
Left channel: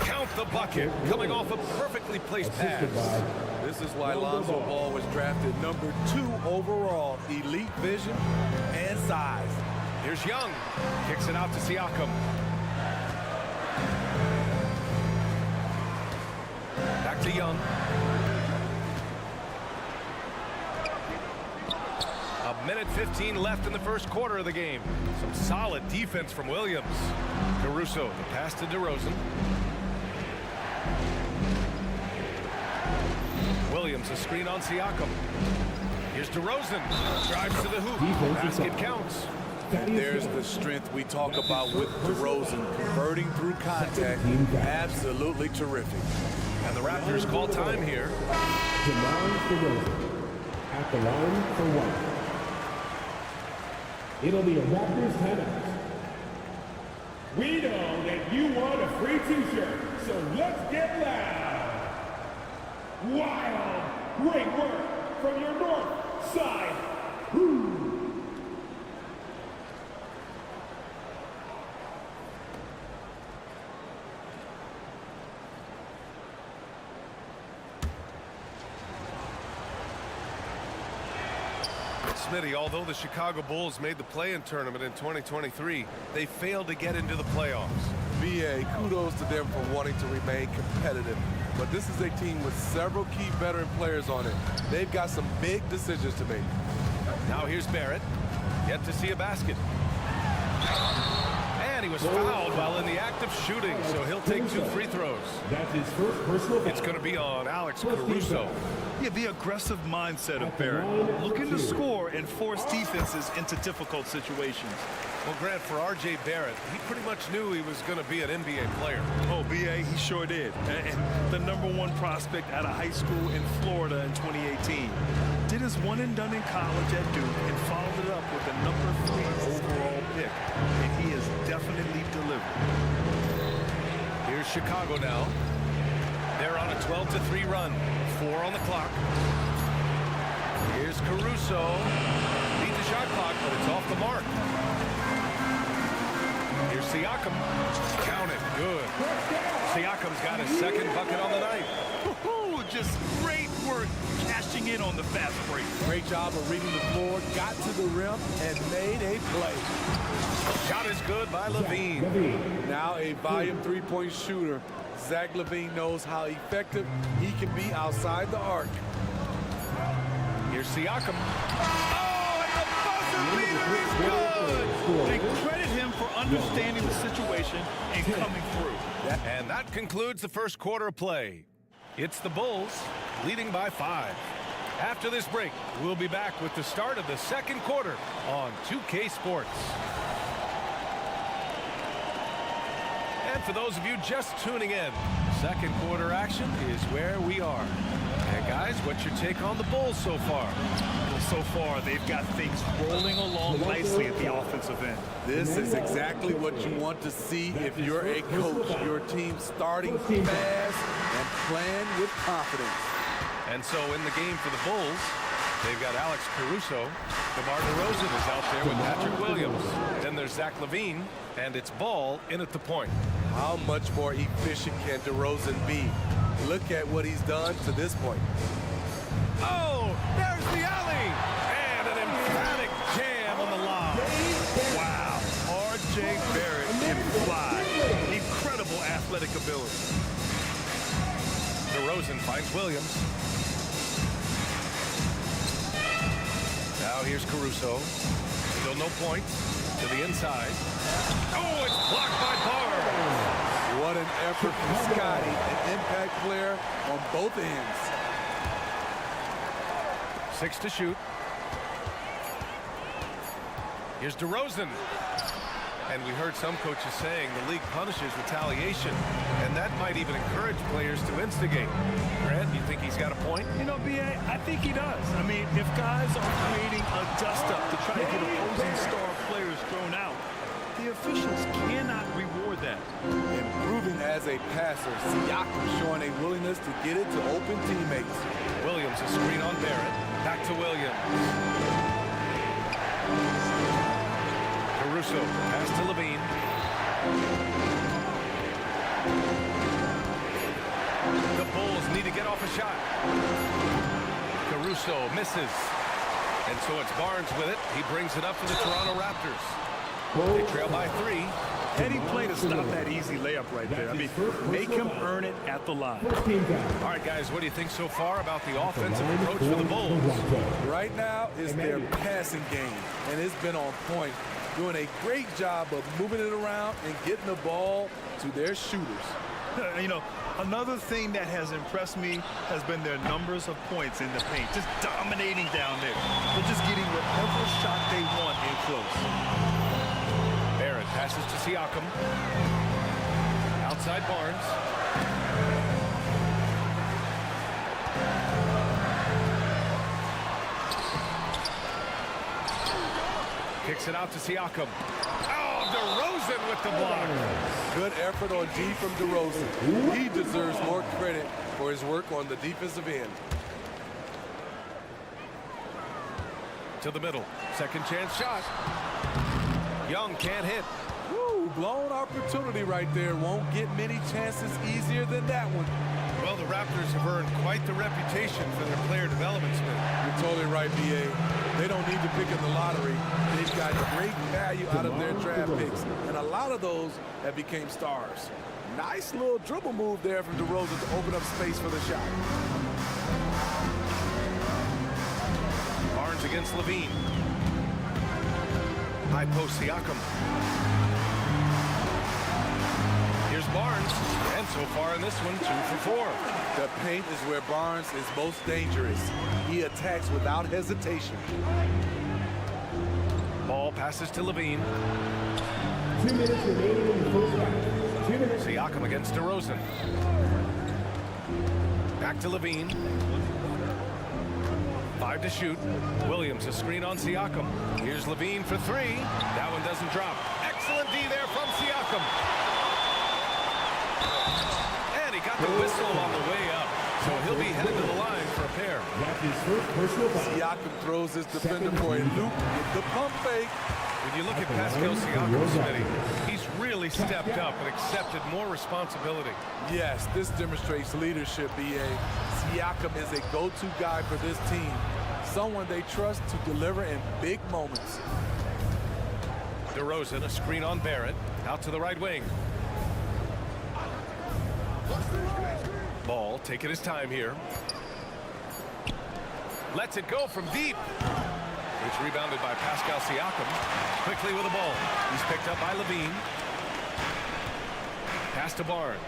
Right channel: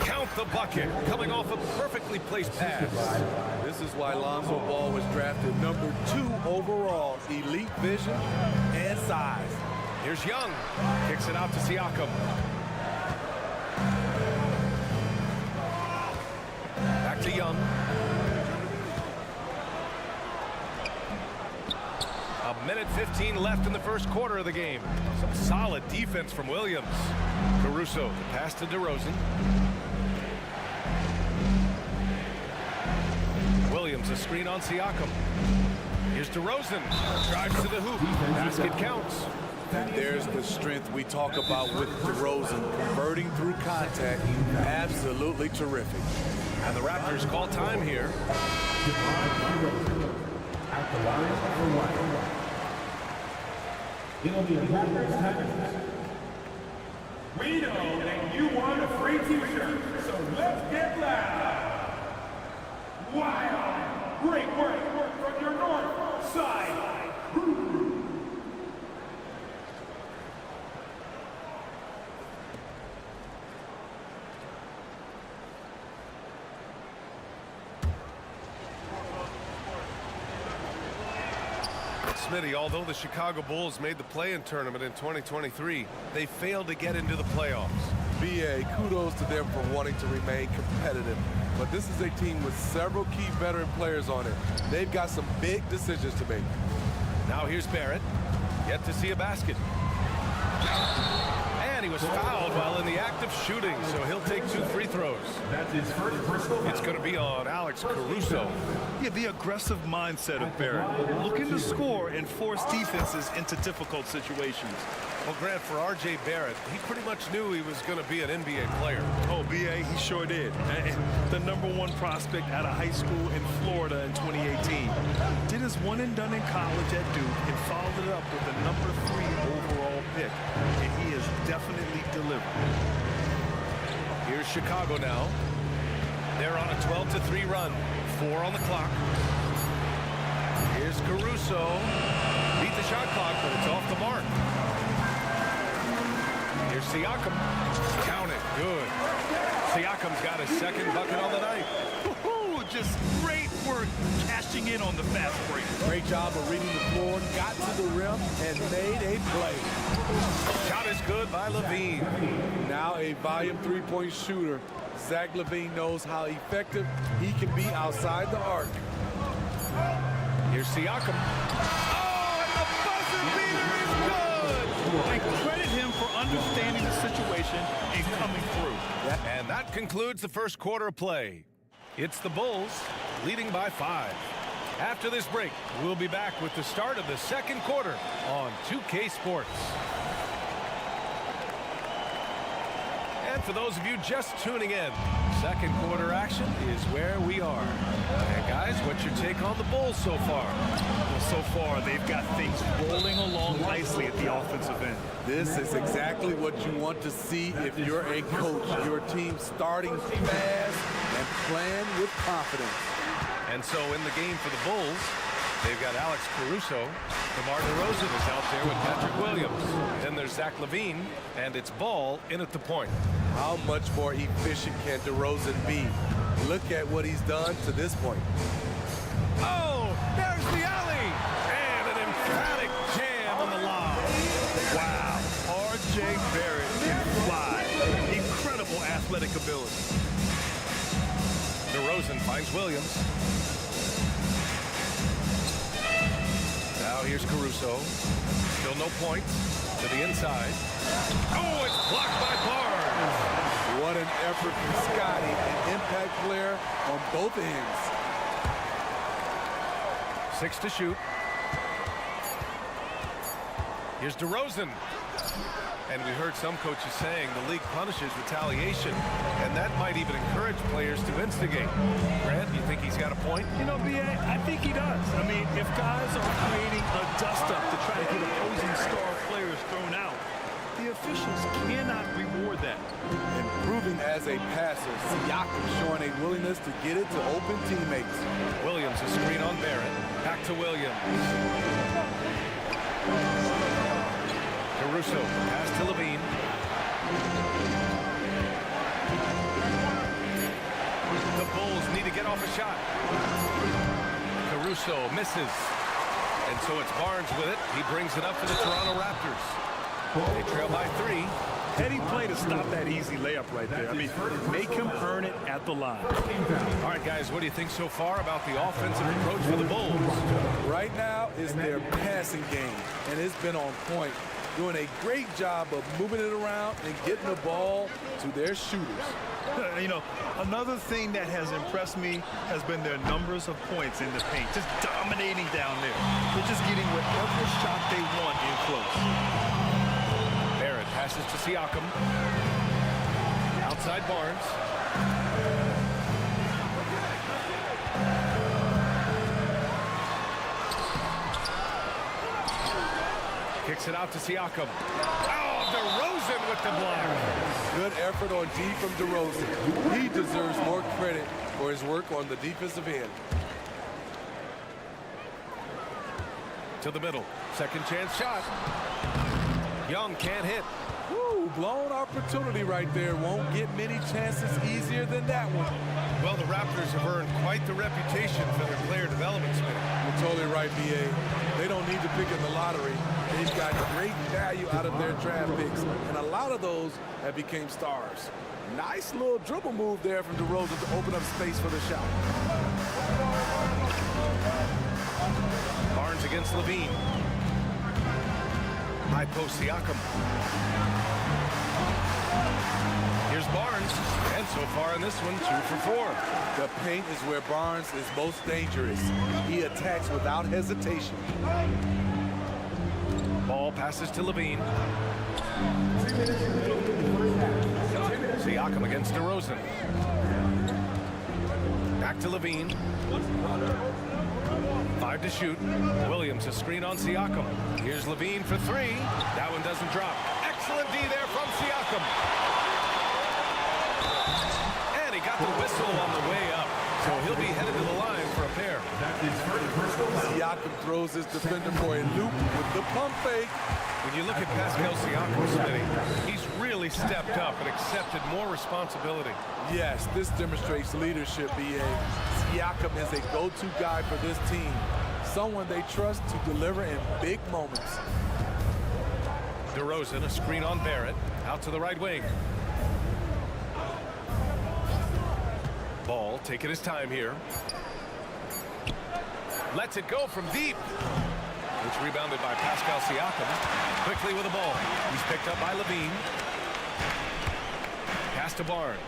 Count the bucket, coming off a perfectly placed pass. This is why Lonzo Ball was drafted number 2 overall. Elite vision and size. Here's Young. Kicks it out to Siakam. Back to Young. A minute 15 left in the first quarter of the game. Some solid defense from Williams. Caruso, the pass to DeRozan. Williams, a screen on Siakam. Here's DeRozan. Drives to the hoop. Basket counts. There's the strength we talk about with DeRozan. Converting through contact. Absolutely terrific. And the Raptors call time here. At the line for one. It'll be a Raptors timeout. We know that you want a free t-shirt, so let's get loud. Wild, great work from your north side. Woo. Smitty, although the Chicago Bulls made the play-in tournament in 2023, they failed to get into the playoffs. B.A., kudos to them for wanting to remain competitive. But this is a team with several key veteran players on it. They've got some big decisions to make. Now here's Barrett. Yet to see a basket. And he was fouled while in the act of shooting, so he'll take 2 free throws. That's his first personal foul. It's going to be on Alex Caruso. Yeah, the aggressive mindset of Barrett, looking to score and force defenses into difficult situations. Well, Grant, for R.J. Barrett, he pretty much knew he was going to be an NBA player. Oh, B.A., he sure did. And the #1 prospect out of high school in Florida in 2018. Did his one and done in college at Duke and followed it up with the #3 overall pick. And he has definitely delivered. Here's Chicago now. They're on a 12-3 run. 4 on the clock. Here's Caruso. Beat the shot clock, but it's off the mark. Here's Siakam. Count it. Good. Siakam's got his second bucket on the night. Just great work cashing in on the fast break. Great job of reading the floor, got to the rim, and made a play. Shot is good by Levine. Now a volume 3-point shooter. Zach LaVine knows how effective he can be outside the arc. Here's Siakam. Oh, and the buzzer beater is good! They credit him for understanding the situation and coming through. And that concludes the first quarter of play. It's the Bulls leading by 5. After this break, we'll be back with the start of the second quarter on 2K Sports. And for those of you just tuning in, second quarter action is where we are. And guys, what's your take on the Bulls so far? Well, so far, they've got things rolling along nicely at the offensive end. This is exactly what you want to see if you're a coach. Your team starting fast and playing with confidence. And so in the game for the Bulls, they've got Alex Caruso. DeMar DeRozan is out there with Patrick Williams. Then there's Zach LaVine, and it's Ball in at the point. How much more efficient can DeRozan be? Look at what he's done to this point. Oh, there's the alley! And an emphatic jam on the lob. Wow, R.J. Barrett can fly. Incredible athletic ability. DeRozan finds Williams. Now here's Caruso. Still no points. To the inside. Oh, it's blocked by Barnes. What an effort from Scotty, an impact player on both ends. 6 to shoot. Here's DeRozan. And we heard some coaches saying the league punishes retaliation, and that might even encourage players to instigate. Grant, you think he's got a point? You know, B.A., I think he does. I mean, if guys are creating a dust-up to try to get opposing star players thrown out, the officials cannot reward that. Improving as a passer, Siakam showing a willingness to get it to open teammates. Williams, a screen on Barrett. Back to Williams. Caruso, pass to Levine. The Bulls need to get off a shot. Caruso misses. And so it's Barnes with it. He brings it up for the Toronto Raptors. They trail by 3. Heady play to stop that easy layup right there. I mean, make him earn it at the line. All right, guys, what do you think so far about the offensive approach for the Bulls? Right now is their passing game, and it's been on point. Doing a great job of moving it around and getting the ball to their shooters. You know, another thing that has impressed me has been their numbers of points in the paint. Just dominating down there. They're just getting whatever shot they want in close. Barrett passes to Siakam. Outside Barnes. Kicks it out to Siakam. Oh, DeRozan with the block. Good effort on D from DeRozan. He deserves more credit for his work on the defensive end. To the middle. Second chance shot. Young can't hit. Woo, blown opportunity right there. Won't get many chances easier than that one. Well, the Raptors have earned quite the reputation for their player development spin. You're totally right, B.A. They don't need to pick in the lottery. They've got great value out of their draft picks, and a lot of those have become stars. Nice little dribble move there from DeRozan to open up space for the shot. Barnes against Levine. High post Siakam. Here's Barnes, and so far in this one, 2 for 4. The paint is where Barnes is most dangerous. He attacks without hesitation. Ball passes to Levine. Siakam against DeRozan. Back to Levine. 5 to shoot. Williams a screen on Siakam. Here's Levine for 3. That one doesn't drop. Excellent D there from Siakam. And he got the whistle on the way up. So he'll be headed to the line for a pair. That's his first personal foul. Siakam throws his defender for a loop with the pump fake. When you look at Pascal Siakam, Smitty, he's really stepped up and accepted more responsibility. Yes, this demonstrates leadership, B.A. Siakam is a go-to guy for this team. Someone they trust to deliver in big moments. DeRozan, a screen on Barrett. Out to the right wing. Ball taking his time here. Lets it go from deep. It's rebounded by Pascal Siakam. Quickly with the ball. He's picked up by Levine. Pass to Barnes.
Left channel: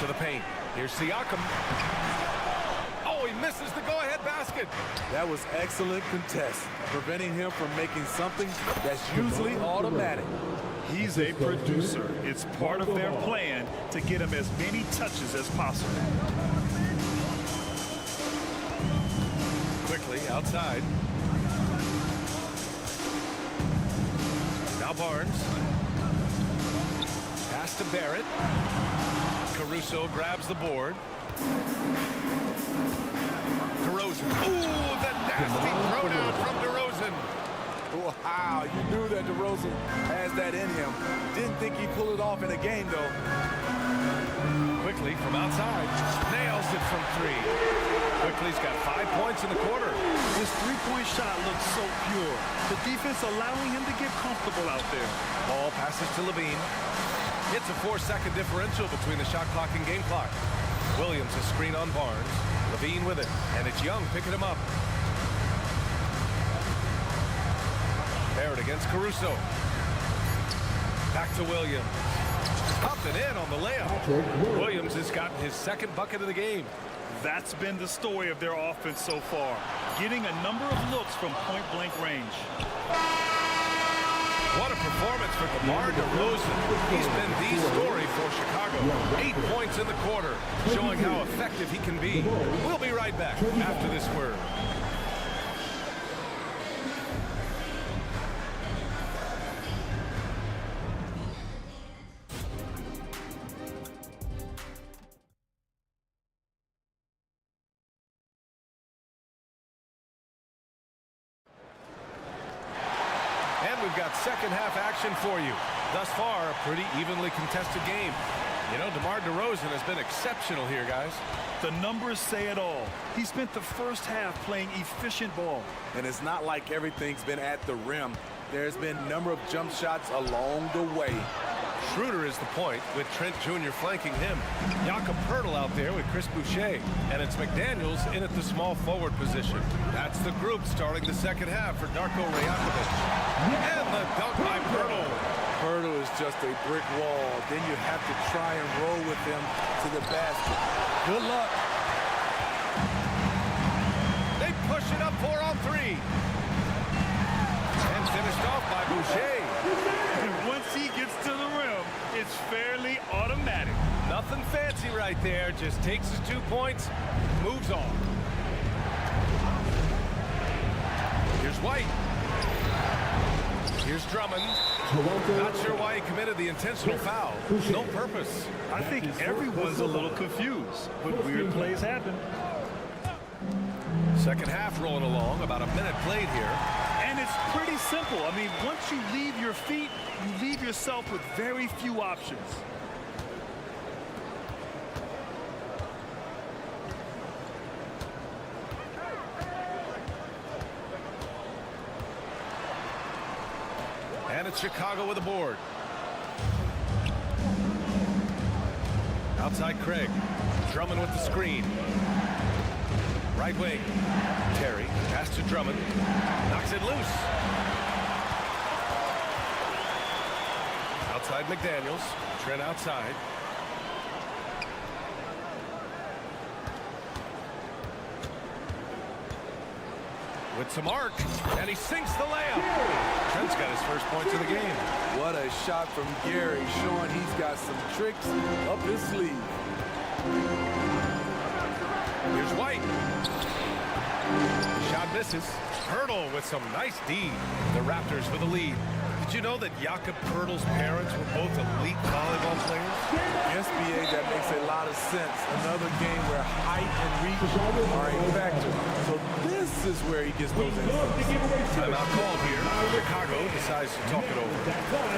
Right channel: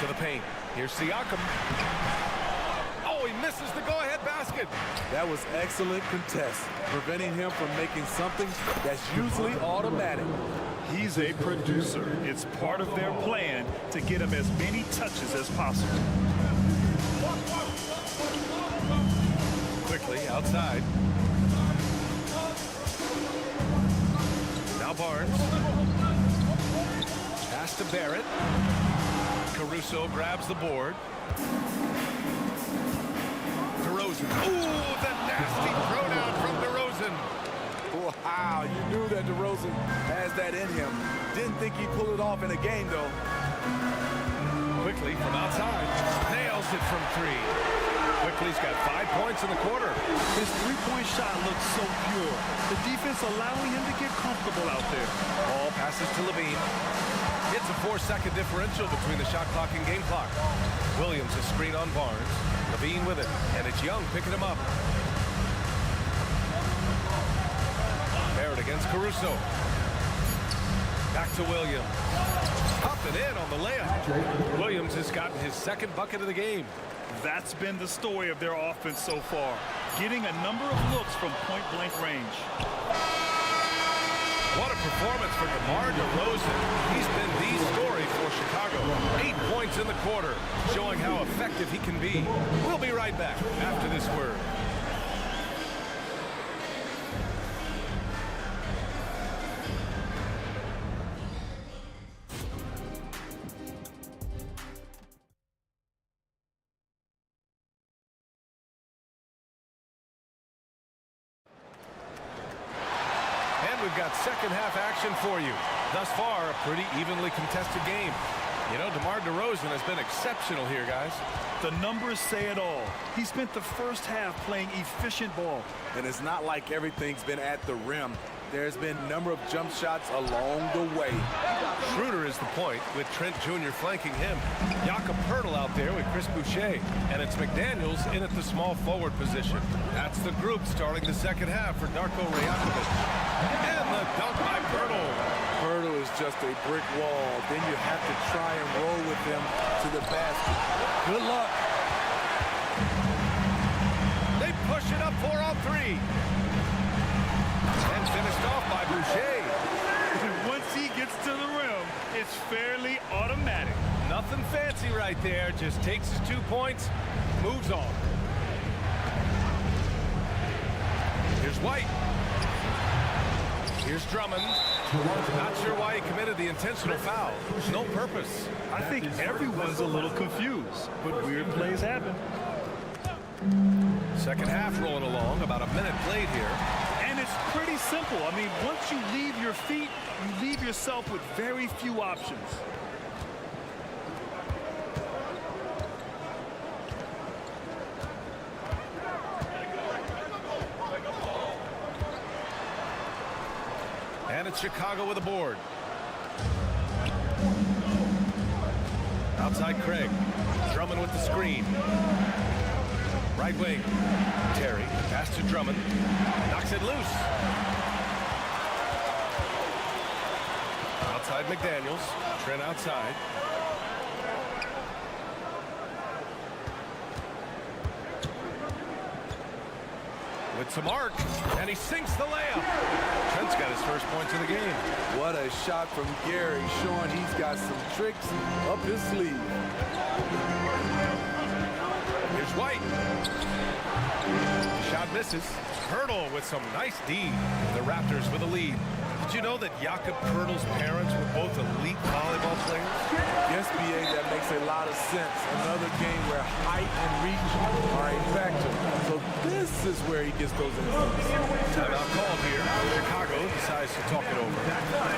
To the paint. Here's Siakam. Oh, he misses the go-ahead basket. That was excellent contest, preventing him from making something that's usually automatic. He's a producer. It's part of their plan to get him as many touches as possible. Quickly outside. Now Barnes. Pass to Barrett. Caruso grabs the board. DeRozan. Ooh, the nasty throwdown from DeRozan. Wow, you knew that DeRozan has that in him. Didn't think he'd pull it off in a game, though. Quickly from outside. Nails it from 3. Quickly's got 5 points in the quarter. His three-point shot looks so pure. The defense allowing him to get comfortable out there. Ball passes to Levine. It's a 4-second differential between the shot clock and game clock. Williams a screen on Barnes. Levine with it, and it's Young picking him up. Barrett against Caruso. Back to Williams. Up and in on the layup. Williams has gotten his second bucket of the game. That's been the story of their offense so far, getting a number of looks from point-blank range. What a performance for DeMar DeRozan. He's been the story for Chicago. 8 points in the quarter, showing how effective he can be. We'll be right back after this word. And we've got second half action for you. Thus far, a pretty evenly contested game. You know, DeMar DeRozan has been exceptional here, guys. The numbers say it all. He spent the first half playing efficient ball. And it's not like everything's been at the rim. There's been a number of jump shots along the way. Schroeder is the point, with Trent Jr. flanking him. Jakob Poeltl out there with Chris Boucher. And it's McDaniels in at the small forward position. That's the group starting the second half for Darko Rajakovic. And the dunk by Poeltl. Poeltl is just a brick wall. Then you have to try and roll with him to the basket. Good luck. They push it up 4-on-3. And finished off by Boucher. And once he gets to the rim, it's fairly automatic. Nothing fancy right there. Just takes his 2 points, moves on. Here's White. Here's Drummond. Not sure why he committed the intentional foul. No purpose. I think everyone's a little confused, but weird plays happen. Second half rolling along, about a minute played here. And it's pretty simple. I mean, once you leave your feet, you leave yourself with very few options. And it's Chicago with a board. Outside Craig. Drummond with the screen. Right wing. Terry. Pass to Drummond. Knocks it loose. Outside McDaniels. Trent outside. With some arc, and he sinks the layup. Trent's got his first points of the game. What a shot from Gary, showing he's got some tricks up his sleeve. Here's White. The shot misses. Pirtle with some nice D. The Raptors with a lead. Did you know that Jakob Pirtle's parents were both elite volleyball players? Yes, B.A., that makes a lot of sense. Another game where height and reach are a factor. So this is where he gets those instincts. Timeout called here. Chicago decides to talk it over.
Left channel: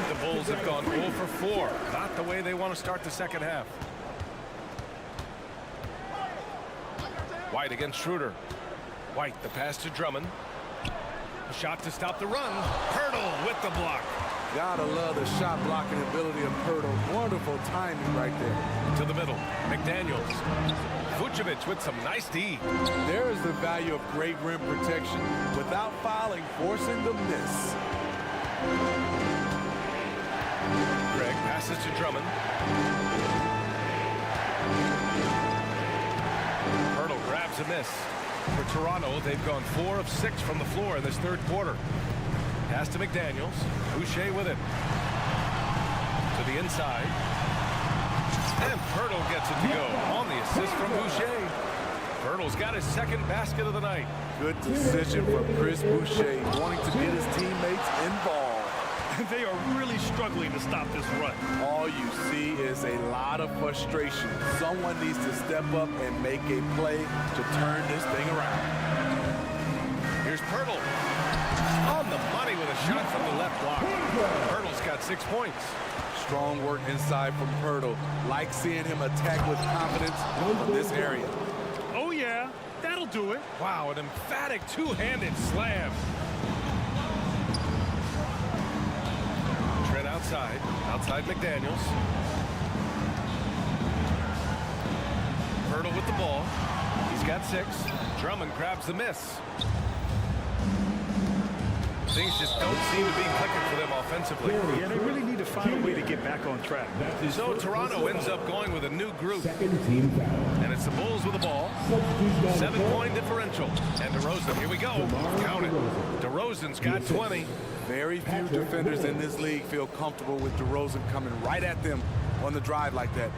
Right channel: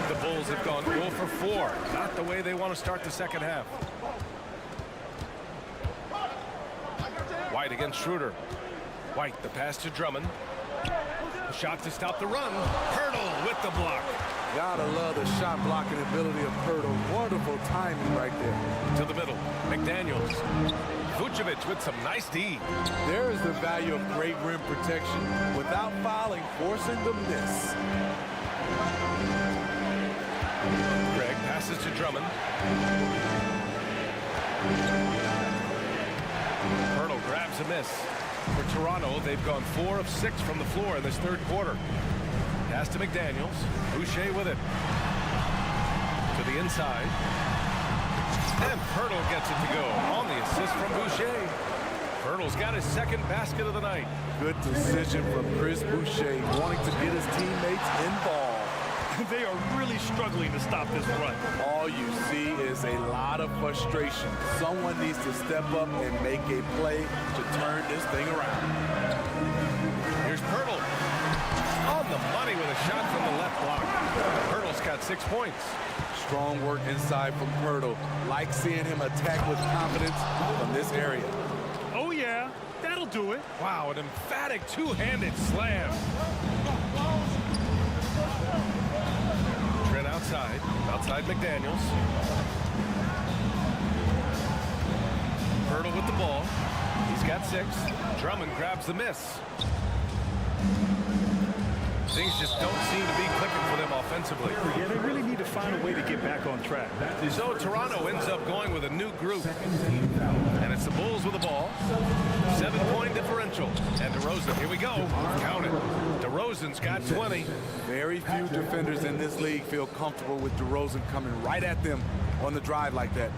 The Bulls have gone 0 for 4. Not the way they want to start the second half. White against Schroeder. White, the pass to Drummond. A shot to stop the run. Pirtle with the block. Gotta love the shot blocking ability of Pirtle. Wonderful timing right there. To the middle. McDaniels. Vucevic with some nice D. There is the value of great rim protection without fouling, forcing the miss. Greg passes to Drummond. Pirtle grabs a miss. For Toronto, they've gone 4 of 6 from the floor in this third quarter. Pass to McDaniels. Boucher with it. To the inside. And Pirtle gets it to go on the assist from Boucher. Pirtle's got his second basket of the night. Good decision from Chris Boucher, wanting to get his teammates involved. They are really struggling to stop this run. All you see is a lot of frustration. Someone needs to step up and make a play to turn this thing around. Here's Pirtle. On the money with a shot from the left block. Pirtle's got 6 points. Strong work inside from Pirtle. Like seeing him attack with confidence from this area. Oh, yeah. That'll do it. Wow, an emphatic two-handed slam. Trent outside. Outside McDaniels. Pirtle with the ball. He's got 6. Drummond grabs the miss. Things just don't seem to be clicking for them offensively. Yeah, they really need to find a way to get back on track. So Toronto ends up going with a new group. And it's the Bulls with the ball. 7-point differential. And DeRozan, here we go. Count it. DeRozan's got 20. Very few defenders in this league feel comfortable with DeRozan coming right at them on the drive like that.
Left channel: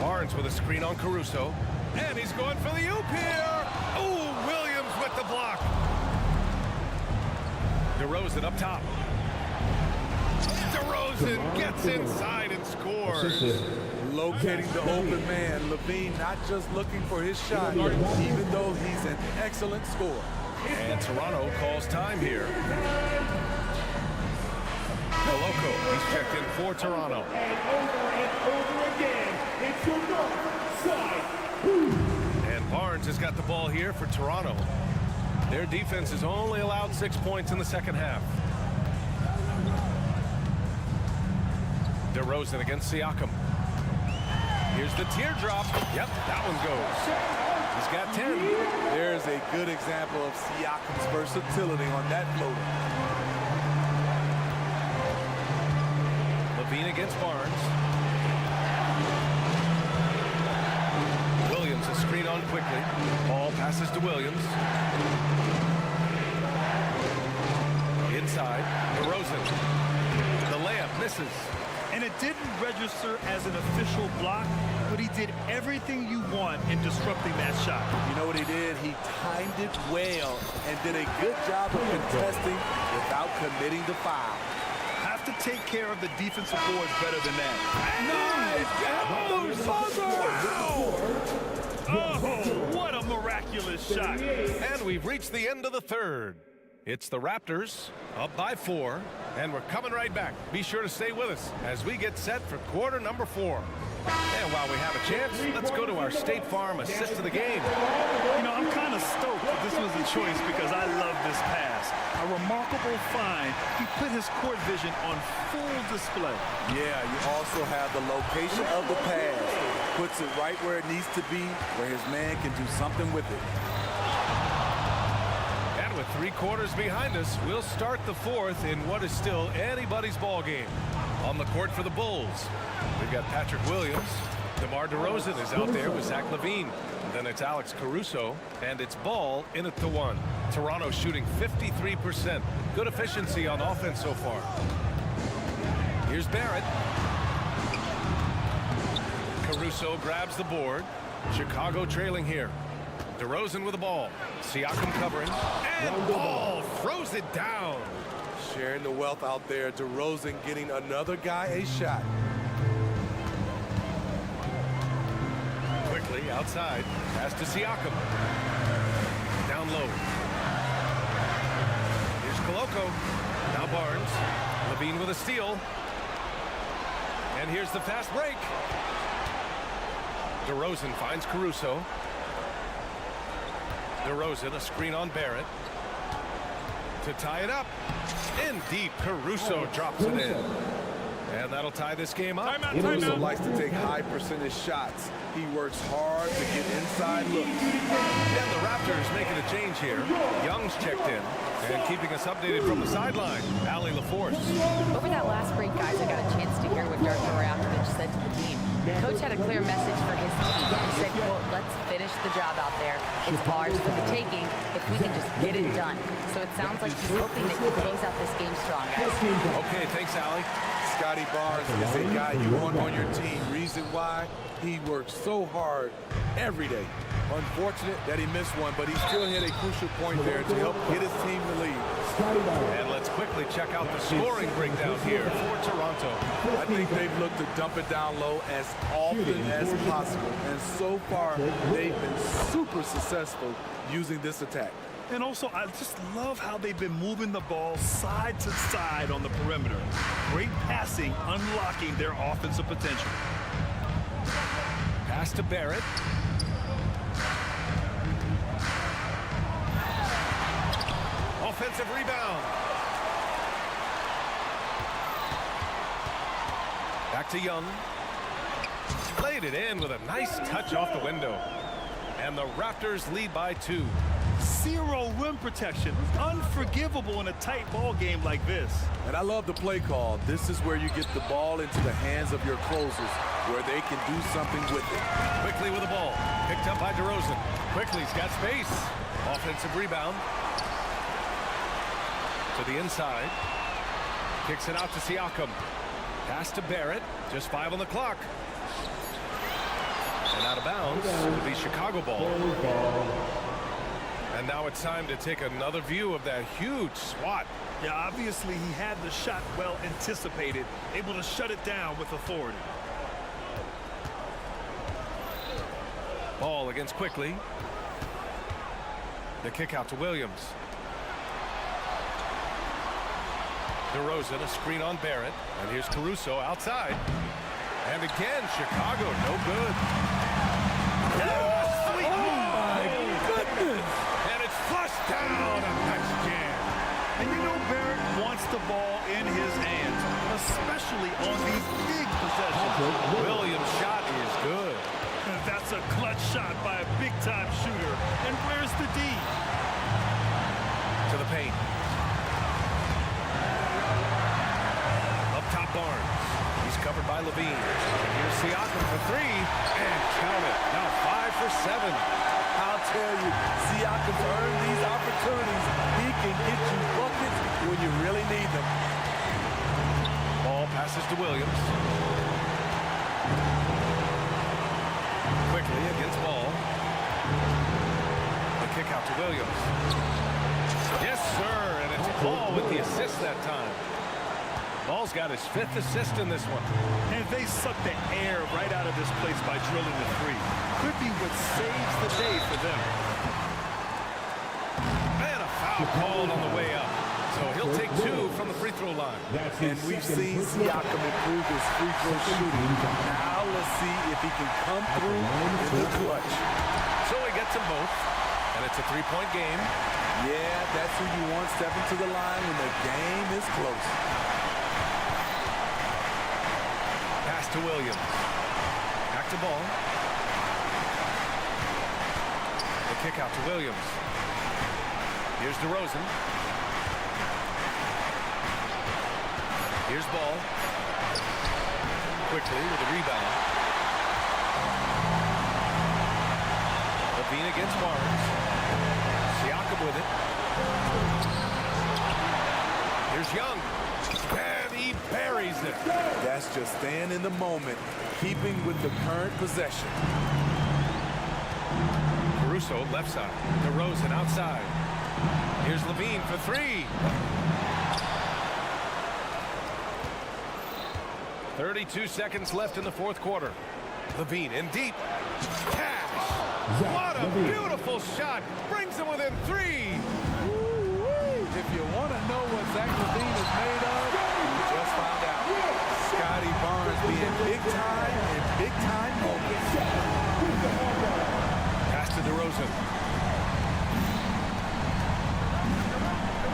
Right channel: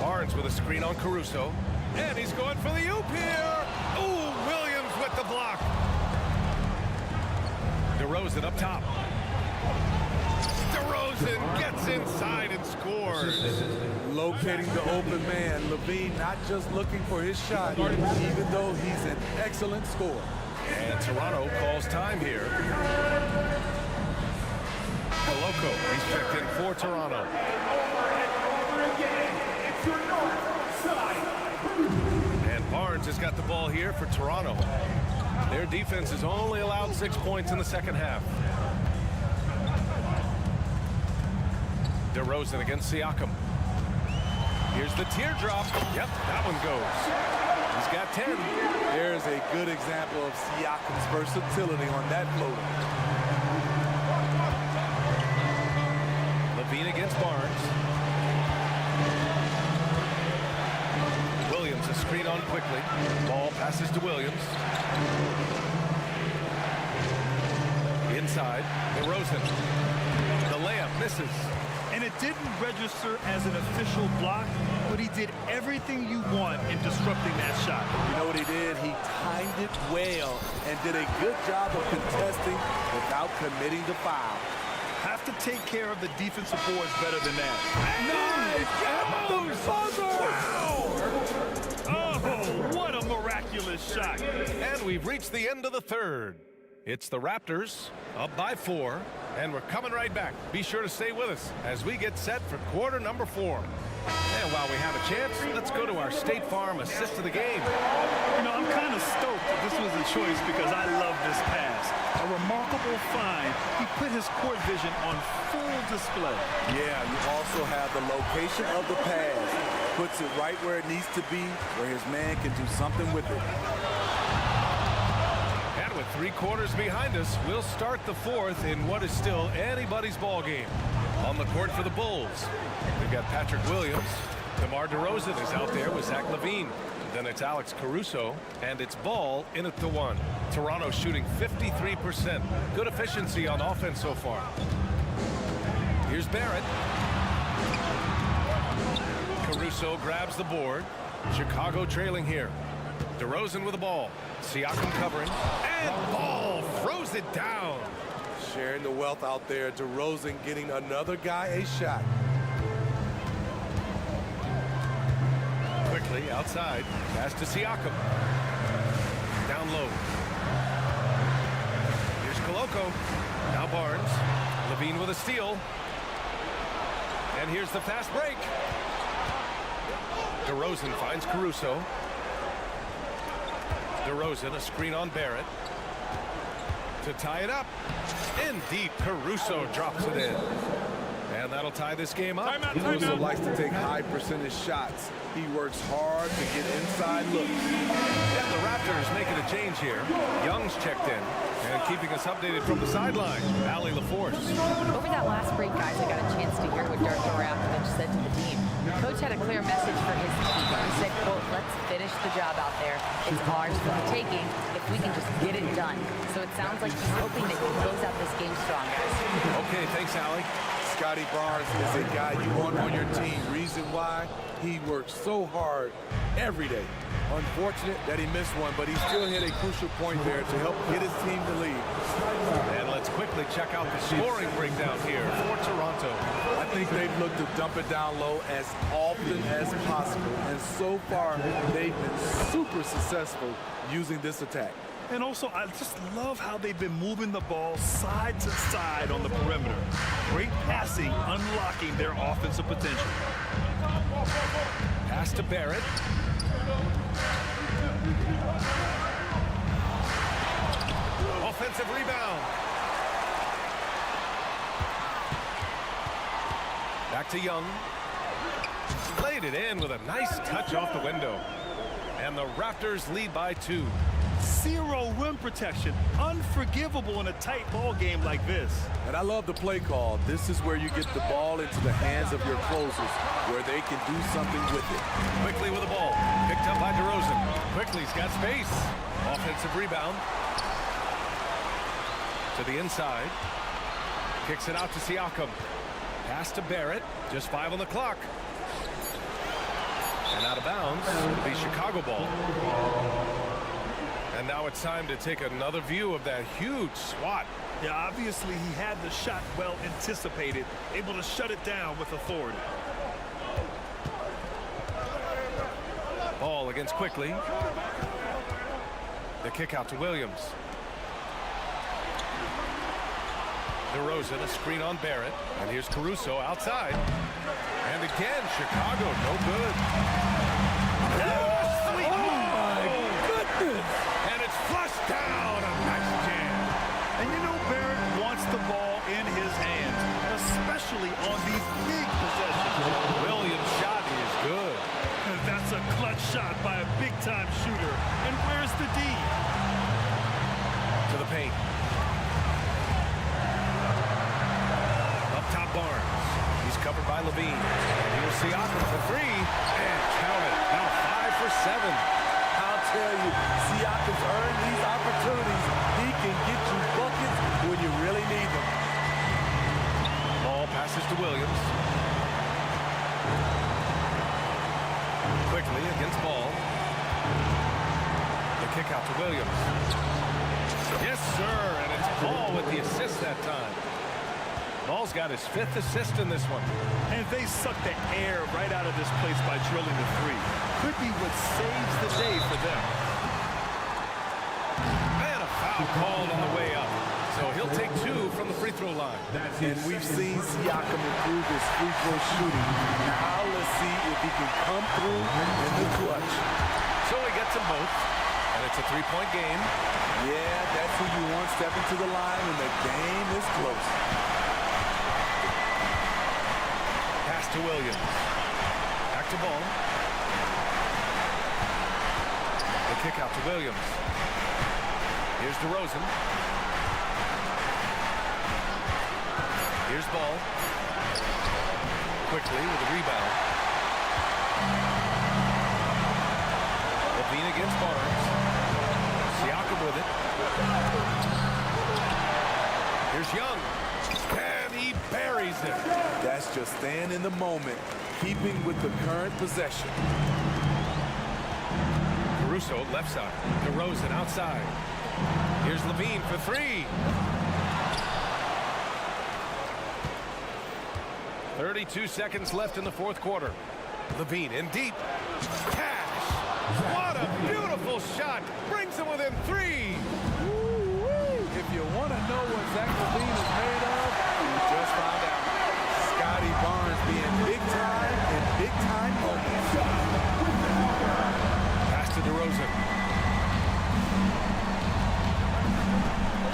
Barnes with a screen on Caruso. And he's going for the oop here. Ooh, Williams with the block. DeRozan up top. DeRozan gets inside and scores. Locating the open man. Levine not just looking for his shot, even though he's an excellent scorer. And Toronto calls time here. Koloko, he's checked in for Toronto. And over again, it's your north side. And Barnes has got the ball here for Toronto. Their defense has only allowed 6 points in the second half. DeRozan against Siakam. Here's the teardrop. Yep, that one goes. He's got 10. There's a good example of Siakam's versatility on that floater. Levine against Barnes. Williams, a screen on quickly. Ball passes to Williams. Inside, DeRozan. The layup misses. And it didn't register as an official block, but he did everything you want in disrupting that shot. You know what he did? He timed it well and did a good job of contesting without committing the foul. Have to take care of the defensive boards better than that. Nice! Wow! Oh, what a miraculous shot. And we've reached the end of the third. It's the Raptors up by 4, and we're coming right back. Be sure to stay with us as we get set for quarter number 4. And while we have a chance, let's go to our State Farm assist of the game. You know, I'm kind of stoked that this was a choice because I love this pass. A remarkable find. He put his court vision on full display. Yeah, you also have the location of the pass. Puts it right where it needs to be, where his man can do something with it. And with 3 quarters behind us, we'll start the 4th in what is still anybody's ball game. On the court for the Bulls, we've got Patrick Williams. DeMar DeRozan is out there with Zach LaVine. Then it's Alex Caruso, and it's Ball in at the 1. Toronto shooting 53%. Good efficiency on offense so far. Here's Barrett. Caruso grabs the board. Chicago trailing here. DeRozan with the ball. Siakam covering. And Ball throws it down. Sharing the wealth out there. DeRozan getting another guy a shot. Quickly outside. Pass to Siakam. Down low. Here's Koloko. Now Barnes. LaVine with a steal. And here's the fast break. DeRozan finds Caruso. DeRozan, a screen on Barrett. To tie it up. In deep, Caruso drops it in. And that'll tie this game up. Caruso likes to take high percentage shots. He works hard to get inside looks. And the Raptors making a change here. Young's checked in. And keeping us updated from the sideline, Allie LaForce. Over that last break, guys, I got a chance to hear what Darko Rakovic said to the team. Coach had a clear message for his team. He said, quote, let's finish the job out there. It's ours for the taking if we can just get it done. So it sounds like he's hoping that you close out this game strong, guys. Okay, thanks, Allie. Scotty Barnes is a guy you want on your team. Reason why? He works so hard every day. Unfortunate that he missed one, but he still hit a crucial point there to help get his team the lead. And let's quickly check out the scoring breakdown here for Toronto. I think they've looked to dump it down low as often as possible, and so far they've been super successful using this attack. And also, I just love how they've been moving the ball side to side on the perimeter. Great passing, unlocking their offensive potential. Pass to Barrett. Offensive rebound. Back to Young. Laid it in with a nice touch off the window. And the Raptors lead by 2. 0 rim protection. Unforgivable in a tight ball game like this. And I love the play call. This is where you get the ball into the hands of your closers, where they can do something with it. Quickly with the ball. Picked up by DeRozan. Quickly's got space. Offensive rebound. To the inside. Kicks it out to Siakam. Pass to Barrett. Just 5 on the clock. And out of bounds. It'll be Chicago ball. And now it's time to take another view of that huge swat. Yeah, obviously he had the shot well anticipated, able to shut it down with authority. Ball against Quickly. The kick out to Williams. DeRozan, a screen on Barrett. And here's Caruso outside. And again, Chicago, no good. Oh, sweet. Oh, my goodness. And it's flushed down. A nice jam. And you know Barrett wants the ball in his hands, especially on these big possessions. Williams' shot is good. That's a clutch shot by a big-time shooter. And where's the D? To the paint. Up top, Barnes. He's covered by LaVine. And here's Siakam for 3. And count it. Now 5 for 7. I'll tell you, Siakam's earned these opportunities. He can get you buckets when you really need them. Ball passes to Williams. Quickly against Ball. The kick out to Williams. Yes, sir, and it's Ball with the assist that time. Ball's got his 5th assist in this one. And they suck the air right out of this place by drilling the three. Could be what saves the day for them. And a foul called on the way up. So he'll take 2 from the free throw line. And we've seen Siakam improve his free throw shooting. Now let's see if he can come through in the clutch. So he gets them both, and it's a 3-point game. Yeah, that's who you want stepping to the line when the game is close. Pass to Williams. Back to Ball. The kick out to Williams. Here's DeRozan. Here's Ball. Quickly with a rebound. Levine against Barnes. Siakam with it. Here's Young. And he buries it. That's just staying in the moment, keeping with the current possession. Caruso left side. DeRozan outside. Here's Levine for 3. 32 seconds left in the 4th quarter. Levine in deep. Cash. What a beautiful shot. Brings them within 3. If you want to know what Zach LaVine is made of, you just found out. Scotty Barnes being big time in big time moments. Pass to DeRozan.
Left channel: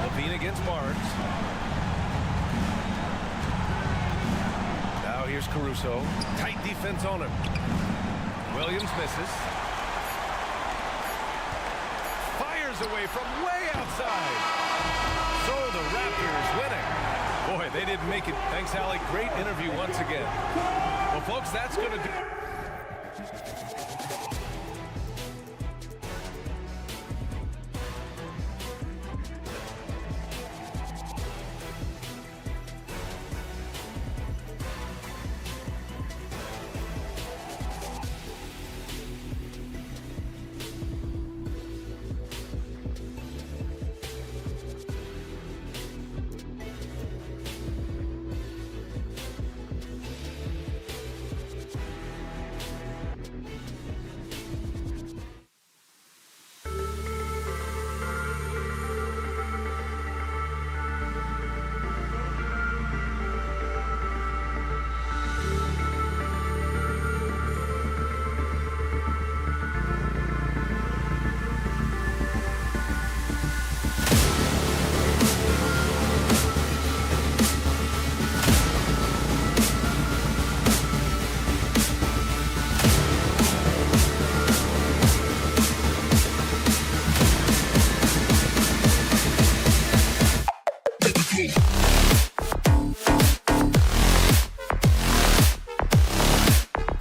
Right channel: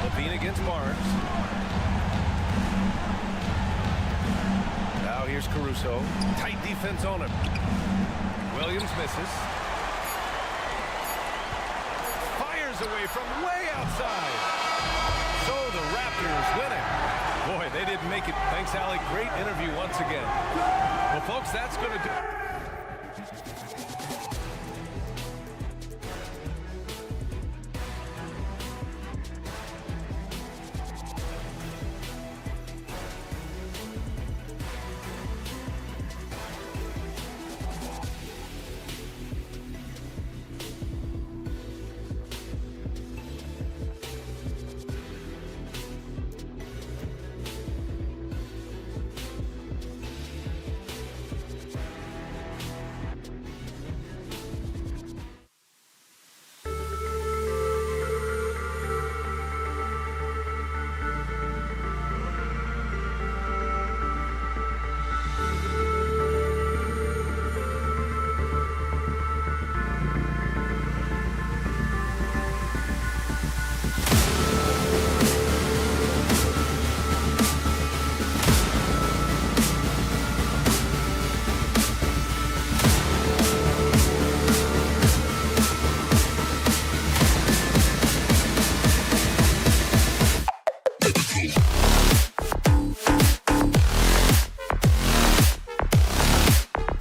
Levine against Barnes. Now here's Caruso. Tight defense on him. Williams misses. Fires away from way outside. So the Raptors winning. Boy, they didn't make it. Thanks, Allie. Great interview once again. Well, folks, that's going to do